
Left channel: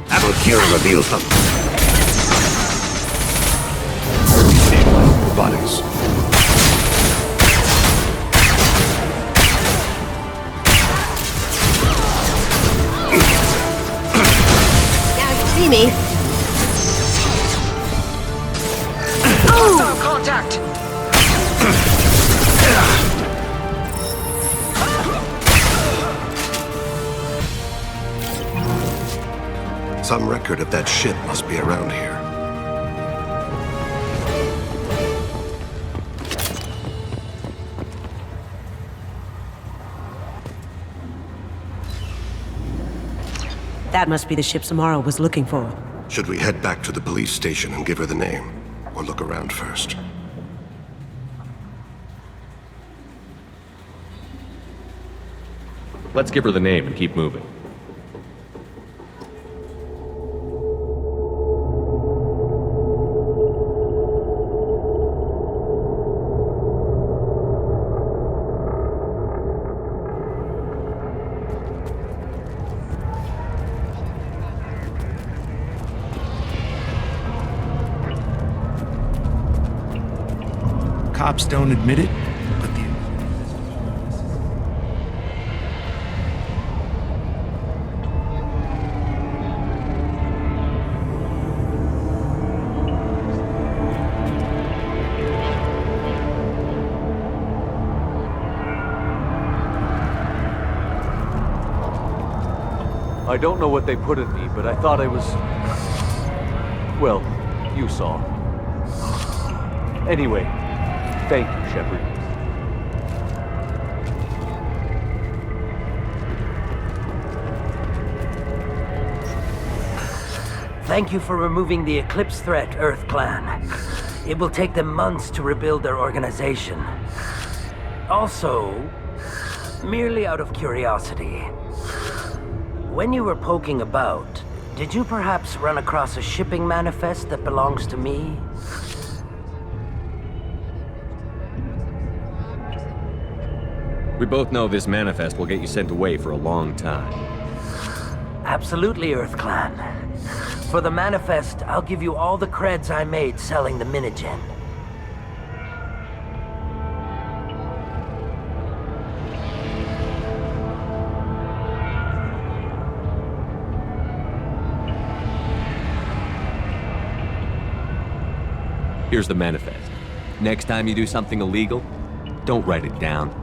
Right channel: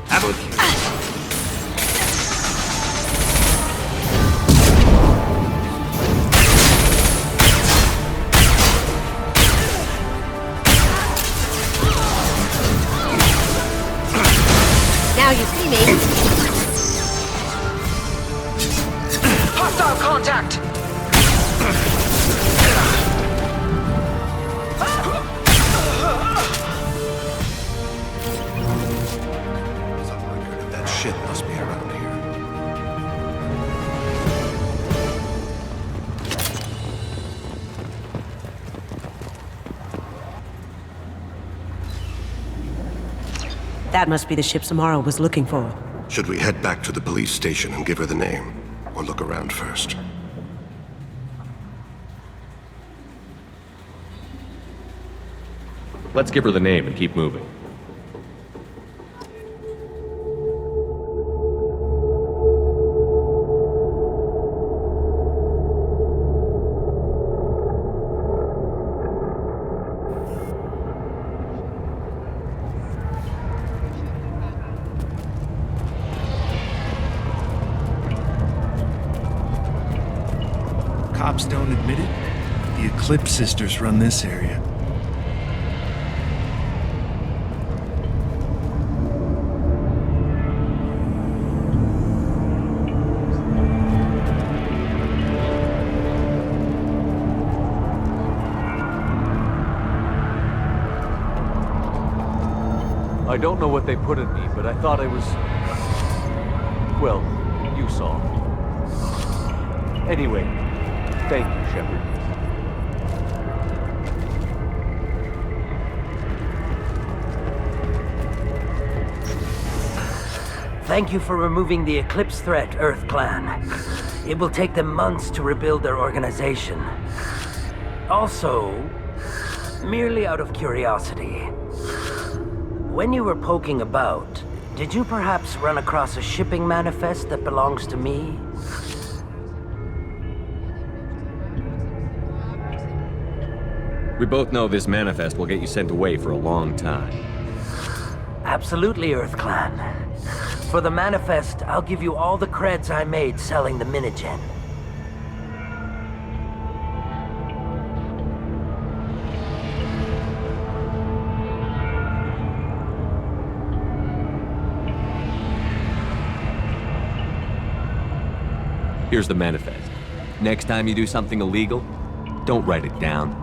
Avalkira reveals them. Robotics. Now you see me. Hostile contact! Some record of that ship must be around here. That must be the ship Samara was looking for. Should we head back to the police station and give her the name? Or look around first? Let's give her the name and keep moving. Cops don't admit it, but the Eclipse Sisters run this area. I don't know what they put in me, but I thought I was... well, you saw. Anyway, thank you, Shepard. Thank you for removing the Eclipse threat, Earth Clan. It will take them months to rebuild their organization. Also, merely out of curiosity, when you were poking about, did you perhaps run across a shipping manifest that belongs to me? We both know this manifest will get you sent away for a long time. Absolutely, Earth Clan. For the manifest, I'll give you all the creds I made selling the Minigen. Here's the manifest. Next time you do something illegal, don't write it down.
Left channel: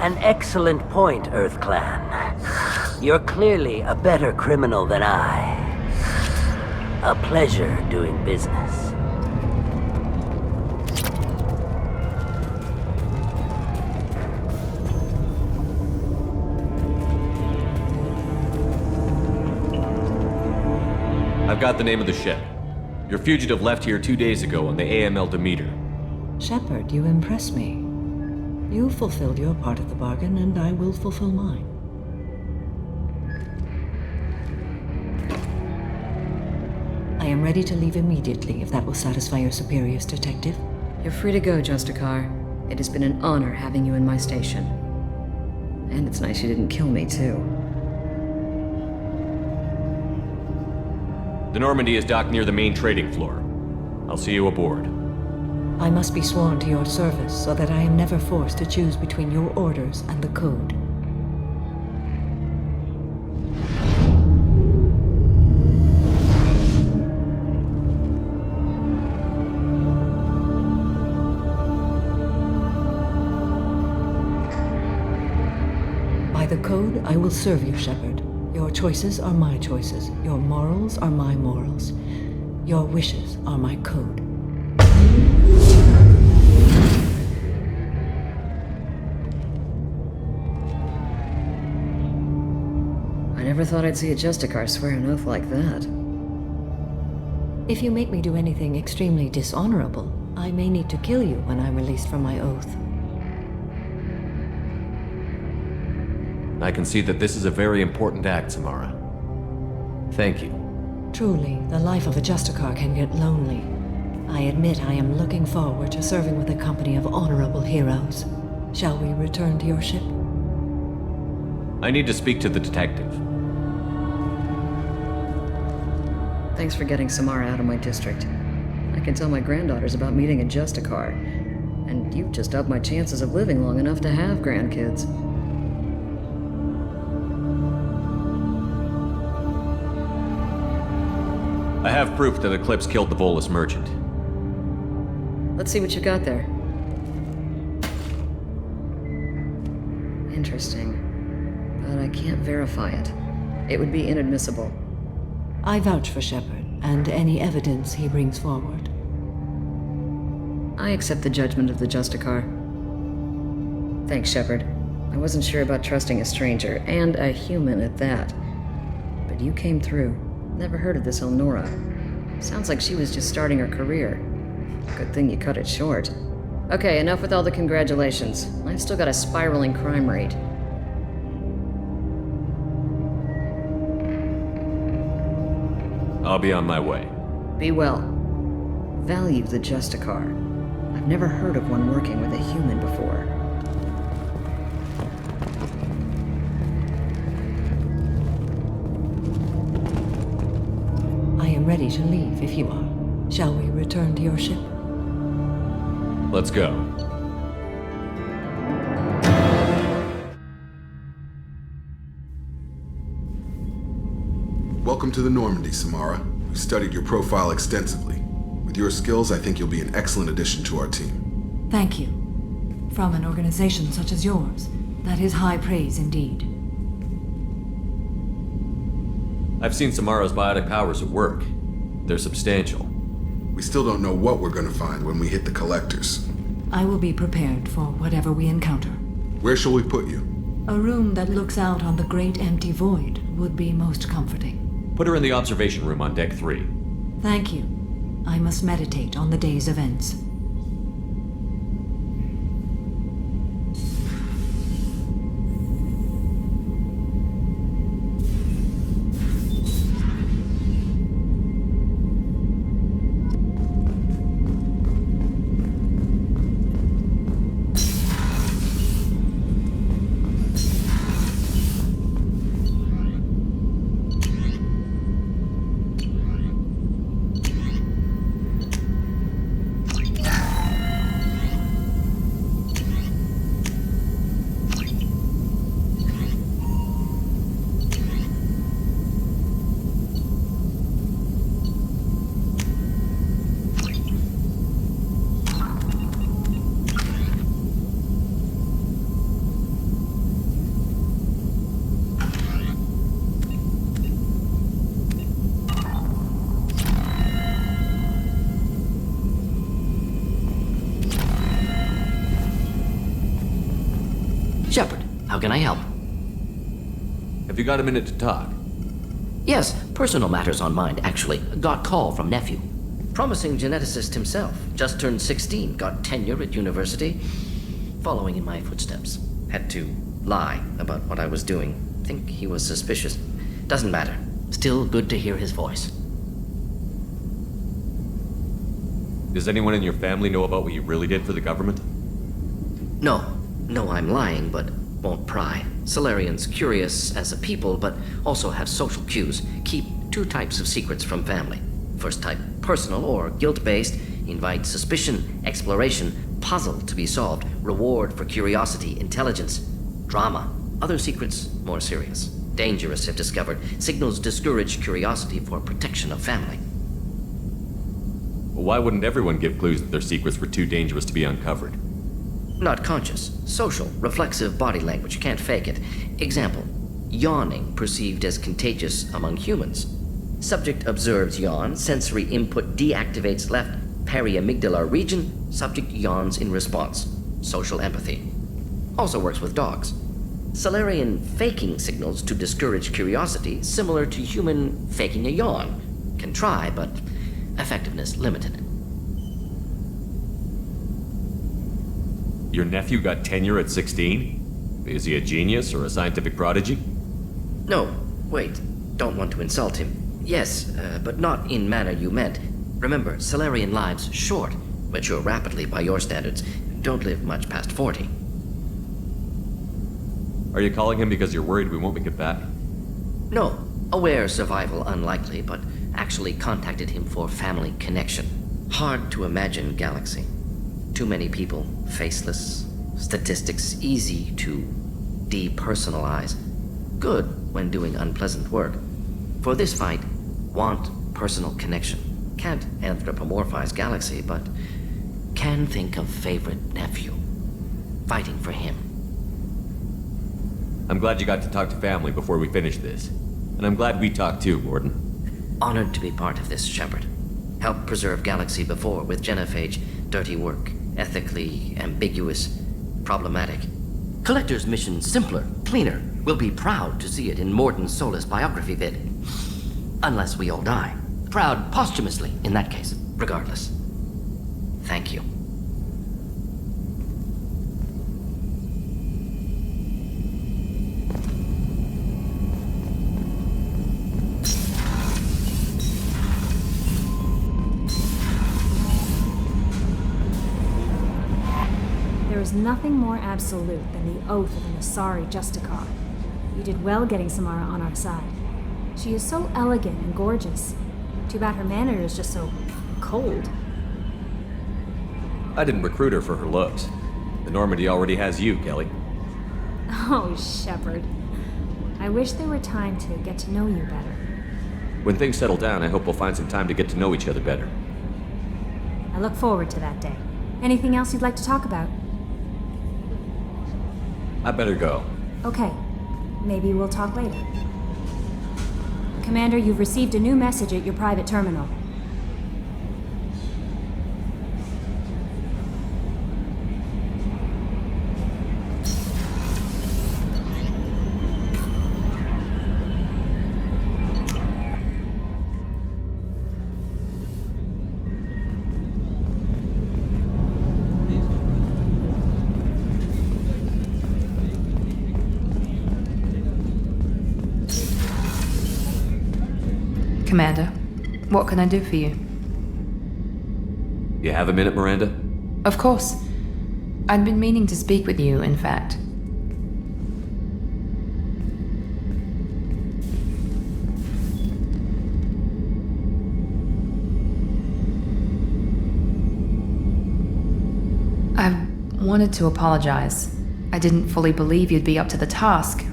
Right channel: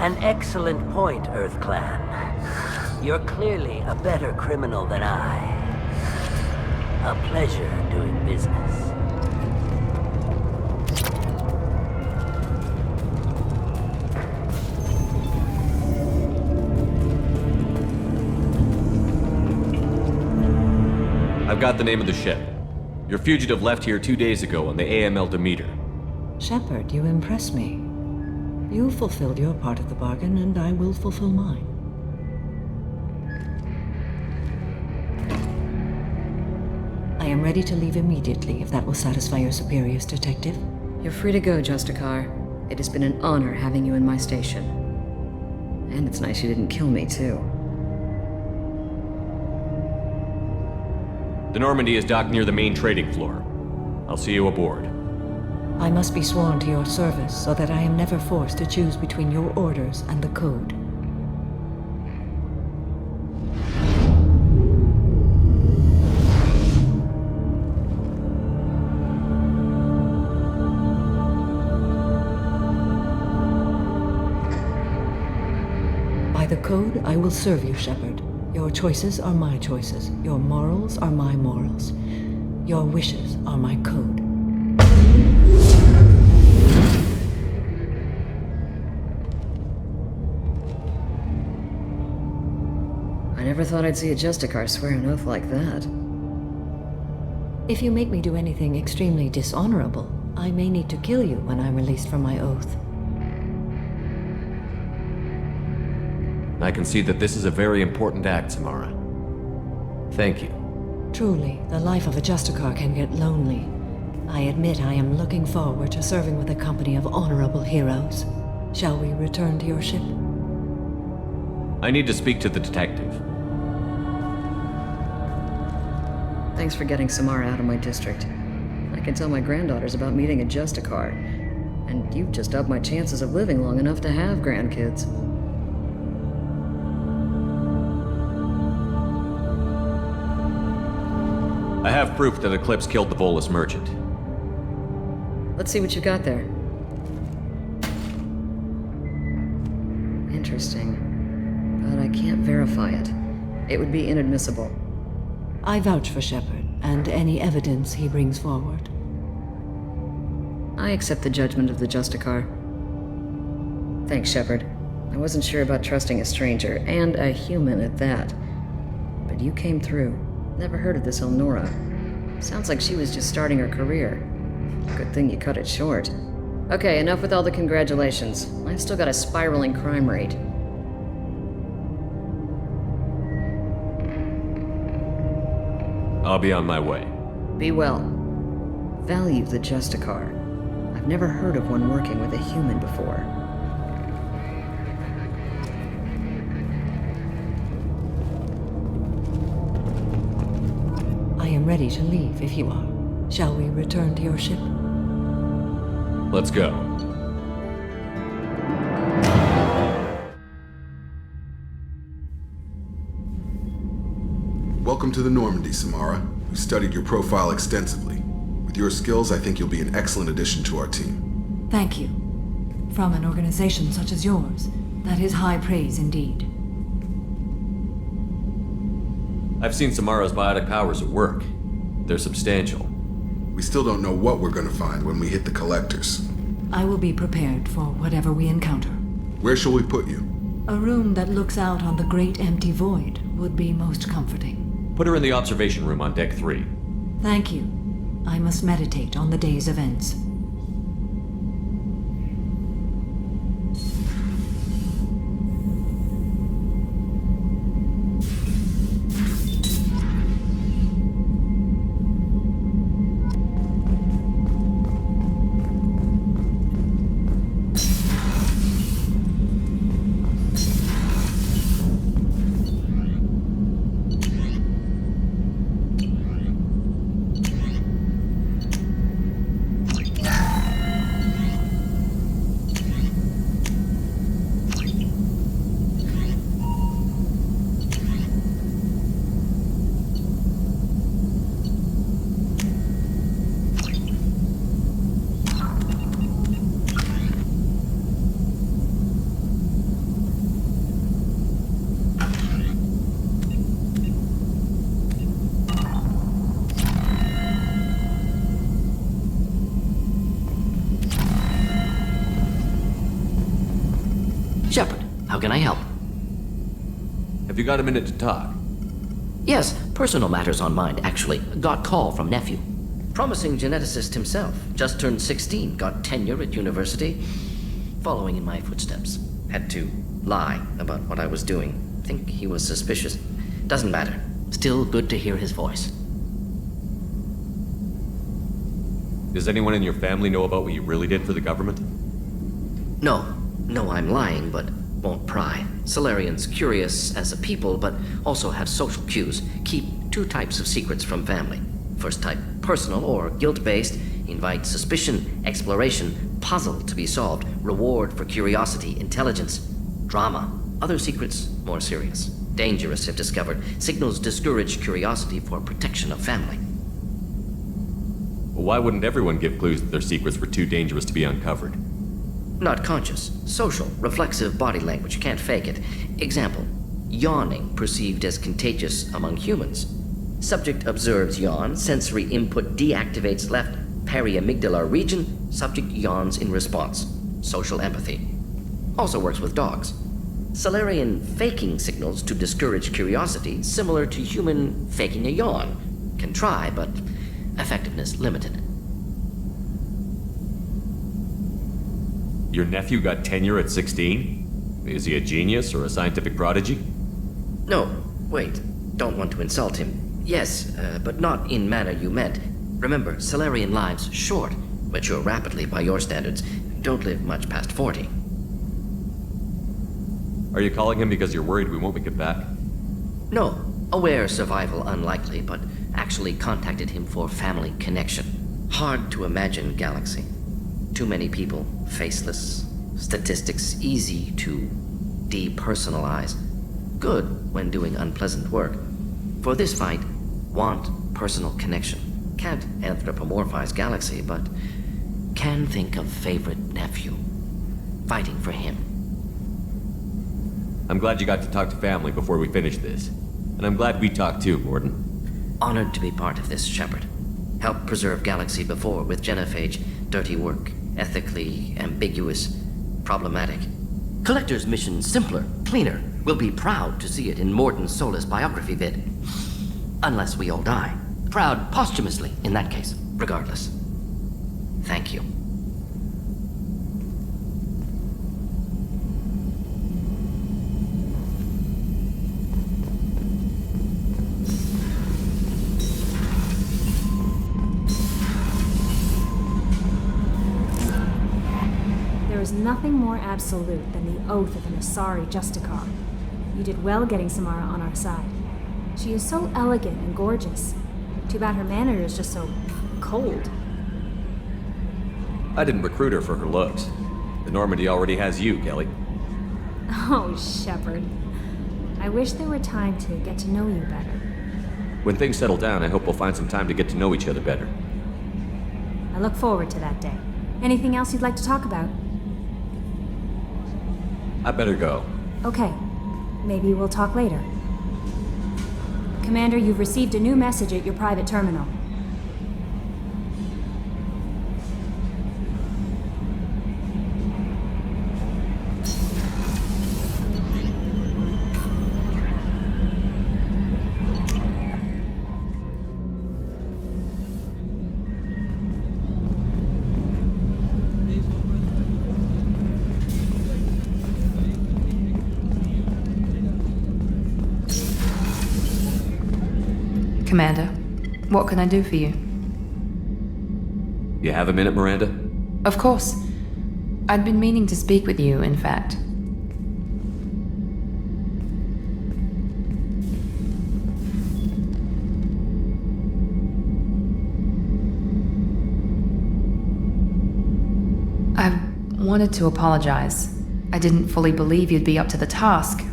An excellent point, Earth Clan. You're clearly a better criminal than I. A pleasure doing business. I I've got the name of the ship. Your fugitive left here 2 days ago on the AML Demeter. Shepard, you impress me. You fulfilled your part of the bargain, and I will fulfill mine. I am ready to leave immediately, if that will satisfy your superiors, Detective. You're free to go, Justicar. It has been an honor having you in my station. And it's nice you didn't kill me, too. The Normandy is docked near the main trading floor. I'll see you aboard. I must be sworn to your service so that I am never forced to choose between your orders and the Code. By the Code, I will serve you, Shepard. Your choices are my choices. Your morals are my morals. Your wishes are my code. I never thought I'd see a Justicar swear an oath like that. If you make me do anything extremely dishonorable, I may need to kill you when I'm released from my oath. I can see that this is a very important act, Samara. Thank you. Truly, the life of a Justicar can get lonely. I admit I am looking forward to serving with a company of honorable heroes. Shall we return to your ship? I need to speak to the detective. Thanks for getting Samara out of my district. I can tell my granddaughters about meeting a Justicar. And you've just upped my chances of living long enough to have grandkids. I have proof that Eclipse killed the Volus merchant. Let's see what you got there. Interesting. But I can't verify it. It would be inadmissible. I vouch for Shepard, and any evidence he brings forward. I accept the judgment of the Justicar. Thanks, Shepard. I wasn't sure about trusting a stranger, and a human at that. But you came through. Never heard of this Elnora. Sounds like she was just starting her career. Good thing you cut it short. Okay, enough with all the congratulations. I've still got a spiraling crime rate. I'll be on my way. Be well. Value the Justicar. I've never heard of one working with a human before. I am ready to leave if you are. Shall we return to your ship? Let's go. Welcome to the Normandy, Samara. We studied your profile extensively. With your skills, I think you'll be an excellent addition to our team. Thank you. From an organization such as yours, that is high praise indeed. I've seen Samara's biotic powers at work. They're substantial. We still don't know what we're gonna find when we hit the collectors. I will be prepared for whatever we encounter. Where shall we put you? A room that looks out on the great empty void would be most comforting. Put her in the observation room on Deck 3. Thank you. I must meditate on the day's events. Shepard, how can I help? Have you got a minute to talk? Yes, personal matters on mind, actually. Got call from nephew. Promising geneticist himself. Just turned 16, got tenure at university. Following in my footsteps. Had to lie about what I was doing. Think he was suspicious. Doesn't matter. Still good to hear his voice. Does anyone in your family know about what you really did for the government? No. No, I'm lying, but won't pry. Solarians curious as a people, but also have social cues. Keep two types of secrets from family. First type, personal or guilt-based. Invite suspicion, exploration, puzzle to be solved. Reward for curiosity, intelligence, drama. Other secrets, more serious. Dangerous if discovered. Signals discourage curiosity for protection of family. Well, why wouldn't everyone give clues that their secrets were too dangerous to be uncovered? Not conscious. Social, reflexive body language. Can't fake it. Example. Yawning perceived as contagious among humans. Subject observes yawn. Sensory input deactivates left periamygdalar region. Subject yawns in response. Social empathy. Also works with dogs. Solarian faking signals to discourage curiosity, similar to human faking a yawn. Can try, but effectiveness limited. Your nephew got tenure at 16? Is he a genius or a scientific prodigy? No, wait. Don't want to insult him. Yes, but not in manner you meant. Remember, Solarian lives short. Mature rapidly by your standards. Don't live much past 40. Are you calling him because you're worried we won't make it back? No. Aware survival unlikely, but actually contacted him for family connection. Hard to imagine galaxy. Too many people, faceless. Statistics easy to depersonalize. Good when doing unpleasant work. For this fight, want personal connection. Can't anthropomorphize galaxy, but can think of favorite nephew. Fighting for him. I'm glad you got to talk to family before we finish this. And I'm glad we talked too, Mordin. Honored to be part of this, Shepard. Helped preserve Galaxy before with Genophage. Dirty work. Ethically ambiguous. Problematic. Collector's mission simpler, cleaner. We'll be proud to see it in Mordin's Solus biography vid. Unless we all die. Proud posthumously, in that case. Regardless. Thank you. There is nothing more absolute than the oath of an Asari Justicar. You did well getting Samara on our side. She is so elegant and gorgeous. Too bad her manner is just so cold. I didn't recruit her for her looks. The Normandy already has you, Kelly. Oh, Shepard. I wish there were time to get to know you better. When things settle down, I hope we'll find some time to get to know each other better. I look forward to that day. Anything else you'd like to talk about? I better go. Okay. Maybe we'll talk later. Commander, you've received a new message at your private terminal. Commander, what can I do for you? You have a minute, Miranda? Of course. I'd been meaning to speak with you, in fact. I wanted to apologize. I didn't fully believe you'd be up to the task,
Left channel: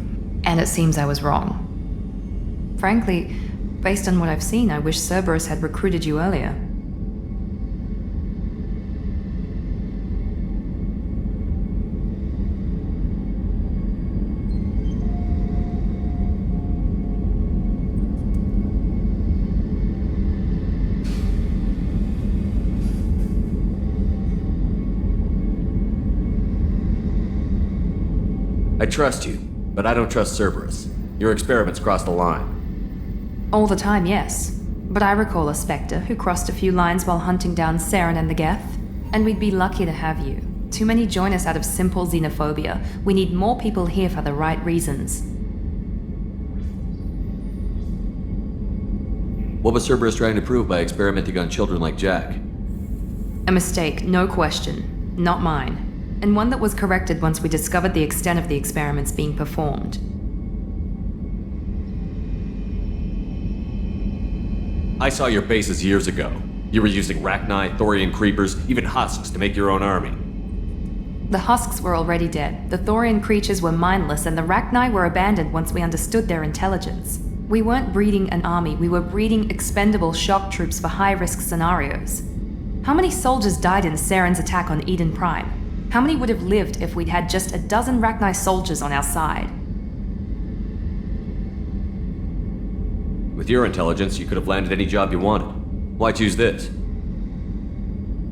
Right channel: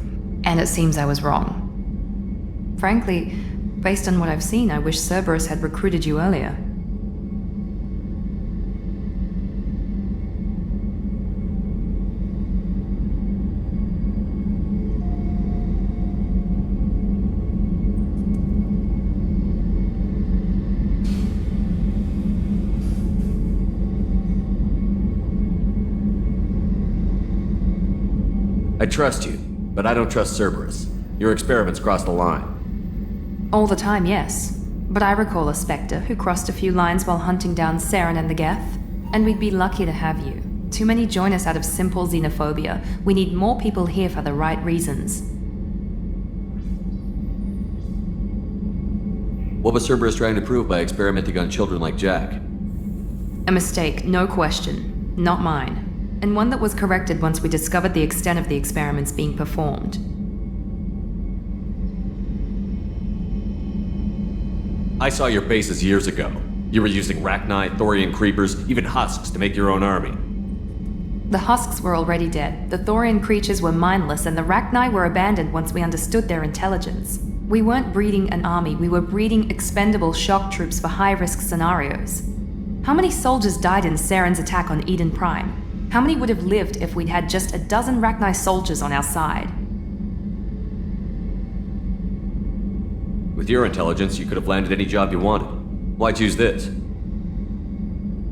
and it seems I was wrong. Frankly, based on what I've seen, I wish Cerberus had recruited you earlier. I trust you, but I don't trust Cerberus. Your experiments crossed the line. All the time, yes. But I recall a Spectre who crossed a few lines while hunting down Saren and the Geth. And we'd be lucky to have you. Too many join us out of simple xenophobia. We need more people here for the right reasons. What was Cerberus trying to prove by experimenting on children like Jack? A mistake, no question. Not mine. And one that was corrected once we discovered the extent of the experiments being performed. I saw your bases years ago. You were using Rachni, Thorian creepers, even husks to make your own army. The husks were already dead, the Thorian creatures were mindless, and the Rachni were abandoned once we understood their intelligence. We weren't breeding an army, we were breeding expendable shock troops for high-risk scenarios. How many soldiers died in Saren's attack on Eden Prime? How many would have lived if we'd had just a dozen Rachni soldiers on our side? With your intelligence, you could have landed any job you wanted. Why choose this?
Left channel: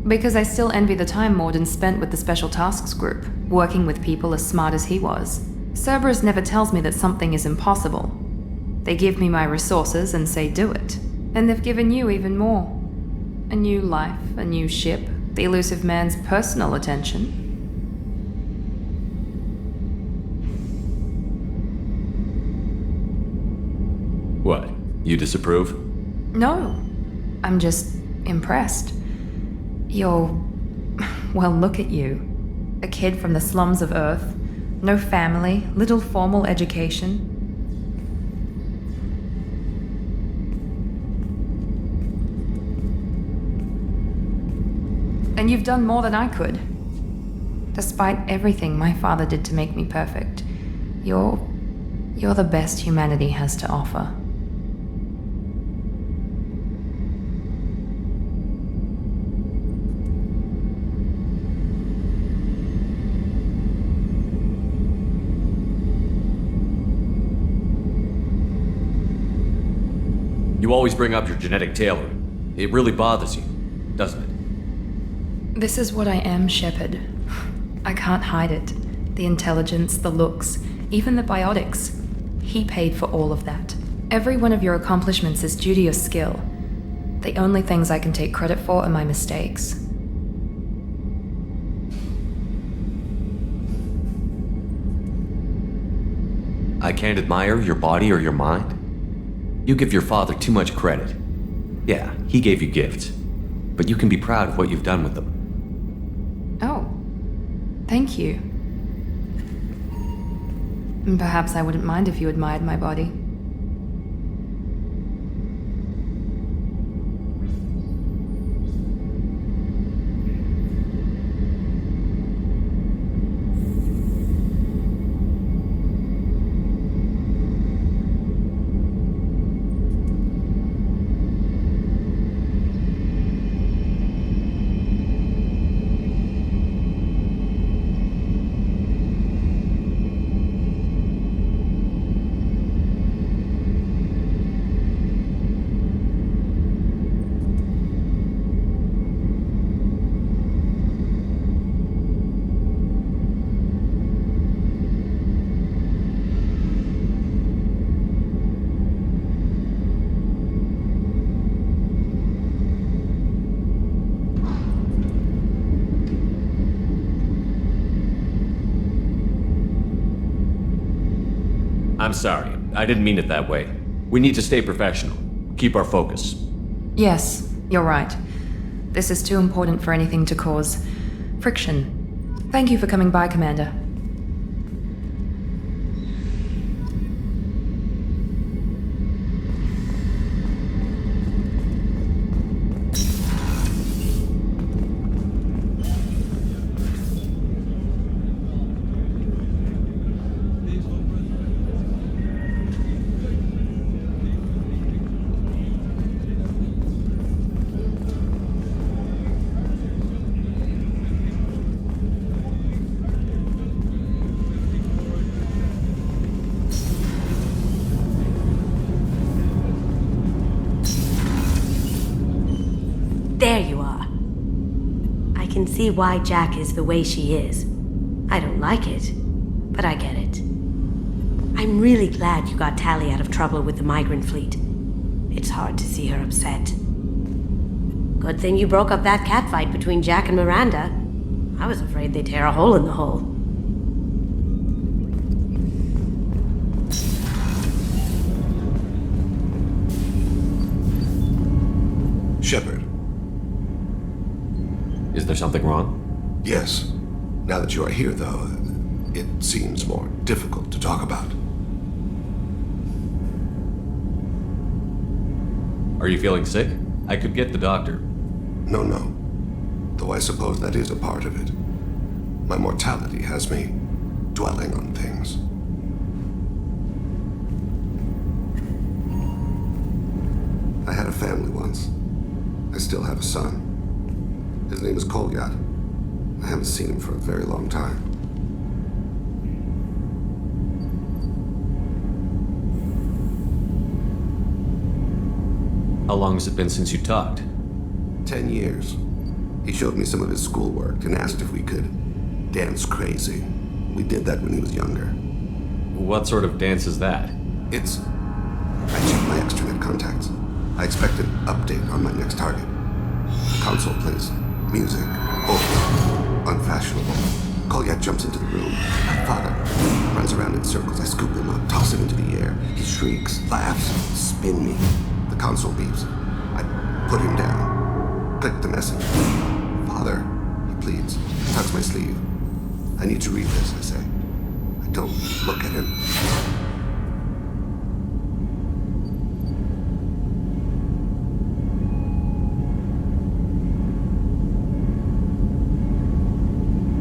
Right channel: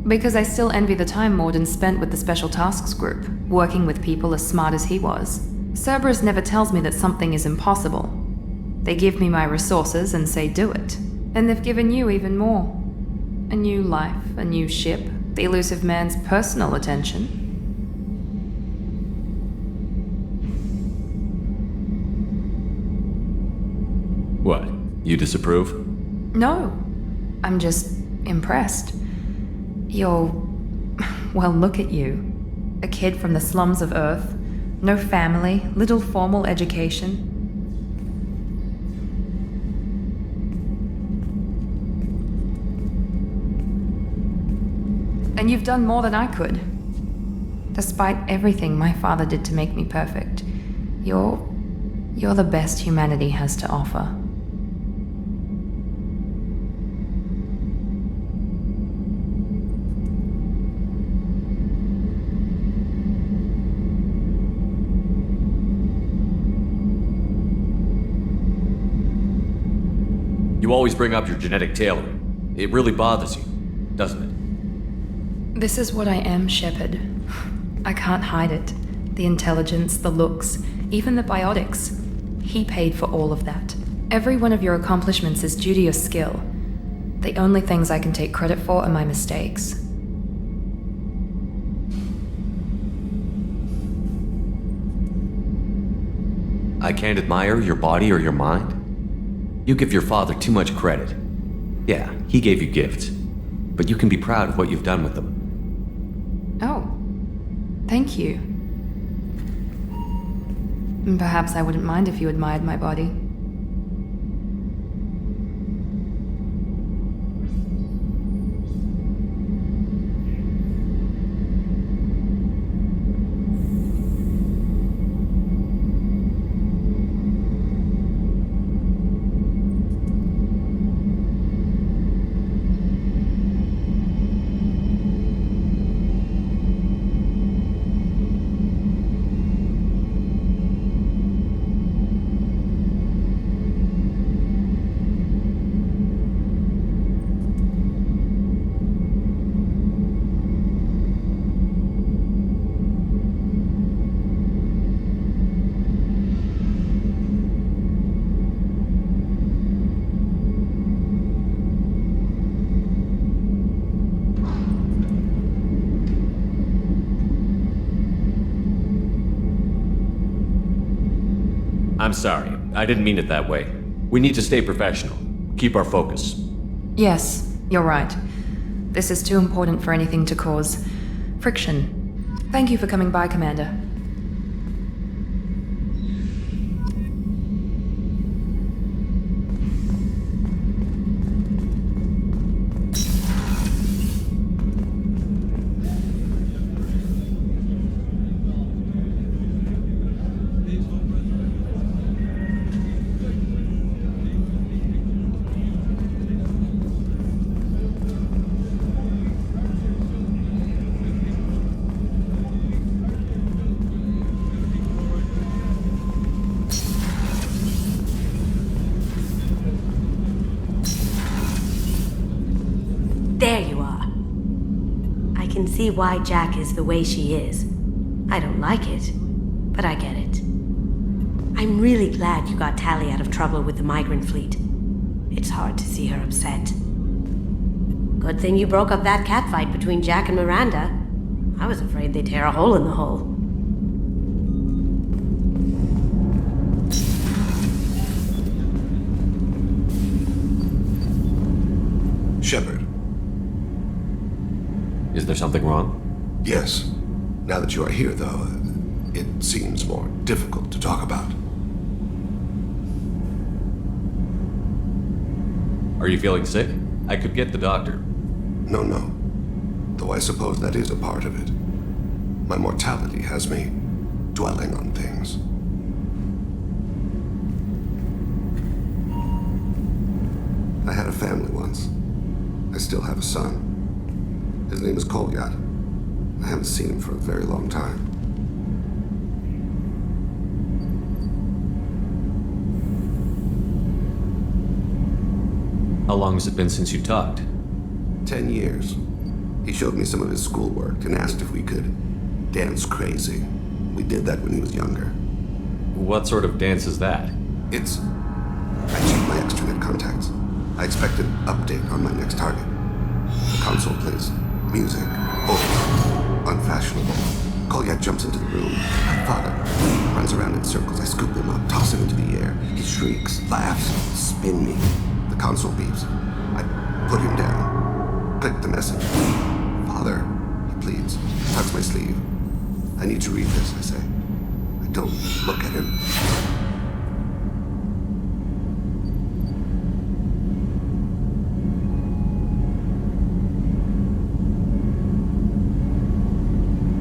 Because I still envy the time Morden spent with the Special Tasks Group, working with people as smart as he was. Cerberus never tells me that something is impossible. They give me my resources and say do it. And they've given you even more. A new life, a new ship, the elusive man's personal attention. What? You disapprove? No. I'm just impressed. You're... well, look at you. A kid from the slums of Earth. No family, little formal education. And you've done more than I could. Despite everything my father did to make me perfect, you're the best humanity has to offer. You always bring up your genetic tailoring. It really bothers you, doesn't it? This is what I am, Shepard. I can't hide it. The intelligence, the looks, even the biotics. He paid for all of that. Every one of your accomplishments is due to your skill. The only things I can take credit for are my mistakes. I can't admire your body or your mind? You give your father too much credit. Yeah, he gave you gifts. But you can be proud of what you've done with them. Oh. Thank you. Perhaps I wouldn't mind if you admired my body. I'm sorry. I didn't mean it that way. We need to stay professional. Keep our focus. Yes, you're right. This is too important for anything to cause friction. Thank you for coming by, Commander. There you are. I can see why Jack is the way she is. I don't like it, but I get it. I'm really glad you got Tali out of trouble with the migrant fleet. It's hard to see her upset. Good thing you broke up that catfight between Jack and Miranda. I was afraid they'd tear a hole in the hull. Shepard. Is there something wrong? Yes. Now that you are here, though, it seems more difficult to talk about. Are you feeling sick? I could get the doctor. No. Though I suppose that is a part of it. My mortality has me dwelling on things. I had a family once. I still have a son. His name is Kolyat. I haven't seen him for a very long time. How long has it been since you talked? 10 years. He showed me some of his schoolwork and asked if we could dance crazy. We did that when he was younger. What sort of dance is that? It's... I checked my extranet contacts. I expect an update on my next target. The console plays music. Old. Unfashionable. Kolyat jumps into the room. My father runs around in circles. I scoop him up, toss him into the air. He shrieks, laughs, spin me. The console beeps. I put him down. Click the message. Father, he pleads. Tucks my sleeve. I need to read this, I say. I don't look at him.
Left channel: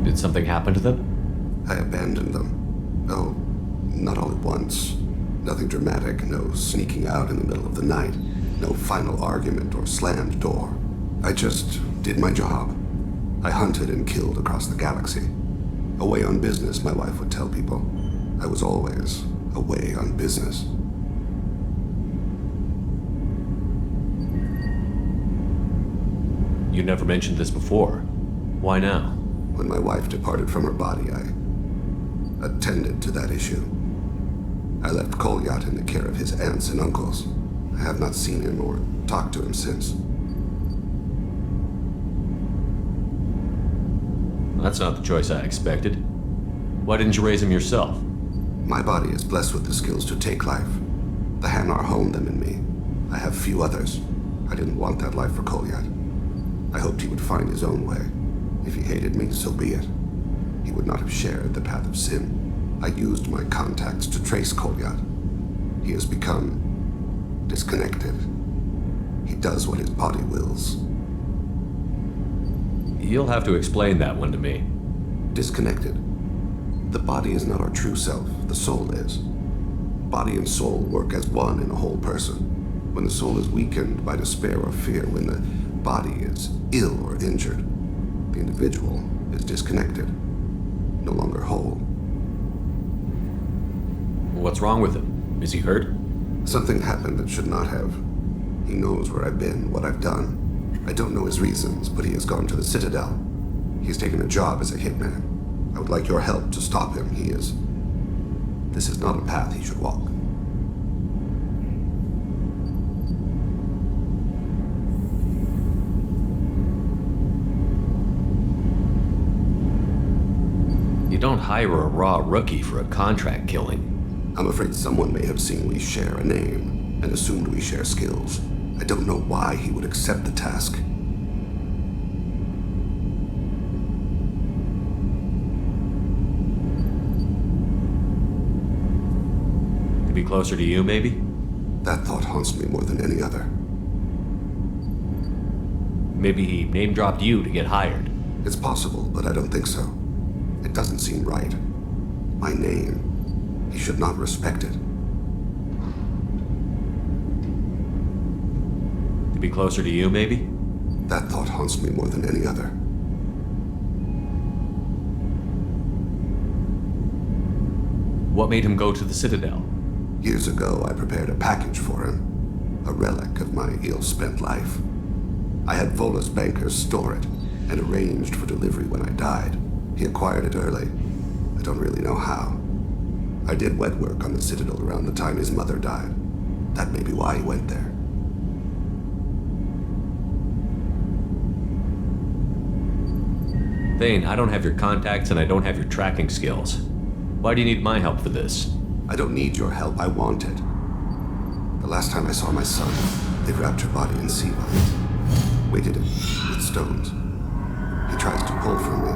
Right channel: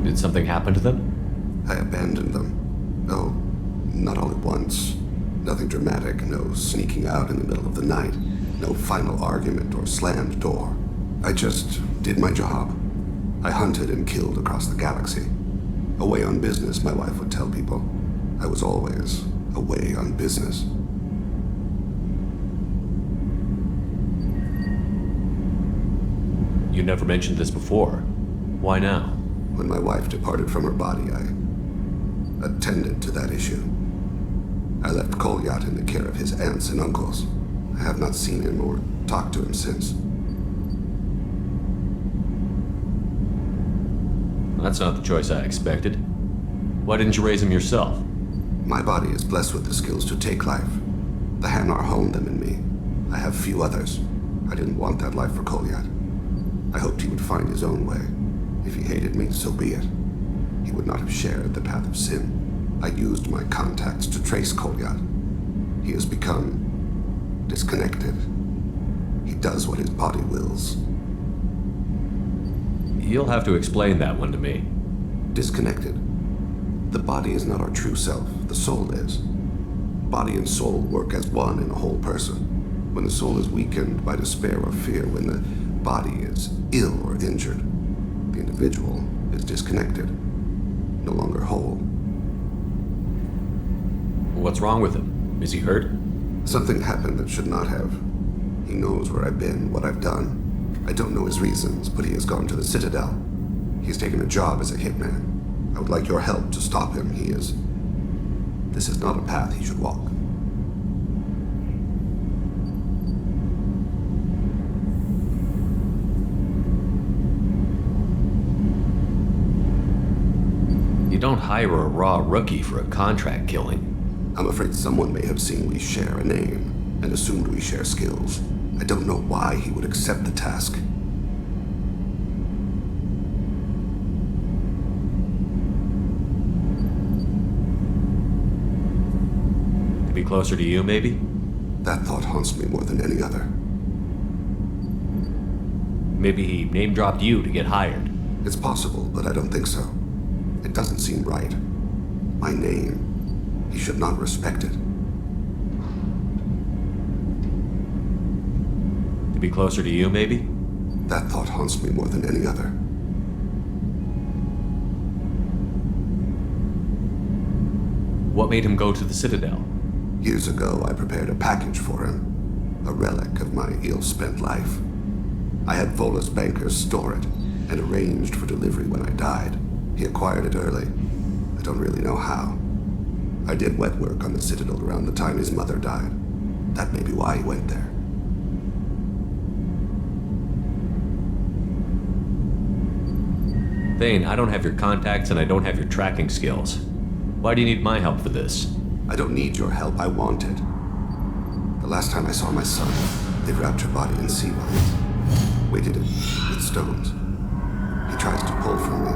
Did something happen to them? I abandoned them. Oh, not all at once. Nothing dramatic, no sneaking out in the middle of the night, no final argument or slammed door. I just did my job. I hunted and killed across the galaxy. Away on business, my wife would tell people. I was always away on business. You never mentioned this before. Why now? When my wife departed from her body, I attended to that issue. I left Kolyat in the care of his aunts and uncles. I have not seen him or talked to him since. That's not the choice I expected. Why didn't you raise him yourself? My body is blessed with the skills to take life. The Hanar honed them in me. I have few others. I didn't want that life for Kolyat. I hoped he would find his own way. If he hated me, so be it. He would not have shared the path of sin. I used my contacts to trace Kolyat. He has become disconnected. He does what his body wills. You'll have to explain that one to me. Disconnected. The body is not our true self. The soul is. Body and soul work as one in a whole person. When the soul is weakened by despair or fear, when the body is ill or injured, the individual is disconnected, no longer whole. What's wrong with him? Is he hurt? Something happened that should not have. He knows where I've been, what I've done. I don't know his reasons, but he has gone to the Citadel. He's taken a job as a hitman. I would like your help to stop him. This is not a path he should walk. You don't hire a raw rookie for a contract killing. I'm afraid someone may have seen we share a name and assumed we share skills. I don't know why he would accept the task. To be closer to you, maybe? That thought haunts me more than any other. Maybe he name-dropped you to get hired. It's possible, but I don't think so. It doesn't seem right. My name. He should not respect it. To be closer to you, maybe? That thought haunts me more than any other. What made him go to the Citadel? Years ago, I prepared a package for him. A relic of my ill-spent life. I had Volus bankers store it and arranged for delivery when I died. He acquired it early. I don't really know how. I did wet work on the Citadel around the time his mother died. That may be why he went there. Thane, I don't have your contacts and I don't have your tracking skills. Why do you need my help for this? I don't need your help, I want it. The last time I saw my son, they wrapped her body in sea vines, weighted it with stones. He tries to pull from me,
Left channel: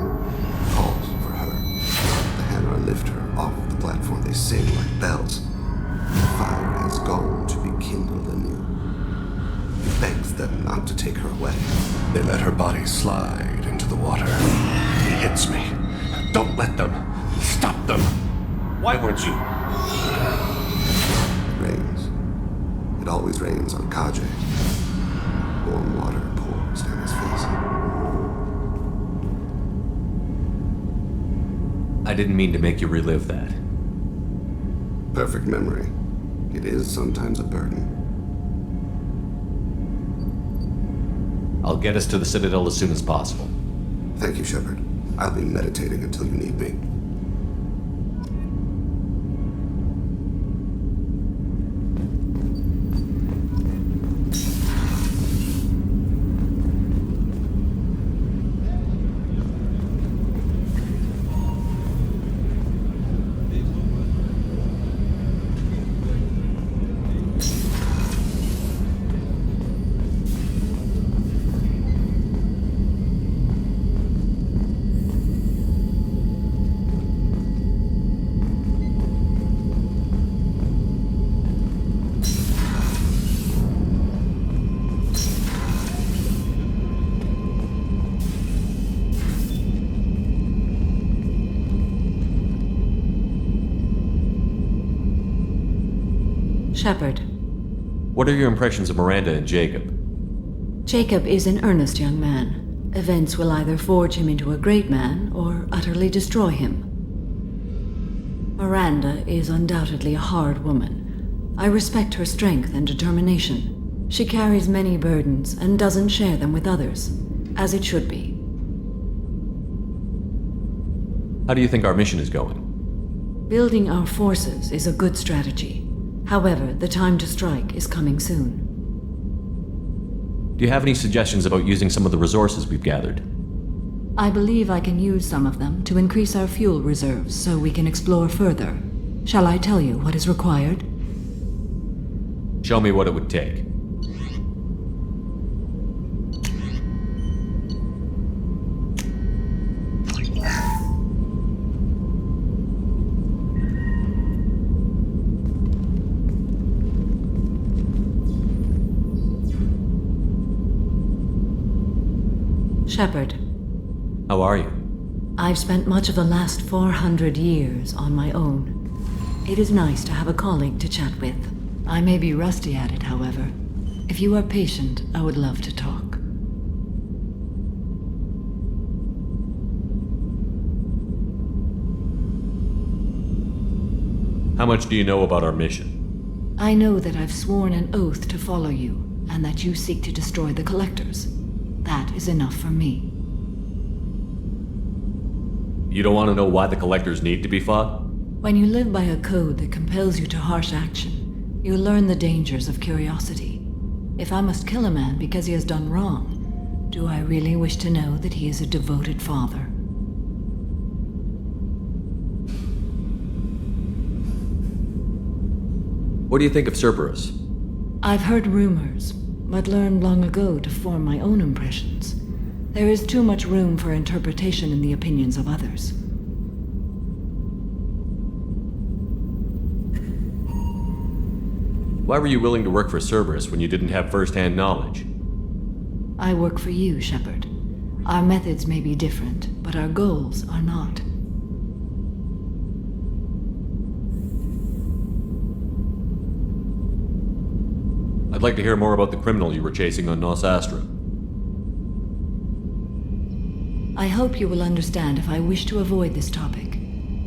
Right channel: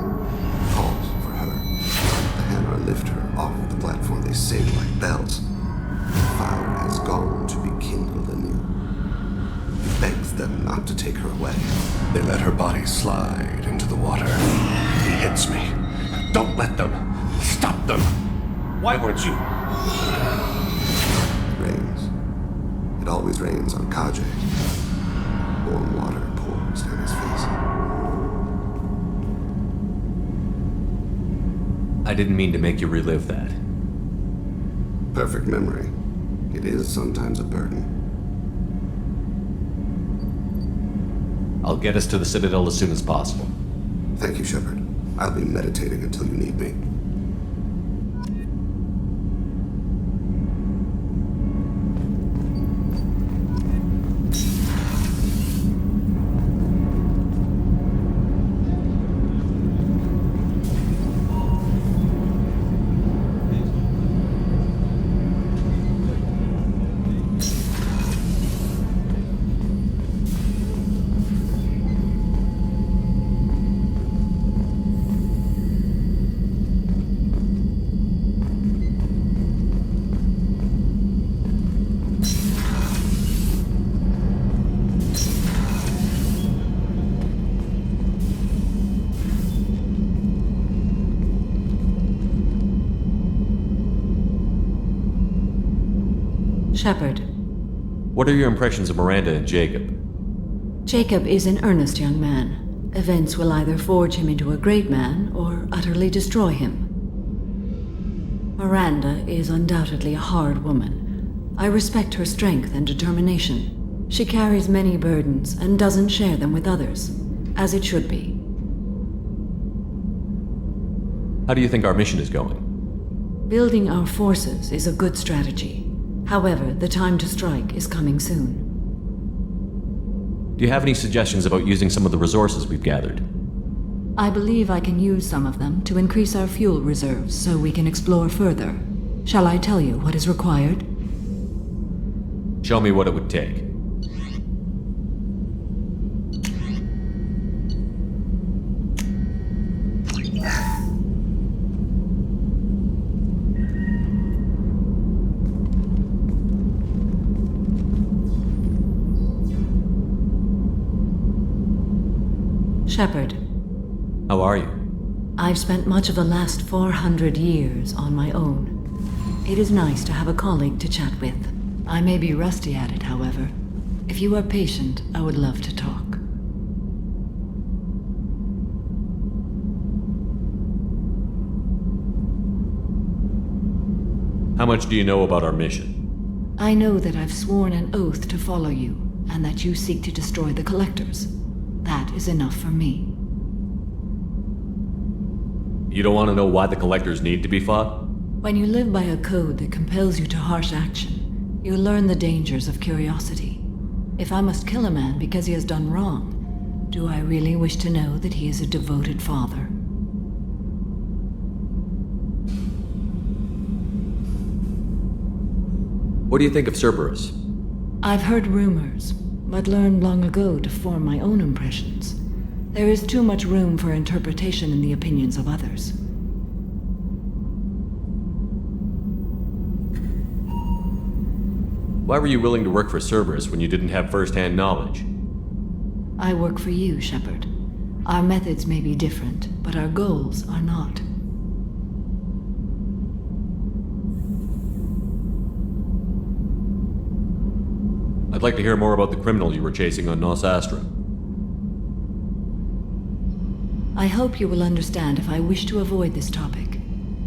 calls for her. The Hanar lift her off the platform, they sing like bells. The fire has gone to be kindled anew. He begs them not to take her away. They let her body slide into the water. He hits me. Don't let them. Stop them. Why weren't you? It rains. It always rains on Kaje. Warm water pours down his face. I didn't mean to make you relive that. Perfect memory. It is sometimes a burden. I'll get us to the Citadel as soon as possible. Thank you, Shepard. I'll be meditating until you need me. Shepard. What are your impressions of Miranda and Jacob? Jacob is an earnest young man. Events will either forge him into a great man or utterly destroy him. Miranda is undoubtedly a hard woman. I respect her strength and determination. She carries many burdens and doesn't share them with others, as it should be. How do you think our mission is going? Building our forces is a good strategy. However, the time to strike is coming soon. Do you have any suggestions about using some of the resources we've gathered? I believe I can use some of them to increase our fuel reserves so we can explore further. Shall I tell you what is required? Show me what it would take. Shepard. How are you? I've spent much of the last 400 years on my own. It is nice to have a colleague to chat with. I may be rusty at it, however. If you are patient, I would love to talk. How much do you know about our mission? I know that I've sworn an oath to follow you, and that you seek to destroy the Collectors. That is enough for me. You don't want to know why the Collectors need to be fought? When you live by a code that compels you to harsh action, you learn the dangers of curiosity. If I must kill a man because he has done wrong, do I really wish to know that he is a devoted father? What do you think of Cerberus? I've heard rumors, but learned long ago to form my own impressions. There is too much room for interpretation in the opinions of others. Why were you willing to work for Cerberus when you didn't have first-hand knowledge? I work for you, Shepard. Our methods may be different, but our goals are not. I'd like to hear more about the criminal you were chasing on Nos Astra. I hope you will understand if I wish to avoid this topic.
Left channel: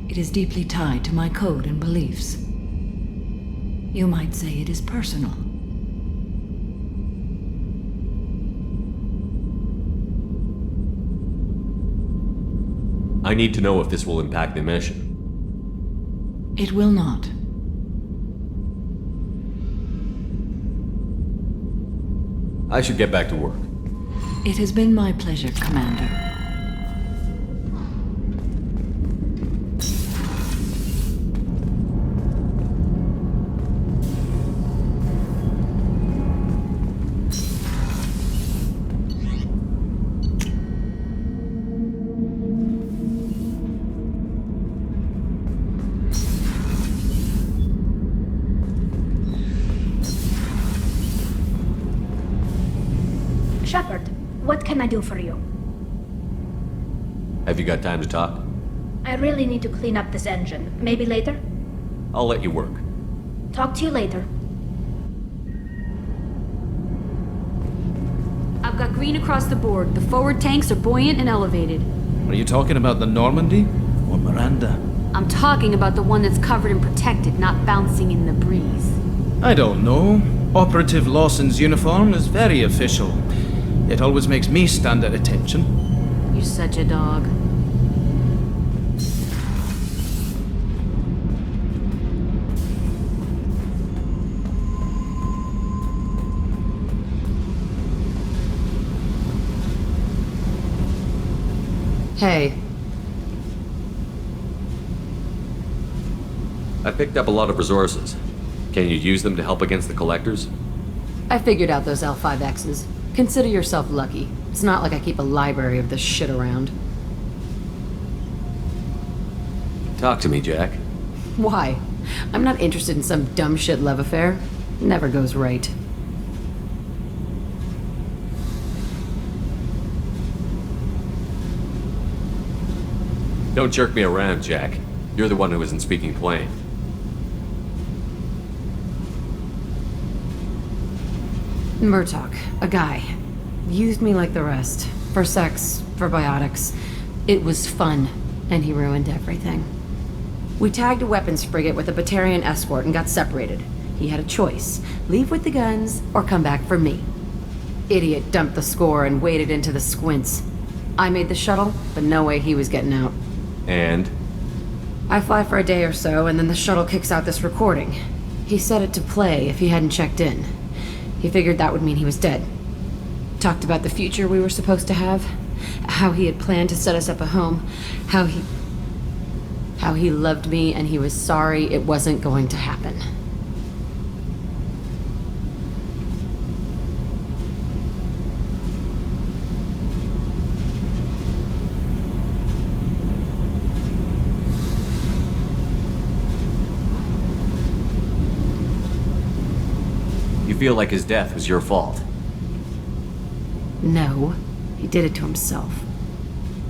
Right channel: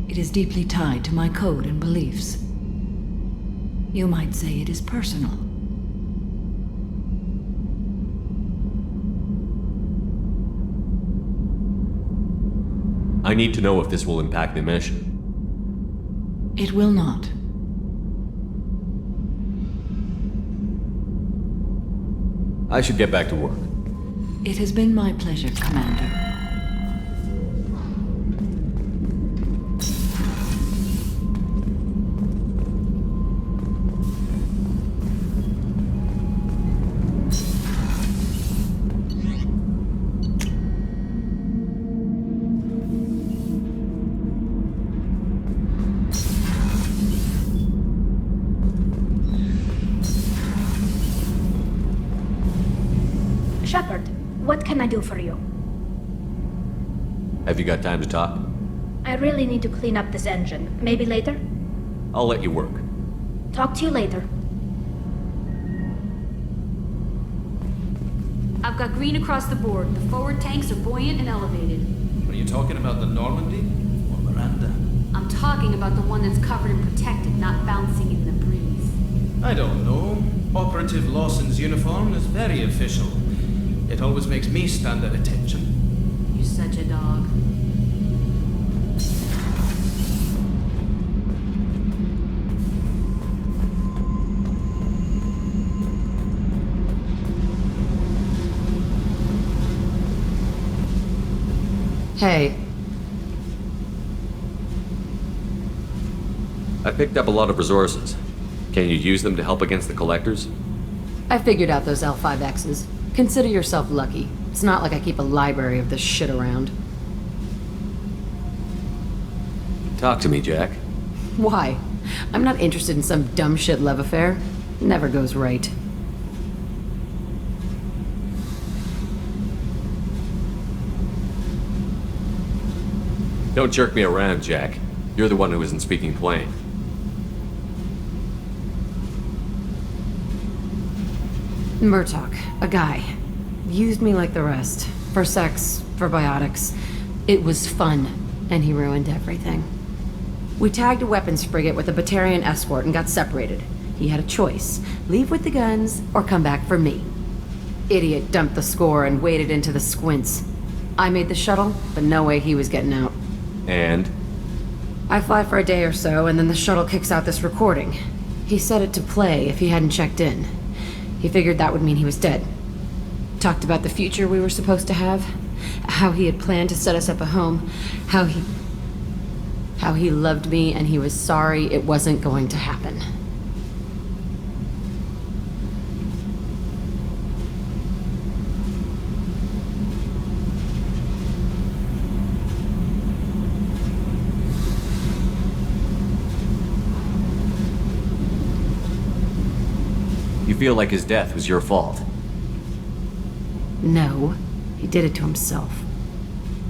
It is deeply tied to my code and beliefs. You might say it is personal. I need to know if this will impact the mission. It will not. I should get back to work. It has been my pleasure, Commander. Shepard, what can I do for you? Have you got time to talk? I really need to clean up this engine. Maybe later? I'll let you work. Talk to you later. I've got green across the board. The forward tanks are buoyant and elevated. Are you talking about the Normandy or Miranda? I'm talking about the one that's covered and protected, not bouncing in the breeze. I don't know. Operative Lawson's uniform is very official. It always makes me stand at attention. You're such a dog. Hey. I picked up a lot of resources. Can you use them to help against the collectors? I figured out those L5Xs. Consider yourself lucky. It's not like I keep a library of this shit around. Talk to me, Jack. Why? I'm not interested in some dumb shit love affair. Never goes right. Don't jerk me around, Jack. You're the one who isn't speaking plain. Murtaugh, a guy. Used me like the rest. For sex, for biotics. It was fun, and he ruined everything. We tagged a weapons frigate with a Batarian escort and got separated. He had a choice. Leave with the guns, or come back for me. Idiot dumped the score and waded into the squints. I made the shuttle, but no way he was getting out. And? I fly for a day or so, and then the shuttle kicks out this recording. He set it to play if he hadn't checked in. He figured that would mean he was dead. Talked about the future we were supposed to have. How he had planned to set us up a home. How he loved me and he was sorry it wasn't going to happen. You feel like his death was your fault? No, he did it to himself.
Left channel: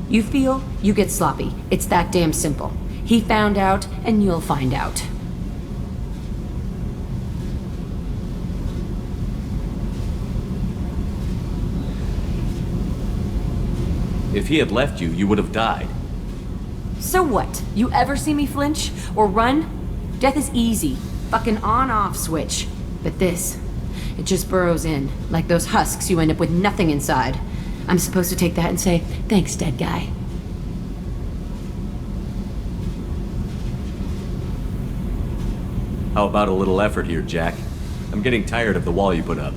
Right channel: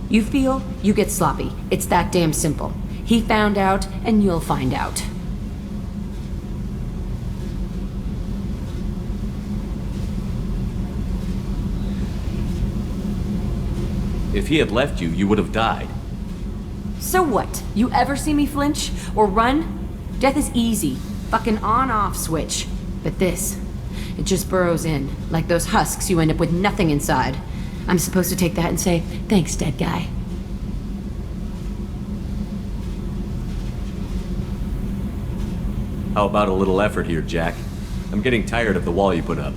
You feel, you get sloppy. It's that damn simple. He found out, and you'll find out. If he had left you, you would have died. So what? You ever see me flinch? Or run? Death is easy. Fucking on-off switch. But this, it just burrows in. Like those husks, you end up with nothing inside. I'm supposed to take that and say, thanks, dead guy. How about a little effort here, Jack? I'm getting tired of the wall you put up.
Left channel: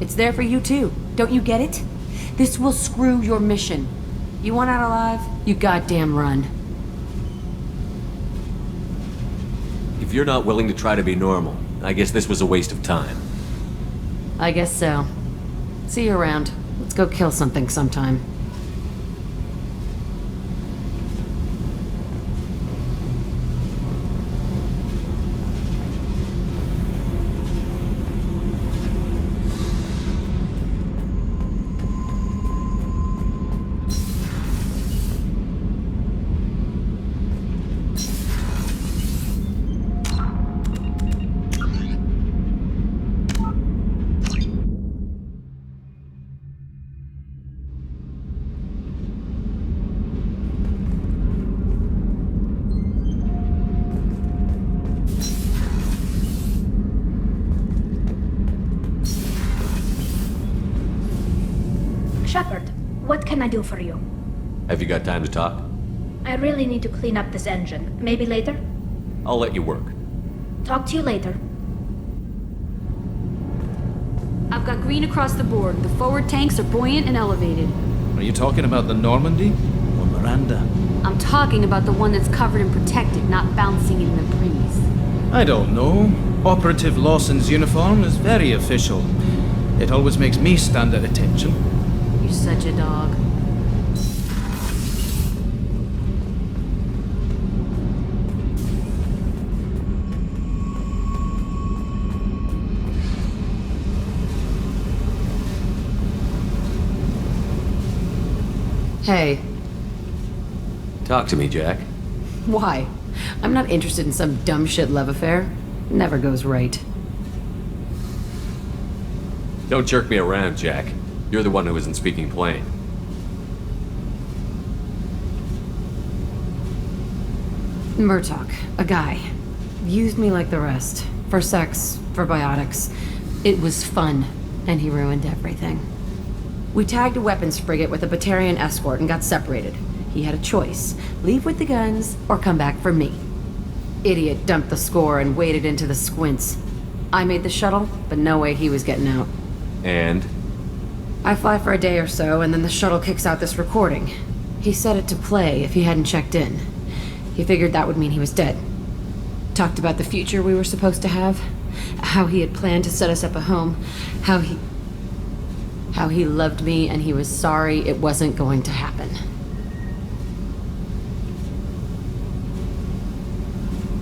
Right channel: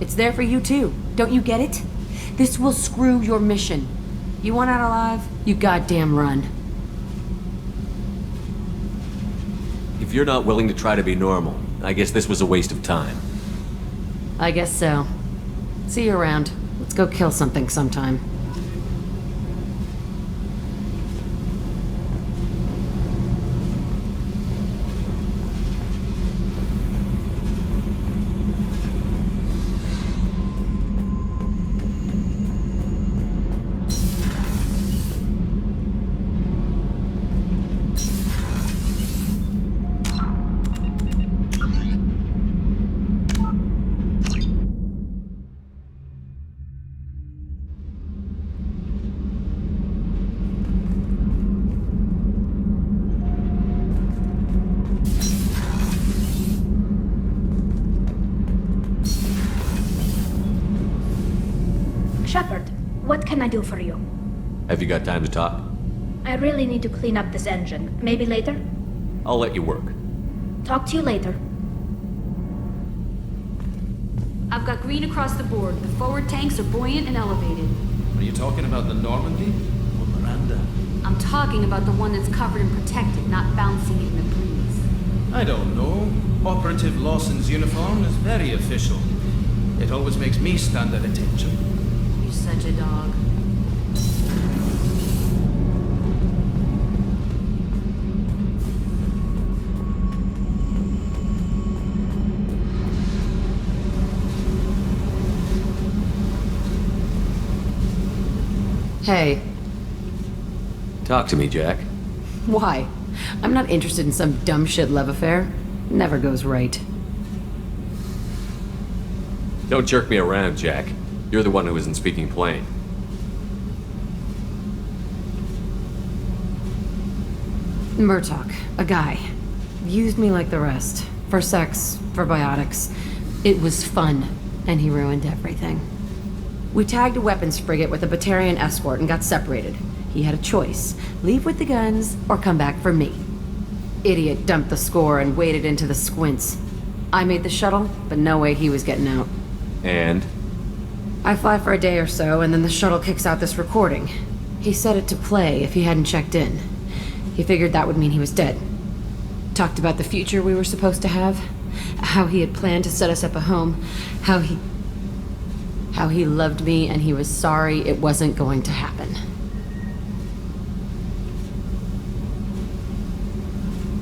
It's there for you too. Don't you get it? This will screw your mission. You want out alive? You goddamn run. If you're not willing to try to be normal, I guess this was a waste of time. I guess so. See you around. Let's go kill something sometime. Shepard, what can I do for you? Have you got time to talk? I really need to clean up this engine. Maybe later? I'll let you work. Talk to you later. I've got green across the board. The forward tanks are buoyant and elevated. Are you talking about the Normandy or Miranda? I'm talking about the one that's covered and protected, not bouncing in the breeze. I don't know. Operative Lawson's uniform is very official. It always makes me stand at attention. You're such a dog. Hey. Talk to me, Jack. Why? I'm not interested in some dumb shit love affair. Never goes right. Don't jerk me around, Jack. You're the one who isn't speaking plain. Murtaugh, a guy. Used me like the rest. For sex, for biotics. It was fun, and he ruined everything. We tagged a weapons frigate with a Batarian escort and got separated. He had a choice. Leave with the guns, or come back for me. Idiot dumped the score and waded into the squints. I made the shuttle, but no way he was getting out. And? I fly for a day or so, and then the shuttle kicks out this recording. He set it to play if he hadn't checked in. He figured that would mean he was dead. Talked about the future we were supposed to have. How he had planned to set us up a home. How he loved me and he was sorry it wasn't going to happen.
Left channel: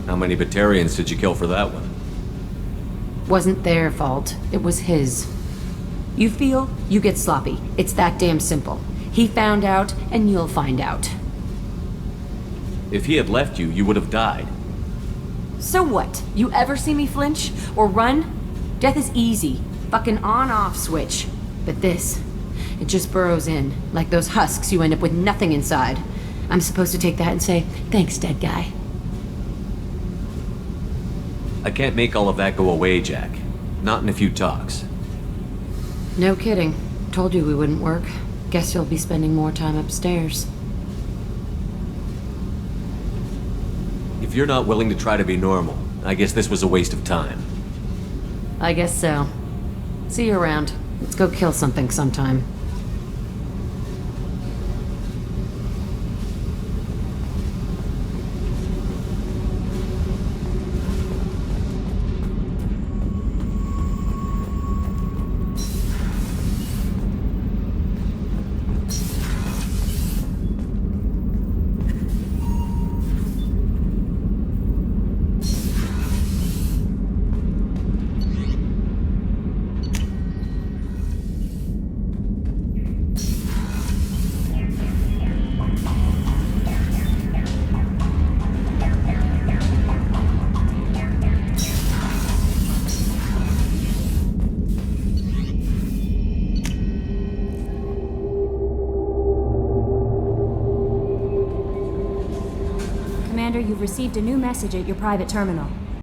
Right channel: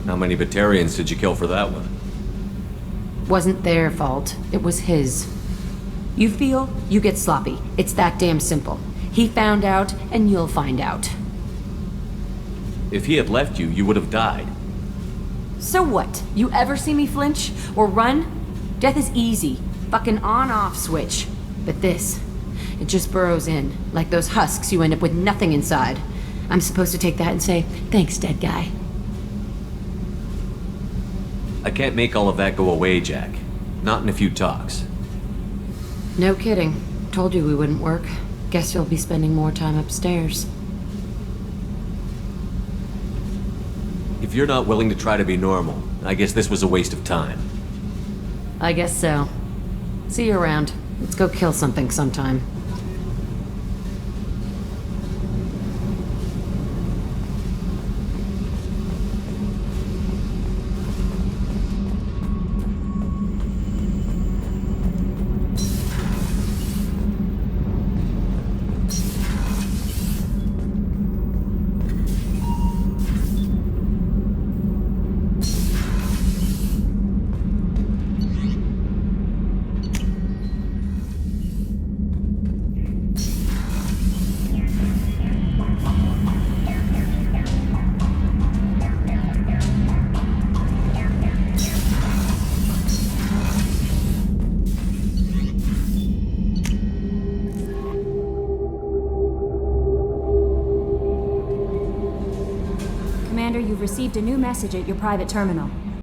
How many Batarians did you kill for that one? Wasn't their fault. It was his. You feel, you get sloppy. It's that damn simple. He found out, and you'll find out. If he had left you, you would have died. So what? You ever see me flinch? Or run? Death is easy. Fucking on-off switch. But this, it just burrows in. Like those husks, you end up with nothing inside. I'm supposed to take that and say, thanks, dead guy. I can't make all of that go away, Jack. Not in a few talks. No kidding. Told you we wouldn't work. Guess you'll be spending more time upstairs. If you're not willing to try to be normal, I guess this was a waste of time. I guess so. See you around. Let's go kill something sometime. Commander, you've received a new message at your private terminal.